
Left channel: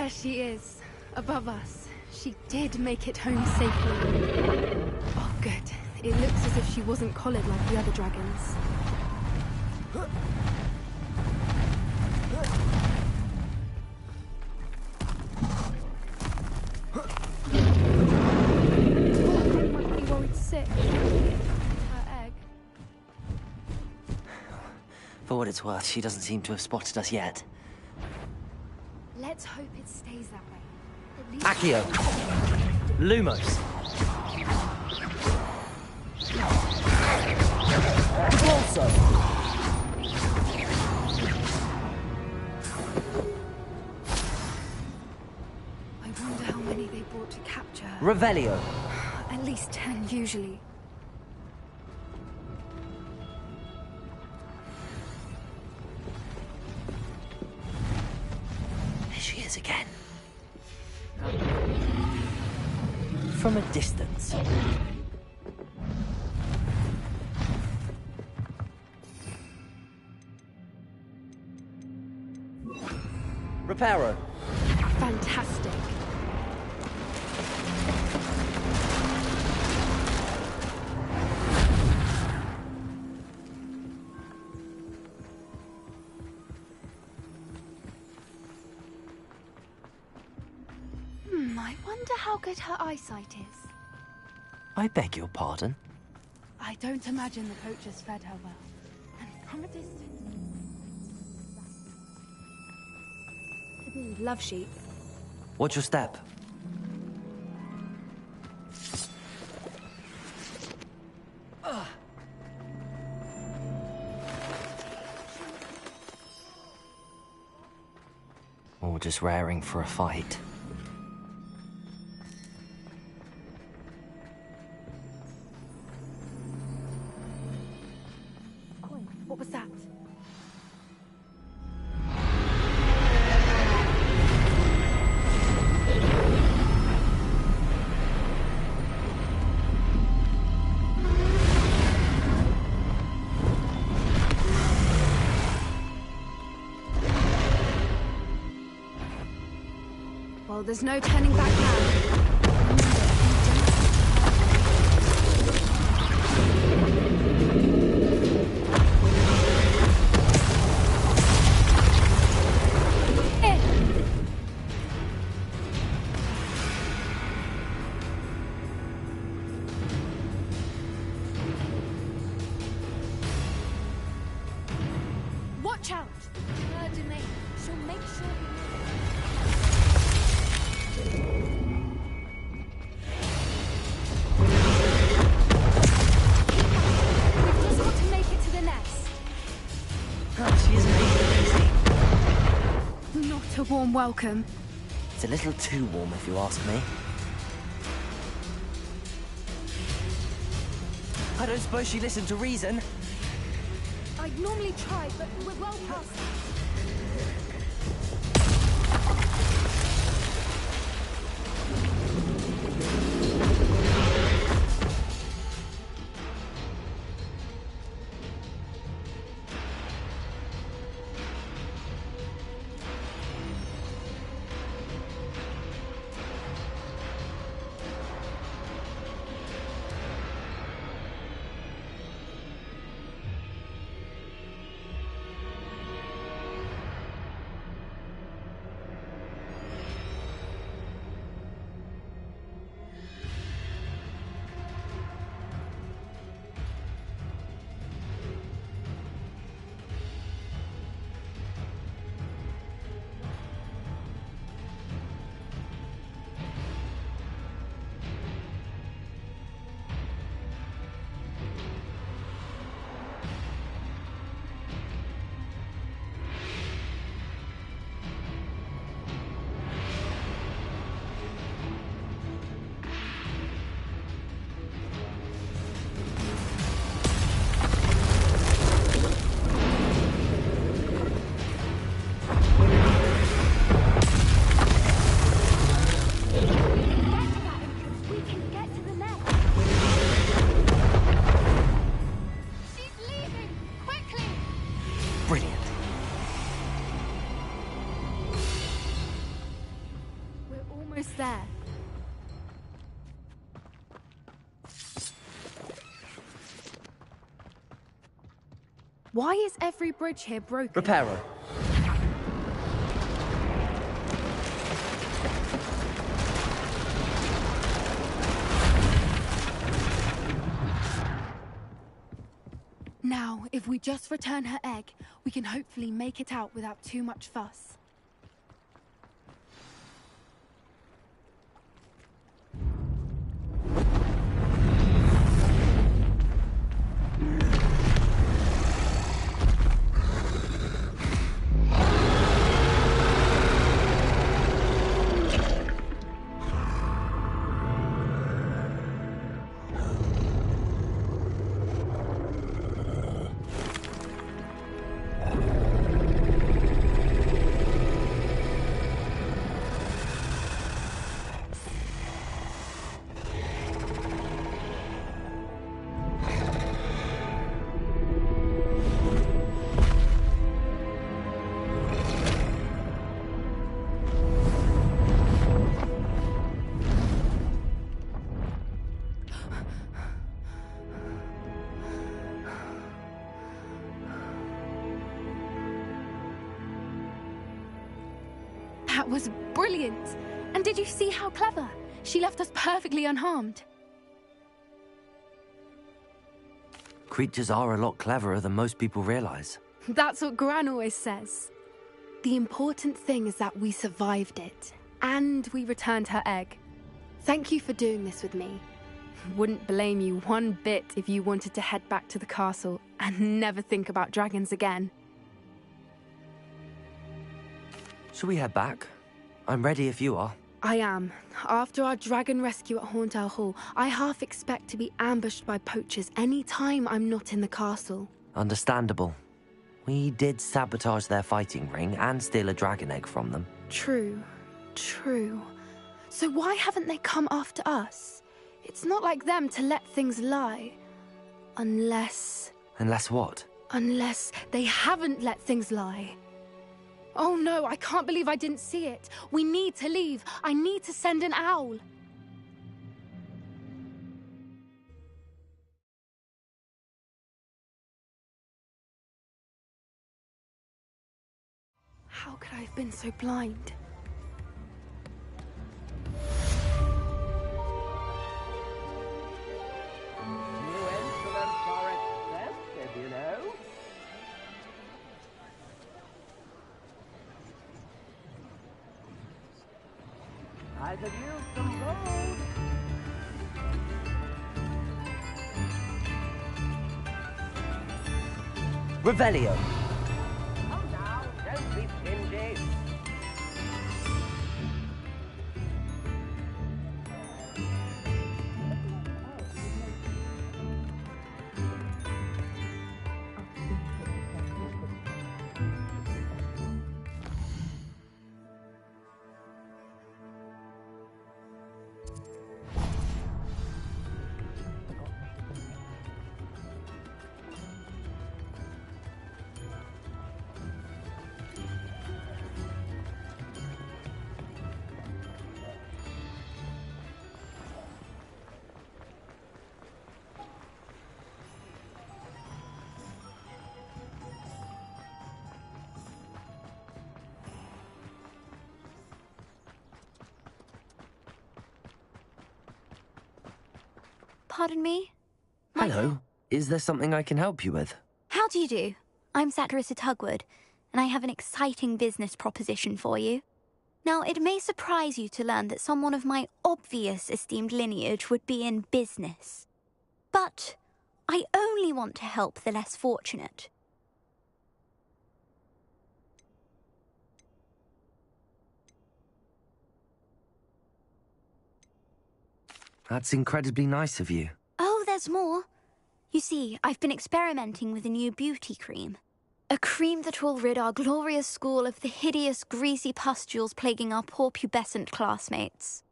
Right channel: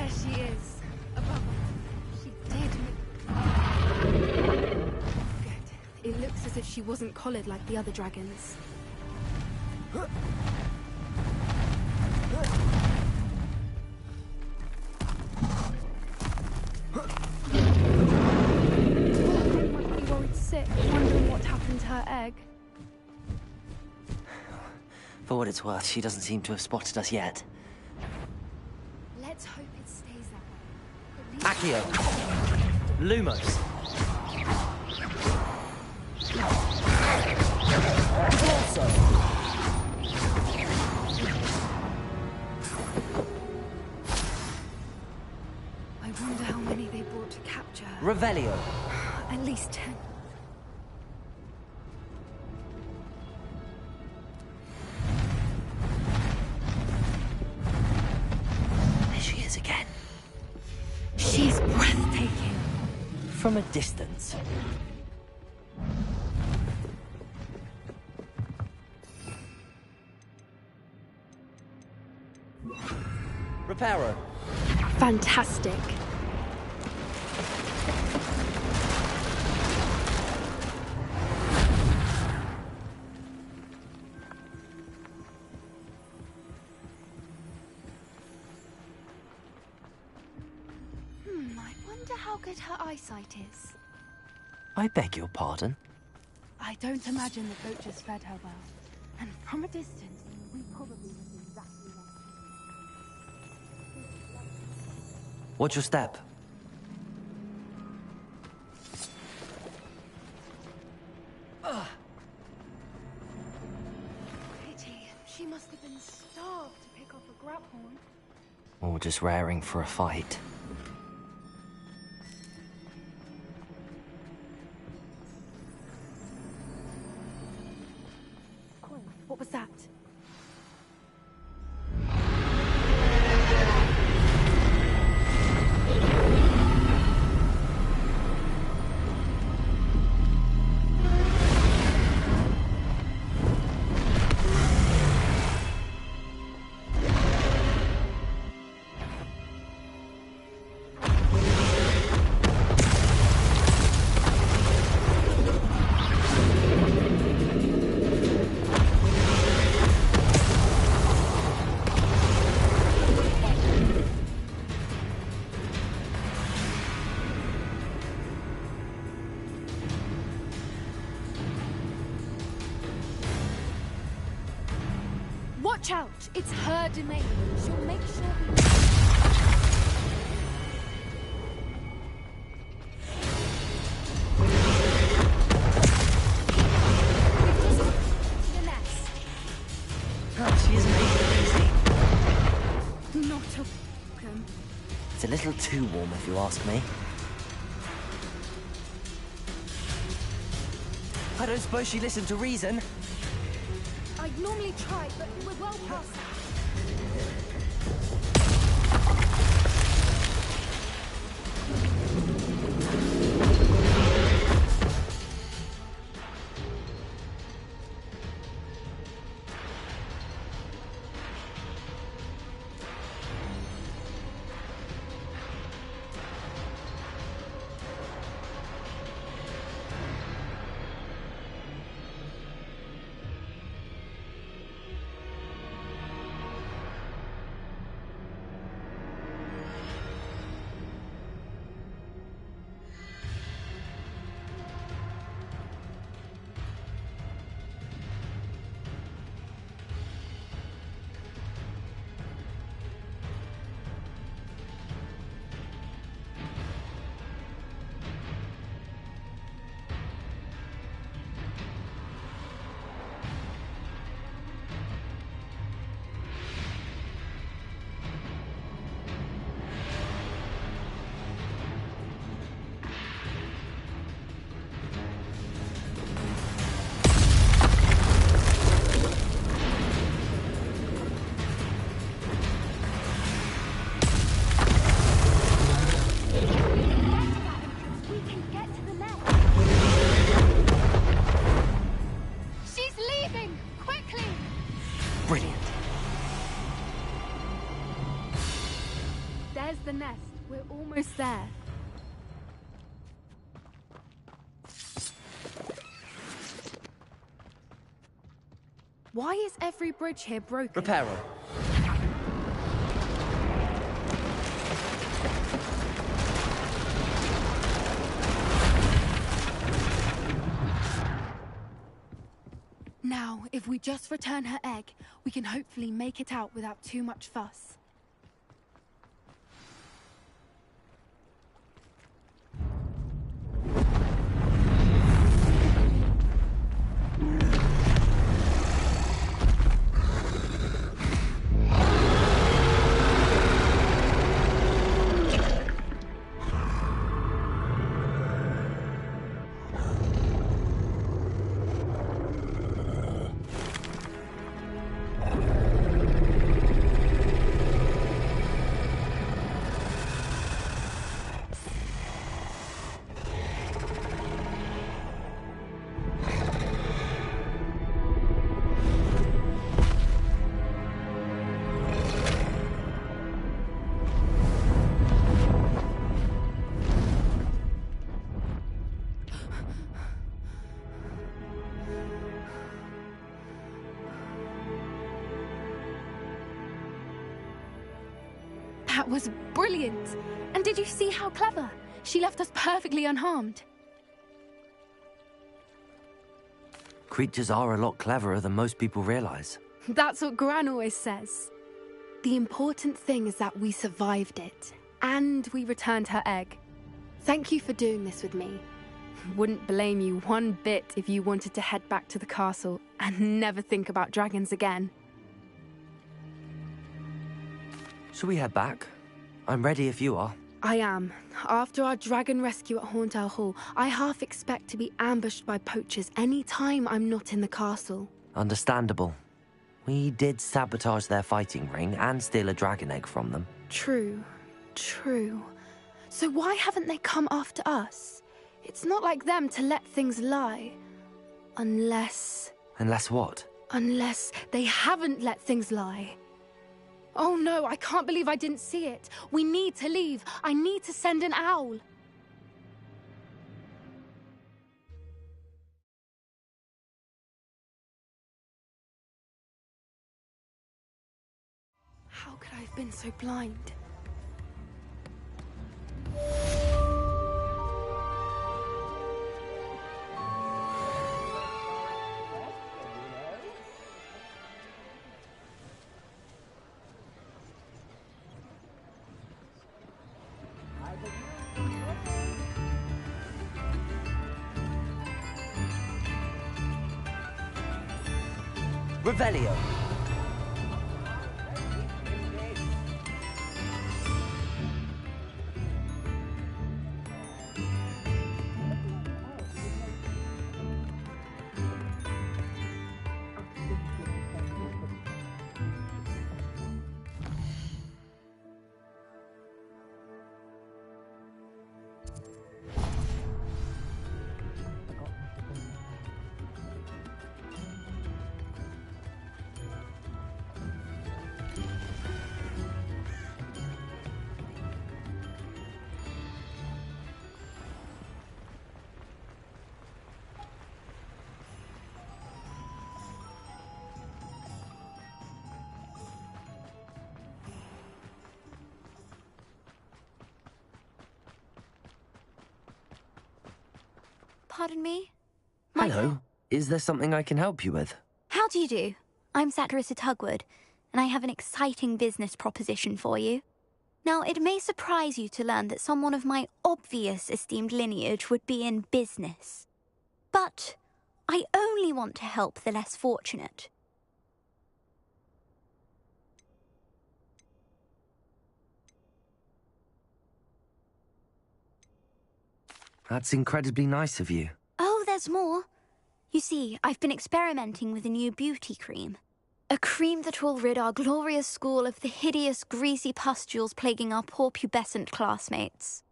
There she is, above us. She did make it home safely. Oh, good. It looks as if she wasn't collared like the other dragons. I might be worried sick, wondering what happened to her egg. For what it's worth, she doesn't seem to have spotted us yet. Let's hope it stays that way. At least Accio! Lumos! Also. I wonder how many they brought to capture her. Revelio! At least 10 usually. There she is again. She's breathtaking. From a distance. Reparo. Fantastic. I wonder how good her eyesight is. I beg your pardon? I don't imagine the poachers fed her well. And from a distance, we probably see exactly that. Love sheep. What's your step? Pity. She must have been starved to pick up a grapple. Or just raring for a fight? What was that? Well, there's no turning back now. Watch out! It's her domain. She'll make sure we... Keep up. We've just got to make it to the nest. She isn't making it easy. Not a warm welcome. It's a little too warm, if you ask me. I don't suppose she listened to reason. I'd normally try, but we're well past that. the nest. We're almost there. Why is every bridge here broken? Repair her. Now, if we just return her egg, we can hopefully make it out without too much fuss. That was brilliant! And did you see how clever? She left us perfectly unharmed. Creatures are a lot cleverer than most people realize. That's what Gran always says. The important thing is that we survived it, and we returned her egg. Thank you for doing this with me. Wouldn't blame you one bit if you wanted to head back to the castle and never think about dragons again. Shall we head back? I'm ready if you are. I am. After our dragon rescue at Hauntow Hall, I half expect to be ambushed by poachers any time I'm not in the castle. Understandable. We did sabotage their fighting ring and steal a dragon egg from them. True. So why haven't they come after us? It's not like them to let things lie. Unless what? Unless they haven't let things lie. Oh no, I can't believe I didn't see it. We need to leave. I need to send an owl. How could I have been so blind? Revelio. Pardon me? Hello. Is there something I can help you with? How do you do? I'm Satirissa Tugwood, and I have an exciting business proposition for you. Now, it may surprise you to learn that someone of my obvious esteemed lineage would be in business. But I only want to help the less fortunate. That's incredibly nice of you. Oh, there's more. You see, I've been experimenting with a new beauty cream. A cream that will rid our glorious school of the hideous, greasy pustules plaguing our poor pubescent classmates.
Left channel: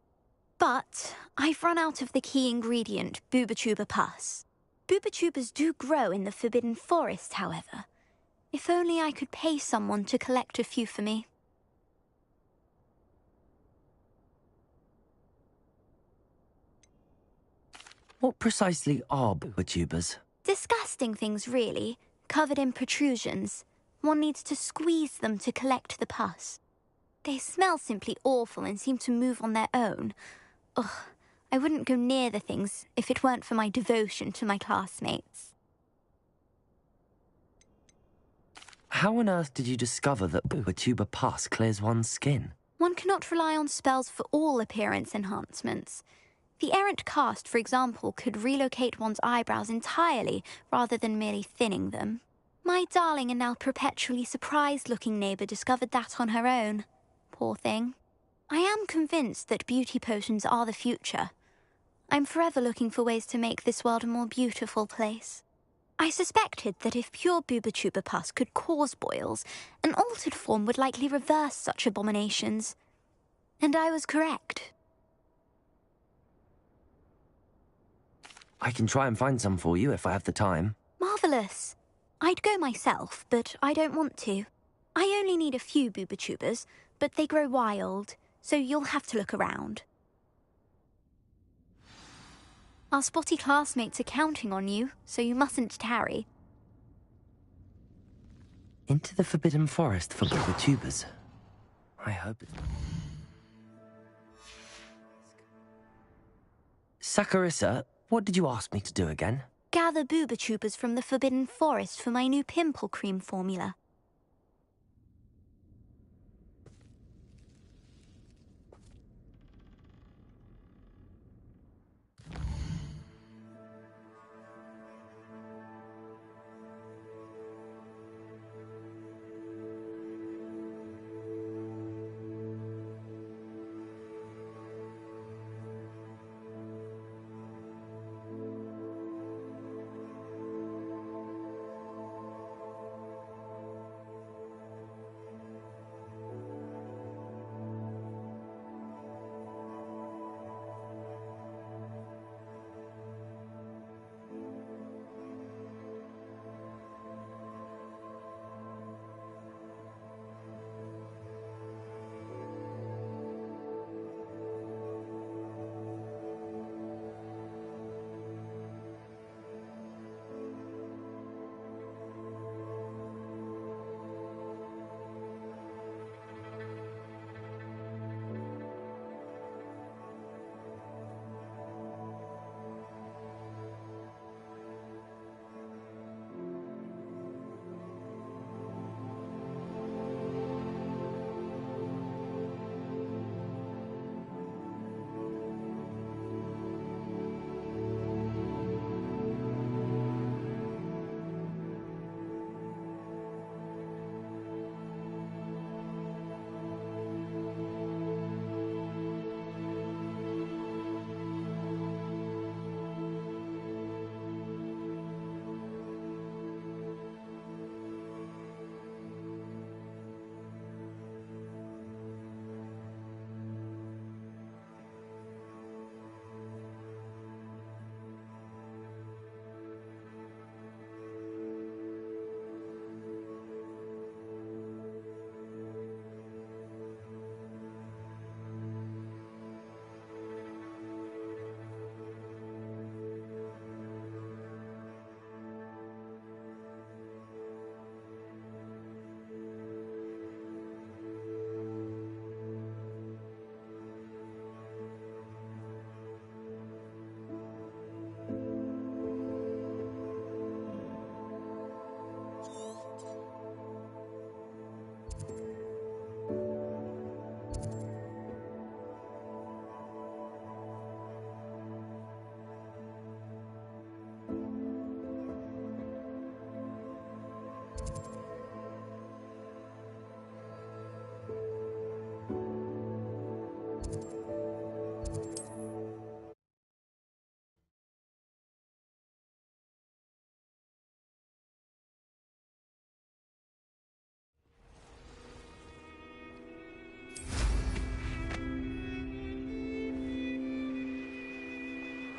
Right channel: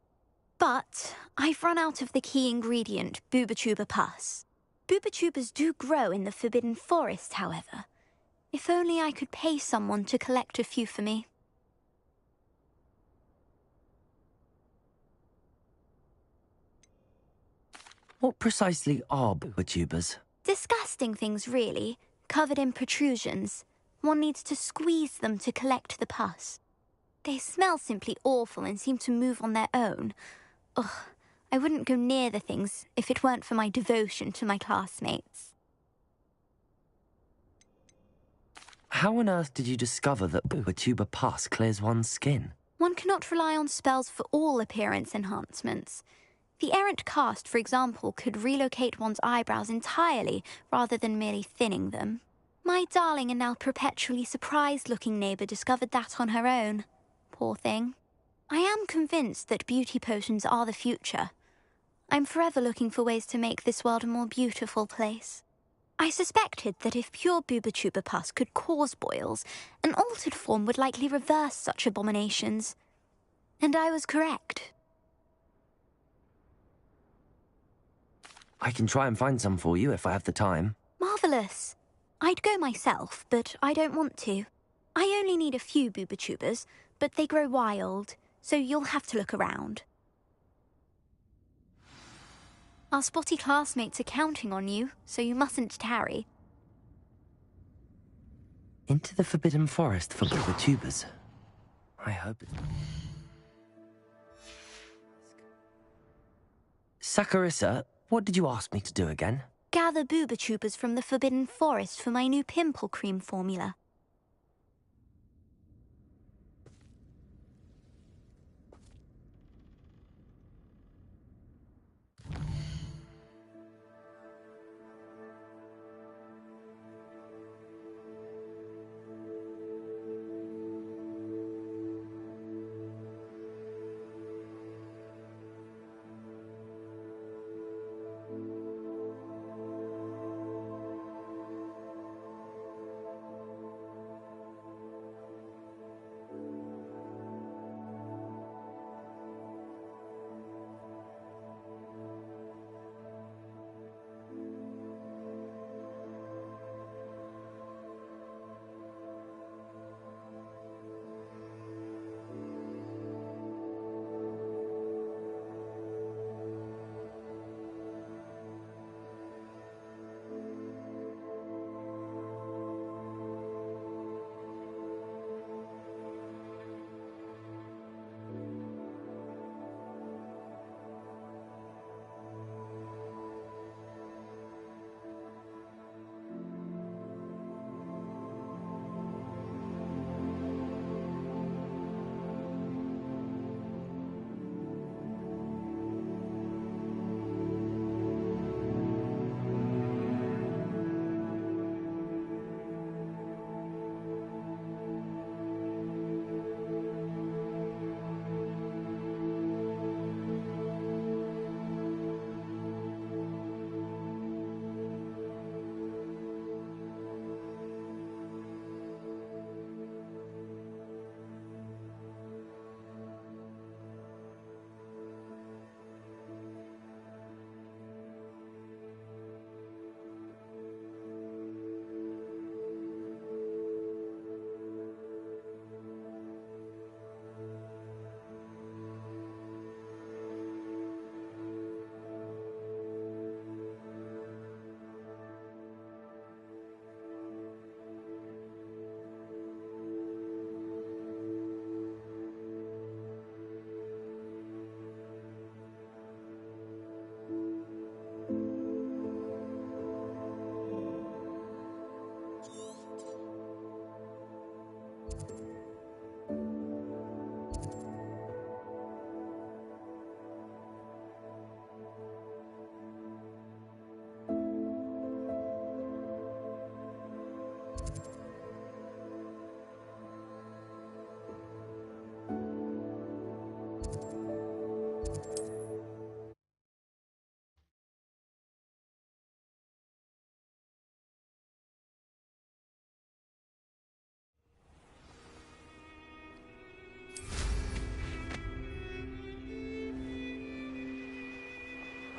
But I've run out of the key ingredient, Booba-Tuba pus. Booba-Tubas do grow in the Forbidden Forest, however. If only I could pay someone to collect a few for me. What precisely are booba-tubers? Disgusting things, really, covered in protrusions. One needs to squeeze them to collect the pus. They smell simply awful and seem to move on their own. Ugh, I wouldn't go near the things if it weren't for my devotion to my classmates. How on earth did you discover that booba-tuber pus clears one's skin? One cannot rely on spells for all appearance enhancements. The errant cast, for example, could relocate one's eyebrows entirely rather than merely thinning them. My darling and now perpetually surprised-looking neighbour discovered that on her own. Poor thing. I am convinced that beauty potions are the future. I'm forever looking for ways to make this world a more beautiful place. I suspected that if pure booba-tuber pus could cause boils, an altered form would likely reverse such abominations. And I was correct. I can try and find some for you if I have the time. Marvellous. I'd go myself, but I don't want to. I only need a few booba-tubers, but they grow wild, so you'll have to look around. Our spotty classmates are counting on you, so you mustn't tarry. Into the Forbidden Forest for booba-tubers. I hope it... Saccharissa, what did you ask me to do again? Gather booba-tubers from the Forbidden Forest for my new pimple cream formula.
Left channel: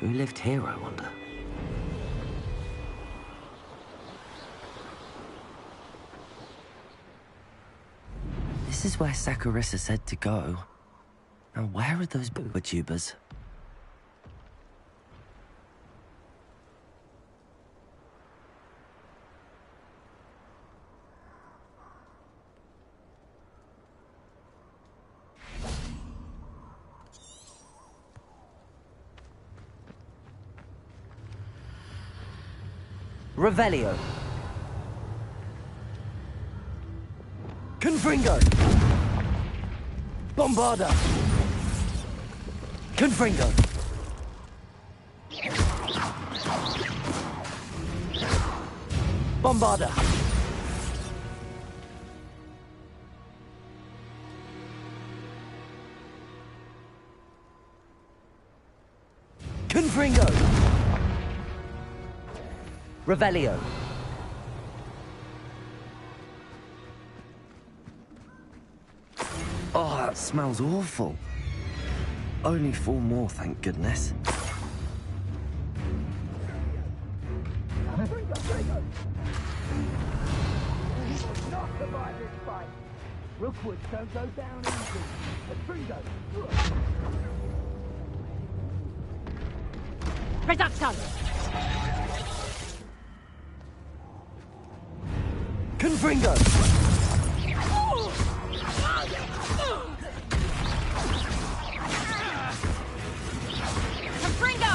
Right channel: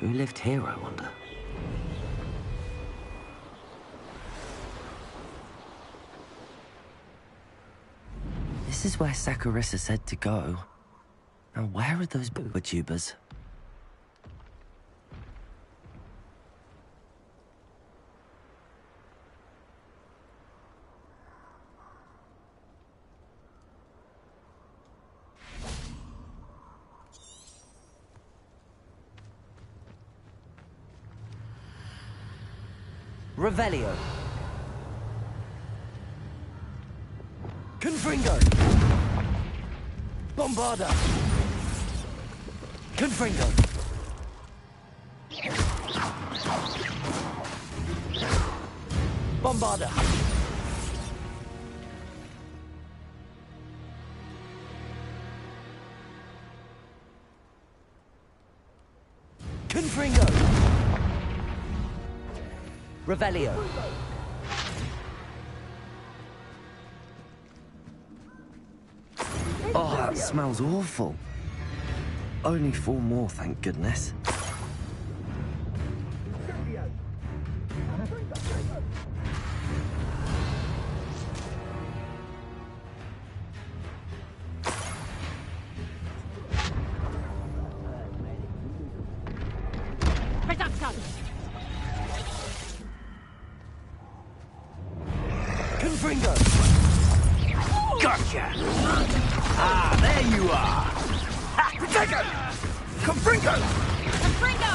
Who lived here, I wonder? This is where Saccharissa said to go. Now, where are those booba-tubers? Revelio. Confringo. Bombarda. Confringo. Bombarda. Confringo. Revelio. Oh, that smells awful. Only 4 more, thank goodness. Reduction! Confringo. Gotcha! Ah, there you are! Confringo! Confringo!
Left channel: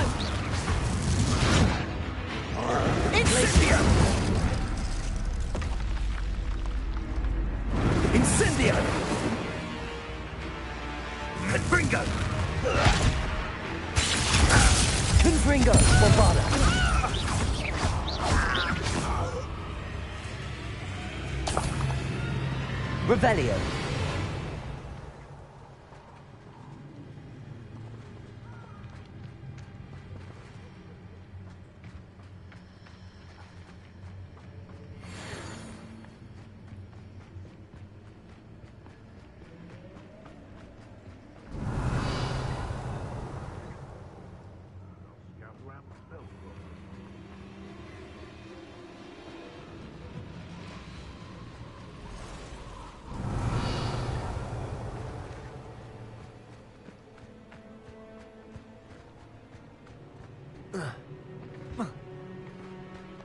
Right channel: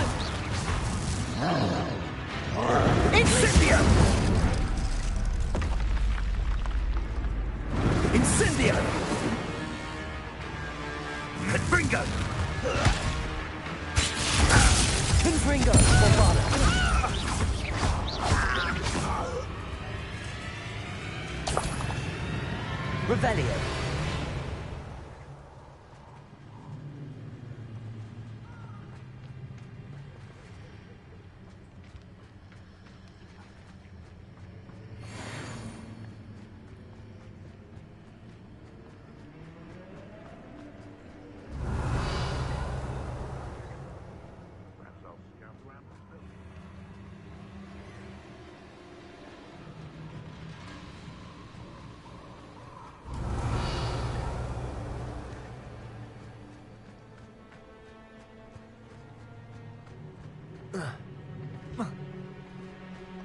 Incendio! Incendio! Confringo! Confringo. Bombarda. Revelio.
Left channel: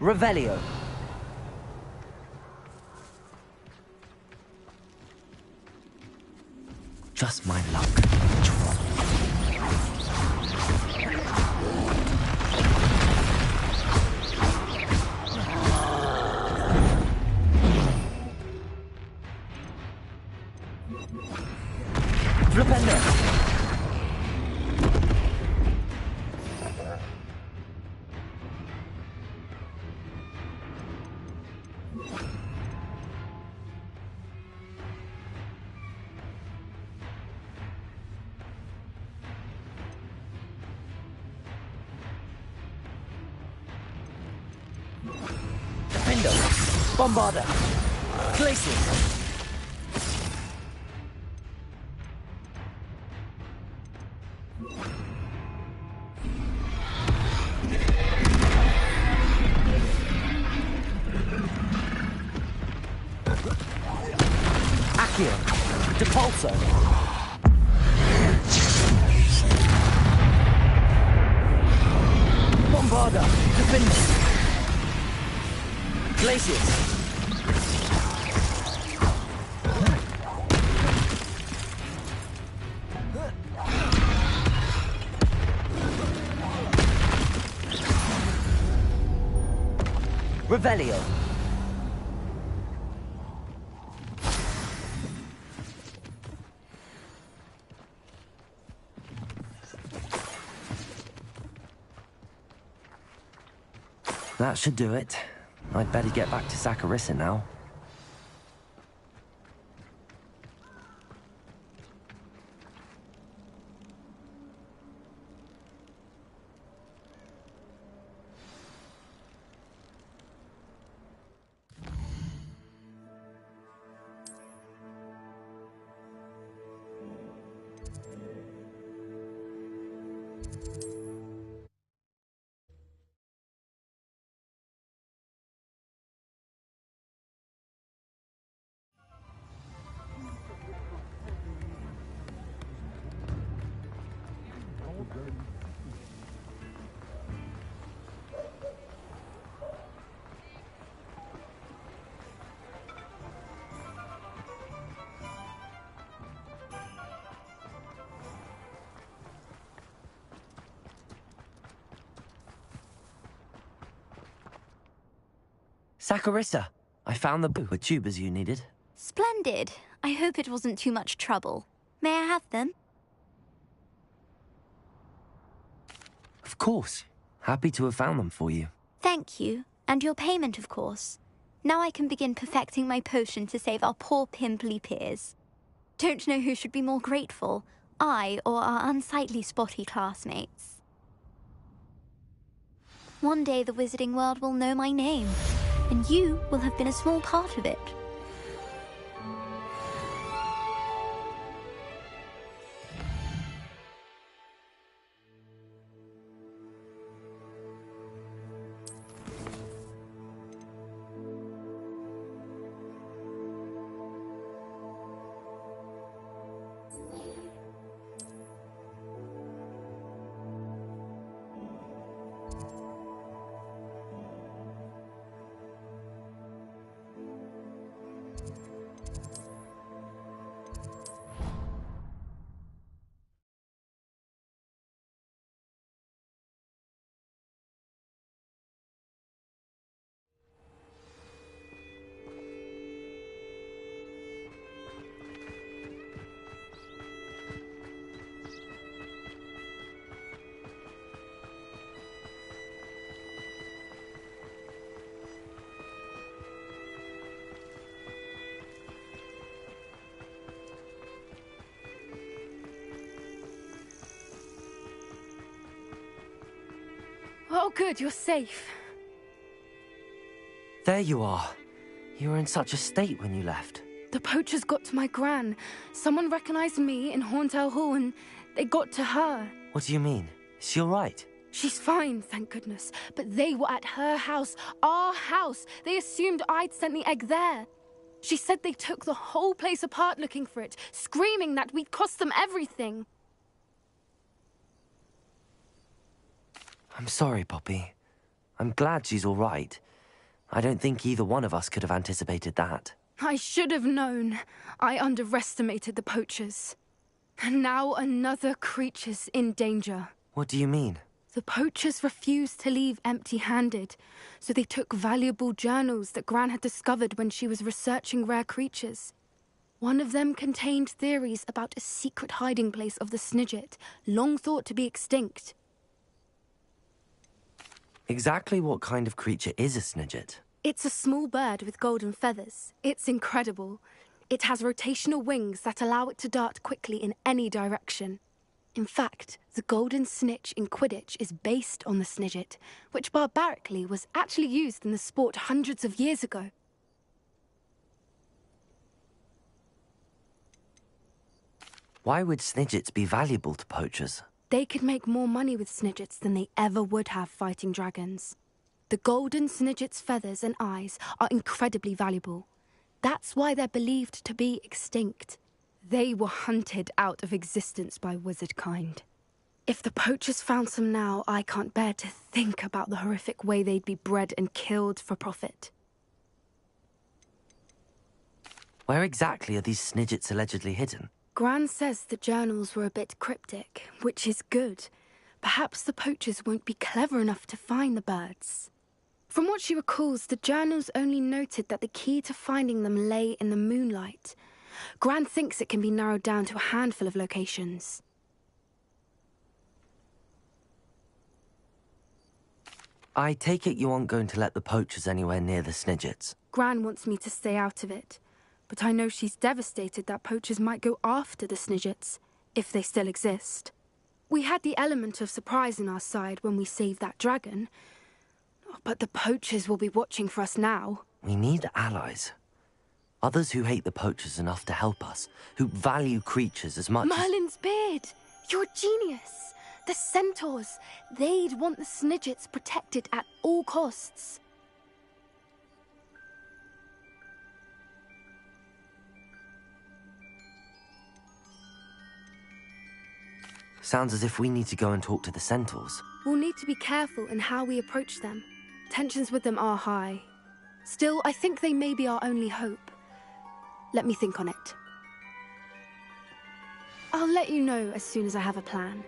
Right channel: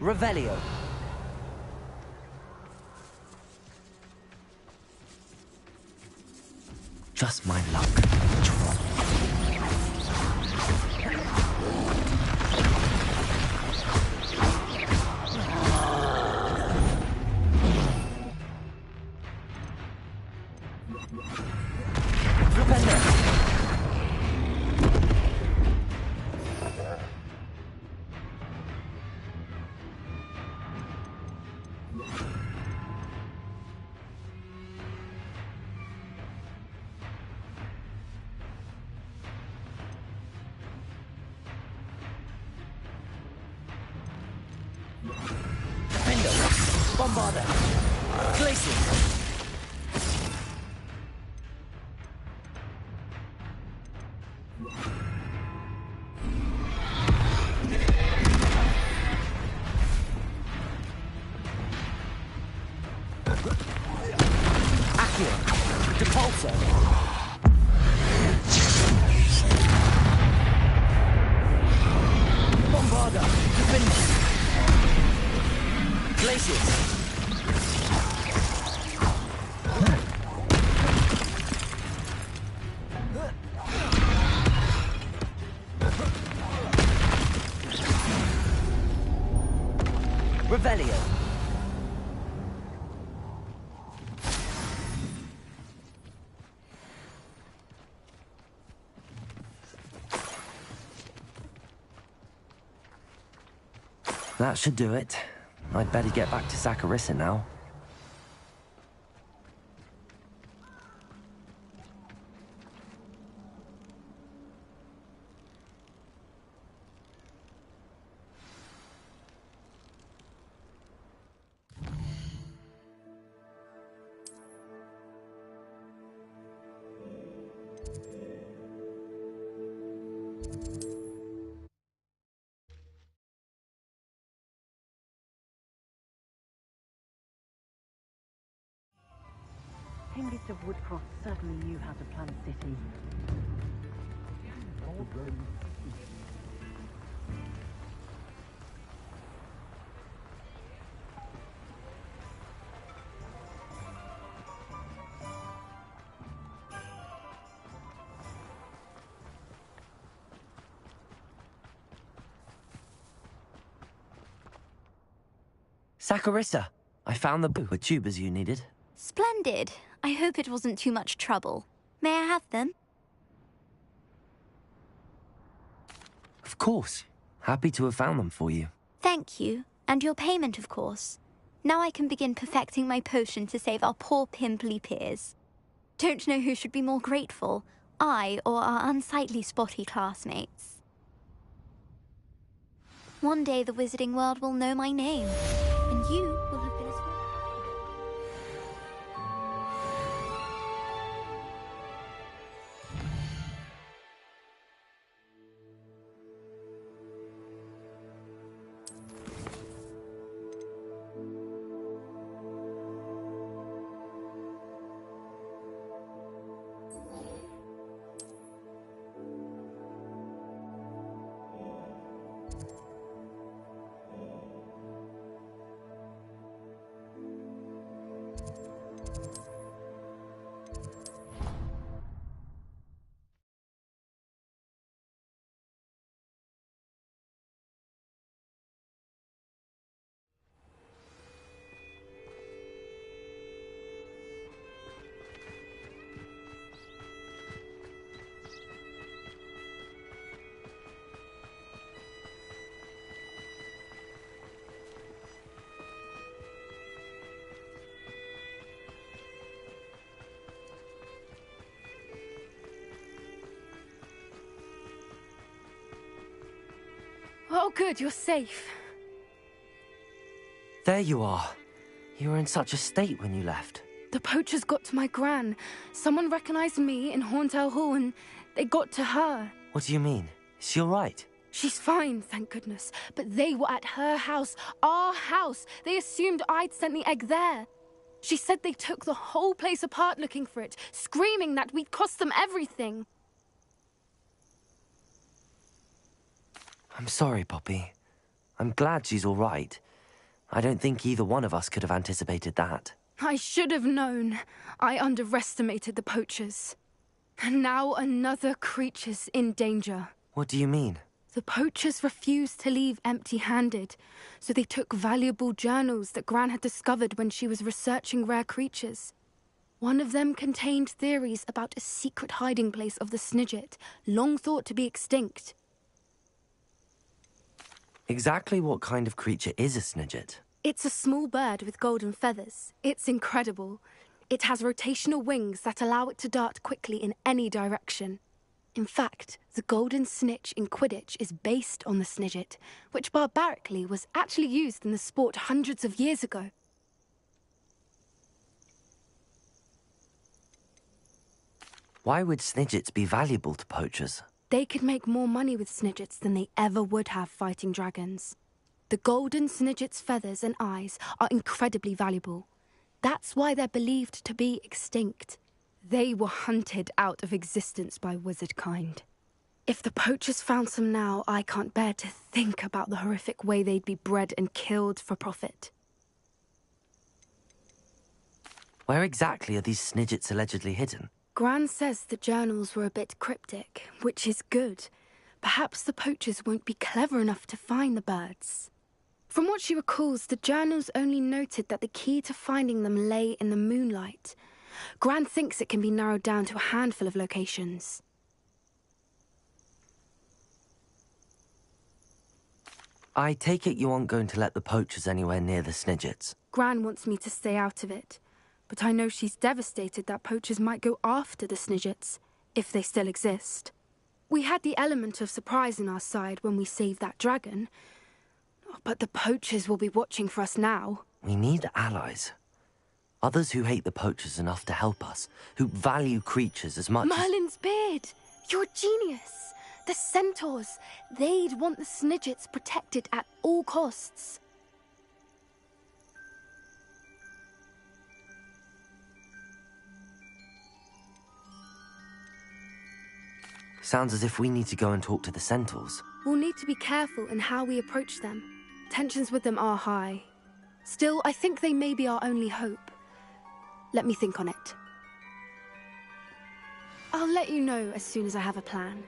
Revelio. Just my luck. Flipendo. Defendo. Bombarda. Glacier. Accio. Depulso. Bombarda. Defendo. Glaciers. Revelio. That should do it. I'd better get back to Saccharissa now. Saccharissa, I found the tubers you needed. Splendid. I hope it wasn't too much trouble. May I have them? Of course. Happy to have found them for you. Thank you. And your payment, of course. Now I can begin perfecting my potion to save our poor pimply peers. Don't know who should be more grateful, I or our unsightly spotty classmates. One day the wizarding world will know my name, and you will have been a small part of it. Oh, good, you're safe. There you are. You were in such a state when you left. The poachers got to my gran. Someone recognized me in Horntail Hall and they got to her. What do you mean? Is she all right? She's fine, thank goodness. But they were at her house, our house. They assumed I'd sent the egg there. She said they took the whole place apart looking for it, screaming that we'd cost them everything. I'm sorry, Poppy. I'm glad she's all right. I don't think either one of us could have anticipated that. I should have known. I underestimated the poachers. And now another creature's in danger. What do you mean? The poachers refused to leave empty-handed, so they took valuable journals that Gran had discovered when she was researching rare creatures. One of them contained theories about a secret hiding place of the Snidget, long thought to be extinct. Exactly what kind of creature is a Snidget? It's a small bird with golden feathers. It's incredible. It has rotational wings that allow it to dart quickly in any direction. In fact, the golden snitch in Quidditch is based on the Snidget, which barbarically was actually used in the sport hundreds of years ago. Why would Snidgets be valuable to poachers? They could make more money with Snidgets than they ever would have fighting dragons. The golden Snidget's feathers and eyes are incredibly valuable. That's why they're believed to be extinct. They were hunted out of existence by wizard kind. If the poachers found some now, I can't bear to think about the horrific way they'd be bred and killed for profit. Where exactly are these Snidgets allegedly hidden? Gran says the journals were a bit cryptic, which is good. Perhaps the poachers won't be clever enough to find the birds. From what she recalls, the journals only noted that the key to finding them lay in the moonlight. Gran thinks it can be narrowed down to a handful of locations. I take it you aren't going to let the poachers anywhere near the Snidgets. Gran wants me to stay out of it, but I know she's devastated that poachers might go after the Snidgets, if they still exist. We had the element of surprise on our side when we saved that dragon, but the poachers will be watching for us now. We need allies. Others who hate the poachers enough to help us, who value creatures as much Merlin's beard! You're a genius! The centaurs! They'd want the Snidgets protected at all costs. Sounds as if we need to go and talk to the centaurs. We'll need to be careful in how we approach them. Tensions with them are high. Still, I think they may be our only hope. Let me think on it. I'll let you know as soon as I have a plan.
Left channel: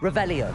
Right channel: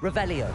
Revelio.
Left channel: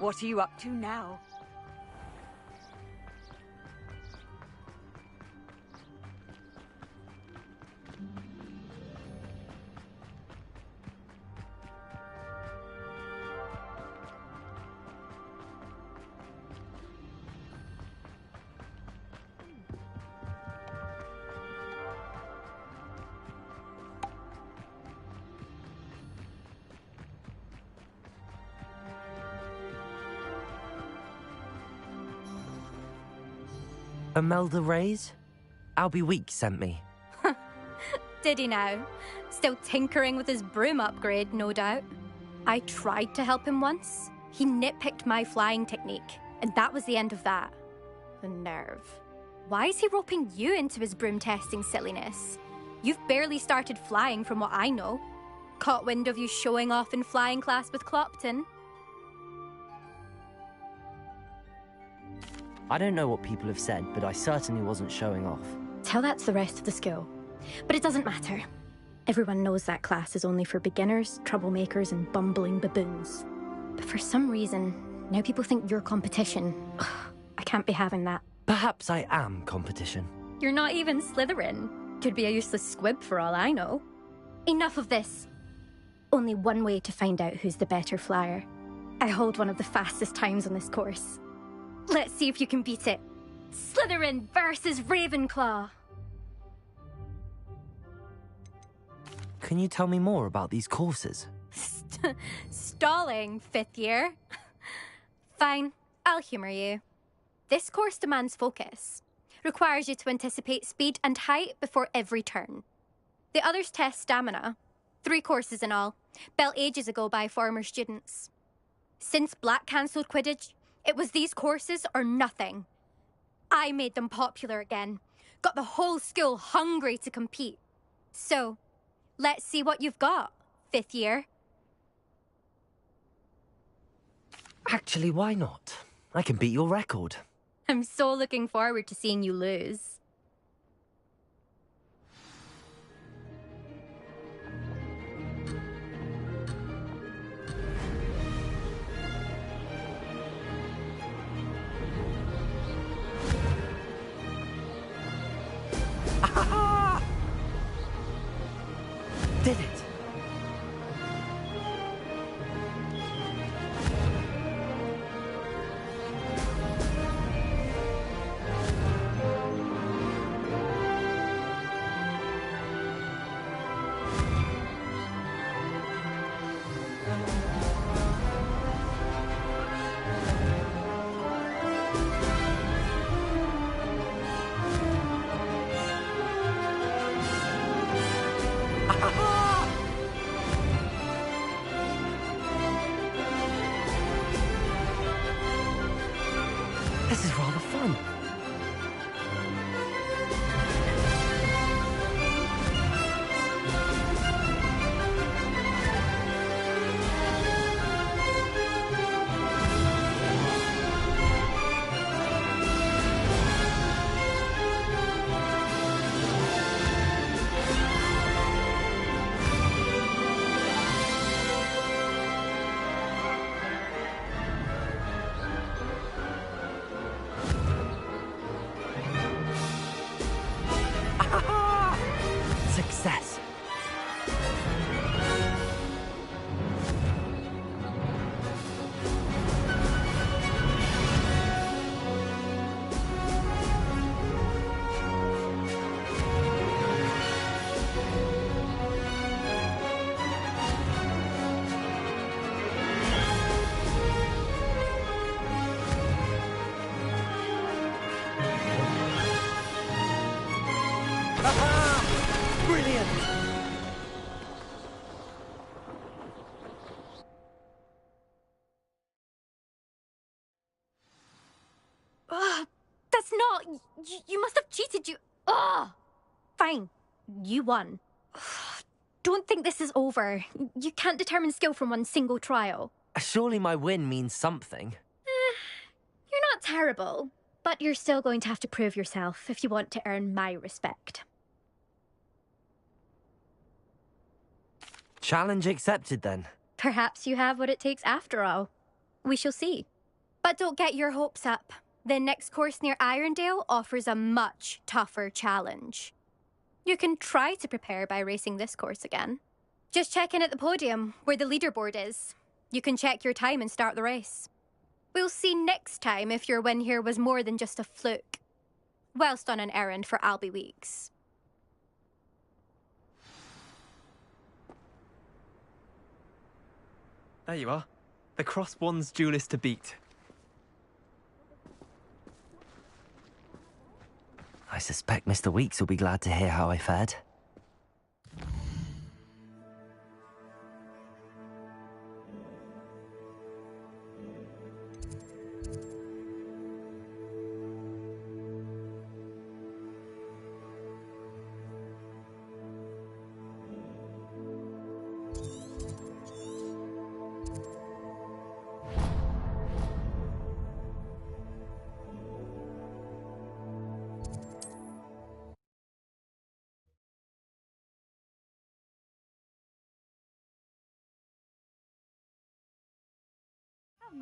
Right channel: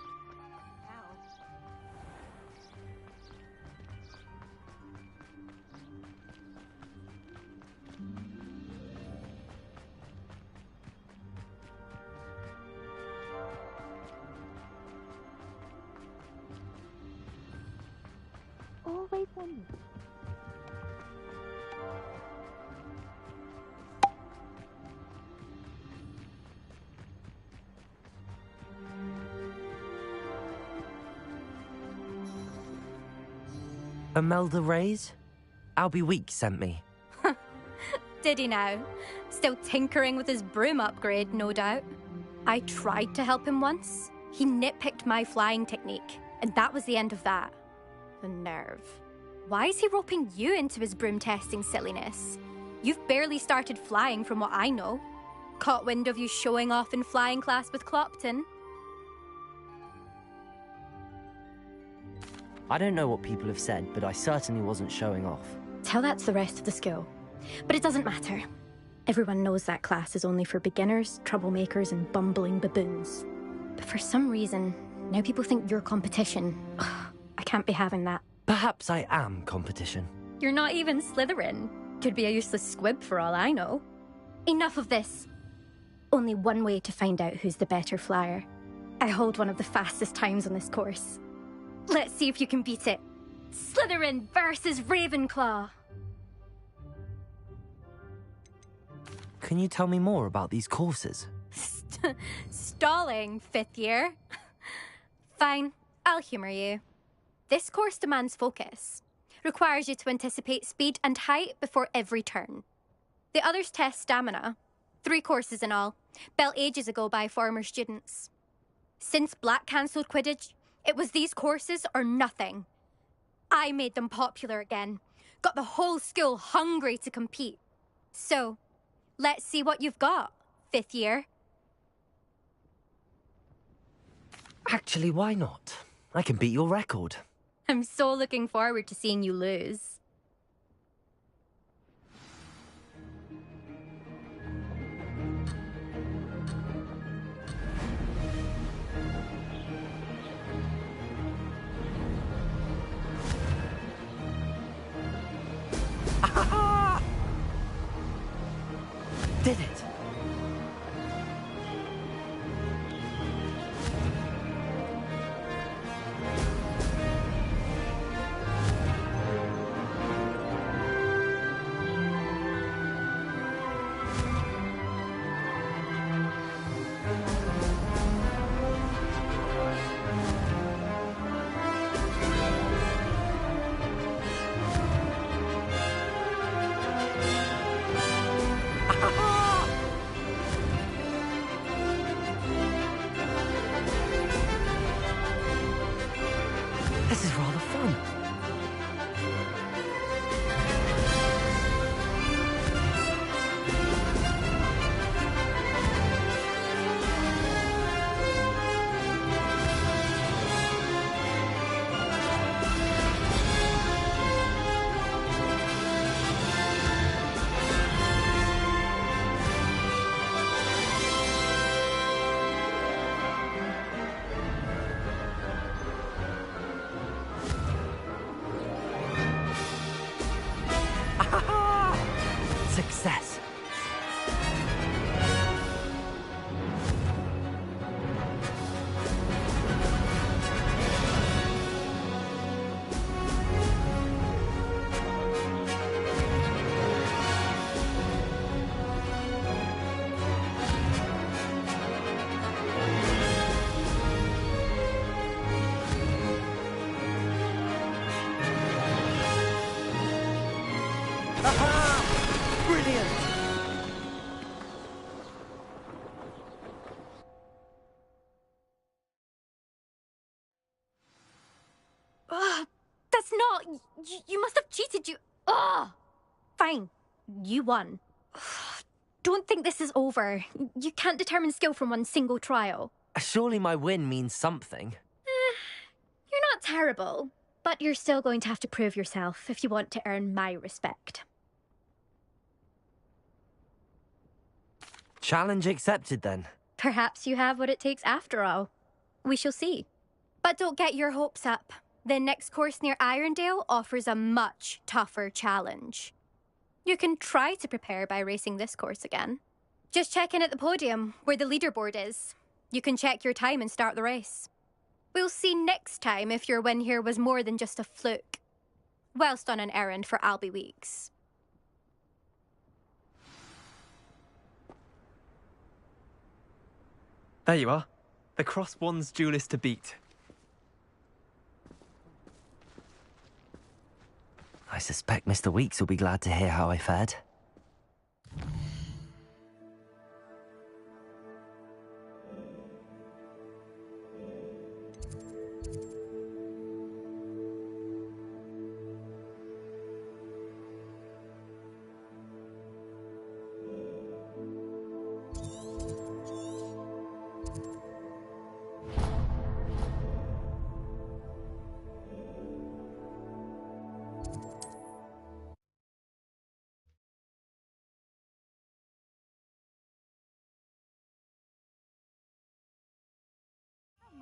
What are you up to now? Always wondered. Imelda Reyes? Albie Week sent me. Did he now? Still tinkering with his broom upgrade, no doubt. I tried to help him once. He nitpicked my flying technique, and that was the end of that. The nerve. Why is he roping you into his broom testing silliness? You've barely started flying from what I know. Caught wind of you showing off in flying class with Clopton. I don't know what people have said, but I certainly wasn't showing off. Tell that to the rest of the school. But it doesn't matter. Everyone knows that class is only for beginners, troublemakers, and bumbling baboons. But for some reason, now people think you're competition. I can't be having that. Perhaps I am competition. You're not even Slytherin. Could be a useless squib for all I know. Enough of this. Only one way to find out who's the better flyer. I hold one of the fastest times on this course. Let's see if you can beat it. Slytherin versus Ravenclaw. Can you tell me more about these courses? Stalling, 5th year. Fine, I'll humour you. This course demands focus. Requires you to anticipate speed and height before every turn. The others test stamina. 3 courses in all, built ages ago by former students. Since Black cancelled Quidditch, it was these courses or nothing. I made them popular again. Got the whole school hungry to compete. So, let's see what you've got, 5th year. Actually, why not? I can beat your record. I'm so looking forward to seeing you lose. Did it! brilliant. Ugh, that's not... You must have cheated, you... Ugh! Fine. You won. Ugh, don't think this is over. You can't determine skill from one single trial. Surely my win means something. You're not terrible, but you're still going to have to prove yourself if you want to earn my respect. Challenge accepted, then. Perhaps you have what it takes after all. We shall see. But don't get your hopes up. The next course near Irondale offers a much tougher challenge. You can try to prepare by racing this course again. Just check in at the podium, where the leaderboard is. You can check your time and start the race. We'll see next time if your win here was more than just a fluke. Whilst on an errand for Albie Weeks. There you are. The Cross Wands duelist to beat. I suspect Mr. Weeks will be glad to hear how I fared.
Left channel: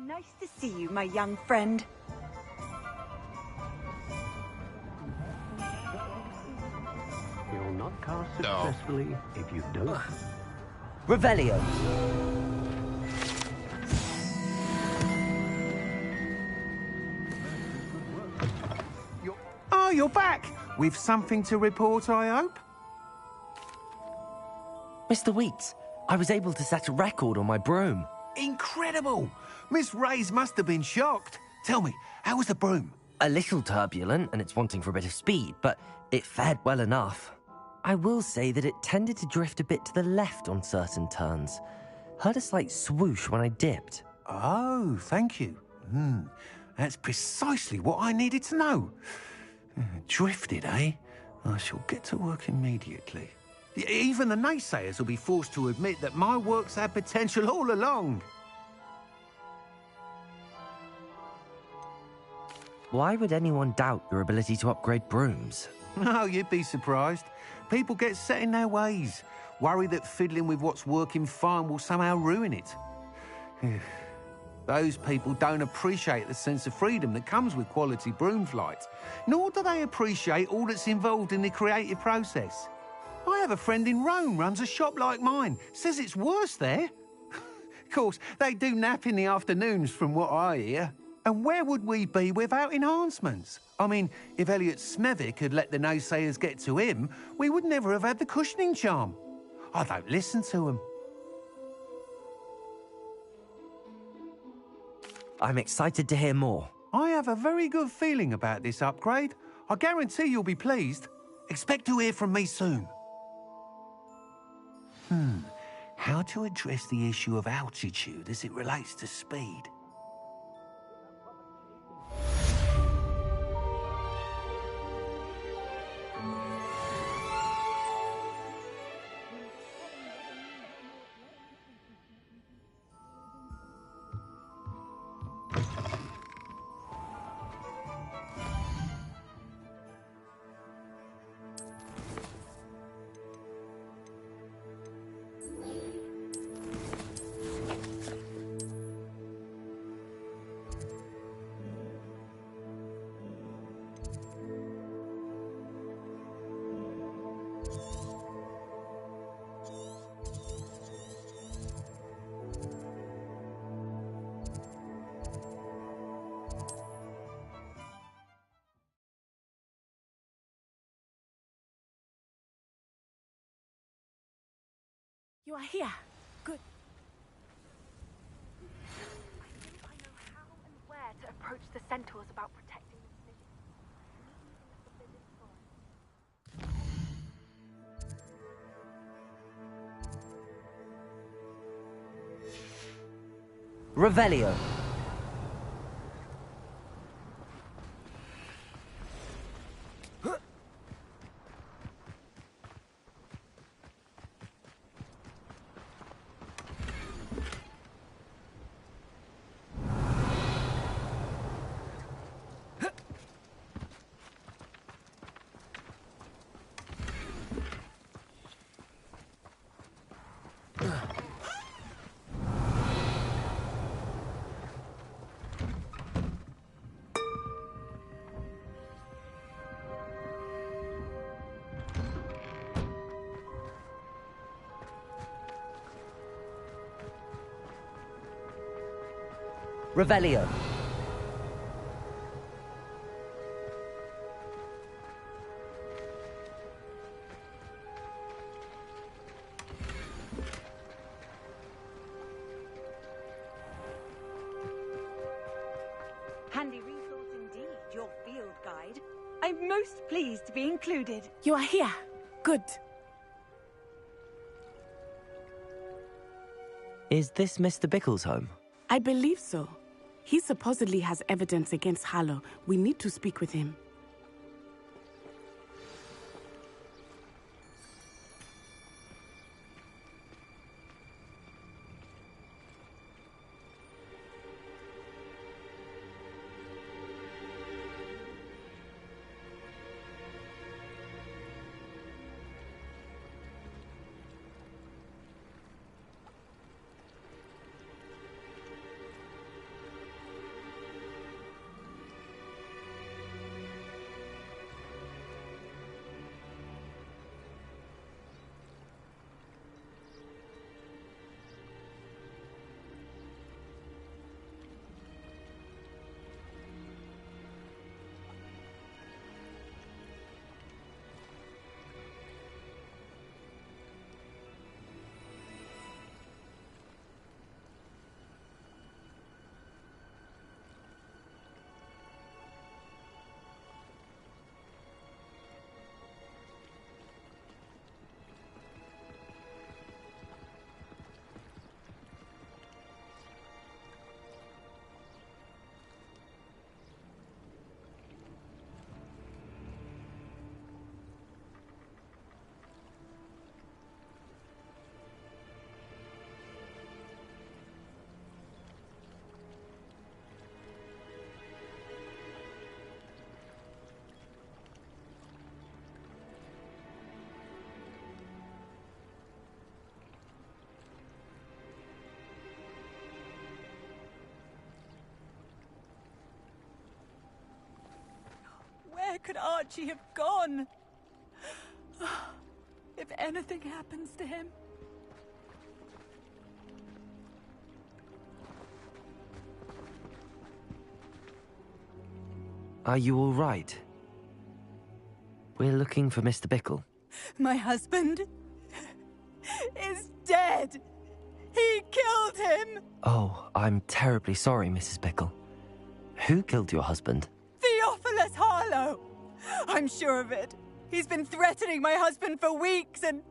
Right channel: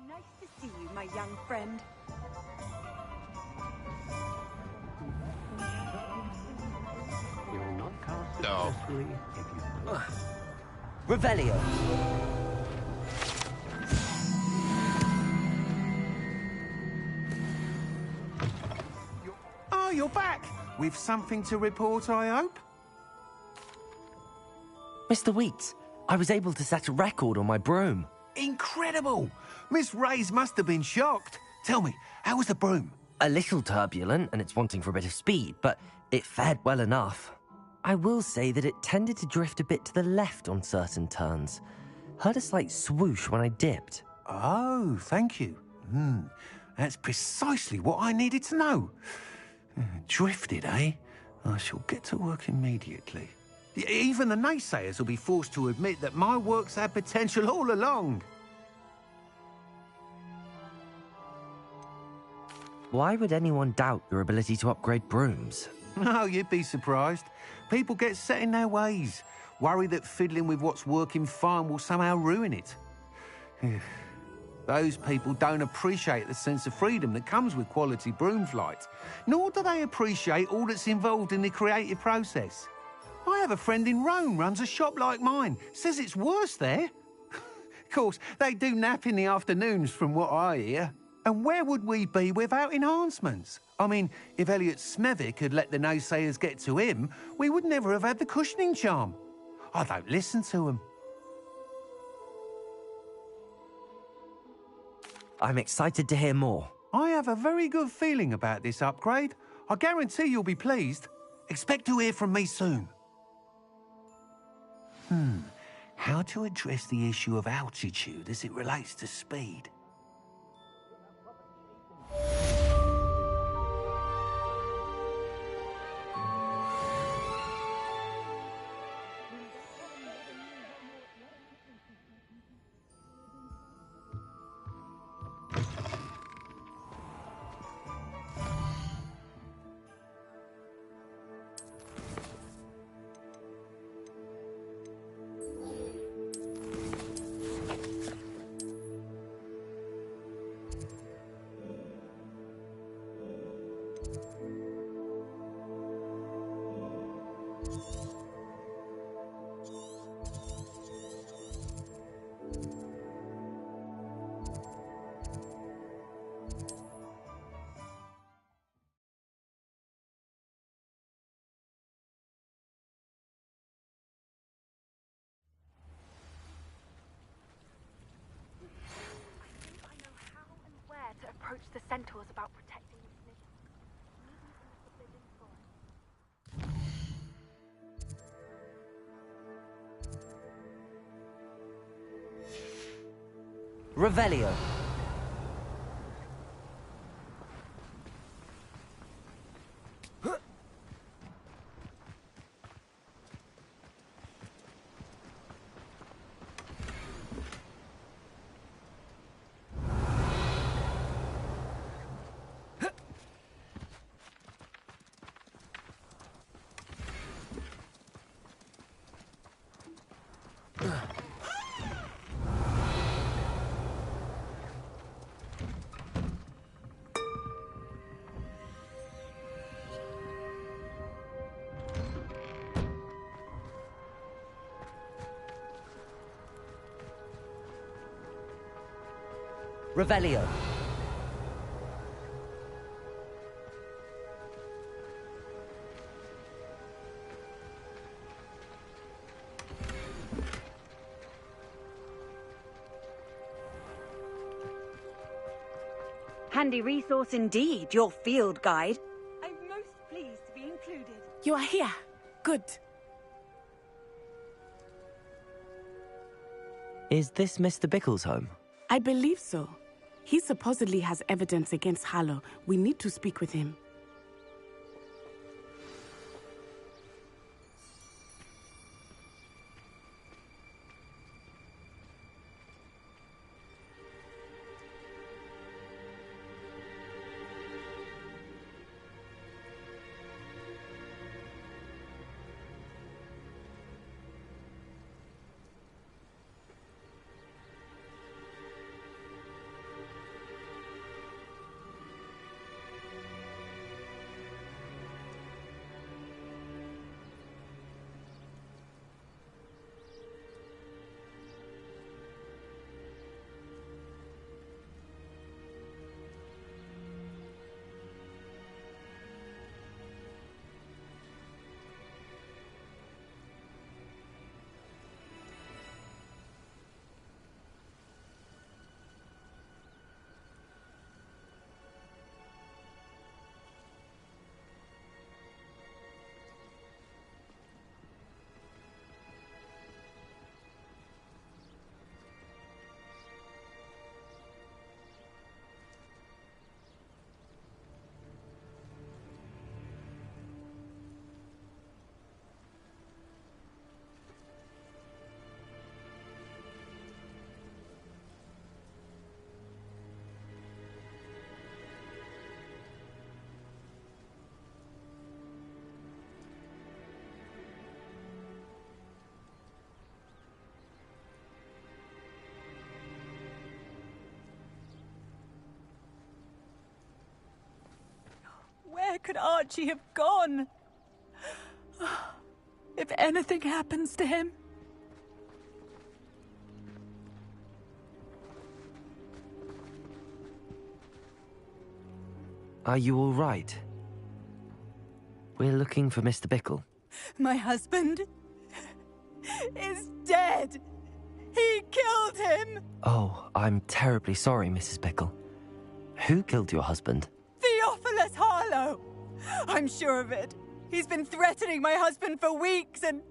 Nice to see you, my young friend. You'll not cast successfully if you don't. Revelio. Oh, you're back! With something to report, I hope? Mr. Weeks, I was able to set a record on my broom. Incredible! Miss Reyes must have been shocked. Tell me, how was the broom? A little turbulent, and it's wanting for a bit of speed, but it fared well enough. I will say that it tended to drift a bit to the left on certain turns. Heard a slight swoosh when I dipped. Oh, thank you. That's precisely what I needed to know. Drifted, eh? I shall get to work immediately. Even the naysayers will be forced to admit that my work's had potential all along. Why would anyone doubt your ability to upgrade brooms? Oh, you'd be surprised. People get set in their ways, worry that fiddling with what's working fine will somehow ruin it. Those people don't appreciate the sense of freedom that comes with quality broom flight, nor do they appreciate all that's involved in the creative process. I have a friend in Rome runs a shop like mine, says it's worse there. Of course, they do nap in the afternoons from what I hear. And where would we be without enhancements? I mean, if Elliot Smethwick had let the naysayers get to him, we would never have had the cushioning charm. I don't listen to them. I'm excited to hear more. I have a very good feeling about this upgrade. I guarantee you'll be pleased. Expect to hear from me soon. How to address the issue of altitude as it relates to speed? You are here. Good. I think I know how and where to approach the centaurs about protecting the snakes. Meet me in the Forbidden Forest. Revelio. Revelio. Handy resource indeed, your field guide. I'm most pleased to be included. You are here. Good. Is this Mr. Bickle's home? I believe so. He supposedly has evidence against Harlow. We need to speak with him. Where could Archie have gone? If anything happens to him... Are you all right? We're looking for Mr. Bickle. My husband is dead. He killed him. Oh, I'm terribly sorry, Mrs. Bickle. Who killed your husband? Theophilus Harlow. I'm sure of it. He's been threatening my husband for weeks and...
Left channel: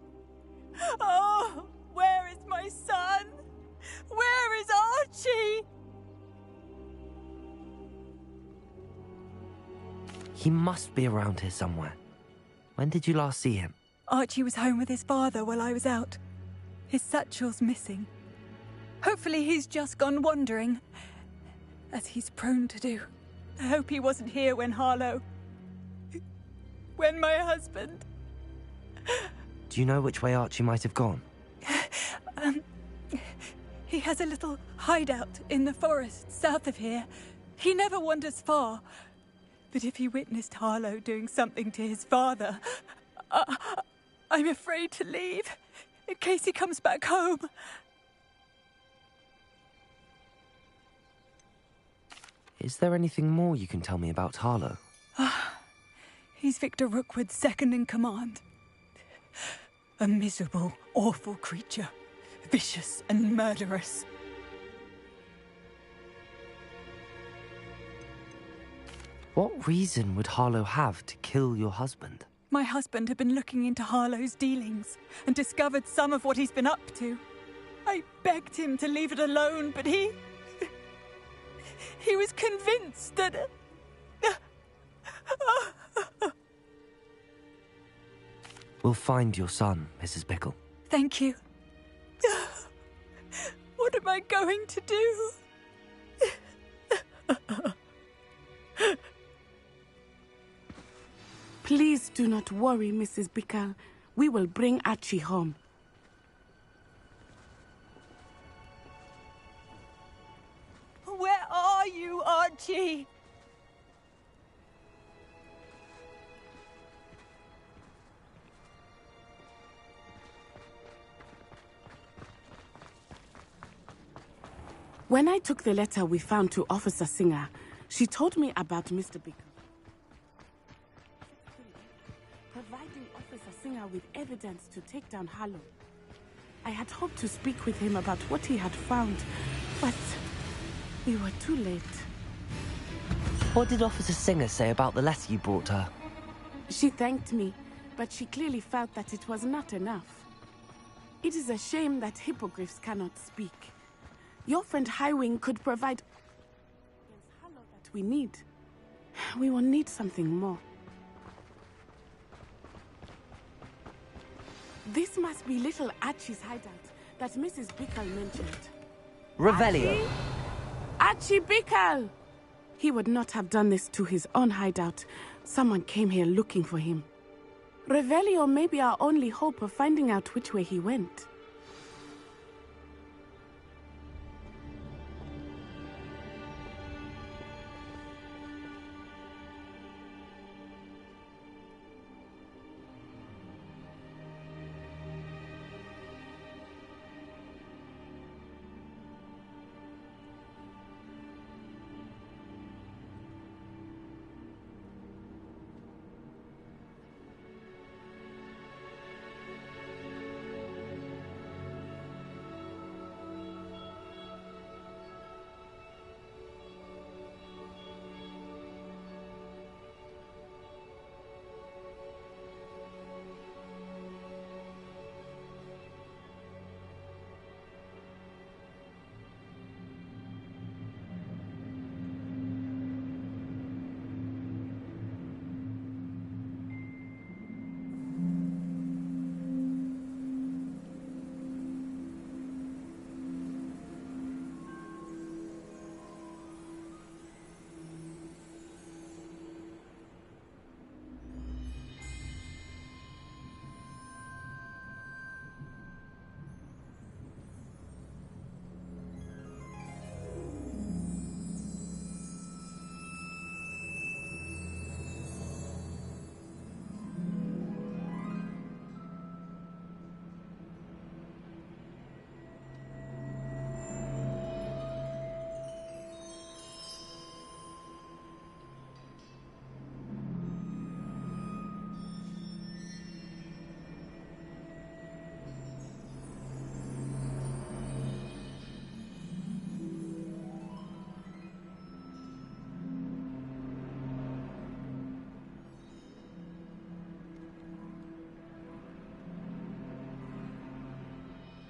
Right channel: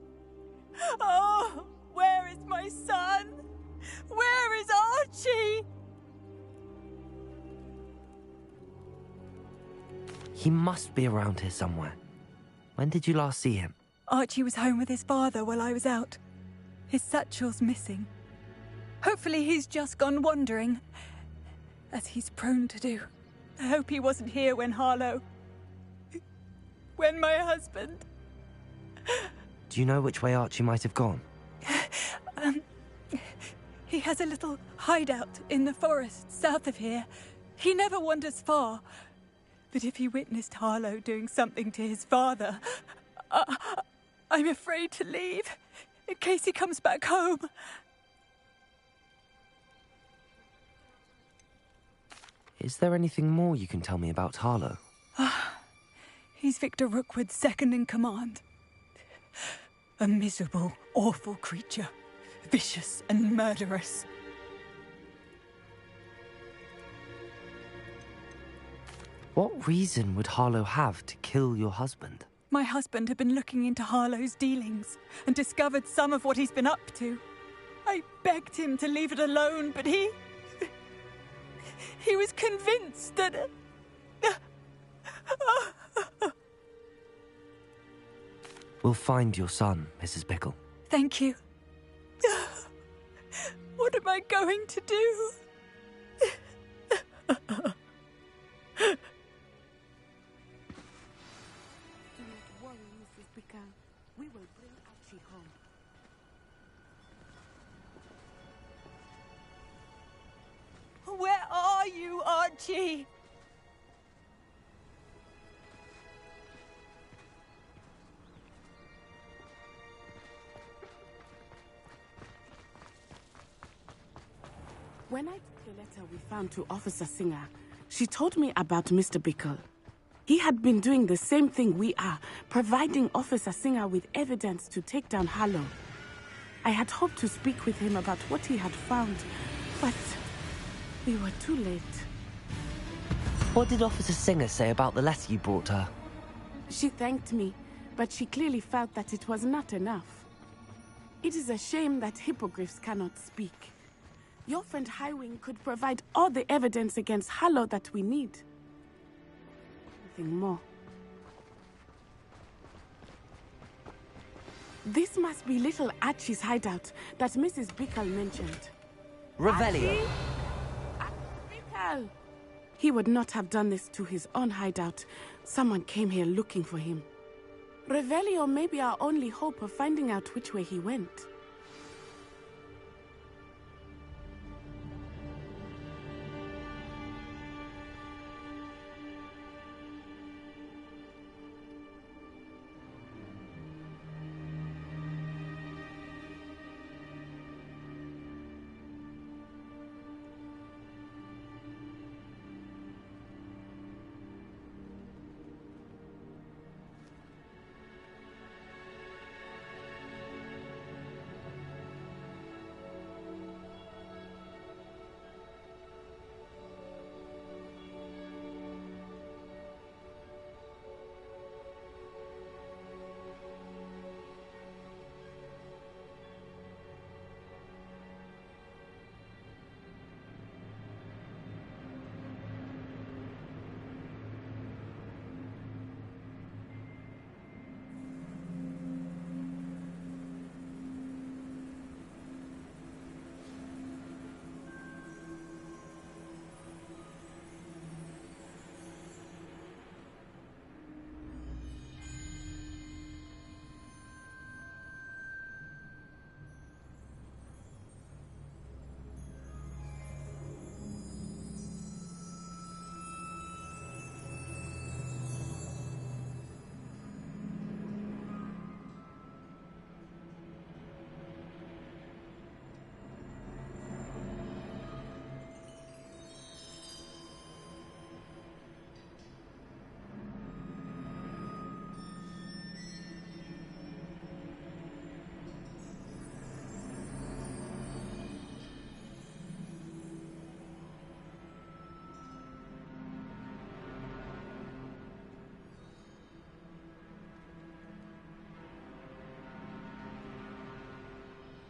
Oh, where is my son? Where is Archie? He must be around here somewhere. When did you last see him? Archie was home with his father while I was out. His satchel's missing. Hopefully he's just gone wandering, as he's prone to do. I hope he wasn't here when Harlow... when my husband... Do you know which way Archie might have gone? He has a little hideout in the forest south of here. He never wanders far. But if he witnessed Harlow doing something to his father, I'm afraid to leave, in case he comes back home. Is there anything more you can tell me about Harlow? He's Victor Rookwood's second in command. A miserable, awful creature. Vicious and murderous. What reason would Harlow have to kill your husband? My husband had been looking into Harlow's dealings and discovered some of what he's been up to. I begged him to leave it alone, but he he was convinced that... We'll find your son, Mrs. Bickle. Thank you. What am I going to do? Please do not worry, Mrs. Bickle. We will bring Archie home. Where are you, Archie? When I took the letter we found to Officer Singer, she told me about Mr. Bickle. He had been doing the same thing we are, providing Officer Singer with evidence to take down Harlow. I had hoped to speak with him about what he had found, but we were too late. What did Officer Singer say about the letter you brought her? She thanked me, but she clearly felt that it was not enough. It is a shame that hippogriffs cannot speak. Your friend Highwing could provide all the evidence against Harlow that we need. We will need something more. This must be little Archie's hideout that Mrs. Bickle mentioned. Revelio. Archie Bickle! He would not have done this to his own hideout. Someone came here looking for him. Revelio may be our only hope of finding out which way he went.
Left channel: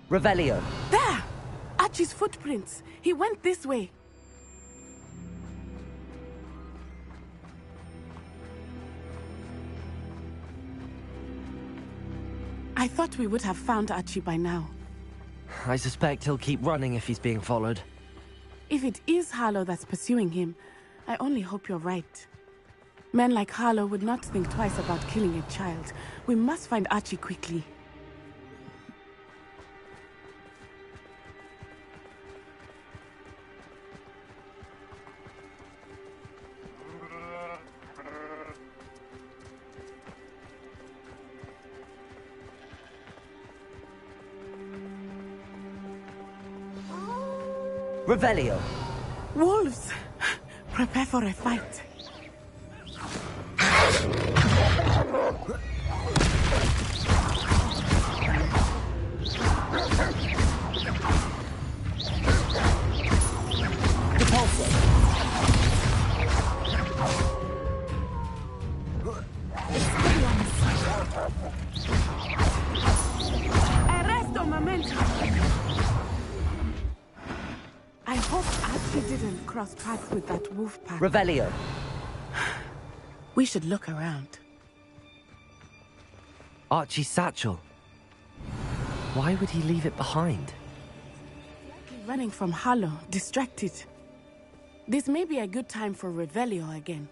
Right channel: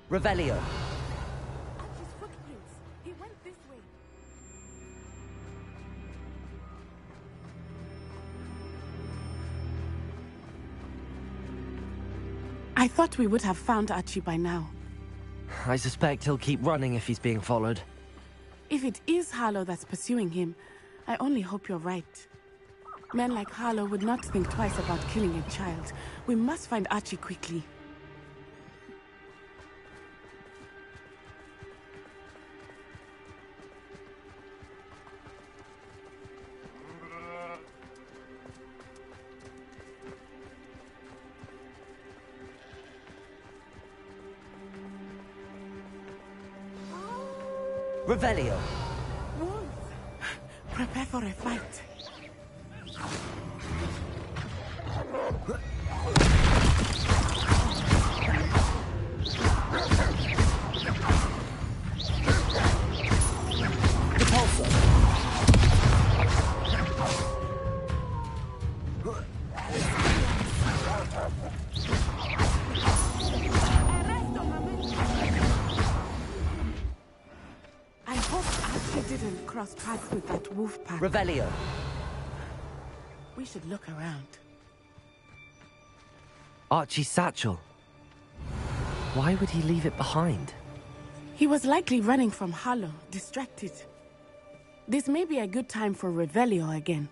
Revelio. There! Archie's footprints. He went this way. I thought we would have found Archie by now. I suspect he'll keep running if he's being followed. If it is Harlow that's pursuing him, I only hope you're right. Men like Harlow would not think twice about killing a child. We must find Archie quickly. Revelio. Wolves! Prepare for a fight. Arresto momento. I hope Archie he didn't cross paths with that wolf pack. Revelio. We should look around. Archie's satchel. Why would he leave it behind? He was likely running from Harlow, distracted. This may be a good time for Revelio again.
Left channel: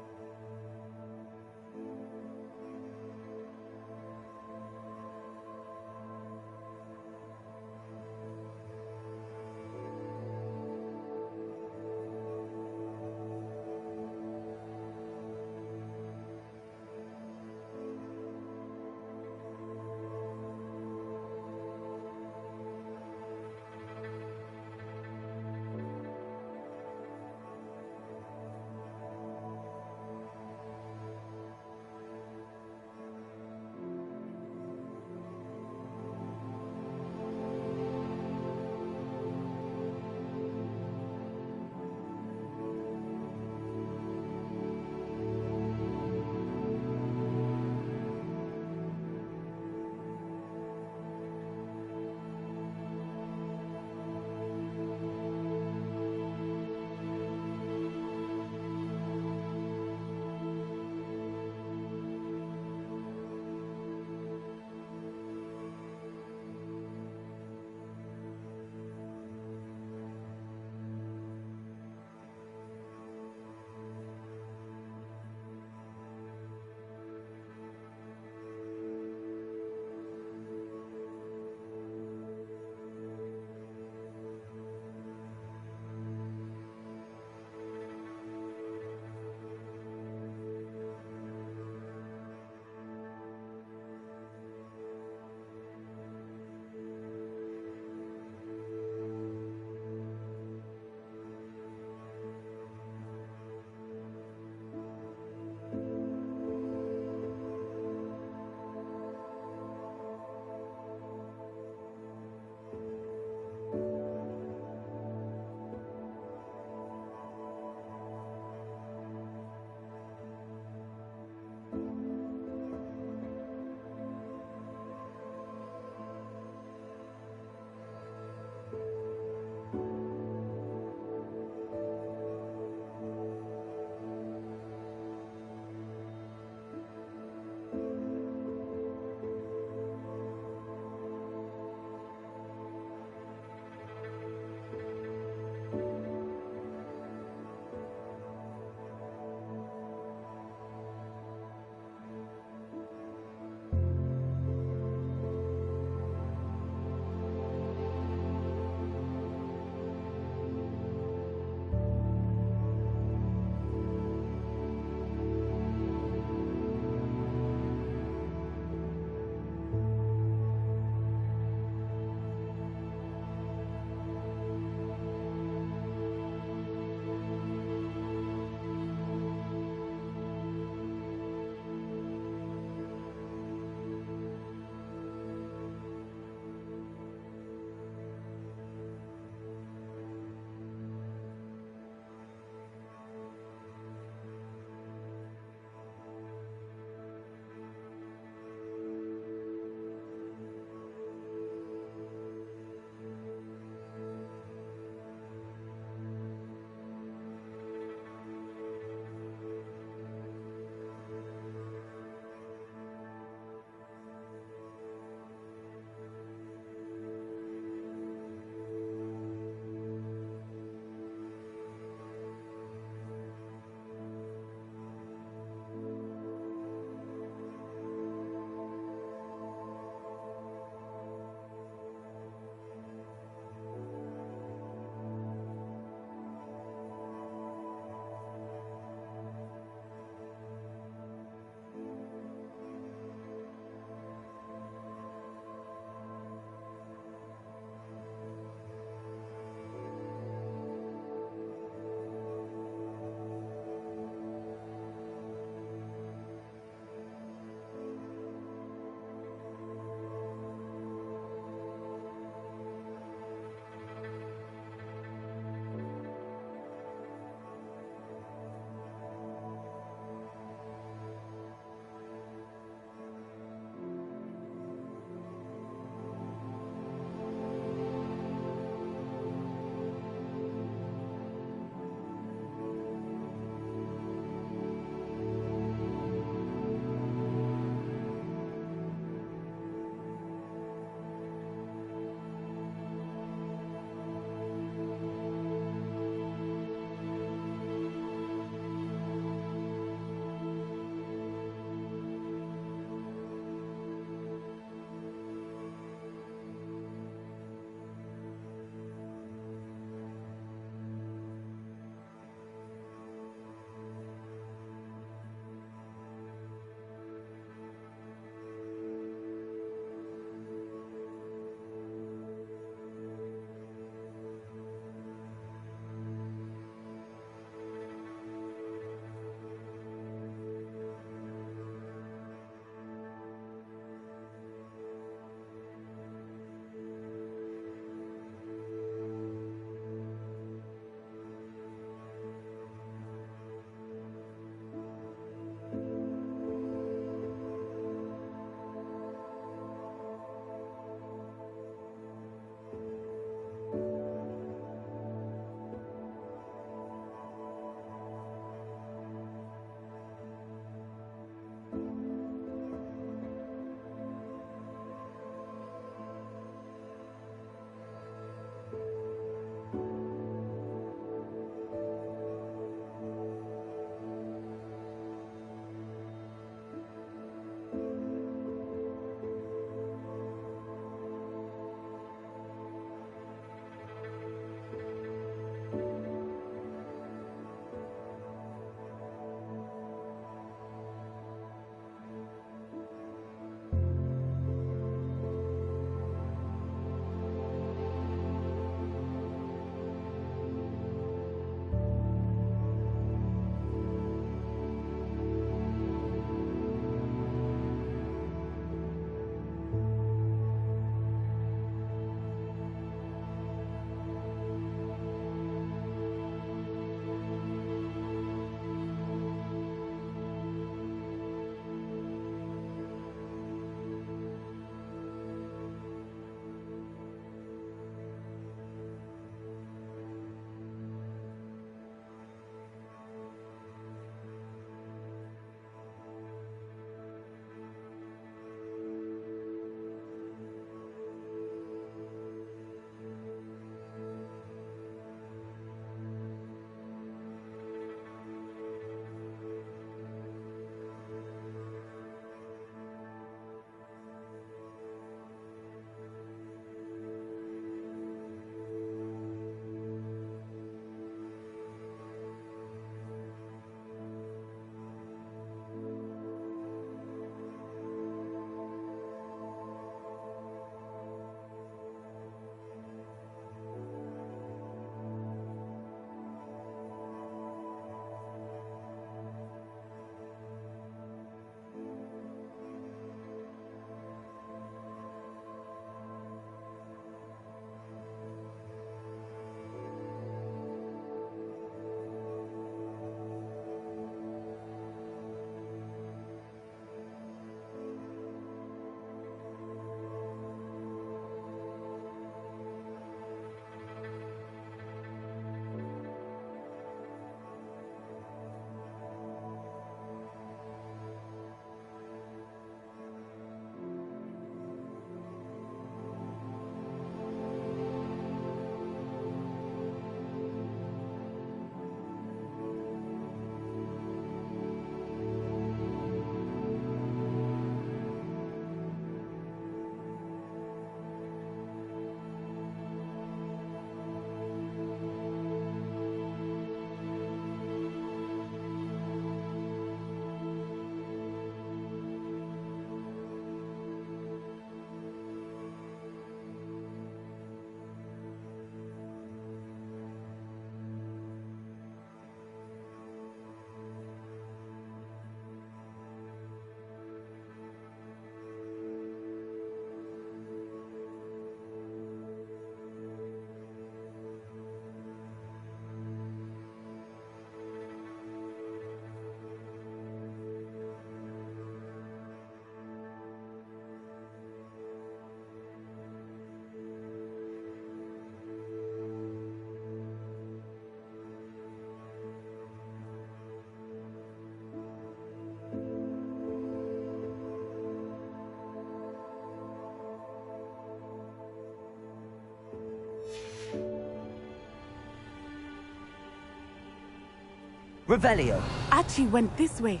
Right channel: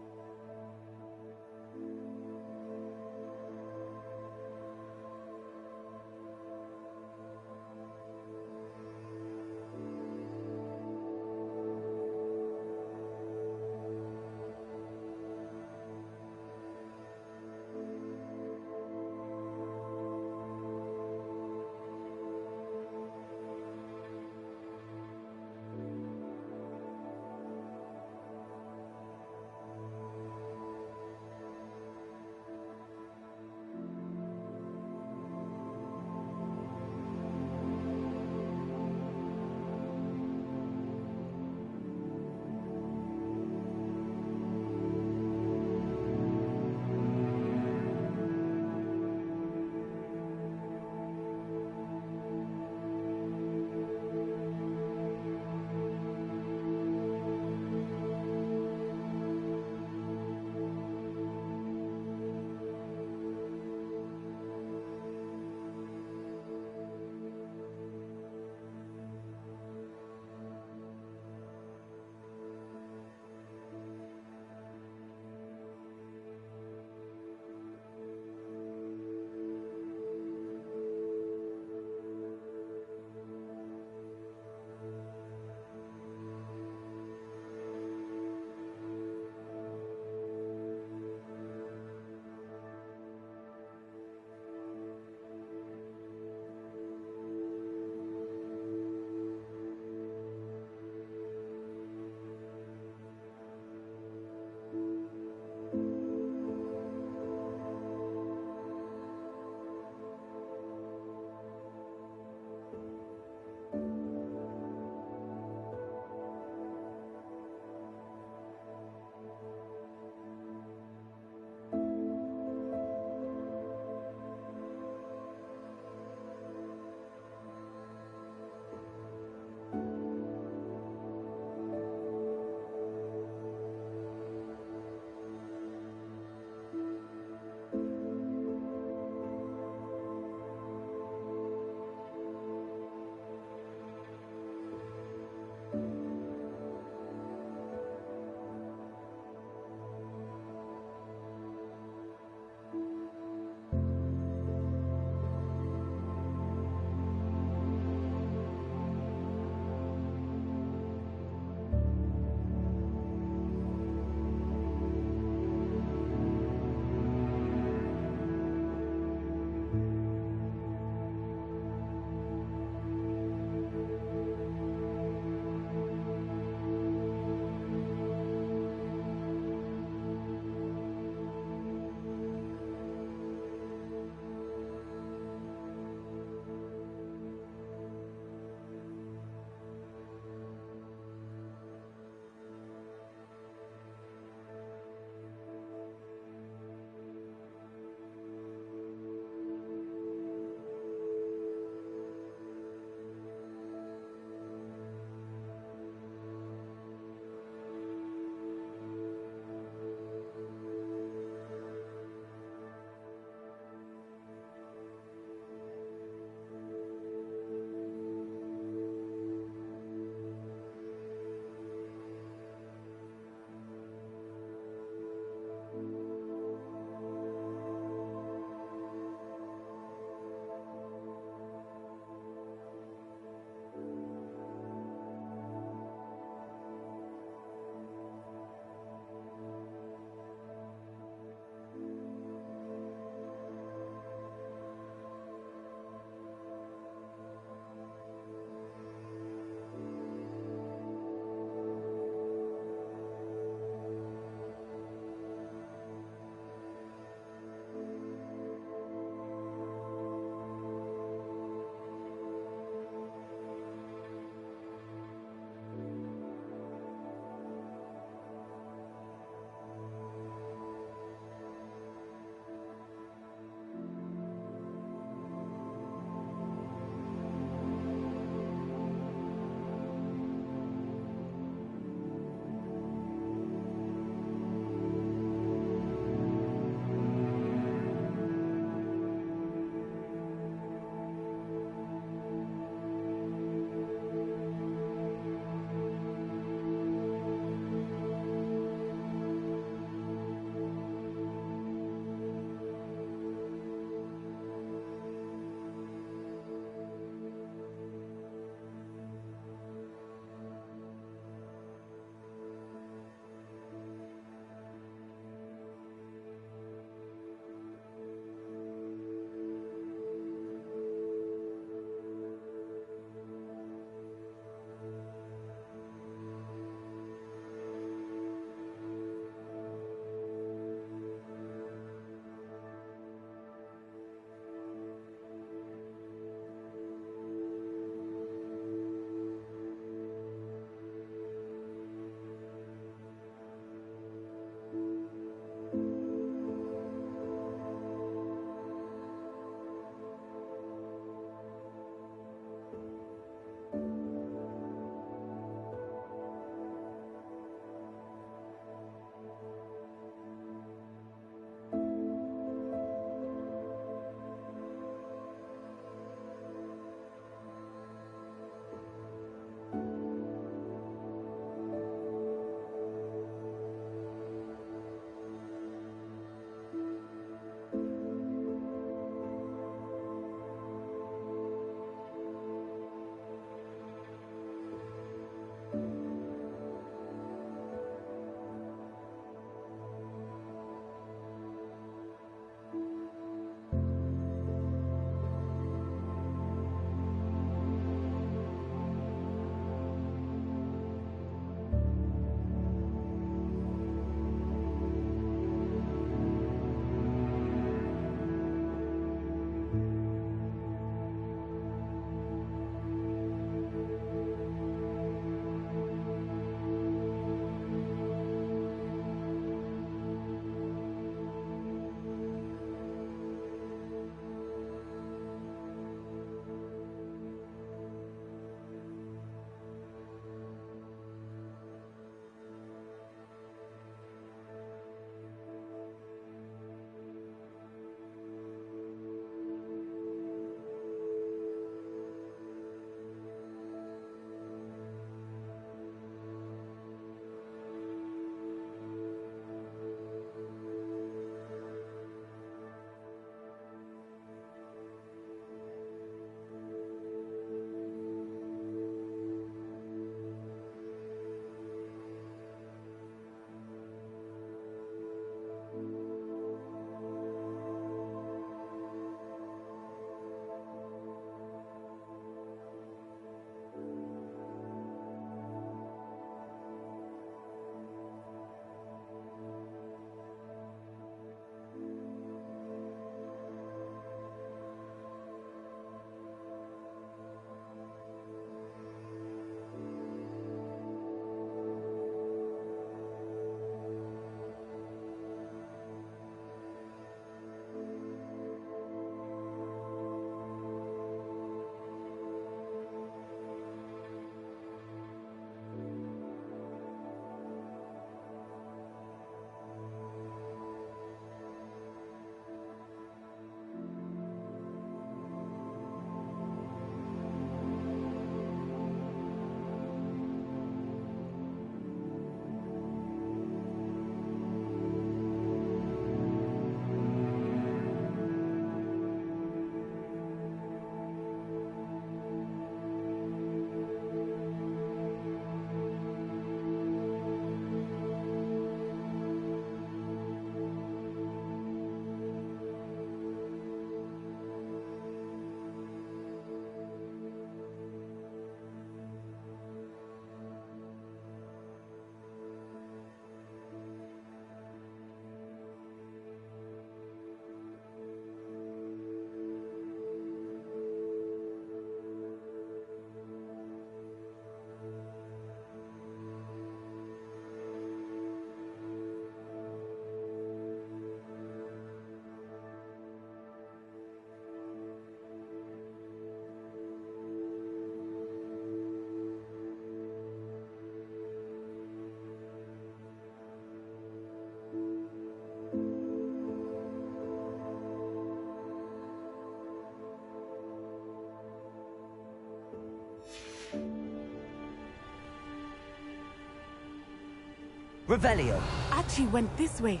Revelio. Archie went this way.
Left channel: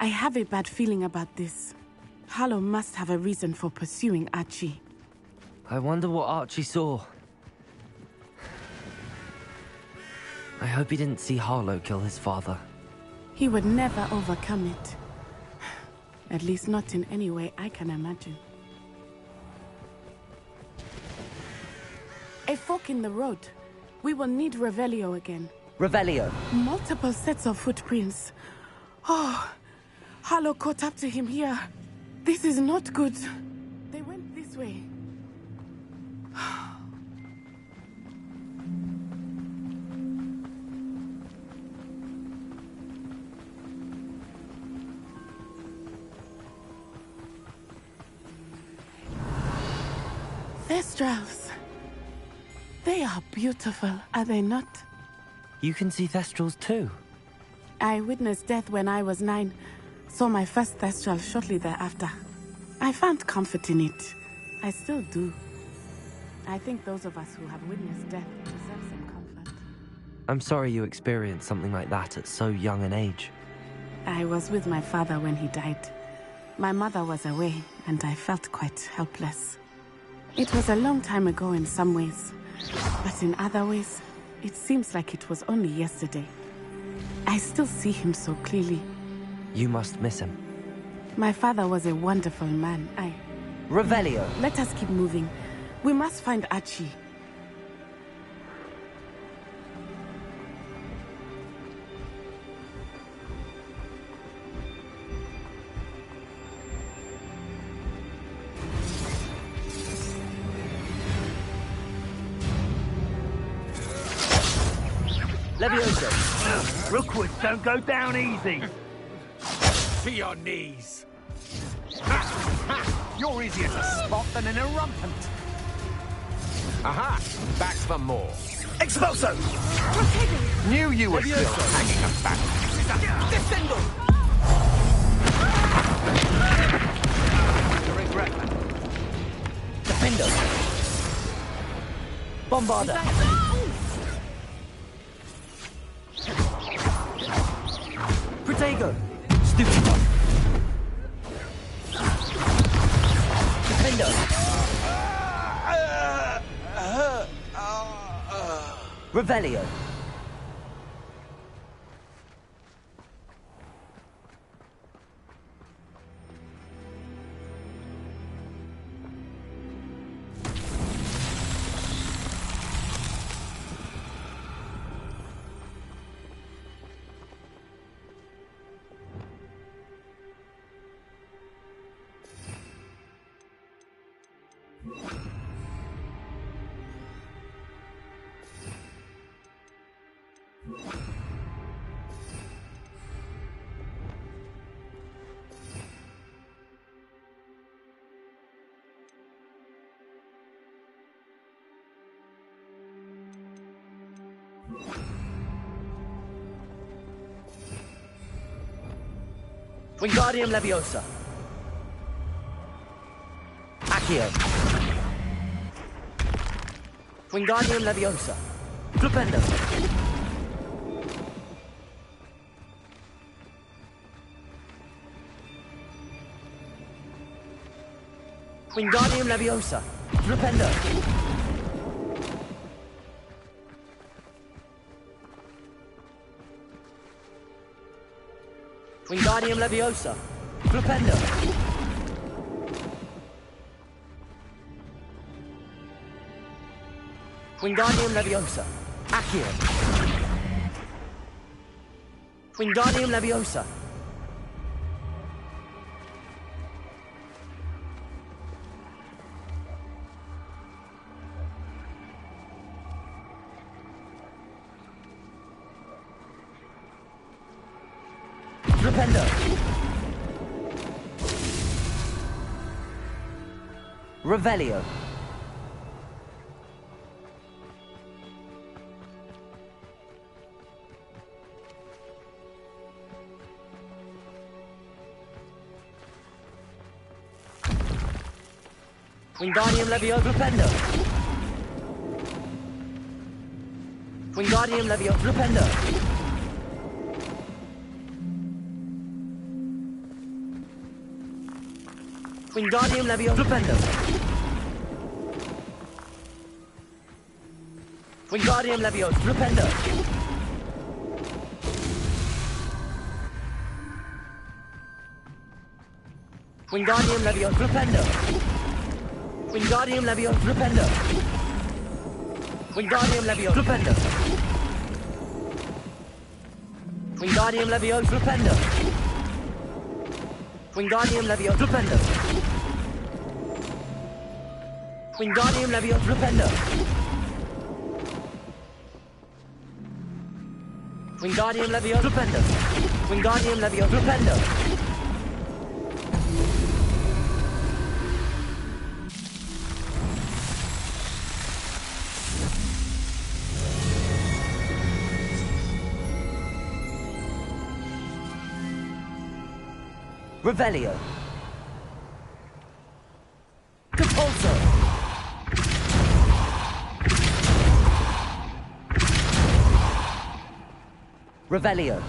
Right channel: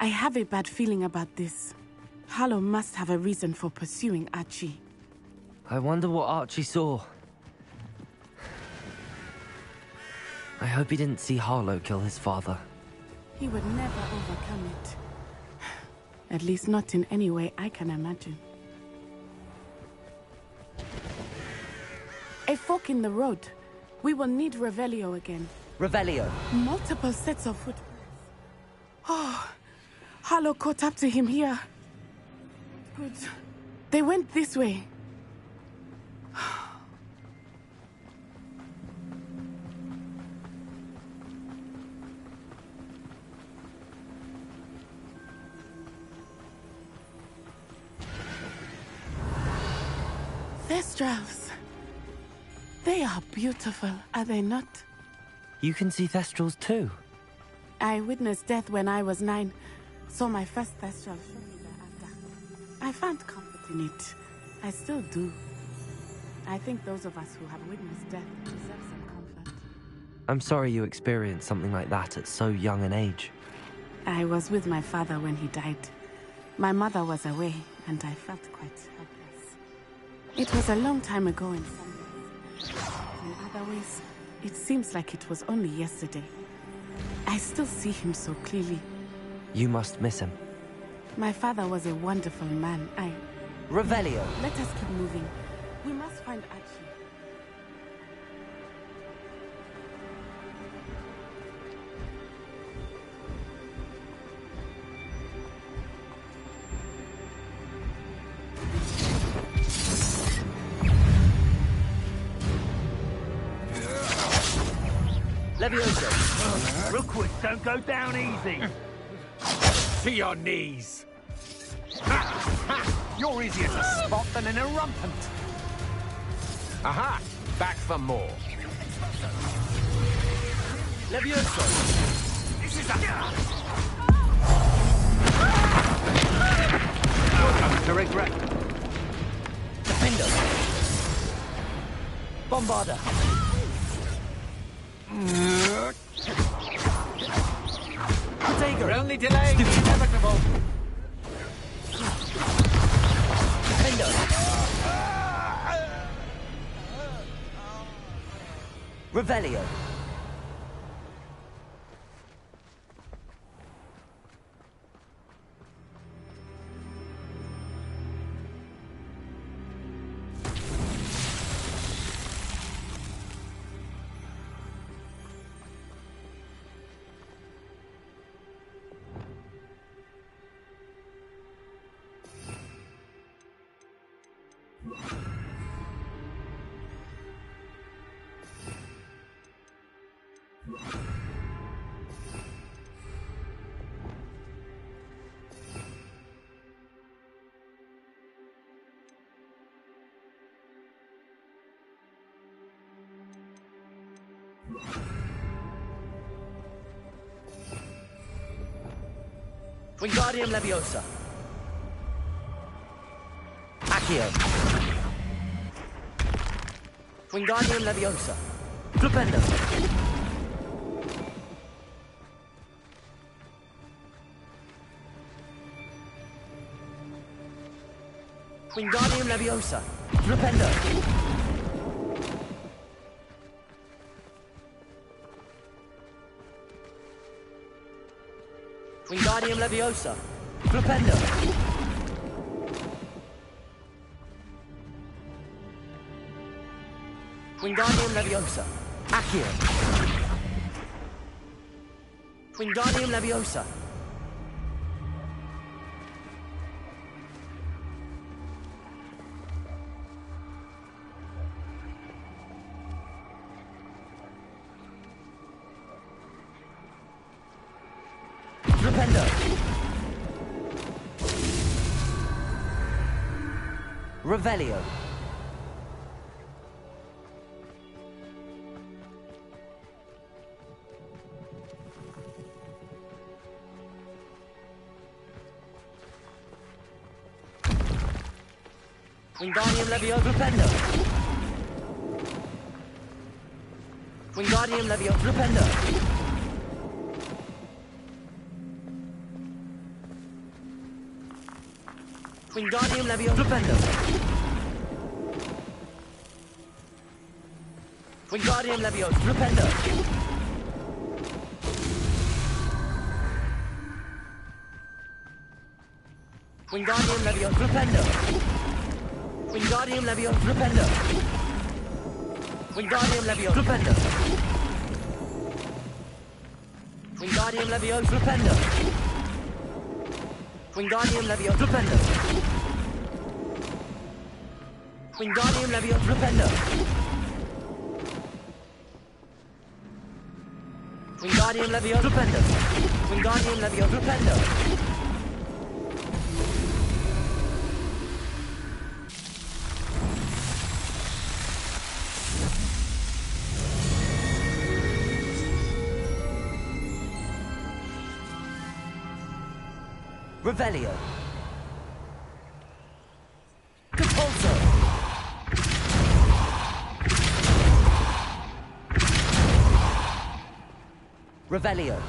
I have a bad feeling about this. Harlow must have a reason for pursuing Archie. I wonder what Archie saw. I hope he didn't see Harlow kill his father. He would never overcome it. At least not in any way I can imagine. A fork in the road. We will need Revelio again. Revelio. Multiple sets of footprints. Oh, Harlow caught up to him here. This is not good. They went this way. Thestrals. They are beautiful, are they not? You can see Thestrals too. I witnessed death when I was 9. Saw my first Thestral shortly thereafter. I found comfort in it. I still do. I think those of us who have witnessed death deserve some comfort. I'm sorry you experienced something like that at so young an age. I was with my father when he died. My mother was away, and I felt quite helpless. It was a long time ago in some ways, but in other ways, it seems like it was only yesterday. I still see him so clearly. You must miss him. My father was a wonderful man. Revelio. Let us keep moving. We must find Archie. Levioso. Rookwoods don't go down easy. To your knees. You're easier to spot than an irrumpant. Aha! Back for more. Expulso! Knew you were... Levioso. This is a... To regret. Defendo. Bombarda. Protego. Stupid. Defendo. Revelio. Wingardium Leviosa. Accio. Wingardium Leviosa. Flipendo. Wingardium Leviosa. Flipendo. Wingardium Leviosa. Flipendo. Wingardium Leviosa. Accio. Wingardium Leviosa. Flipendo. Revelio. Wingardium Leviosa. Flipendo. Wingardium Leviosa Flipendo. Wingardium Leviosa Flipendo. Wingardium Leviosa Flipendo. Wingardium Leviosa Flipendo. Wingardium Leviosa Flipendo. Wingardium Leviosa Flipendo. Wingardium Leviosa Flipendo. Wingardium Leviosa Flipendo. Wingardium Leviosa Flipendo. Wingardium Leviosa Flipendo. Wingardium Leviosa Flipendo. Revelio. Capulso. Revelio.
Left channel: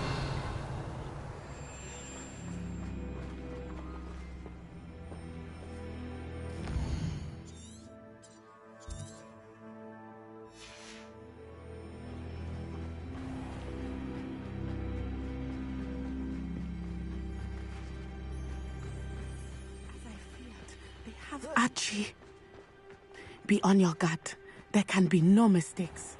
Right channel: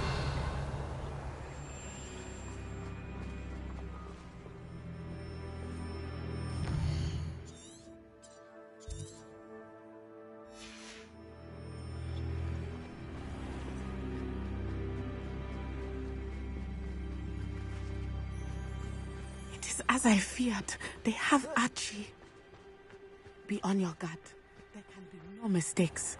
As I feared, they have Archie. Be on your guard. There can be no mistakes.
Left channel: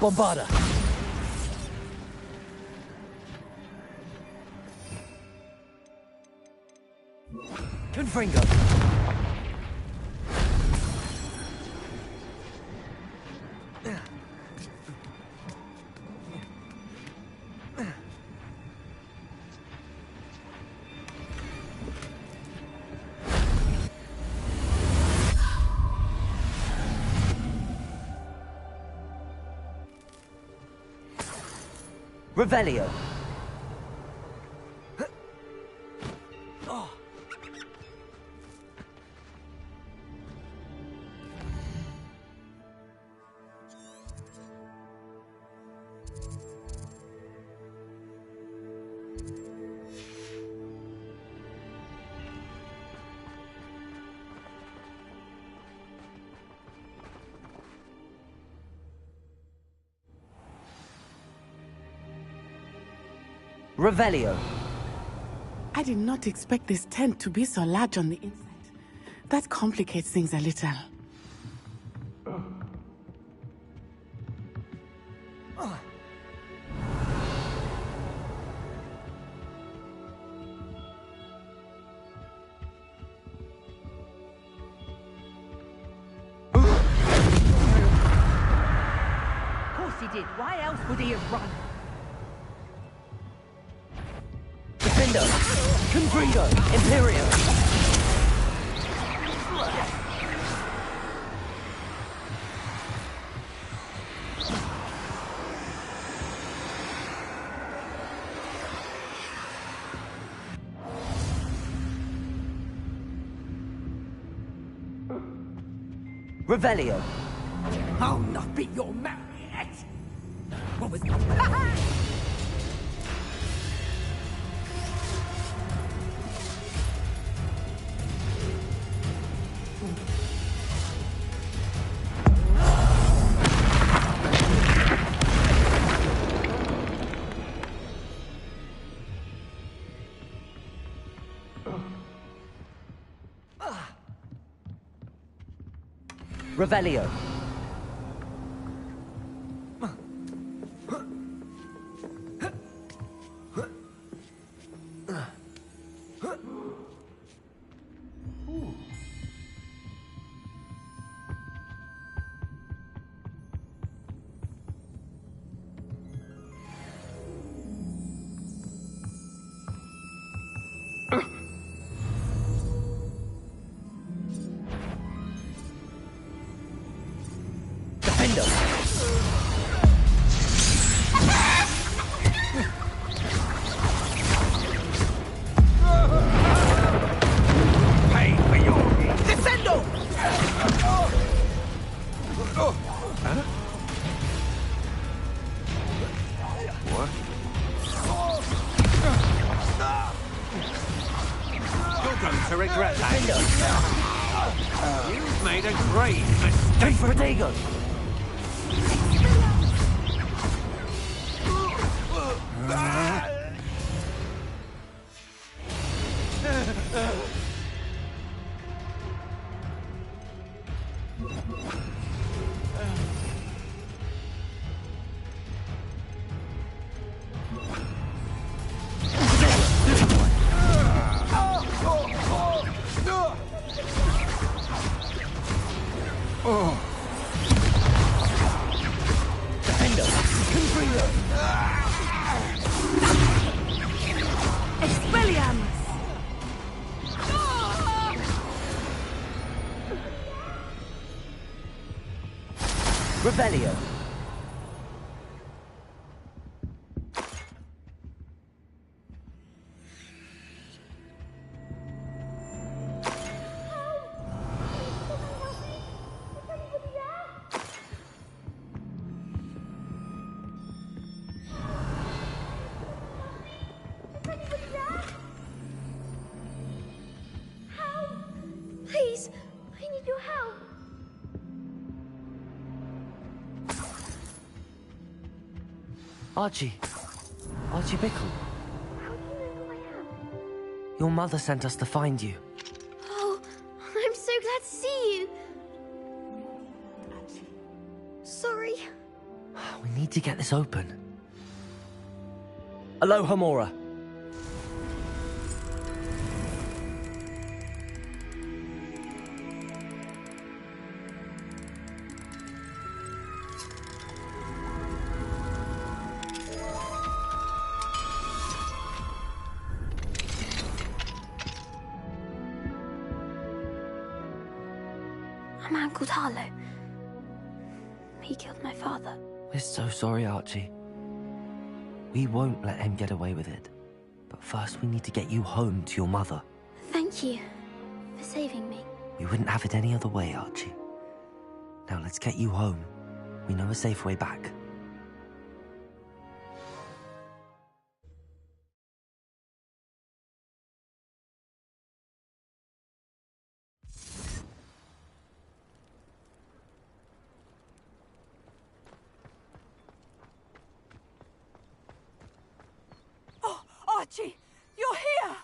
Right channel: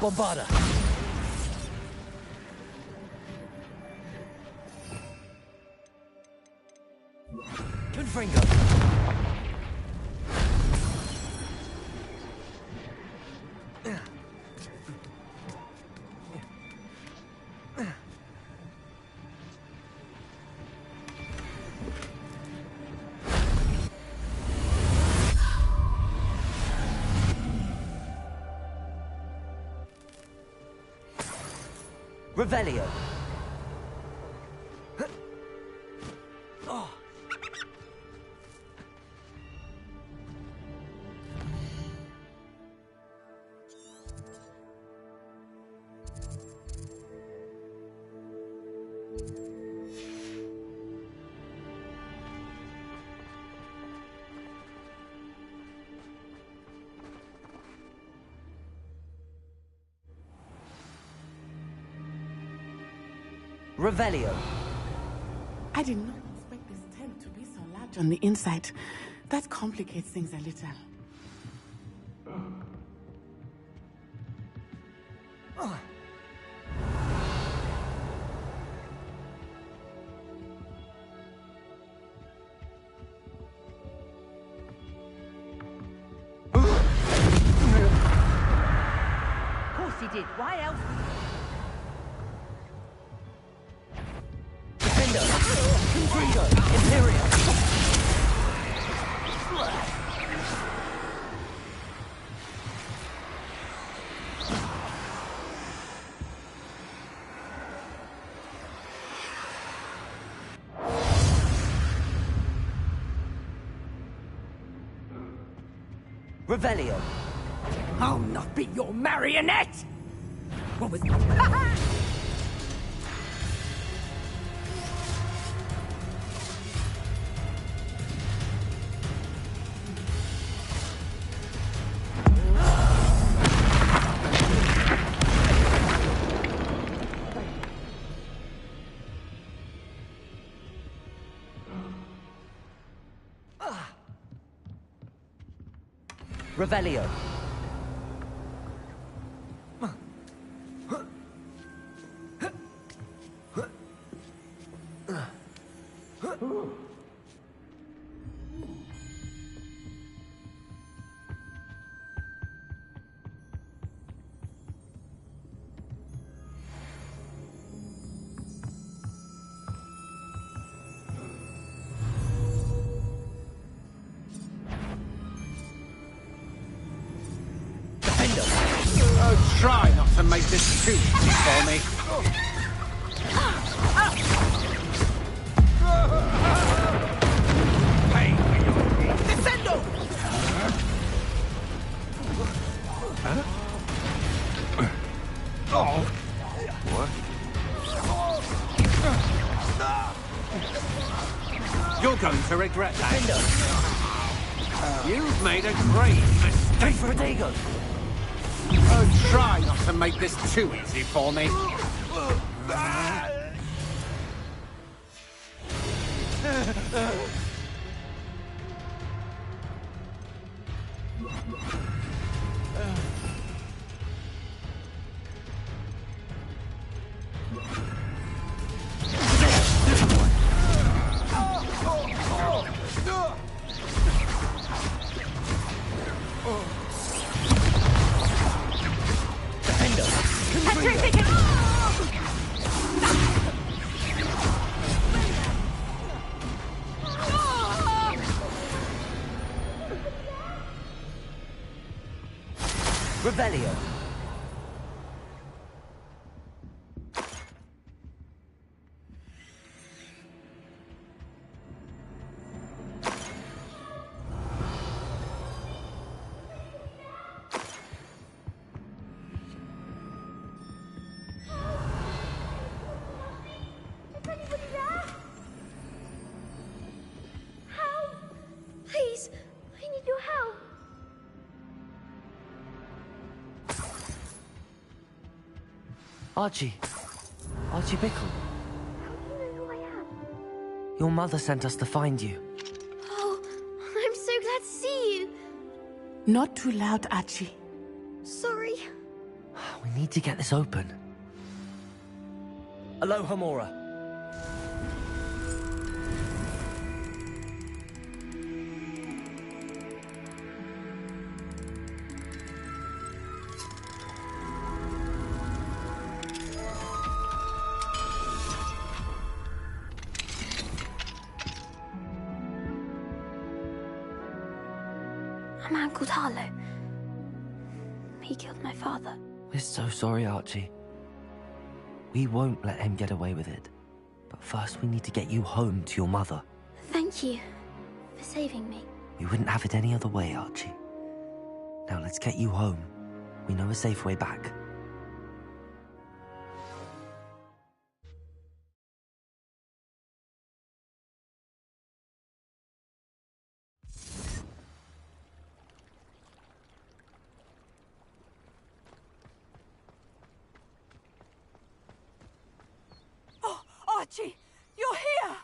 Bombarda. Confringo. Revelio. Oh. Revelio. I did not expect this tent to be so large on the inside. That complicates things a little. Of course he did. Why else would he have... Defendo. Confringo. Imperium. Revelio. I'll not be your marionette! What was... Revelio. Huh? What? You're going to regret that. You've made a great mistake. Protego! Don't try to make this too easy for me. Revelio. Please, I need your help. Archie. Archie Bickle. How do you know who I am? Your mother sent us to find you. Oh, I'm so glad to see you. Not too loud, Archie. Sorry. We need to get this open. Aloha Mora. A man called Harlow. He killed my father. We're so sorry, Archie. We won't let him get away with it. But first we need to get you home to your mother. Thank you for saving me. We wouldn't have it any other way, Archie. Now let's get you home. We know a safe way back. Oh, Archie, you're here!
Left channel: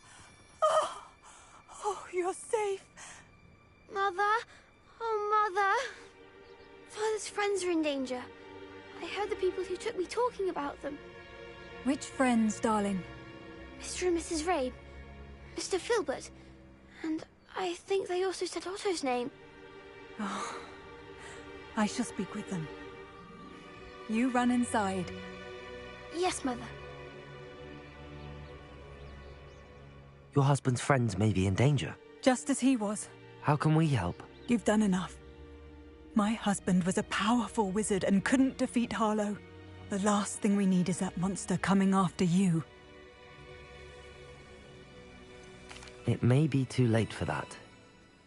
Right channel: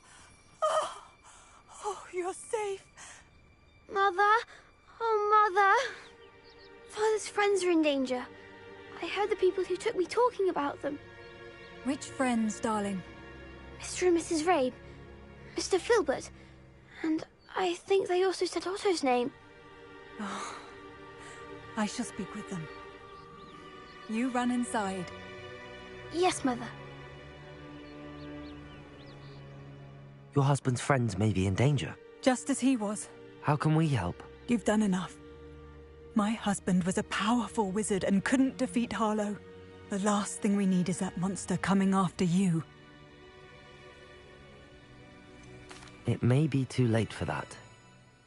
Oh, you're safe. Mother? Oh, Mother. Father's friends are in danger. I heard the people who took me talking about them. Which friends, darling? Mr. and Mrs. Rabe, Mr. Filbert, and I think they also said Otto's name. Oh, I shall speak with them. You run inside. Yes, Mother. Your husband's friends may be in danger. Just as he was. How can we help? You've done enough. My husband was a powerful wizard and couldn't defeat Harlow. The last thing we need is that monster coming after you. It may be too late for that.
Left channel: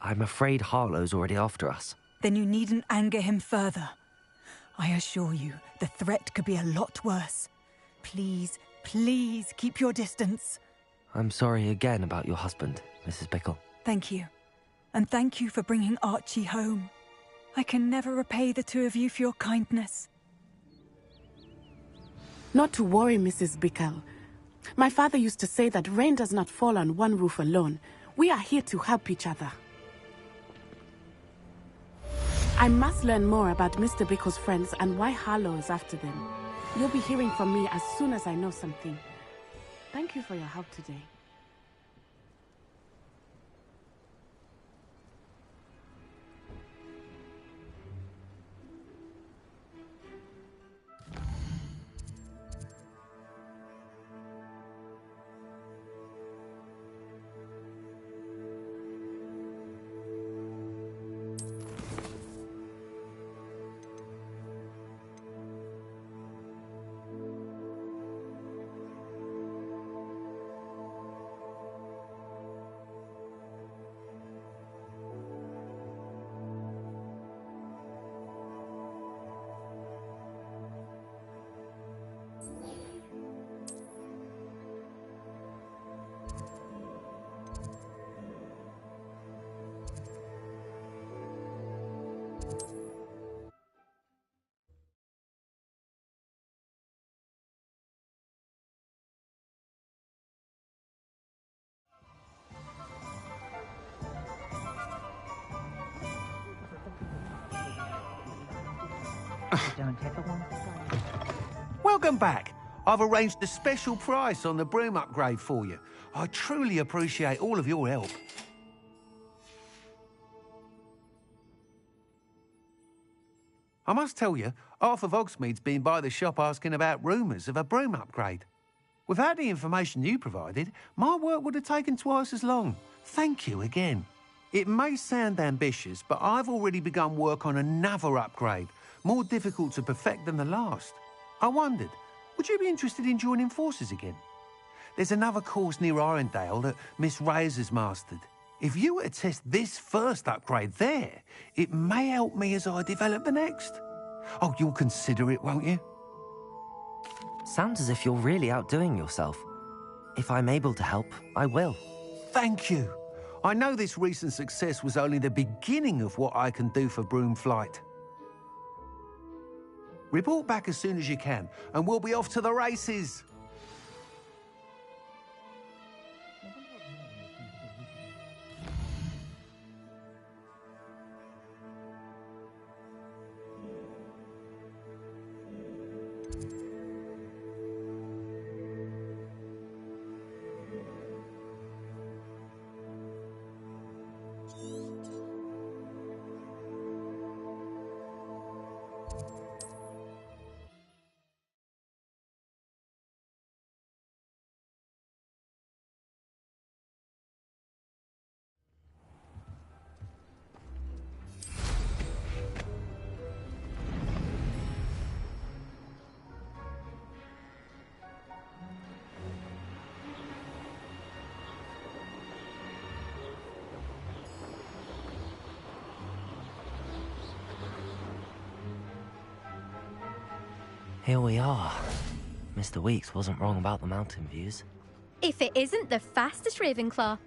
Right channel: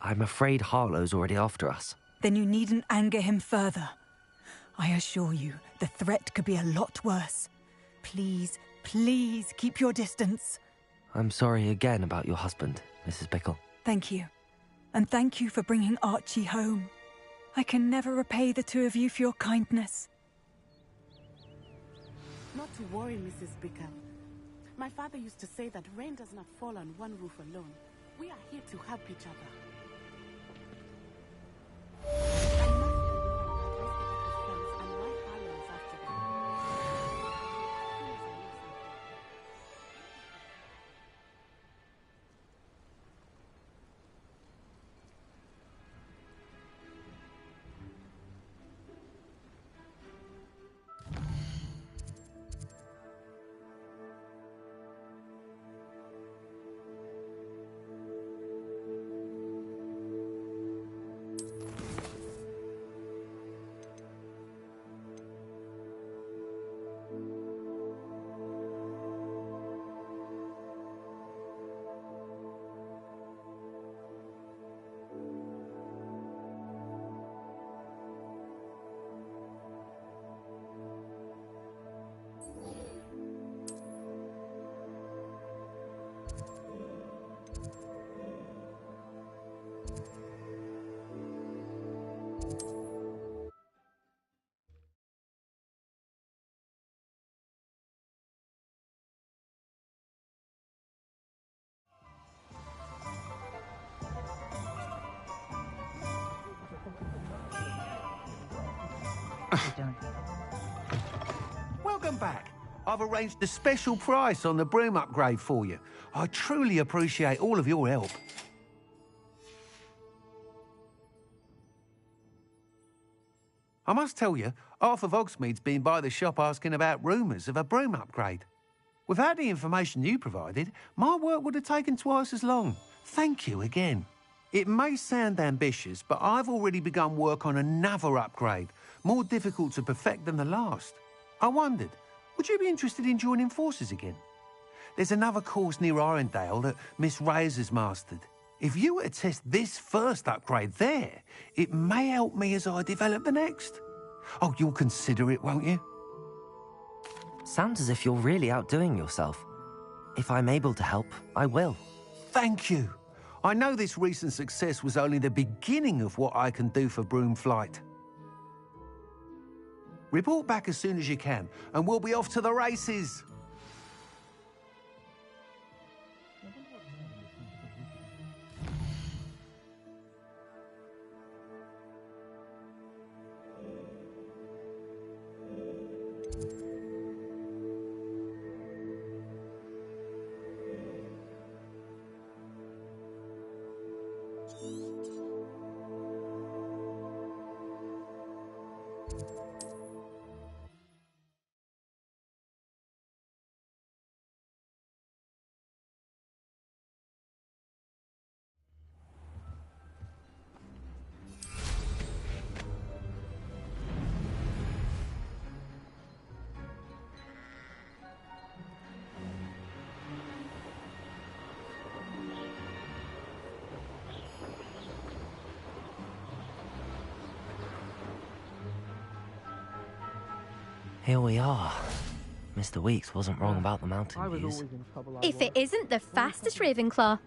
I'm afraid Harlow's already after us. Then you needn't anger him further. I assure you, the threat could be a lot worse. Please, please keep your distance. I'm sorry again about your husband, Mrs. Bickle. Thank you. And thank you for bringing Archie home. I can never repay the two of you for your kindness. Not to worry, Mrs. Bickle. My father used to say that rain does not fall on one roof alone. We are here to help each other. I must learn more about Mr. Bickle's friends and why Harlow is after them. You'll be hearing from me as soon as I know something. Thank you for your help today. Welcome back. I've arranged a special price on the broom upgrade for you. I truly appreciate all of your help. I must tell you, half of Hogsmeade's been by the shop asking about rumours of a broom upgrade. Without the information you provided, my work would have taken twice as long. Thank you again. It may sound ambitious, but I've already begun work on another upgrade, more difficult to perfect than the last. I wondered, would you be interested in joining forces again? There's another course near Irondale that Miss Reyes has mastered. If you were to test this first upgrade there, it may help me as I develop the next. Oh, you'll consider it, won't you? Sounds as if you're really outdoing yourself. If I'm able to help, I will. Thank you. I know this recent success was only the beginning of what I can do for Broomflight. Report back as soon as you can, and we'll be off to the races. Here we are. Mr. Weeks wasn't wrong about the mountain views. If it isn't the fastest Ravenclaw.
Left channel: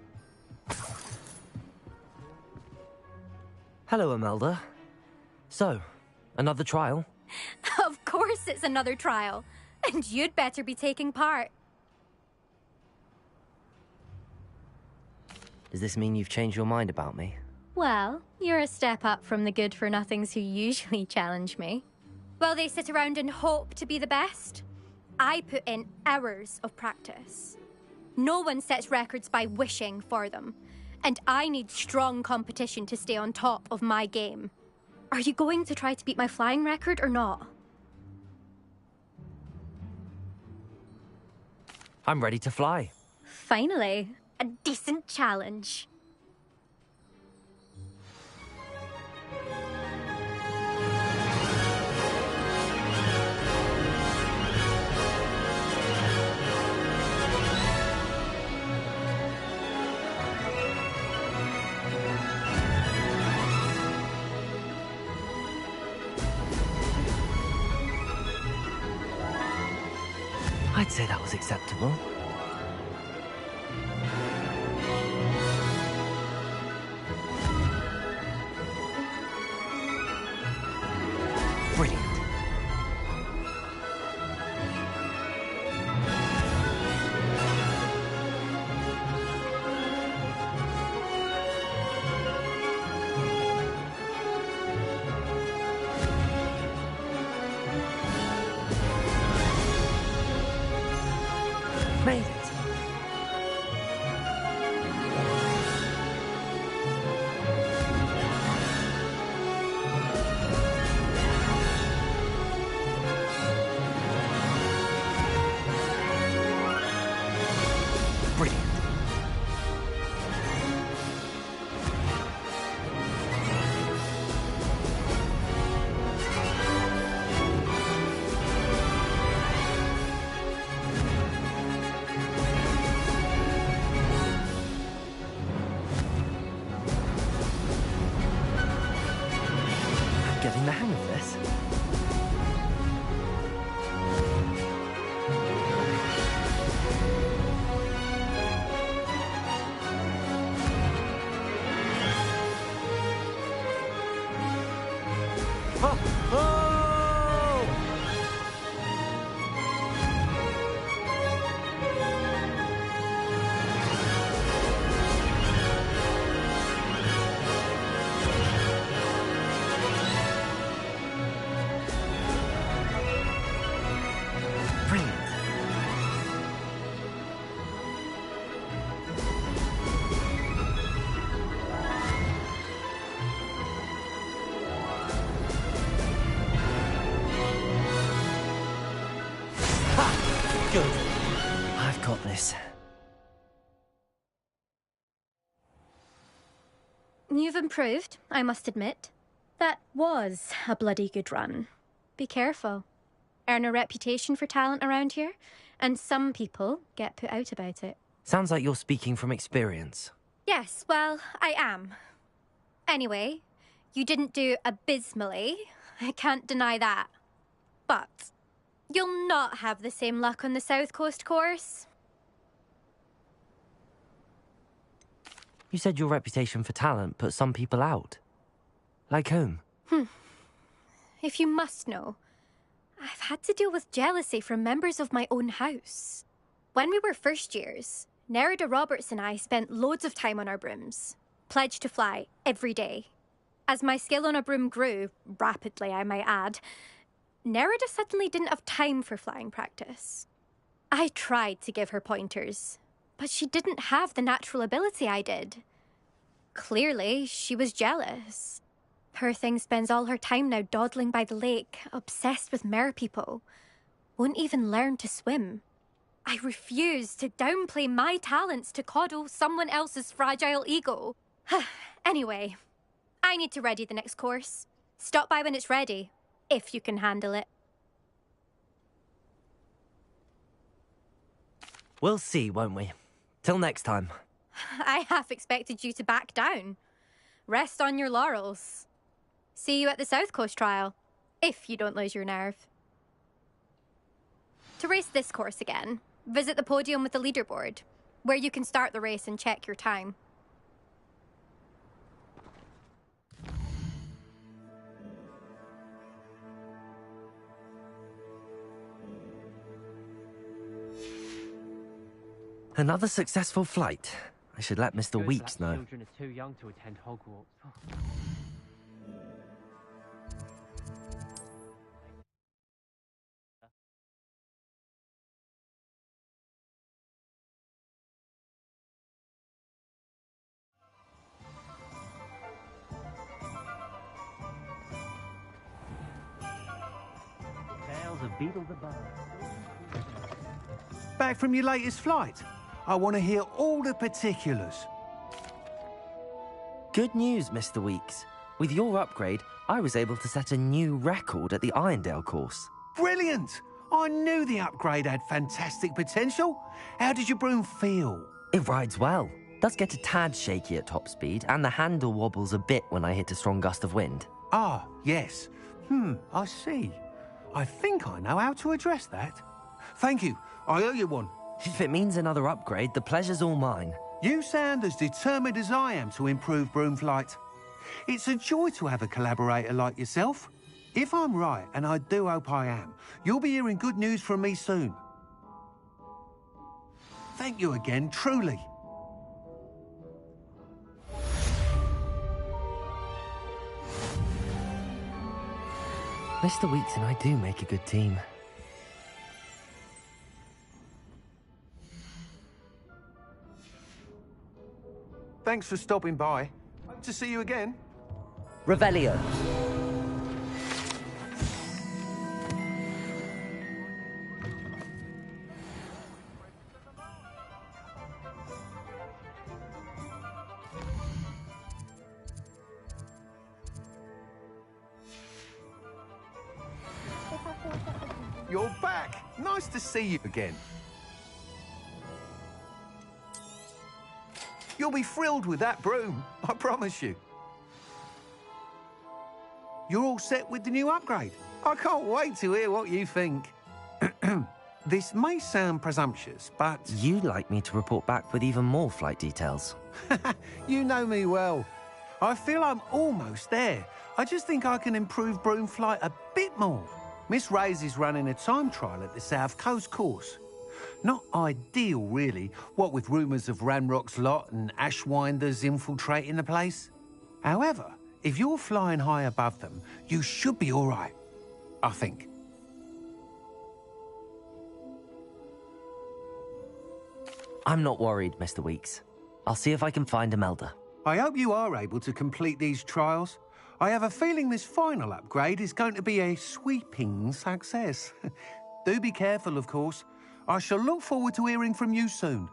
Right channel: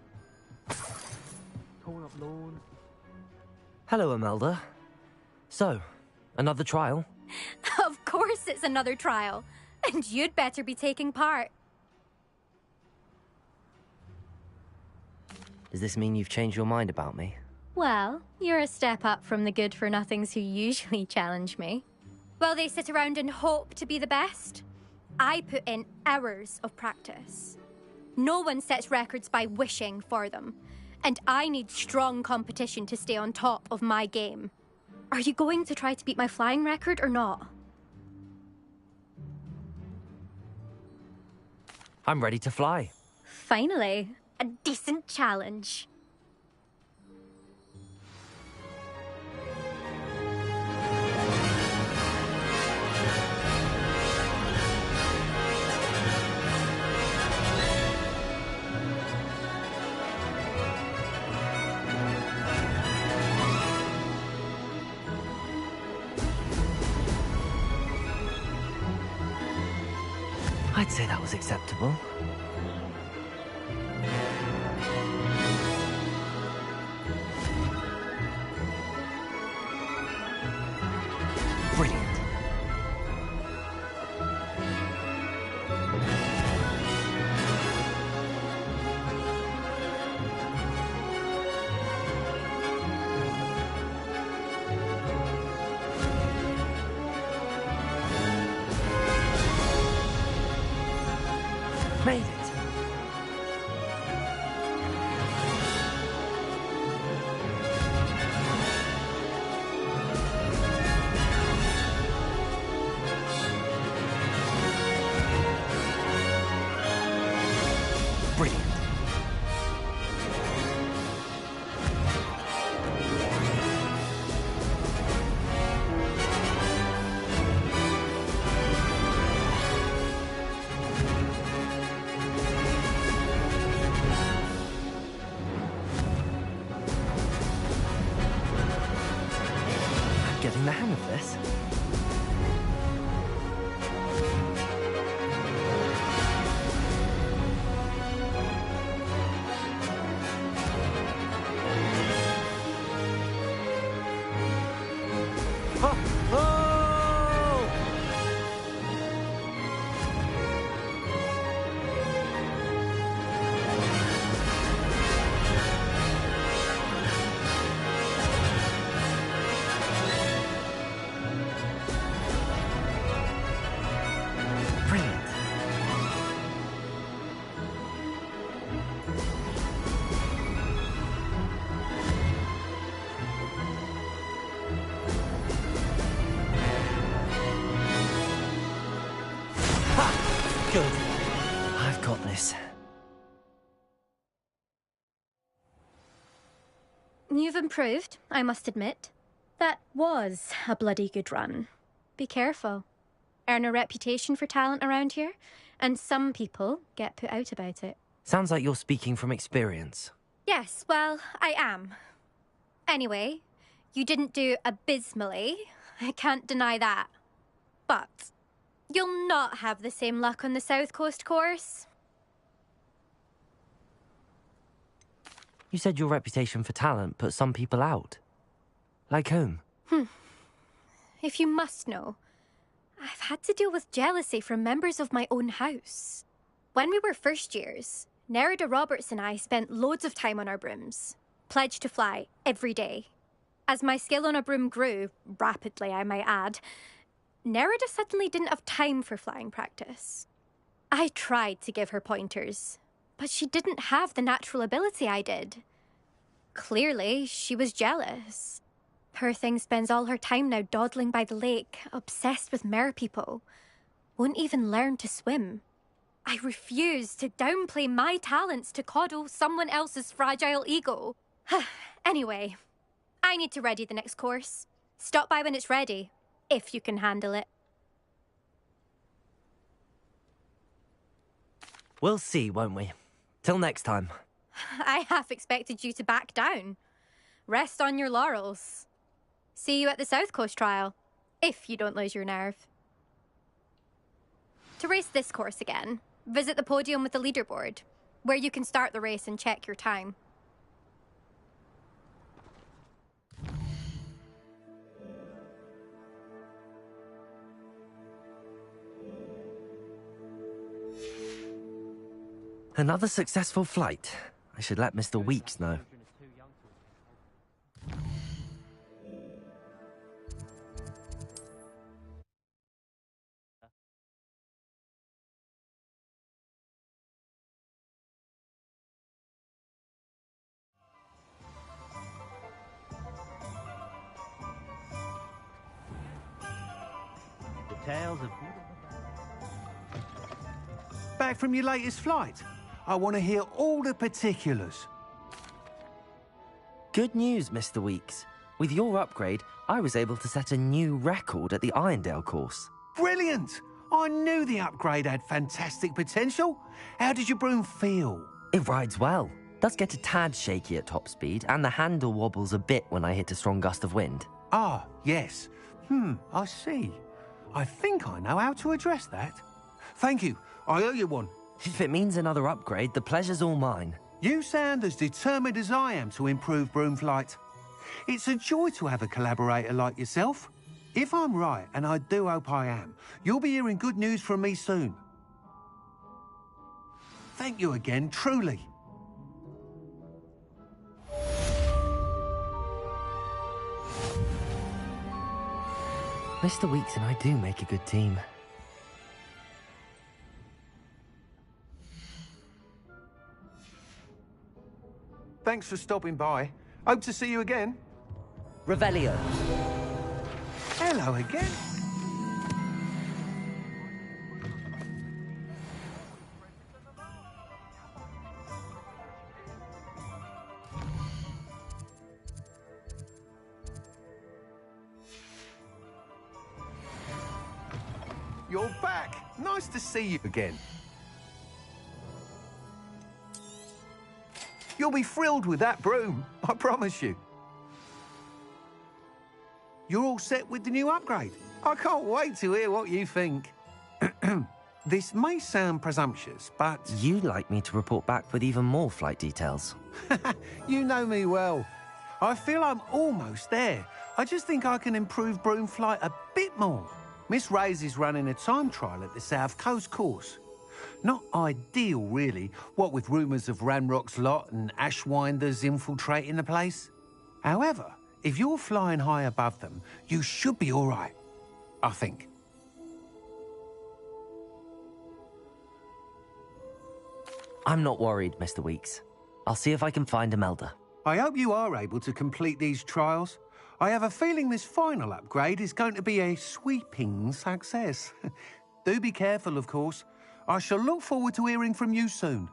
Hello, Imelda. So, another trial? Of course it's another trial. And you'd better be taking part. Does this mean you've changed your mind about me? Well, you're a step up from the good-for-nothings who usually challenge me. While they sit around and hope to be the best, I put in hours of practice. No one sets records by wishing for them, and I need strong competition to stay on top of my game. Are you going to try to beat my flying record or not? I'm ready to fly. Finally, a decent challenge. I'd say that was acceptable. Brilliant. Made it. Brilliant. Getting the hang of this. Oh! Oh! Good. I've got this. You've improved, I must admit. That was a bloody good run. Be careful. Earn a reputation for talent around here, and some people get put out about it. Sounds like you're speaking from experience. Yes, well, I am. Anyway, you didn't do abysmally. I can't deny that. But you'll not have the same luck on the South Coast course. You said your reputation for talent put some people out. Like whom? If you must know, I've had to deal with jealousy from members of my own house. When we were first years, Nerida Roberts and I spent loads of time on our brooms, pledged to fly every day. As my skill on a broom grew, rapidly I might add, Nerida suddenly didn't have time for flying practice. I tried to give her pointers, but she didn't have the natural ability I did. Clearly, she was jealous. Poor thing spends all her time now dawdling by the lake, obsessed with merpeople. Won't even learn to swim. I refuse to downplay my talents to coddle someone else's fragile ego. Anyway, I need to ready the next course. Stop by when it's ready, if you can handle it. We'll see, won't we? Till next time. I half expected you to back down. Rest on your laurels. See you at the South Coast trial, if you don't lose your nerve. To race this course again, visit the podium with the leaderboard, where you can start the race and check your time. Another successful flight. I should let Mr. Weeks know. Children are too young to attend Hogwarts. The tales of Beetle the Bard. Back from your latest flight? I want to hear all the particulars. Good news, Mr. Weeks. With your upgrade, I was able to set a new record at the Irondale course. Brilliant! I knew the upgrade had fantastic potential. How did your broom feel? It rides well. Does get a tad shaky at top speed, and the handle wobbles a bit when I hit a strong gust of wind. Ah, yes. I see. I think I know how to address that. Thank you. I owe you one. If it means another upgrade, the pleasure's all mine. You sound as determined as I am to improve broom flight. It's a joy to have a collaborator like yourself. If I'm right, and I do hope I am, you'll be hearing good news from me soon. Thank you again, truly. Mr. Weeks and I do make a good team. Thanks for stopping by. Hope to see you again. Revelio. Hello again. You're back. Nice to see you again. You'll be thrilled with that broom, I promise you. You're all set with the new upgrade. I can't wait to hear what you think. This may sound presumptuous, but... You'd like me to report back with even more flight details. You know me well. I feel I'm almost there. I just think I can improve broom flight a bit more. Miss Ray's is running a time trial at the South Coast course. Not ideal, really, what with rumours of Ranrock's lot and Ashwinders infiltrating the place. However, if you're flying high above them, you should be all right, I think. I'm not worried, Mr. Weeks. I'll see if I can find Imelda. I hope you are able to complete these trials. I have a feeling this final upgrade is going to be a sweeping success. Do be careful, of course. I shall look forward to hearing from you soon.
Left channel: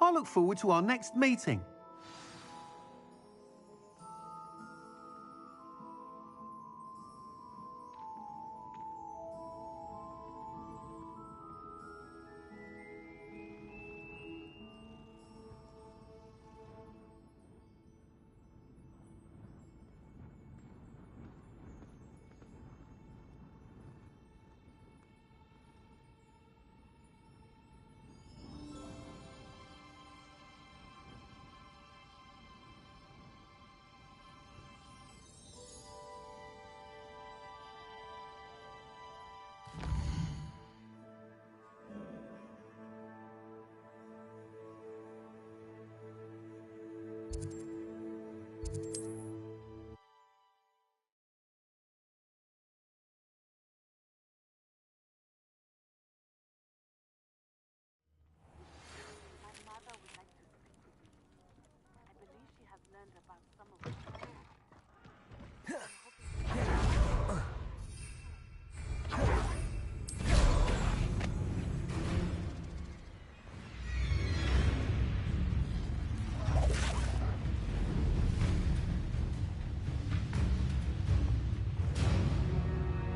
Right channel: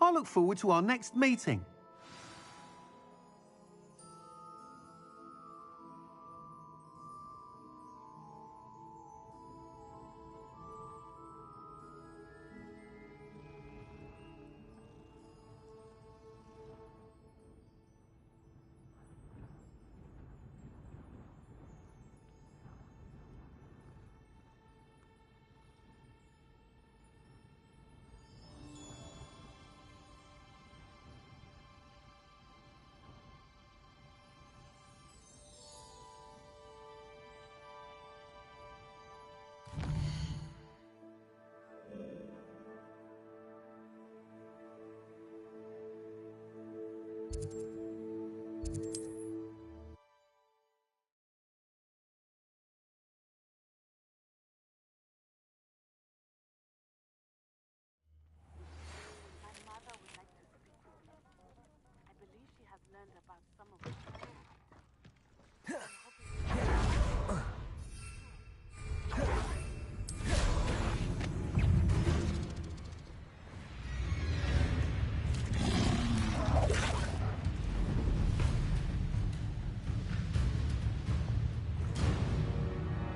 I look forward to our next meeting.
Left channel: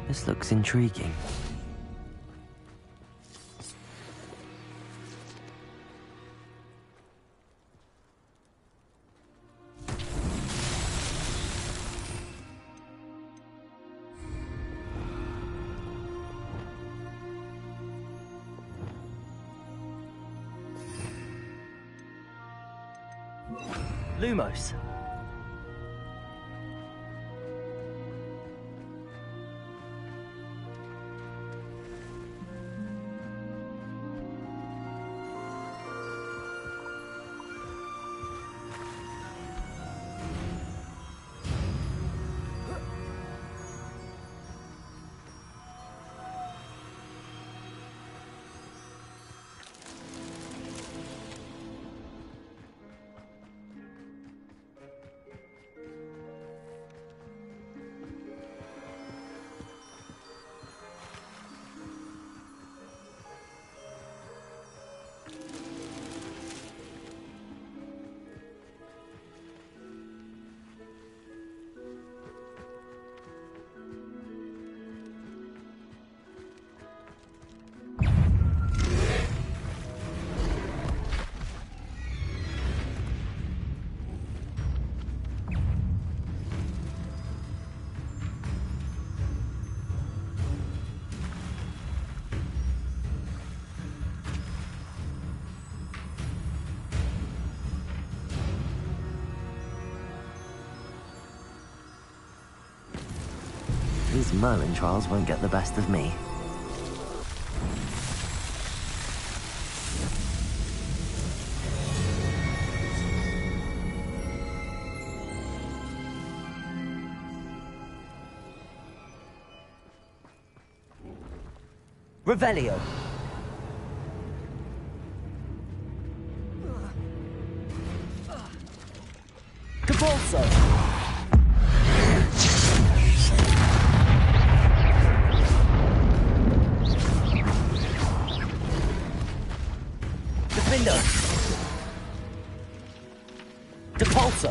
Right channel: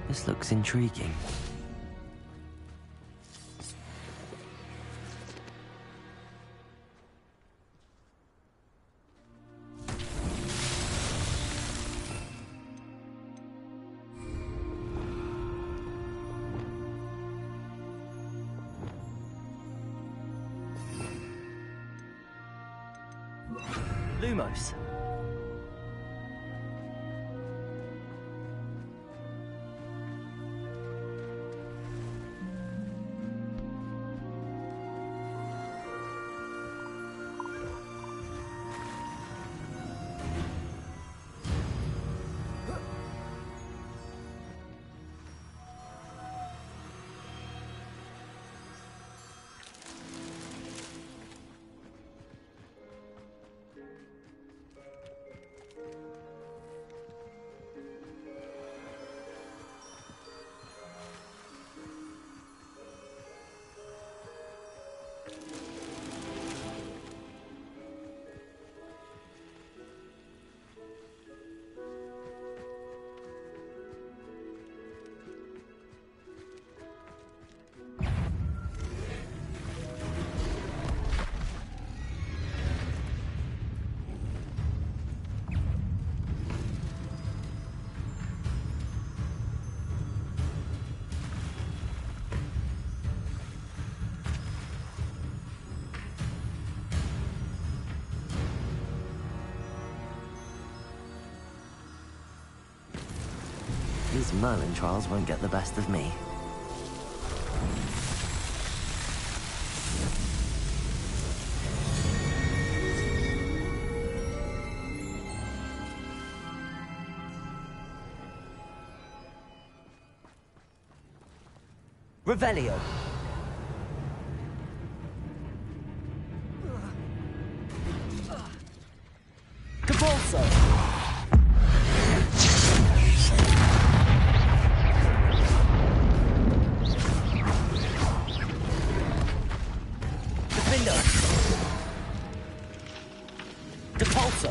This looks intriguing. Lumos. These Merlin trials won't get the best of me. Revelio. Cabalso. Defender. Depulso.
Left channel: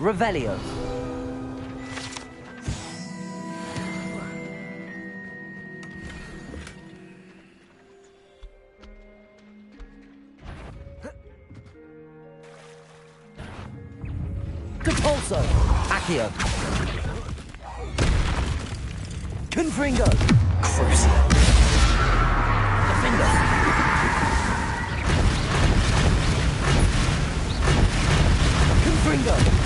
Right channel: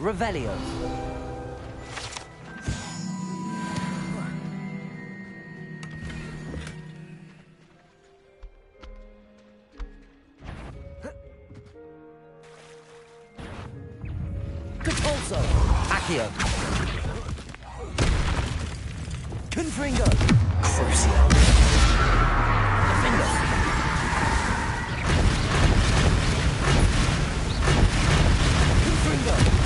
Revelio. Accio. Confringo. Crucio. Defender. Confringo.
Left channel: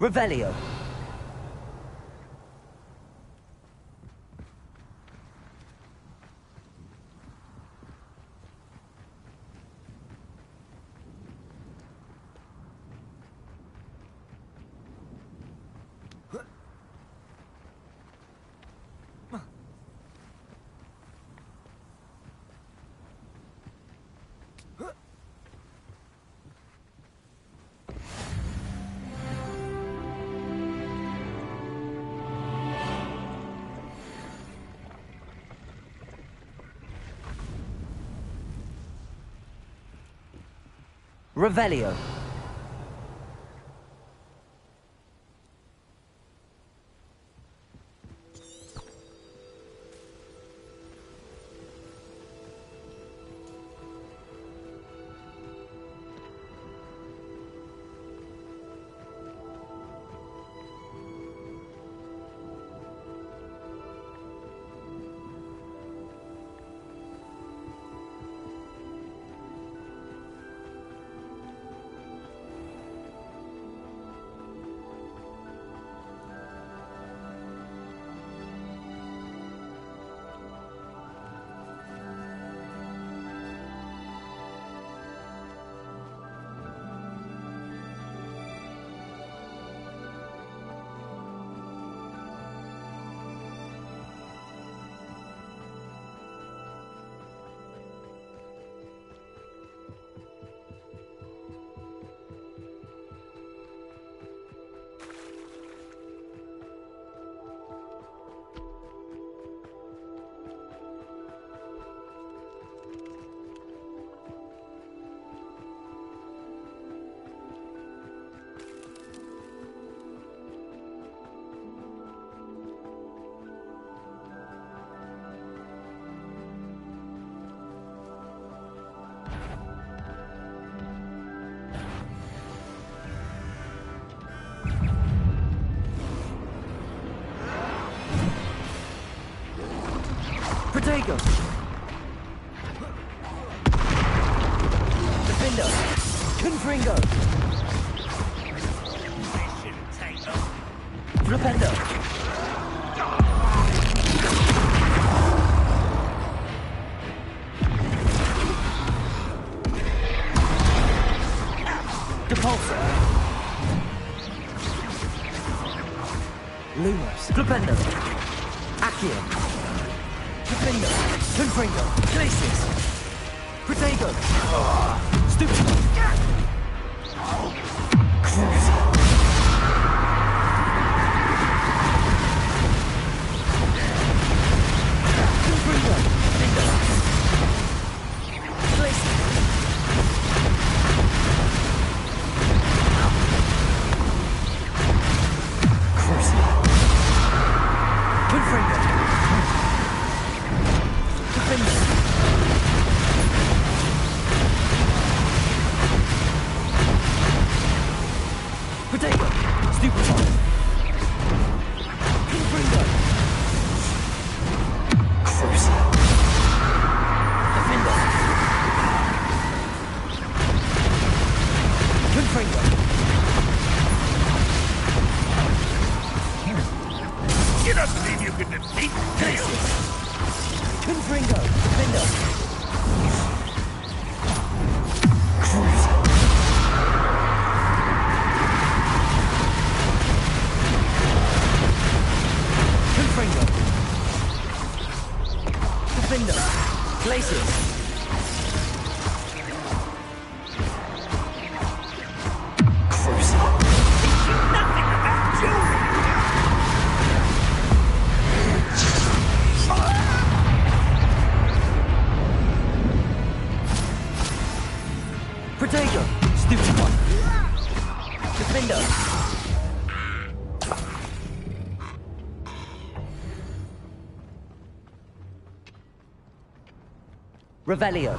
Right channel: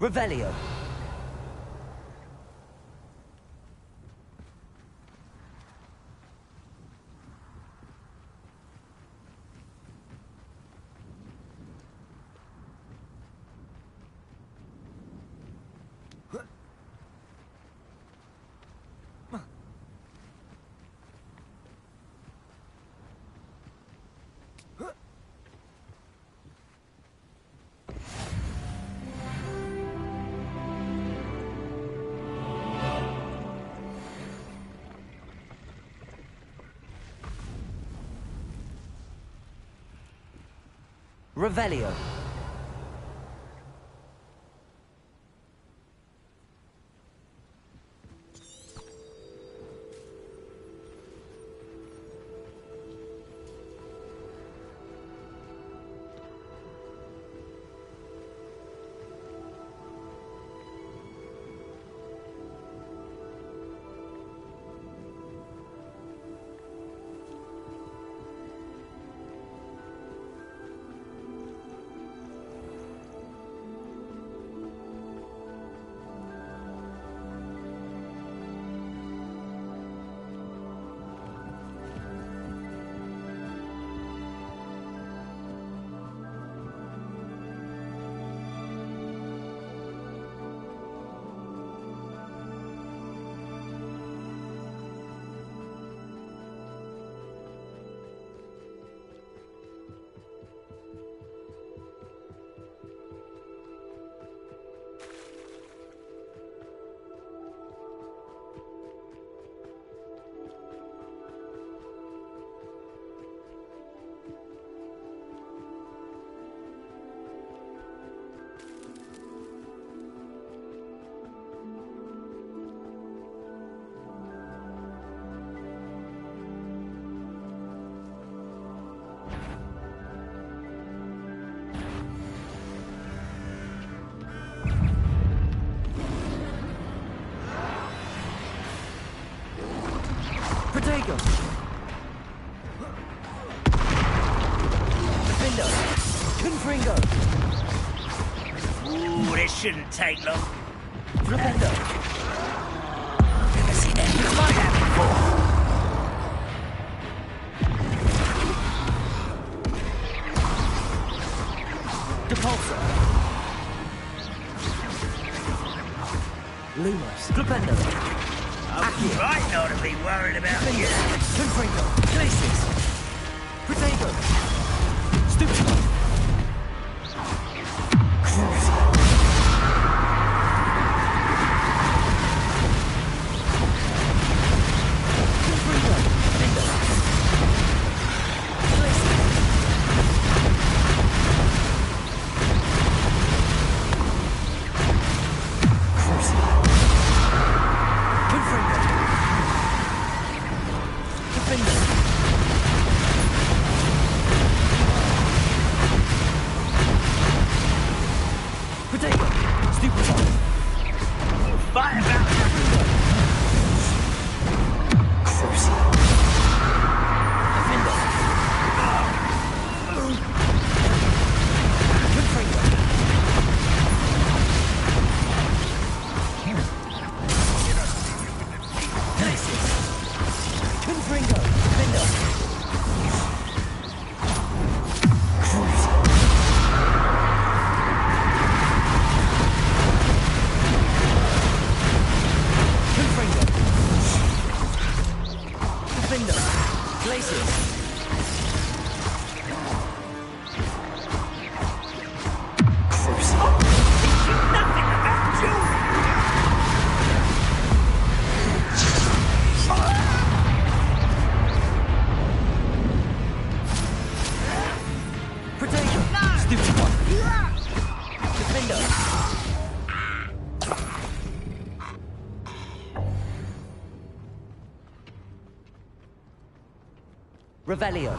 Revelio. Revelio. Protego! Defender! Confringo! Ooh, this shouldn't take long. Flipendo! Depulsor! Lumos! Flipendo! Accio! I'm not a bit worried about Defender! you. Confringo! Glacius! Protego! Stupido! Crucial! Confringo! Defender! Glacius! Crucial! Confringo! Defender! Protego! Stupefy! Fire! Confringo! Crucial! Defender! Confringo! You don't believe you can defeat me? Glacius! Confringo! Defender! Crucial! Confringo! Defender! Glacius! Crucial! Teach you nothing about jewelry! Protego! Stupid one! Defender! Revelio!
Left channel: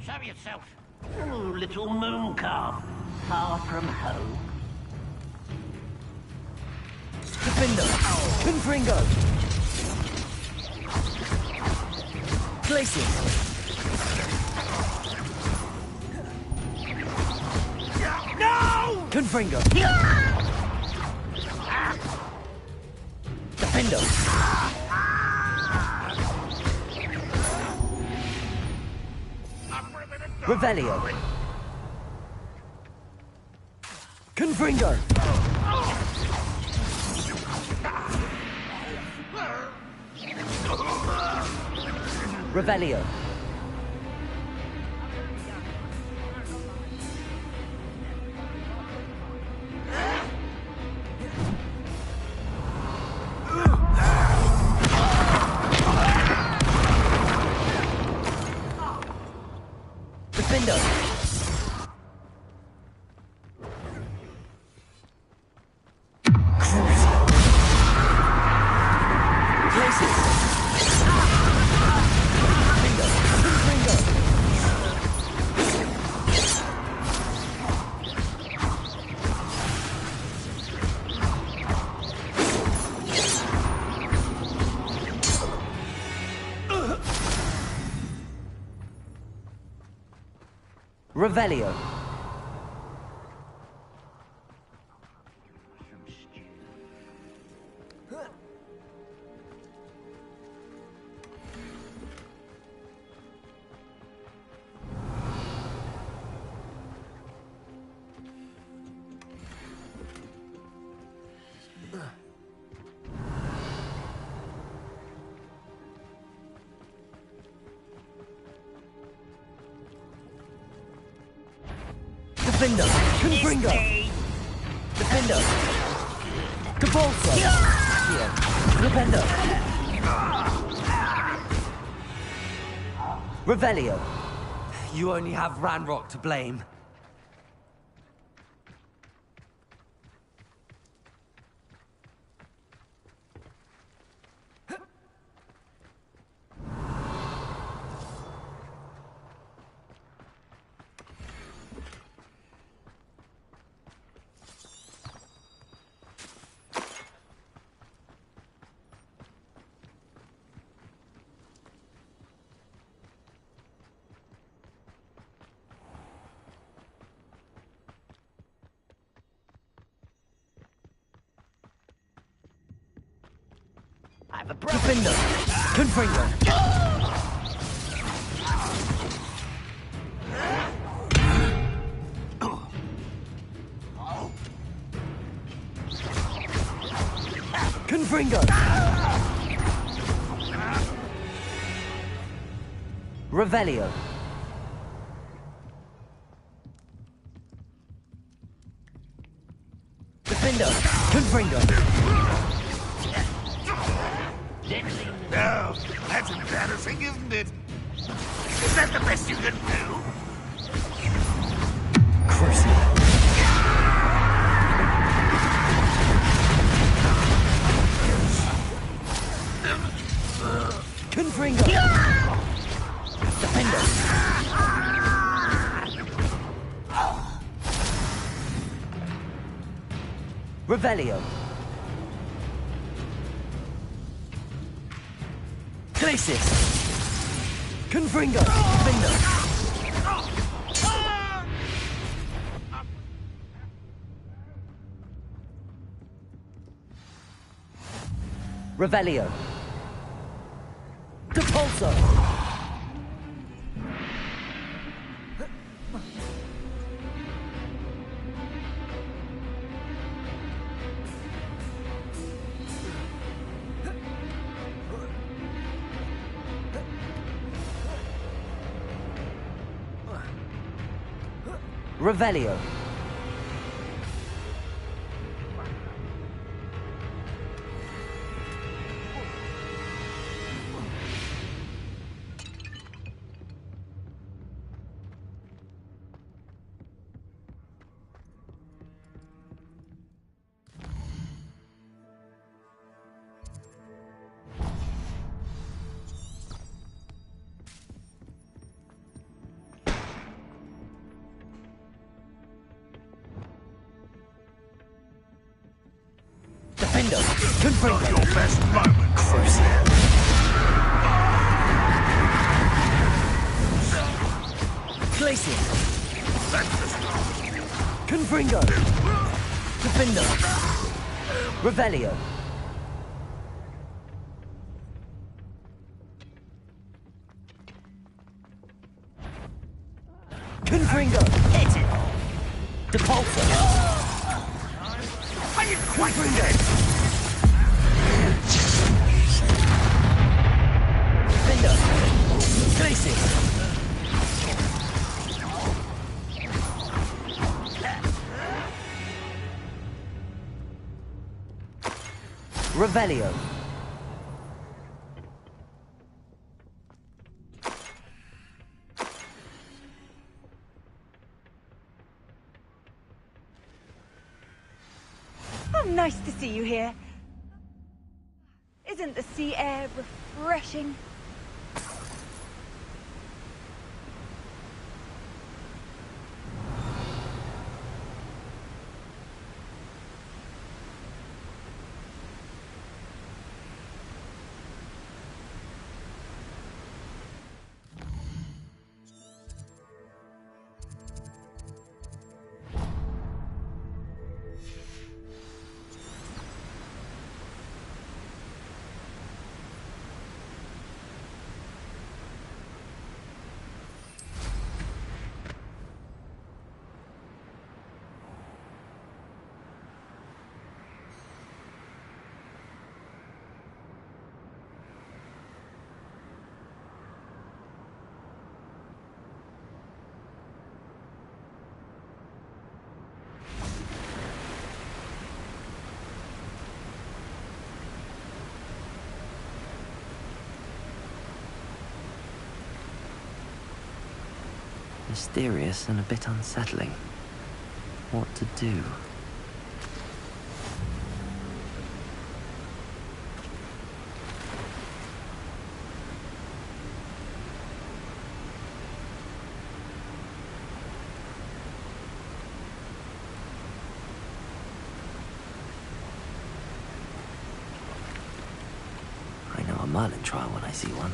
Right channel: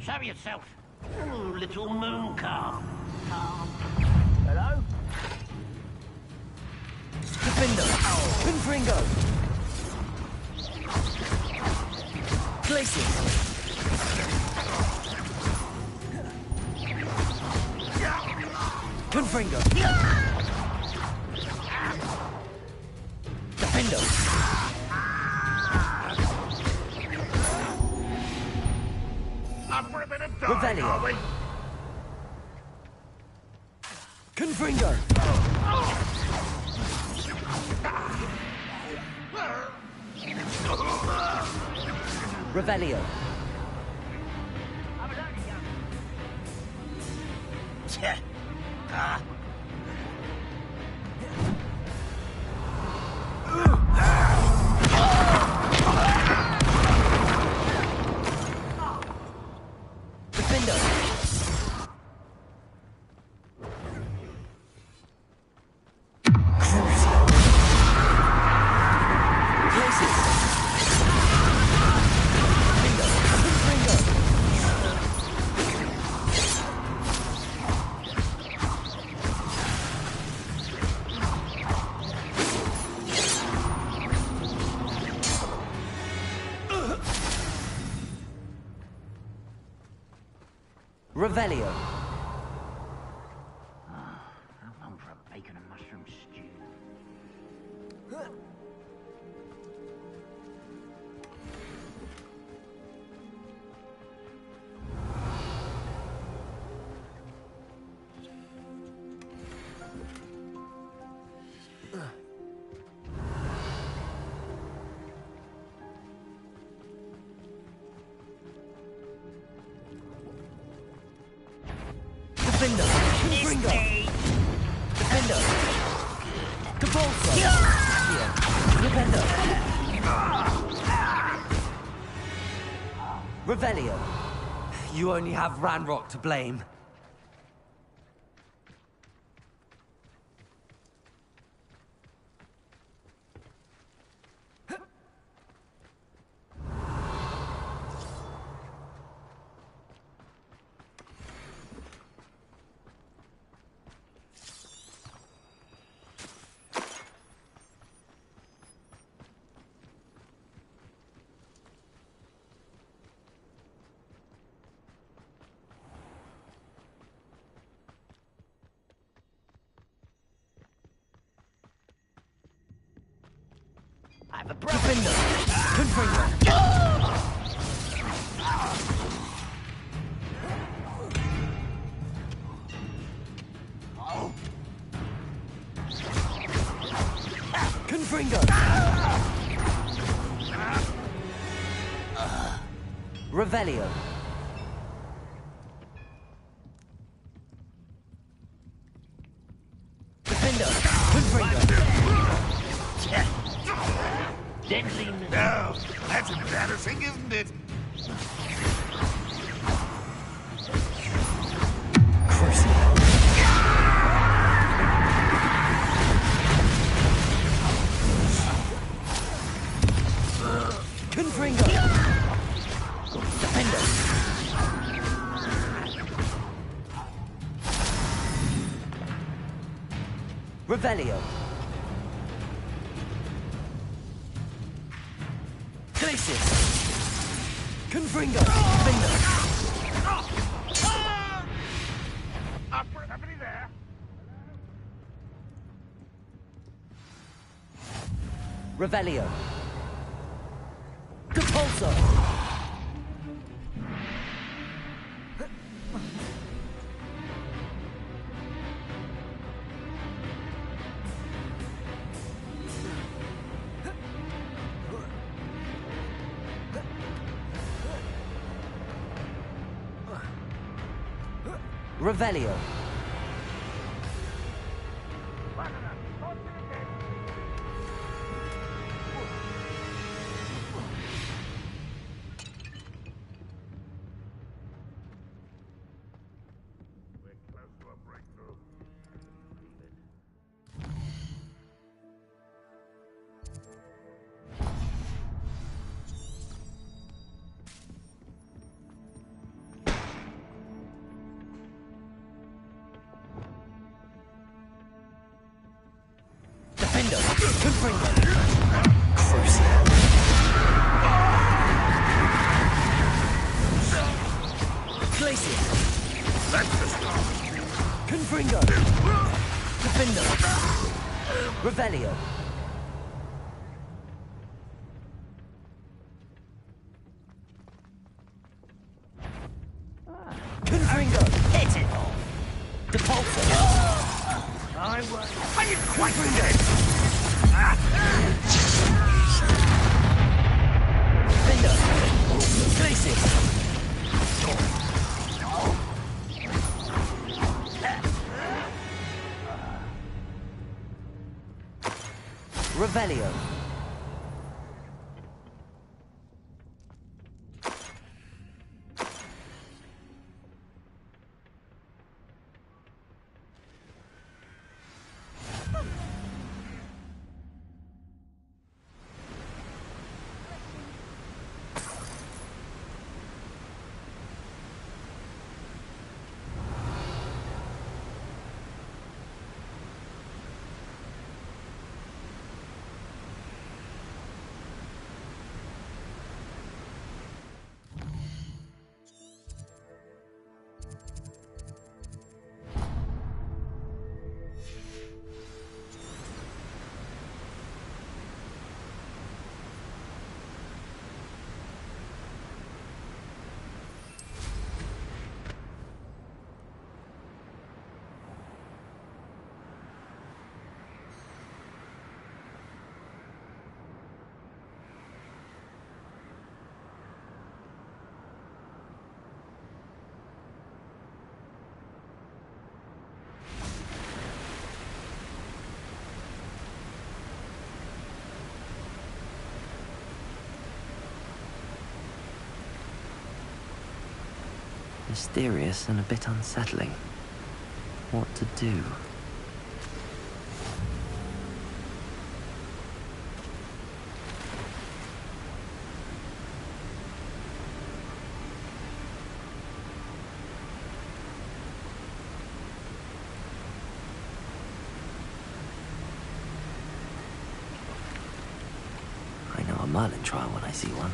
Show yourself. Ooh, little moon calf. Far from home. Hello? Defender! Confringo! Glacius! Confringo! Defendo! Revelio! Confringo! Revelio! Defendo! Revelio. Bacon and mushroom stew. Defender! Confringo! Defender! Cabolso! Here. Defender! Revelio! You only have Ranrock to blame. I have a brother. Defender! Confringo! Confringo! Revelio! Defender! Confringo! No, that's embarrassing, isn't it? Is that the best you can do? Confringo! Defender! Revelio! Glacis! Confringo! Defender! Revelio! Depulso! Revelio. Defender! Confringo! Crucial! Glacier! That's the start. Confringo! Defender! Revelio! Confringo! Hit it! Depulso! I didn't quite get it! Defender! Glacis! Revelio. Oh, nice to see you here. Isn't the sea air refreshing? Mysterious and a bit unsettling. What to do? I know a Merlin trial when I see one.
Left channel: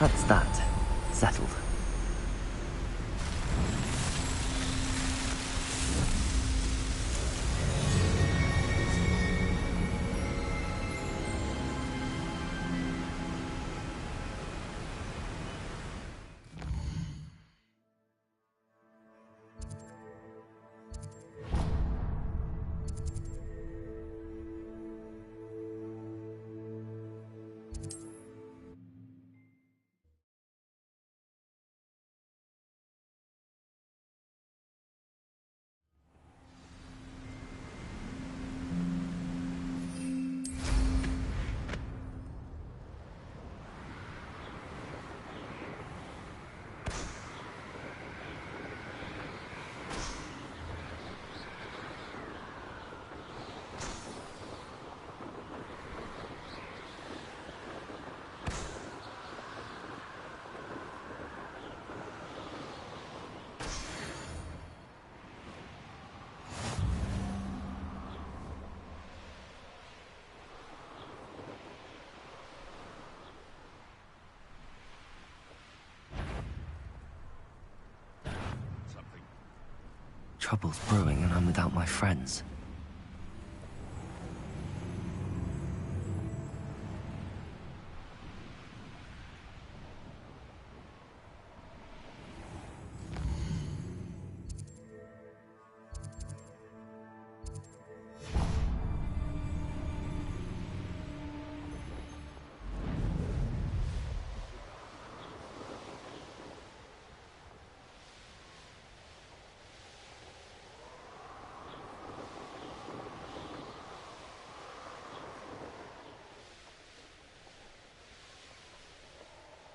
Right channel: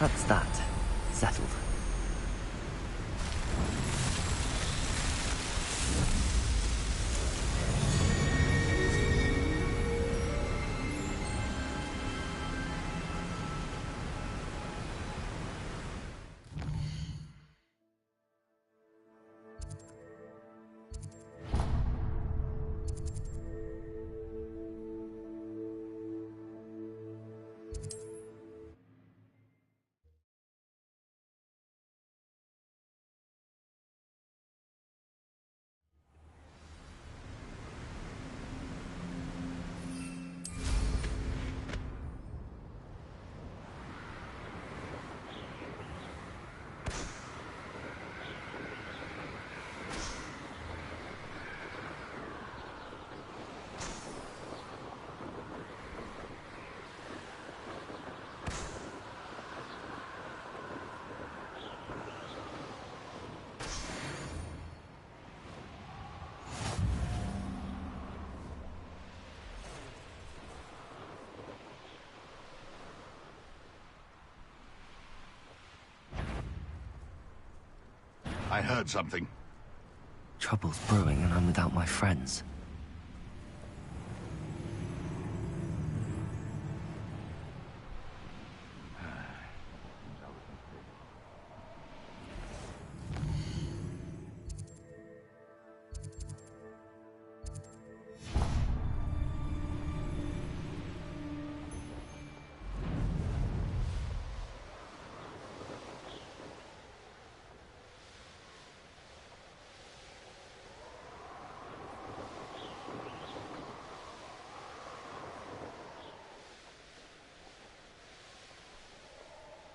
That's that. Settled. I heard something. Trouble's brewing and I'm without my friends.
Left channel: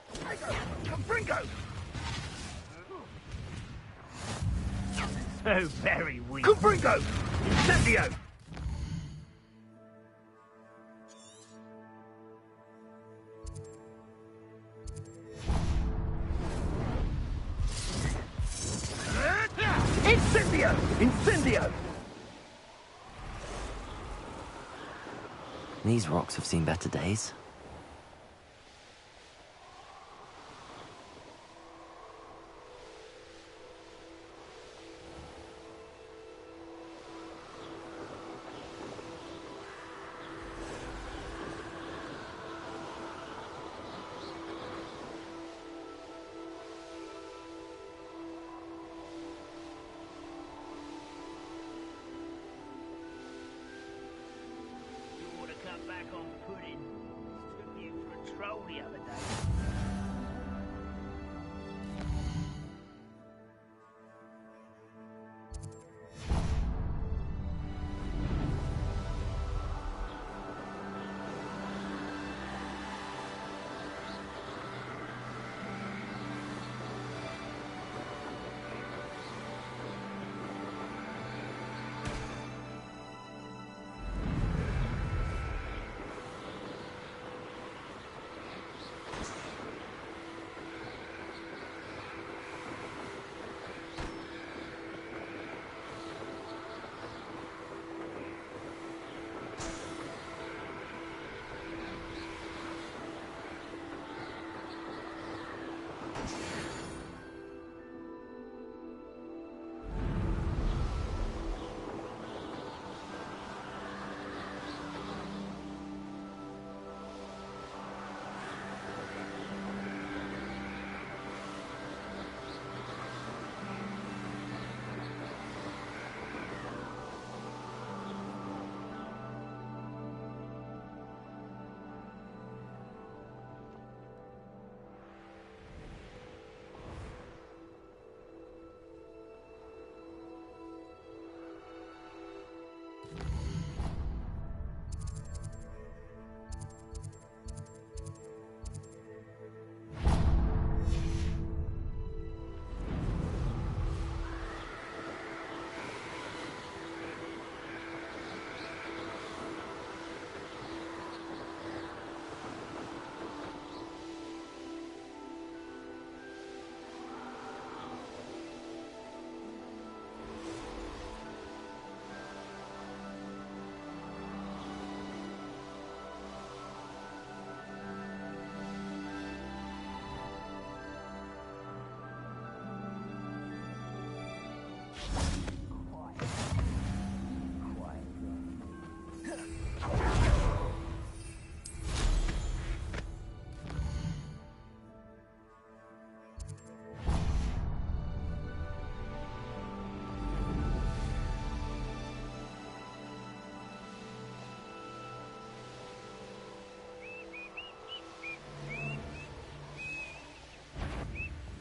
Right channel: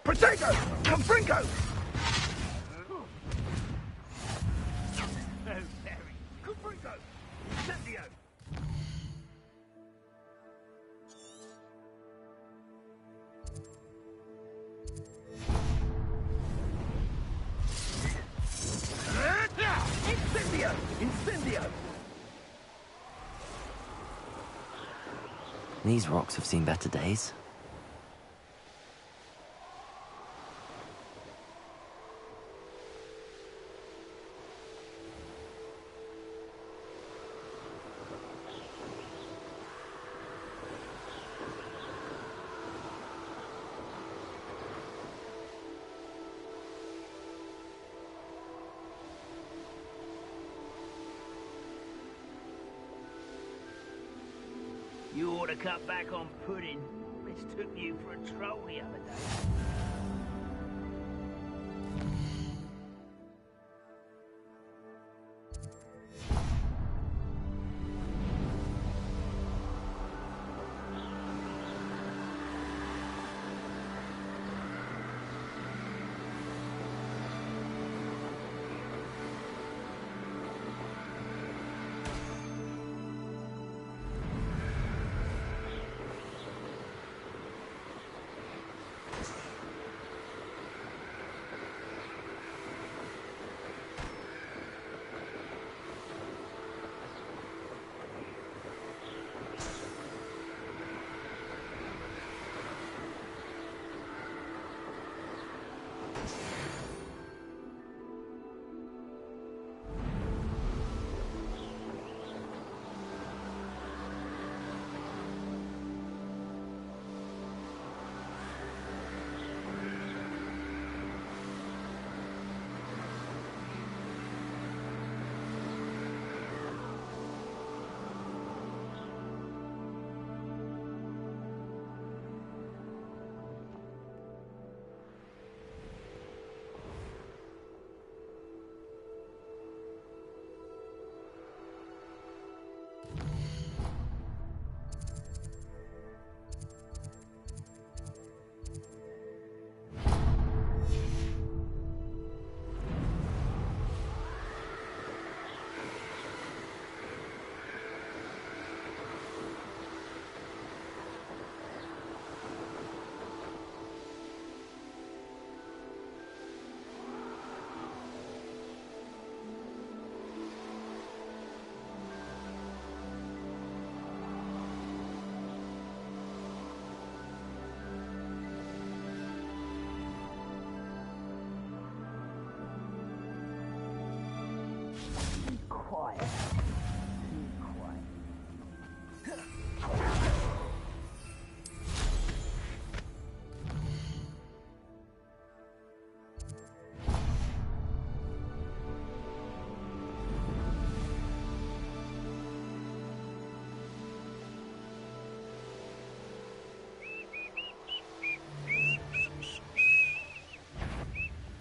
Protego! Confringo! So very weak. Confringo! Incendio! Cheerio! These rocks have seen better days. You ought to cut back on pudding. Mistook you for a troll the other day.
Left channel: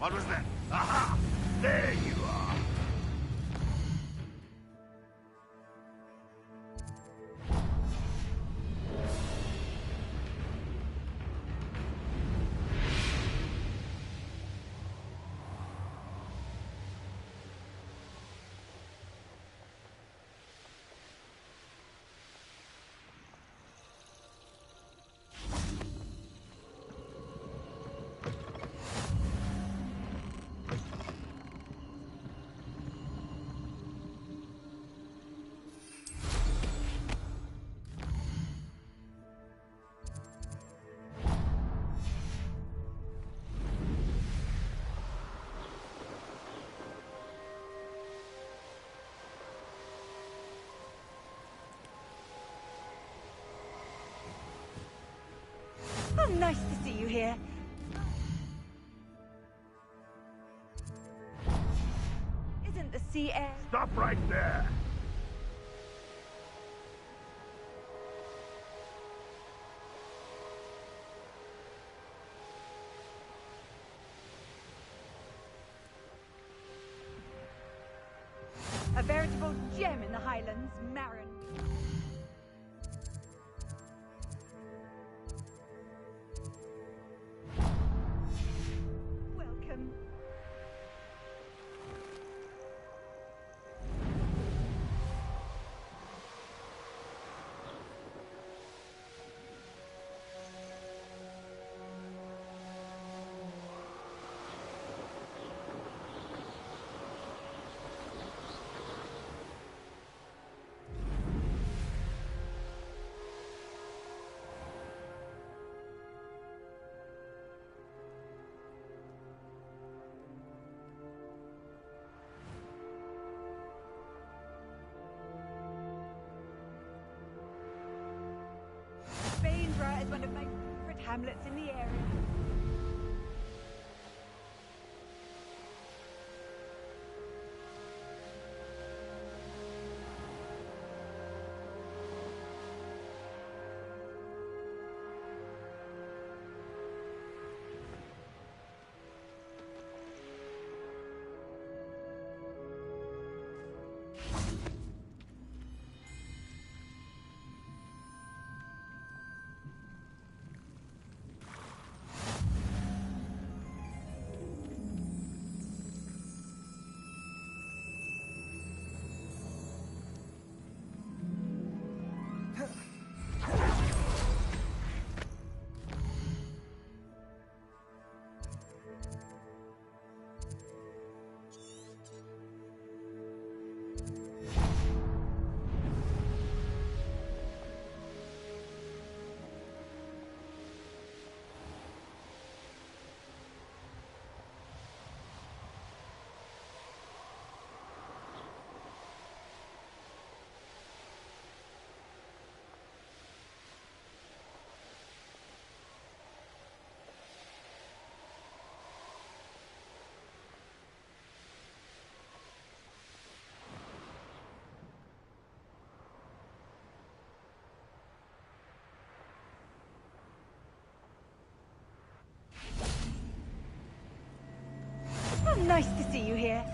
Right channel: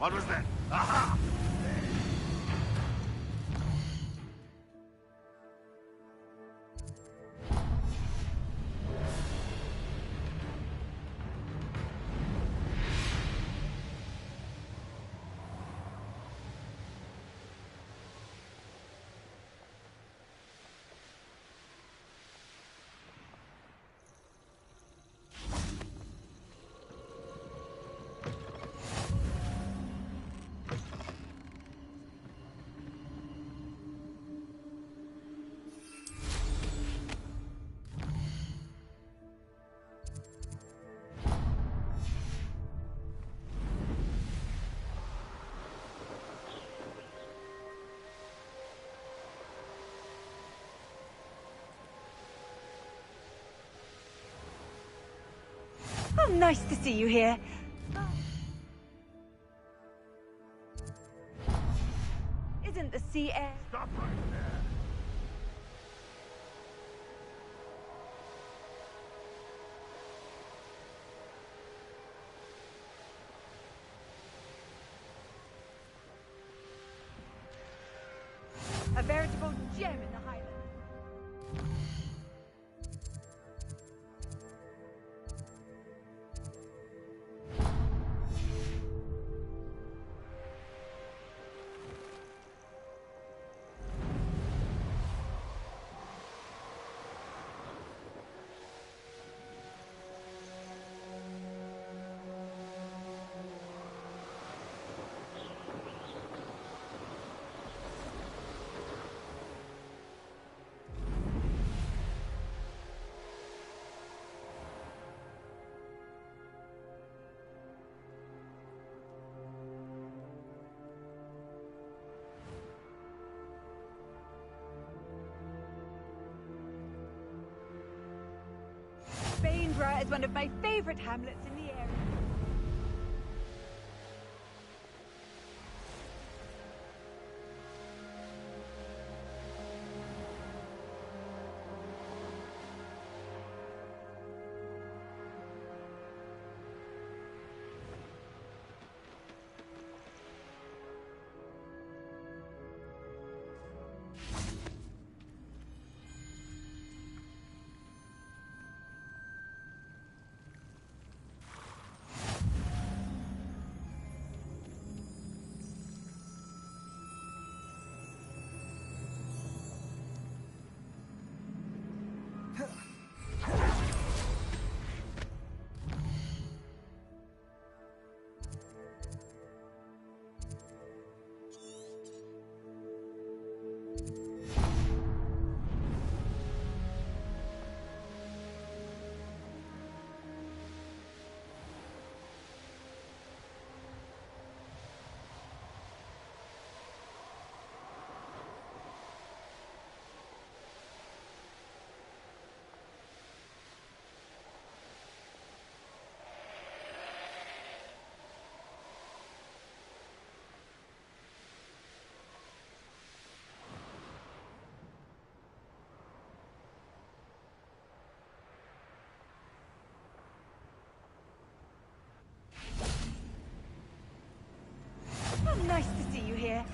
What was that? Aha! There you are. Oh, nice to see you here. Isn't the sea air... Stop right there. a veritable gem in the Highlands, Marin? Welcome. is one of my favorite hamlets in the area. Oh, nice to see you here.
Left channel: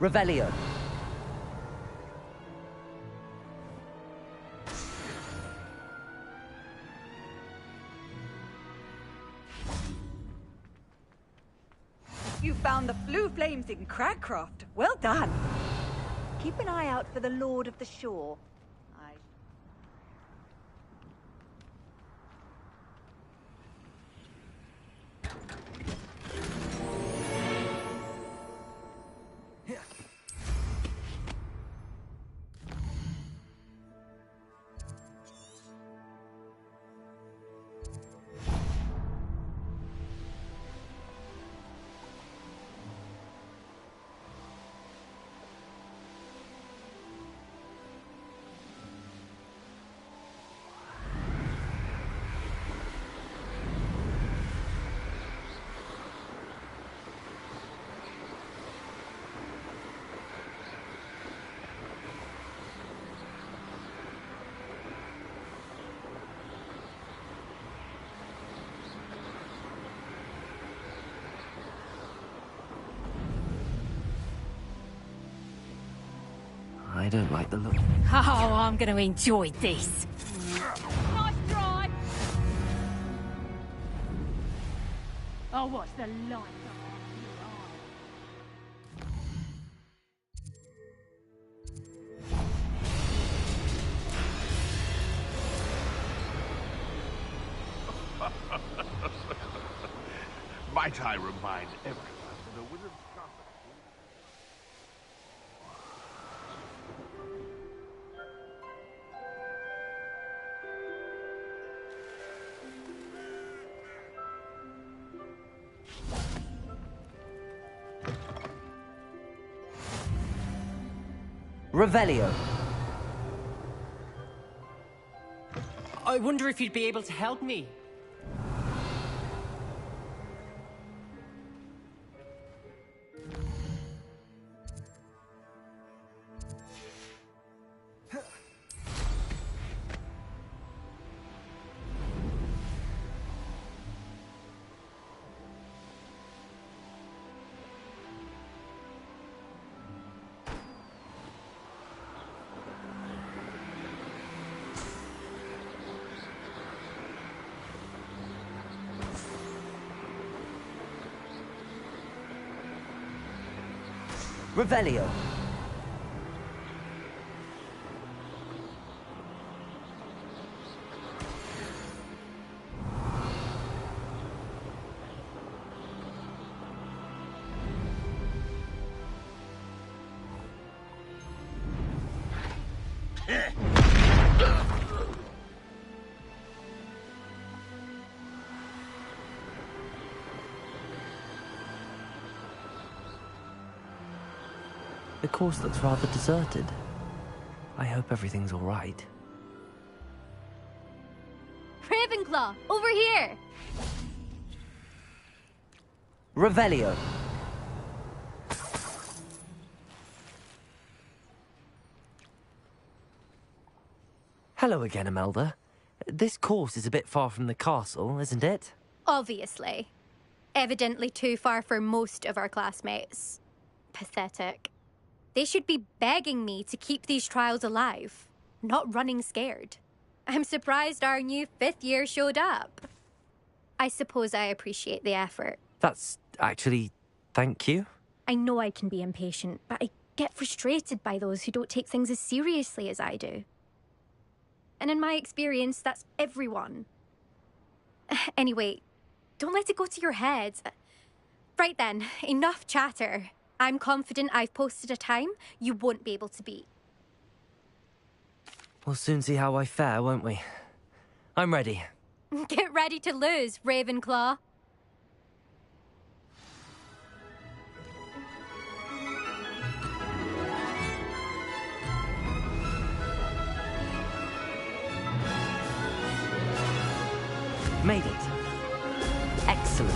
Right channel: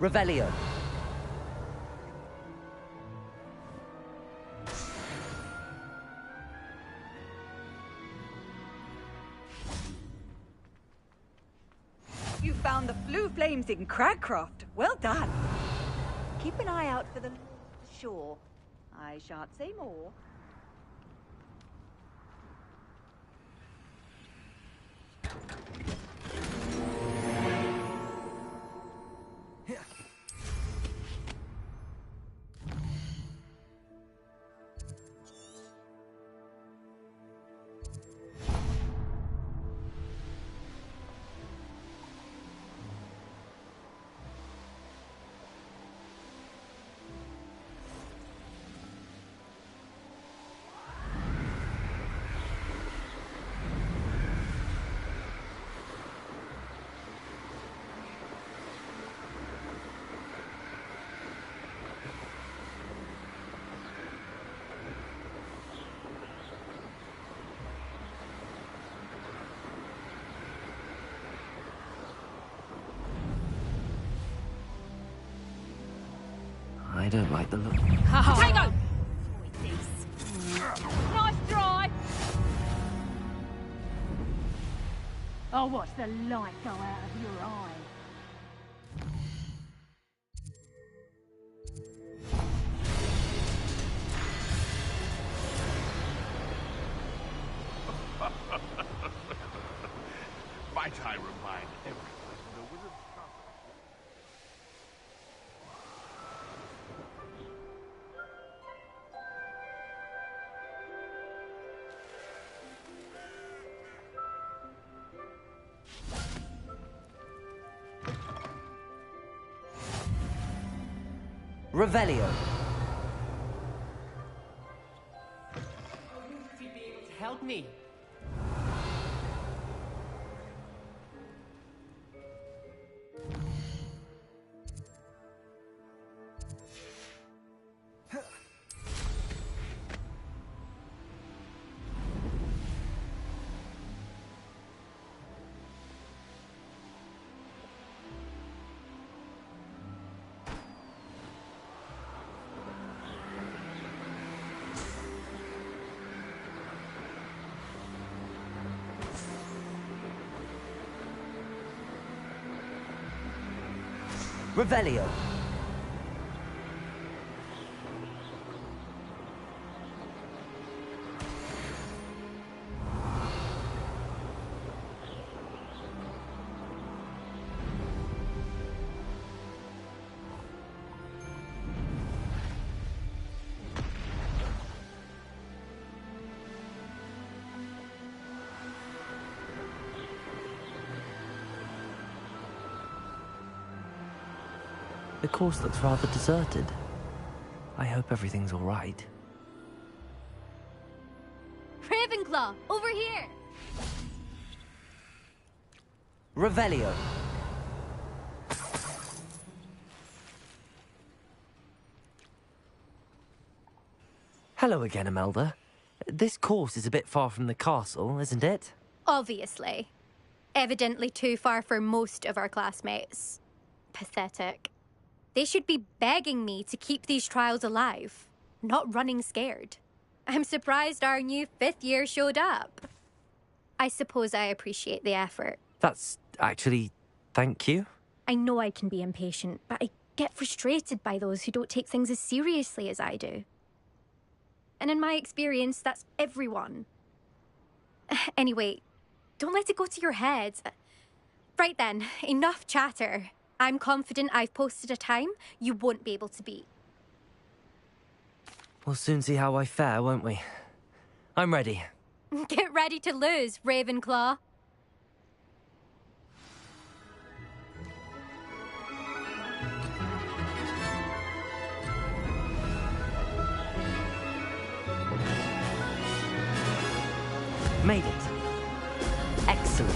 Revelio. You found the blue flames in Cragcroft. Well done. Keep an eye out for the Lord of the Shore. I shan't say more. don't like the look. Oh, I'm going to enjoy this. Nice try. I'll watch the light go out of your eye. Might I remind everyone the wizard's trumpet? Revelio. I wonder if you'd be able to help me. Revelio. The course looks rather deserted. I hope everything's all right. Ravenclaw, over here! Revelio. Hello again, Imelda. This course is a bit far from the castle, isn't it? Obviously. Evidently too far for most of our classmates. Pathetic. They should be begging me to keep these trials alive, not running scared. I'm surprised our new 5th year showed up. I suppose I appreciate the effort. That's actually... thank you. I know I can be impatient, but I get frustrated by those who don't take things as seriously as I do. And in my experience, that's everyone. Anyway, don't let it go to your head. Right then, enough chatter. I'm confident I've posted a time you won't be able to beat. We'll soon see how I fare, won't we? I'm ready. Get ready to lose, Ravenclaw. Made it. Excellent.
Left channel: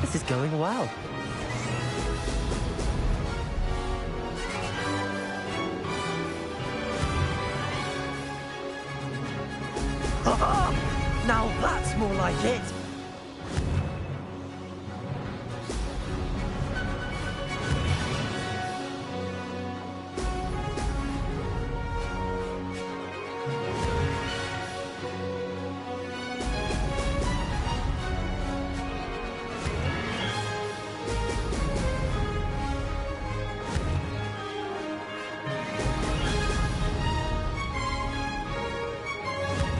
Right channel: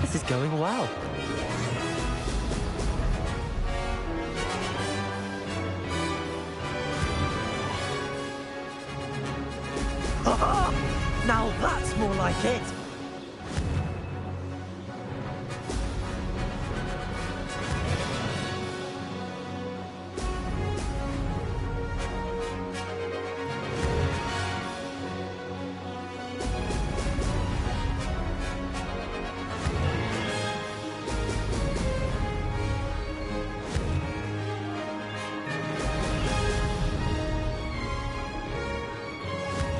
This is going well. Now that's more like it.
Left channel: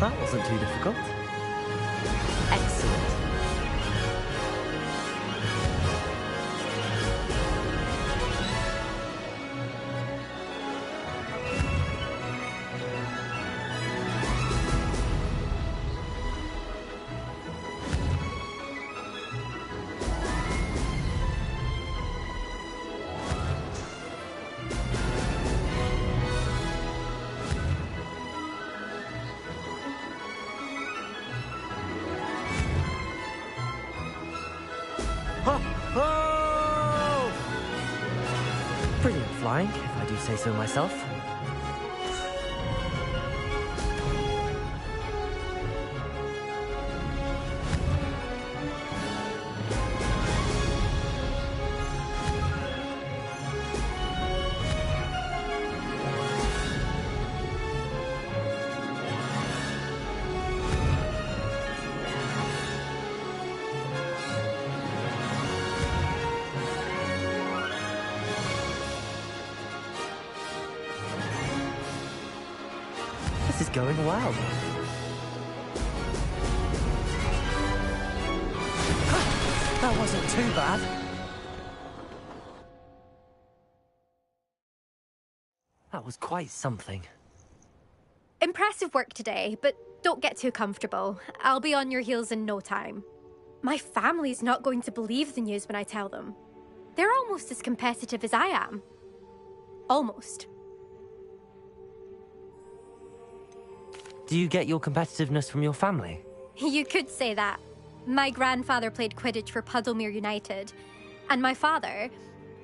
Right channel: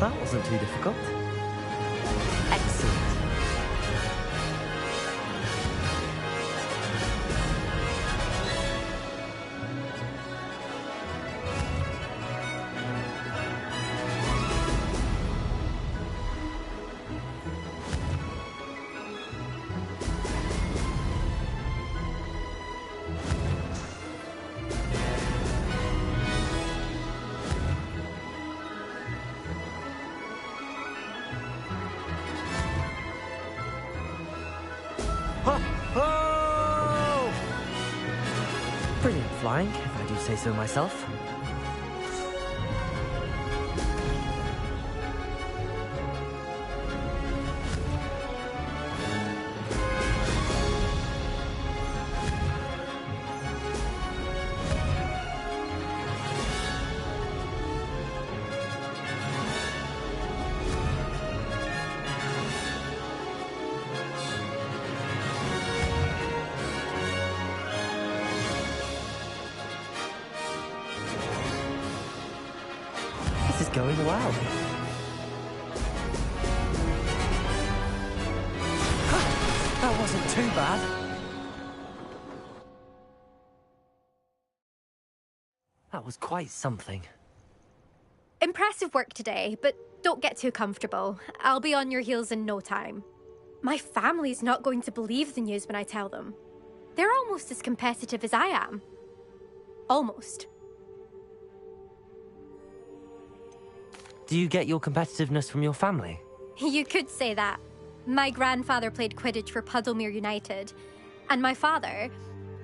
That wasn't too difficult. Excellent. satisfying, if I do say so myself. This is going well. That wasn't too bad. That was quite something. Impressive work today, but don't get too comfortable. I'll be on your heels in no time. My family's not going to believe the news when I tell them. They're almost as competitive as I am. Almost. Do you get your competitiveness from your family? You could say that. My grandfather played Quidditch for Puddlemere United. And my father,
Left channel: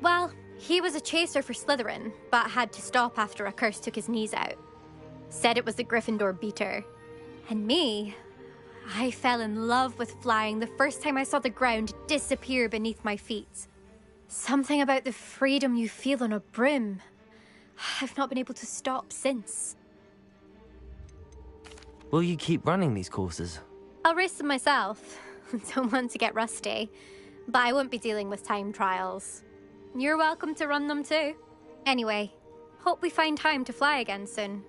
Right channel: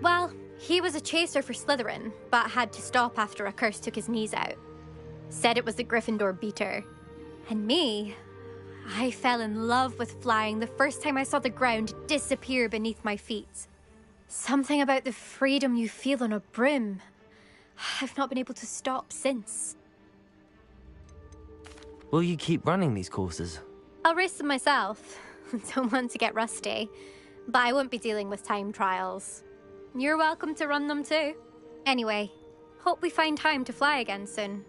well, he was a chaser for Slytherin, but had to stop after a curse took his knees out. Said it was the Gryffindor beater. And me, I fell in love with flying the first time I saw the ground disappear beneath my feet. Something about the freedom you feel on a broom. I've not been able to stop since. Will you keep running these courses? I'll race them myself. Don't want to get rusty. But I won't be dealing with time trials. You're welcome to run them too. Anyway, hope we find time to fly again soon.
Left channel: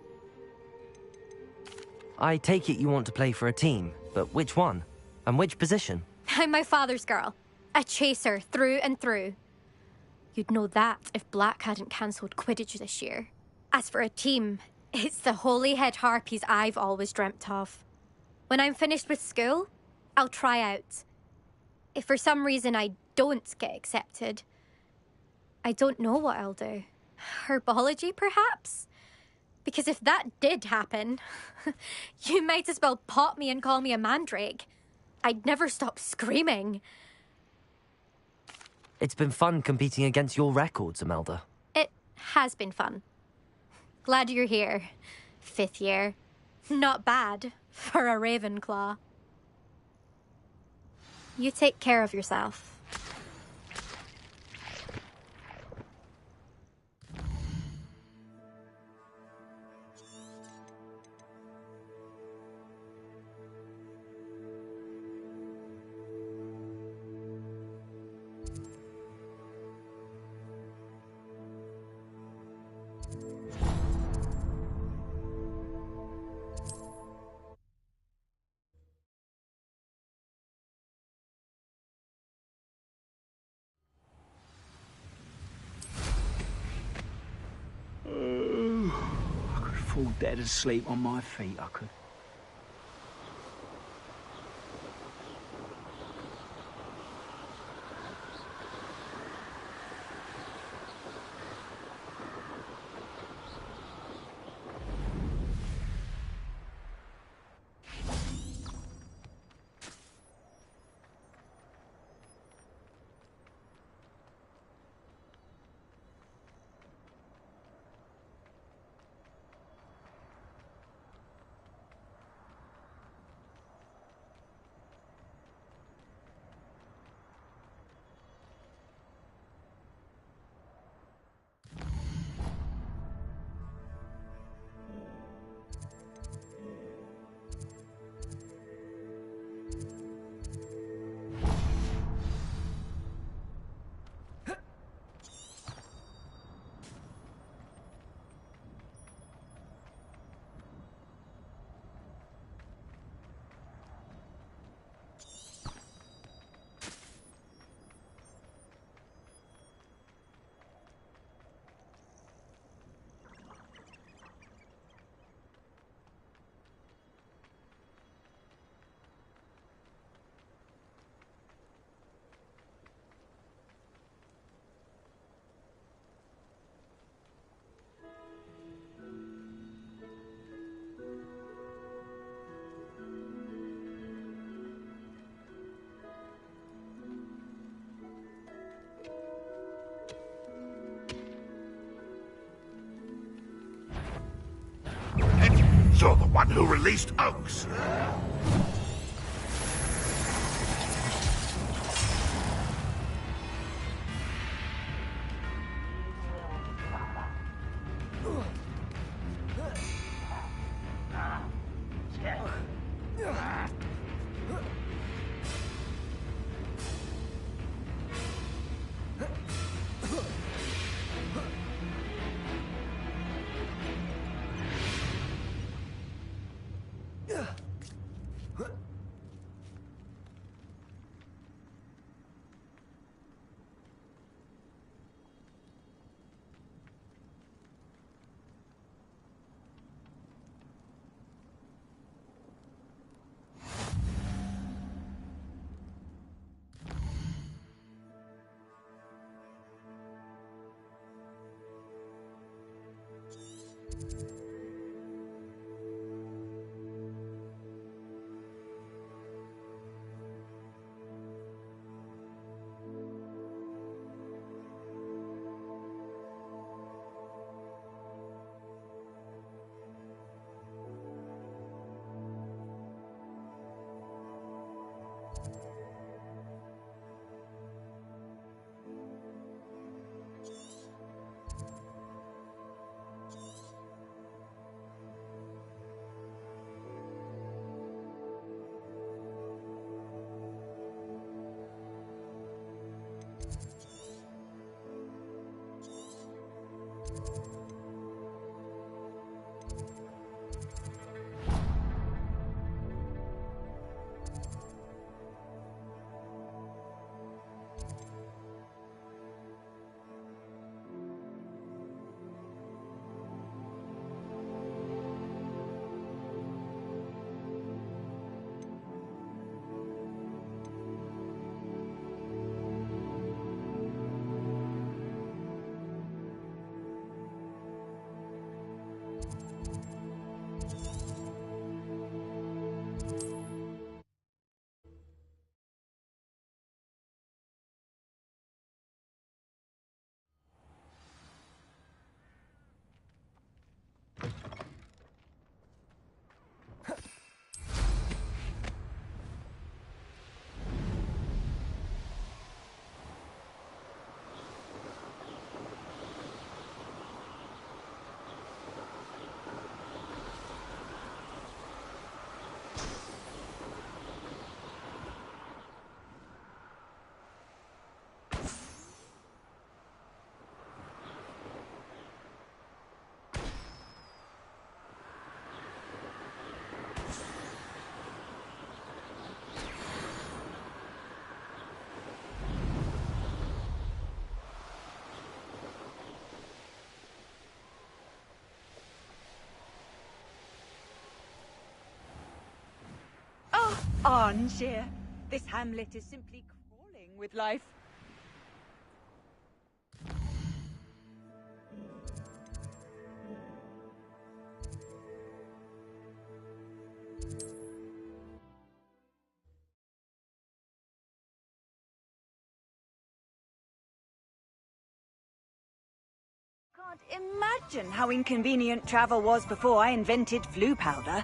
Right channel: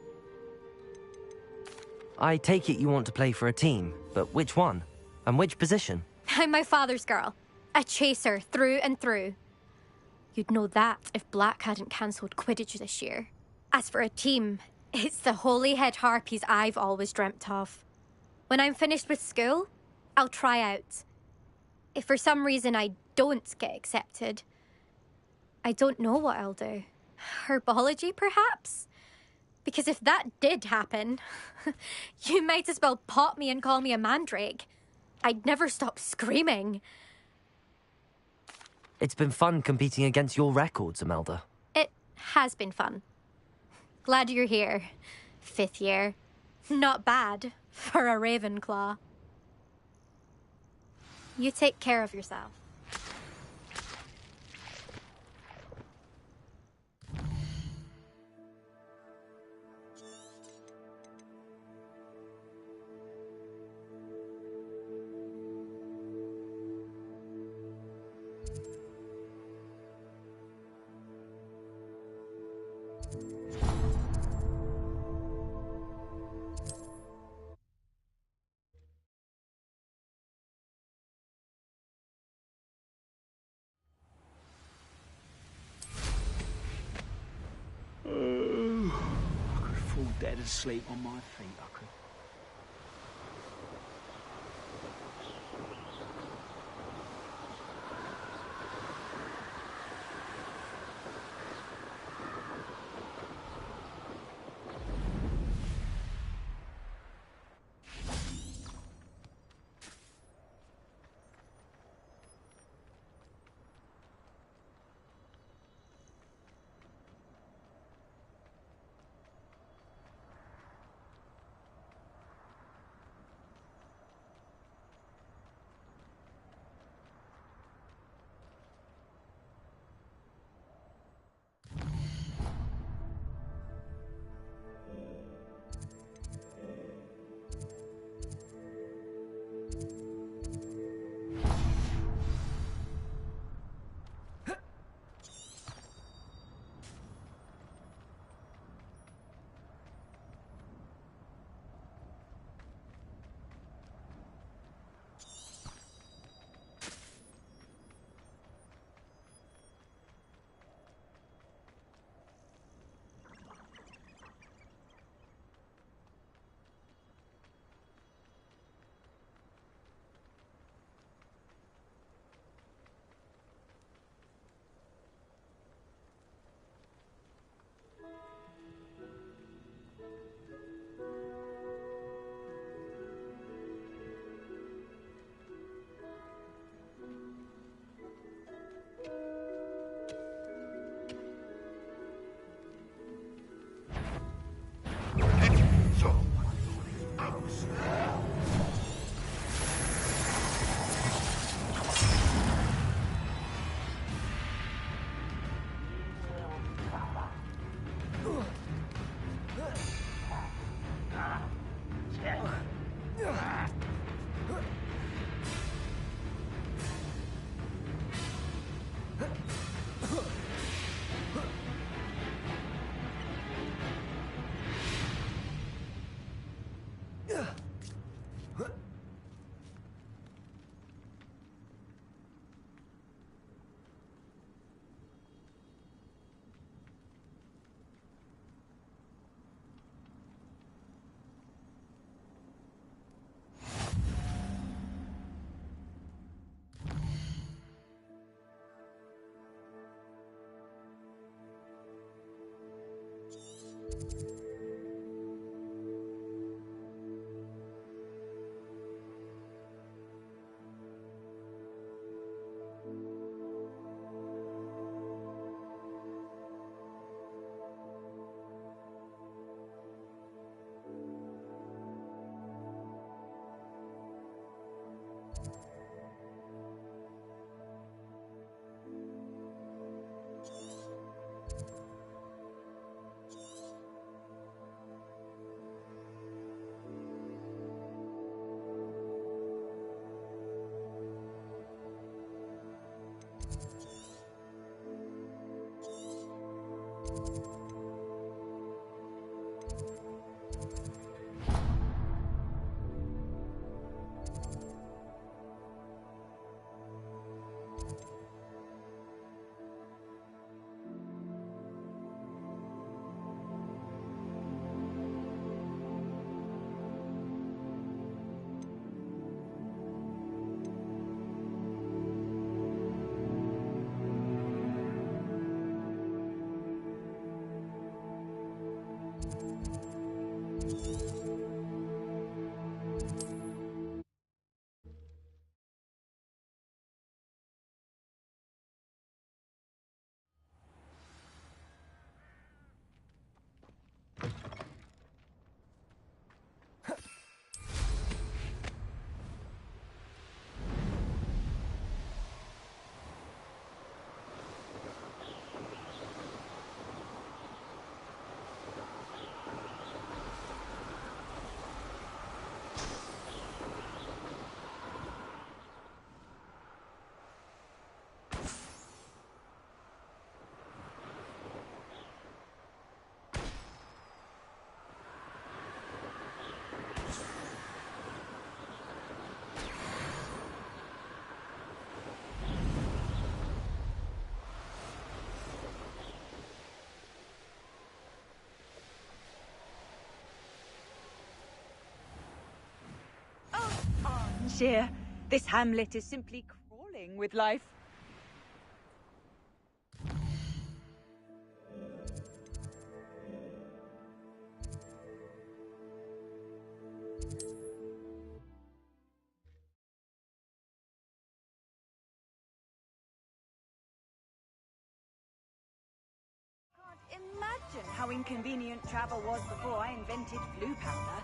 I take it you want to play for a team, but which one? And which position? I'm my father's girl. A chaser through and through. You'd know that if Black hadn't cancelled Quidditch this year. As for a team, it's the Holyhead Harpies I've always dreamt of. When I'm finished with school, I'll try out. If for some reason I don't get accepted, I don't know what I'll do. Herbology, perhaps? Because if that did happen, you might as well pop me and call me a mandrake. I'd never stop screaming. It's been fun competing against your records, Imelda. It has been fun. Glad you're here. 5th year. Not bad for a Ravenclaw. You take care of yourself. I could fall dead asleep on my feet, I could. You're the one who released Oaks. Angier, this hamlet is simply crawling with life. Can't imagine how inconvenient travel was before I invented flu powder.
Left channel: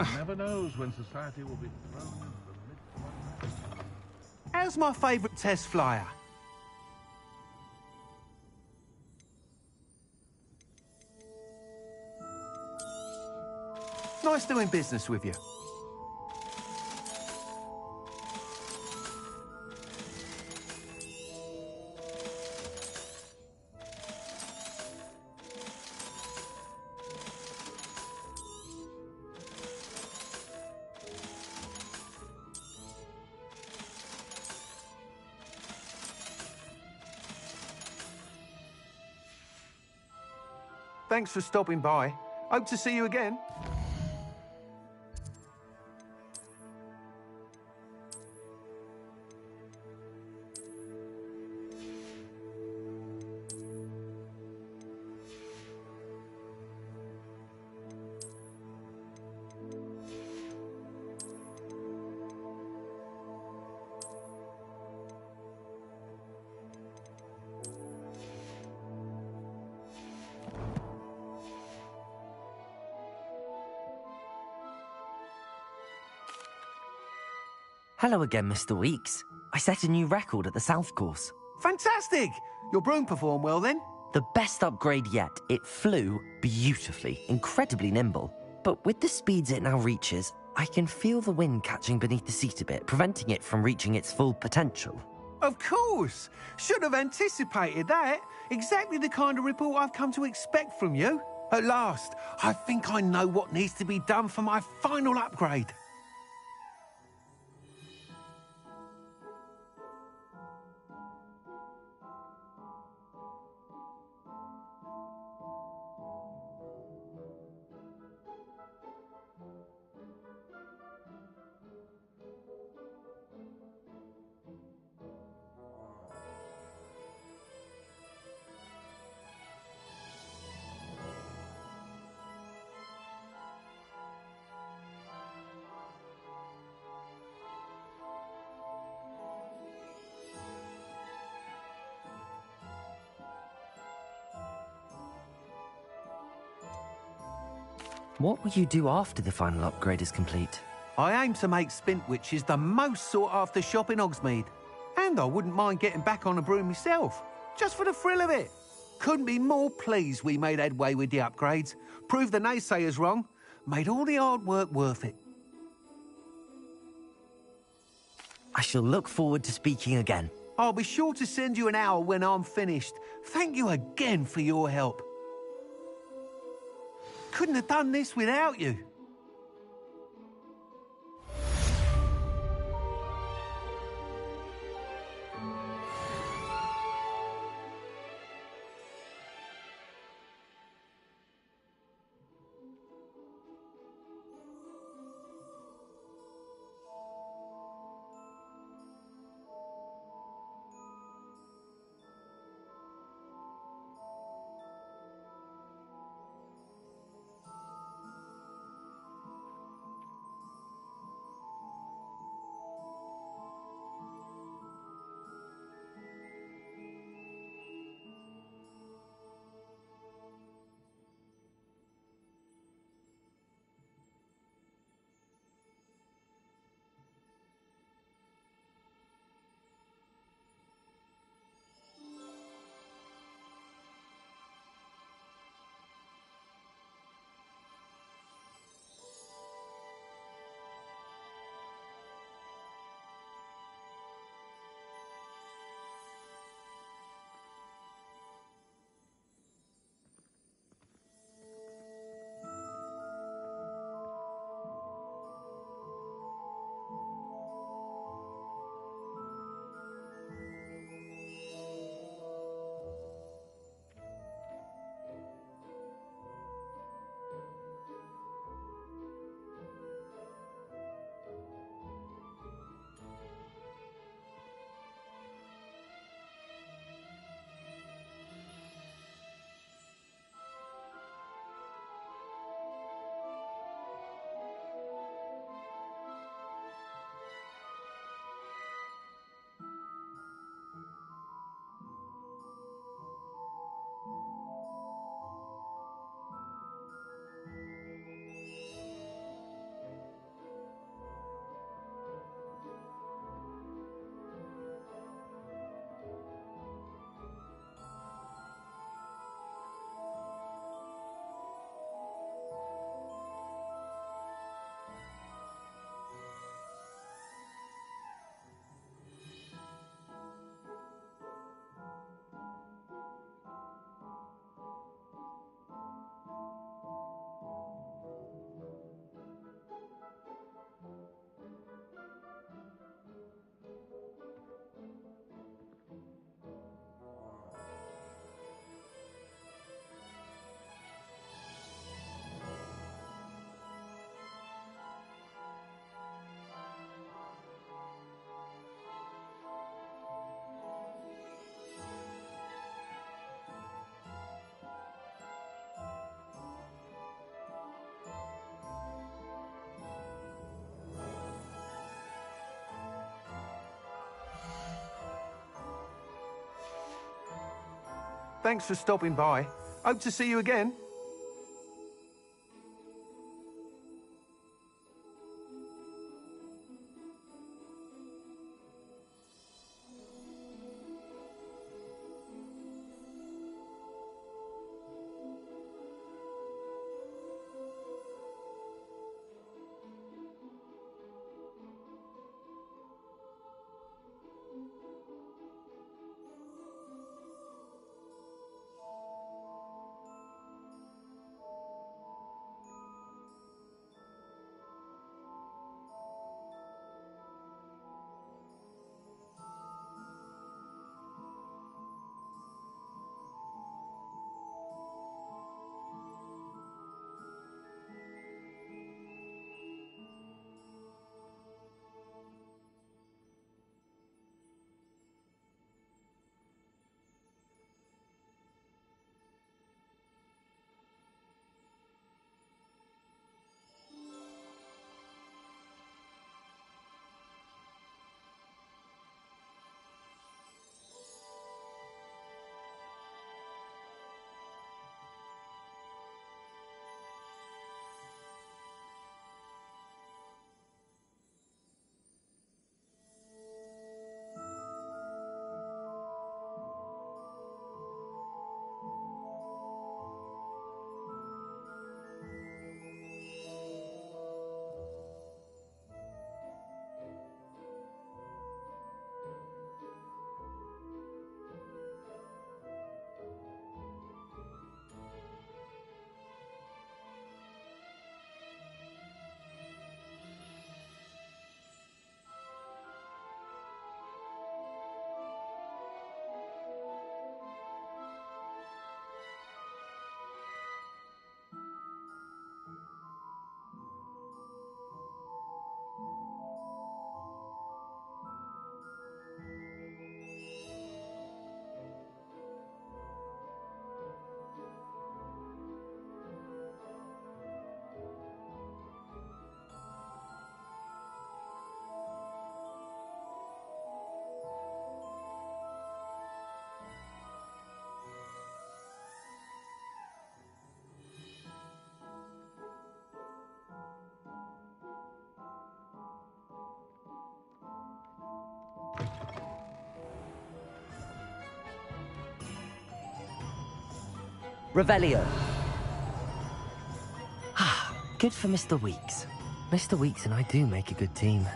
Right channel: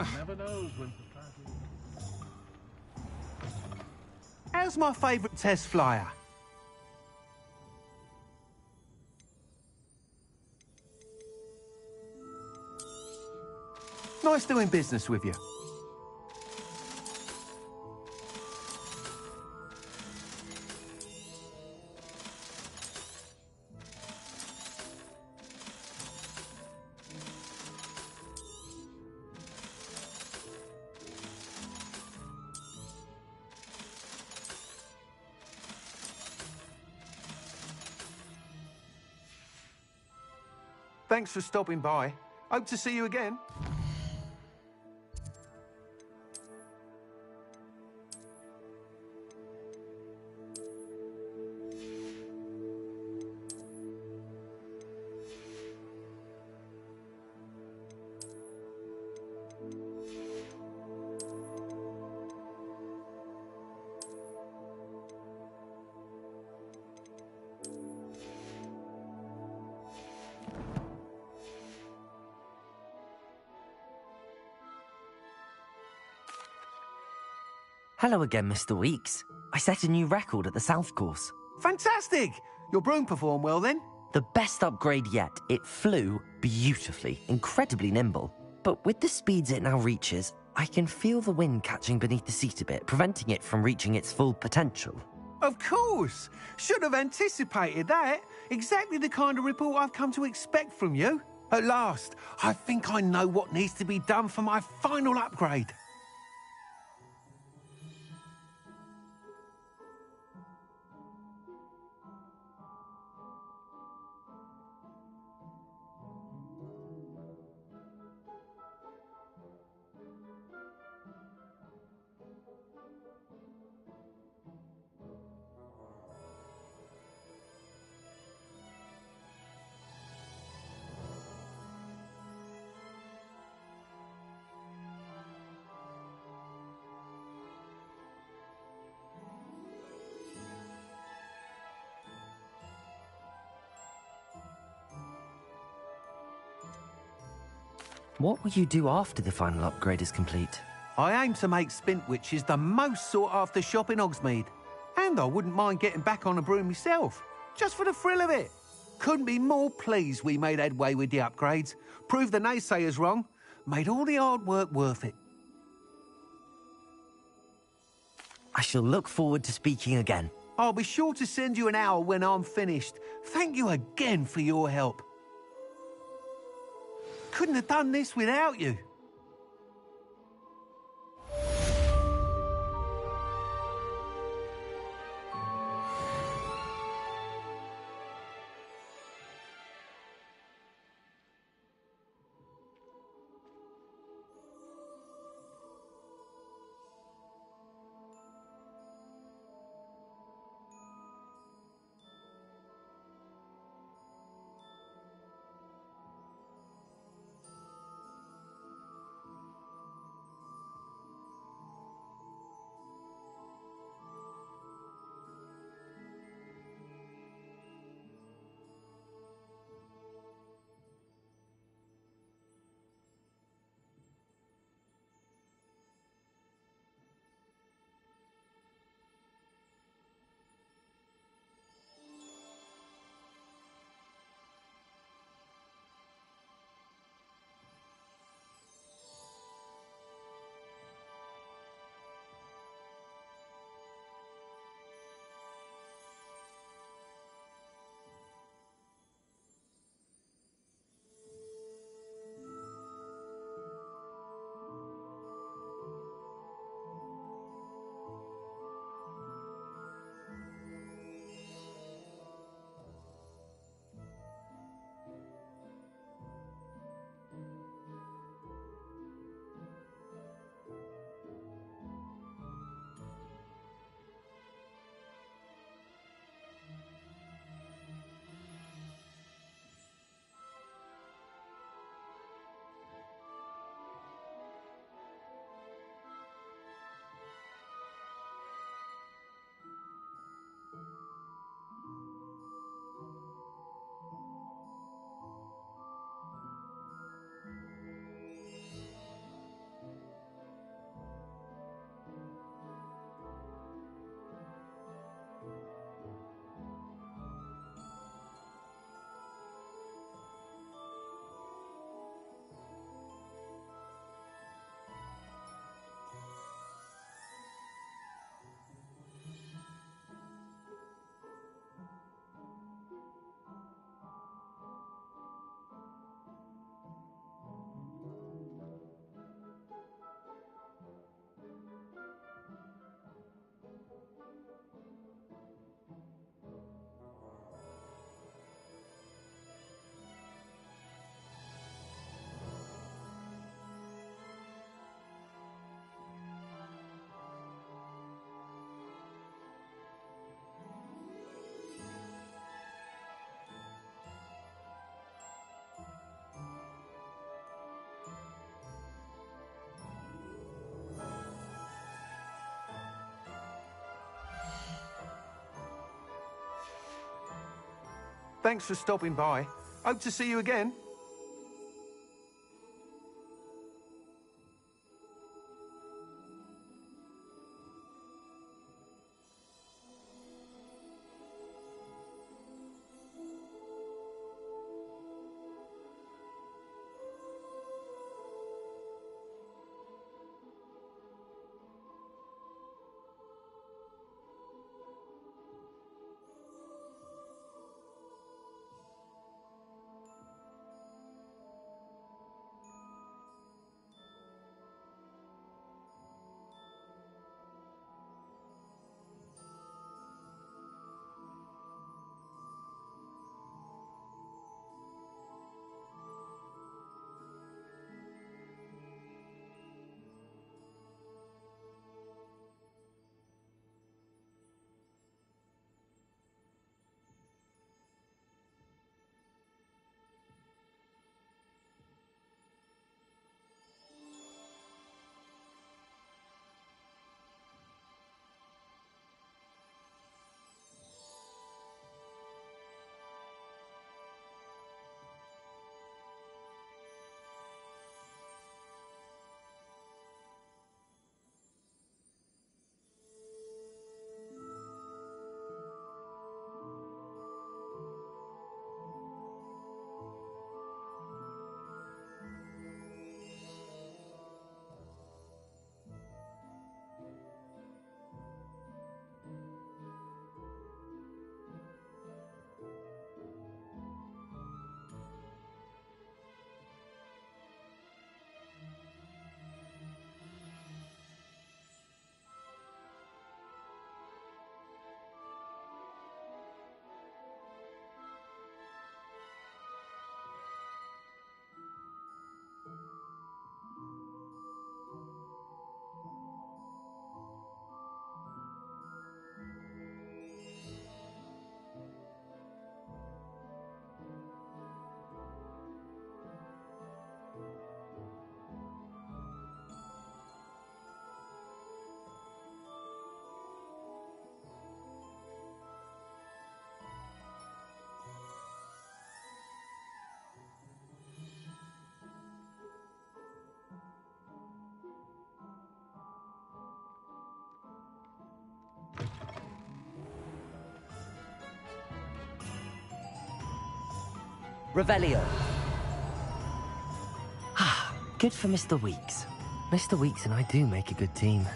One never knows when society will be thrown. How's my favourite test flyer? Nice doing business with you. Thanks for stopping by. Hope to see you again. Hello again, Mr. Weeks. I set a new record at the South Course. Fantastic! Your broom performed well then? The best upgrade yet. It flew beautifully, incredibly nimble. But with the speeds it now reaches, I can feel the wind catching beneath the seat a bit, preventing it from reaching its full potential. Of course! Should have anticipated that. Exactly the kind of report I've come to expect from you. At last, I think I know what needs to be done for my final upgrade. What will you do after the final upgrade is complete? I aim to make Spintwitches the most sought-after shop in Hogsmeade. And I wouldn't mind getting back on a broom myself, just for the thrill of it. Couldn't be more pleased we made headway with the upgrades, proved the naysayers wrong, made all the hard work worth it. I shall look forward to speaking again. I'll be sure to send you an owl when I'm finished. Thank you again for your help. Couldn't have done this without you. Thanks for stopping by. Hope to see you again. Revelio. Ah, good for Mr. Weeks. Mr. Weeks and I do make a good team.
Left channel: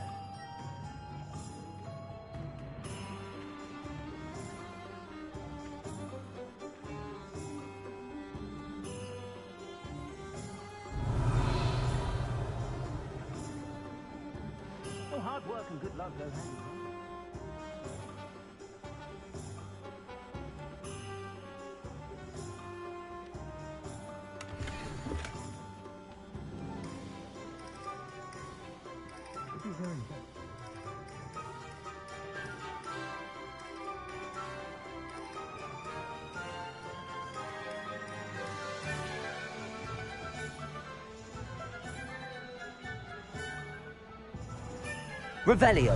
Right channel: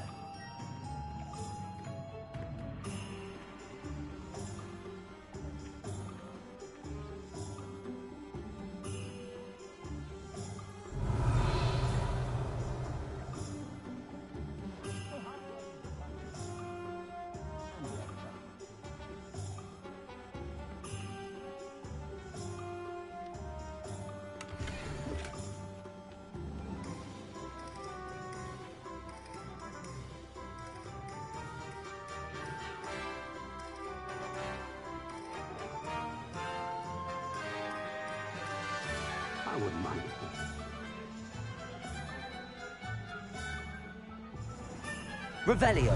Revelio.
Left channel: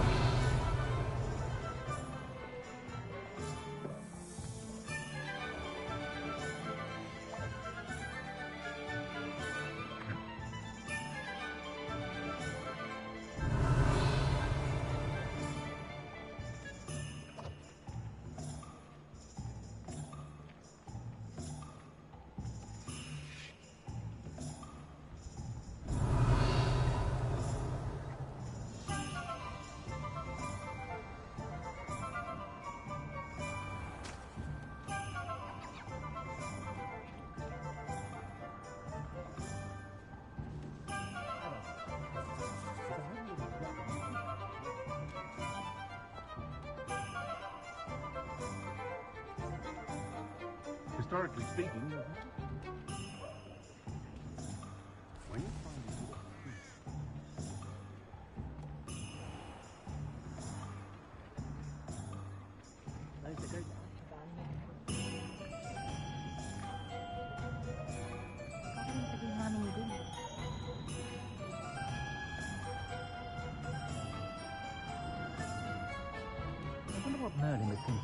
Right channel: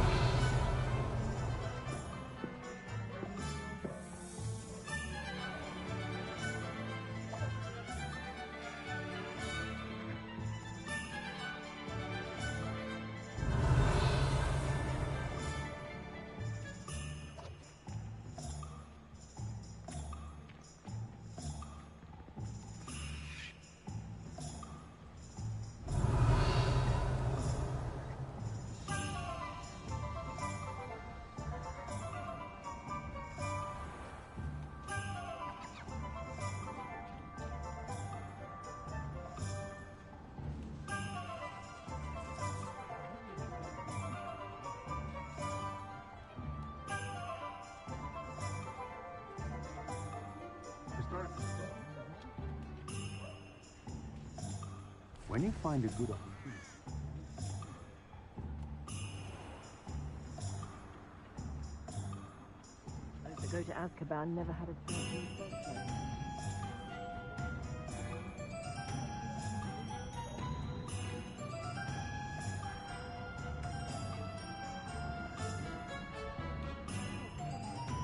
Historically speaking, when you find a good opportunity. Those that go to Azkaban never had a chance. Wonder what Merlin would think.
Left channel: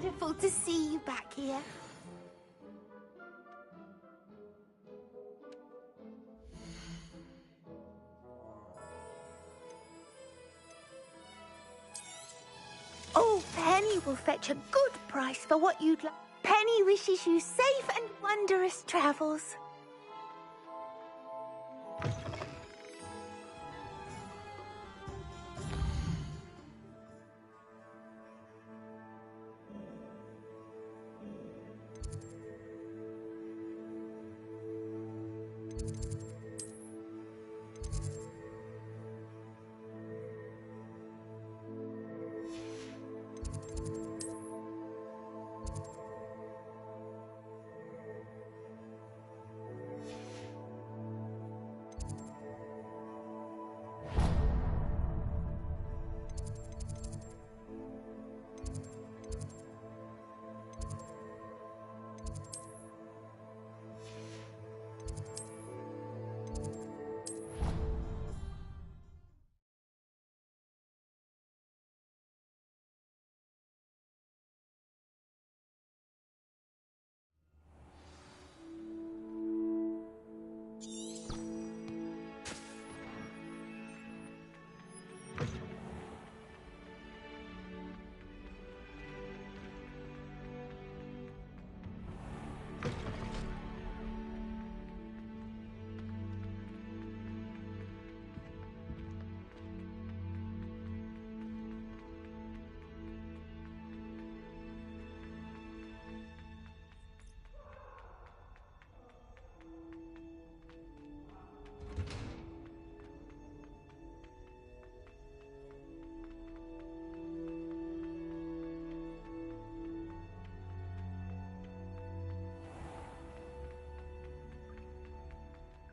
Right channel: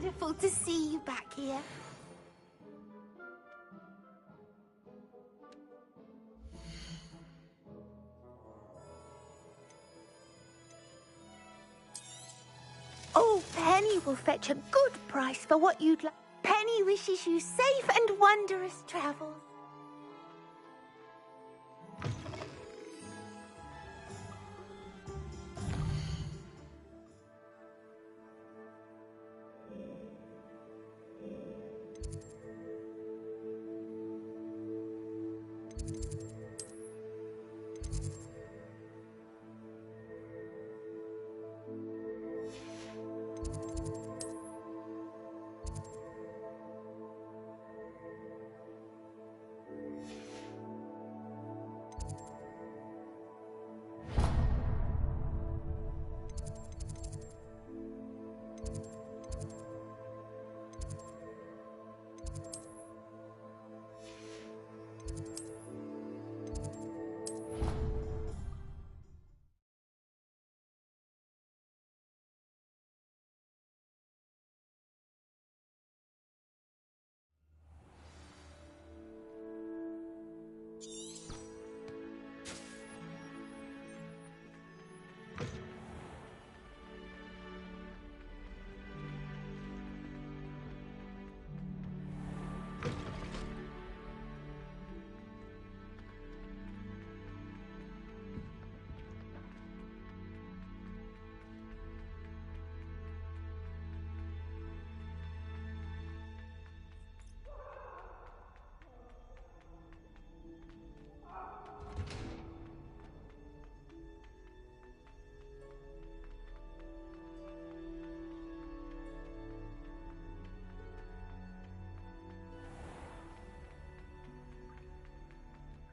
wonderful to see you back here. Oh, Penny will fetch a good price for what you'd like. Penny wishes you safe and wondrous travels.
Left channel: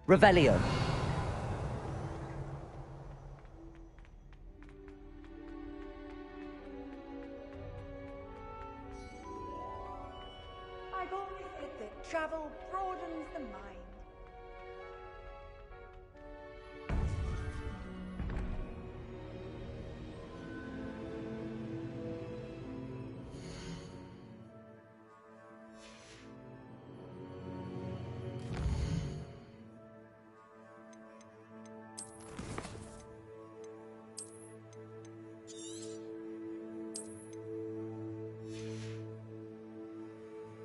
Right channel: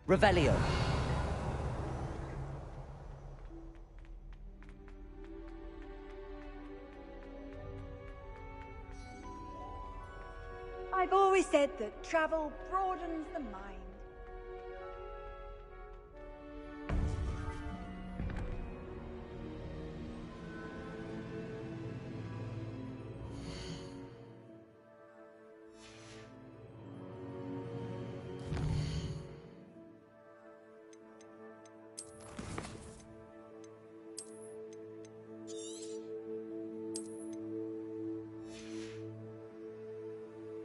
Revelio. I've always said that travel broadens the mind.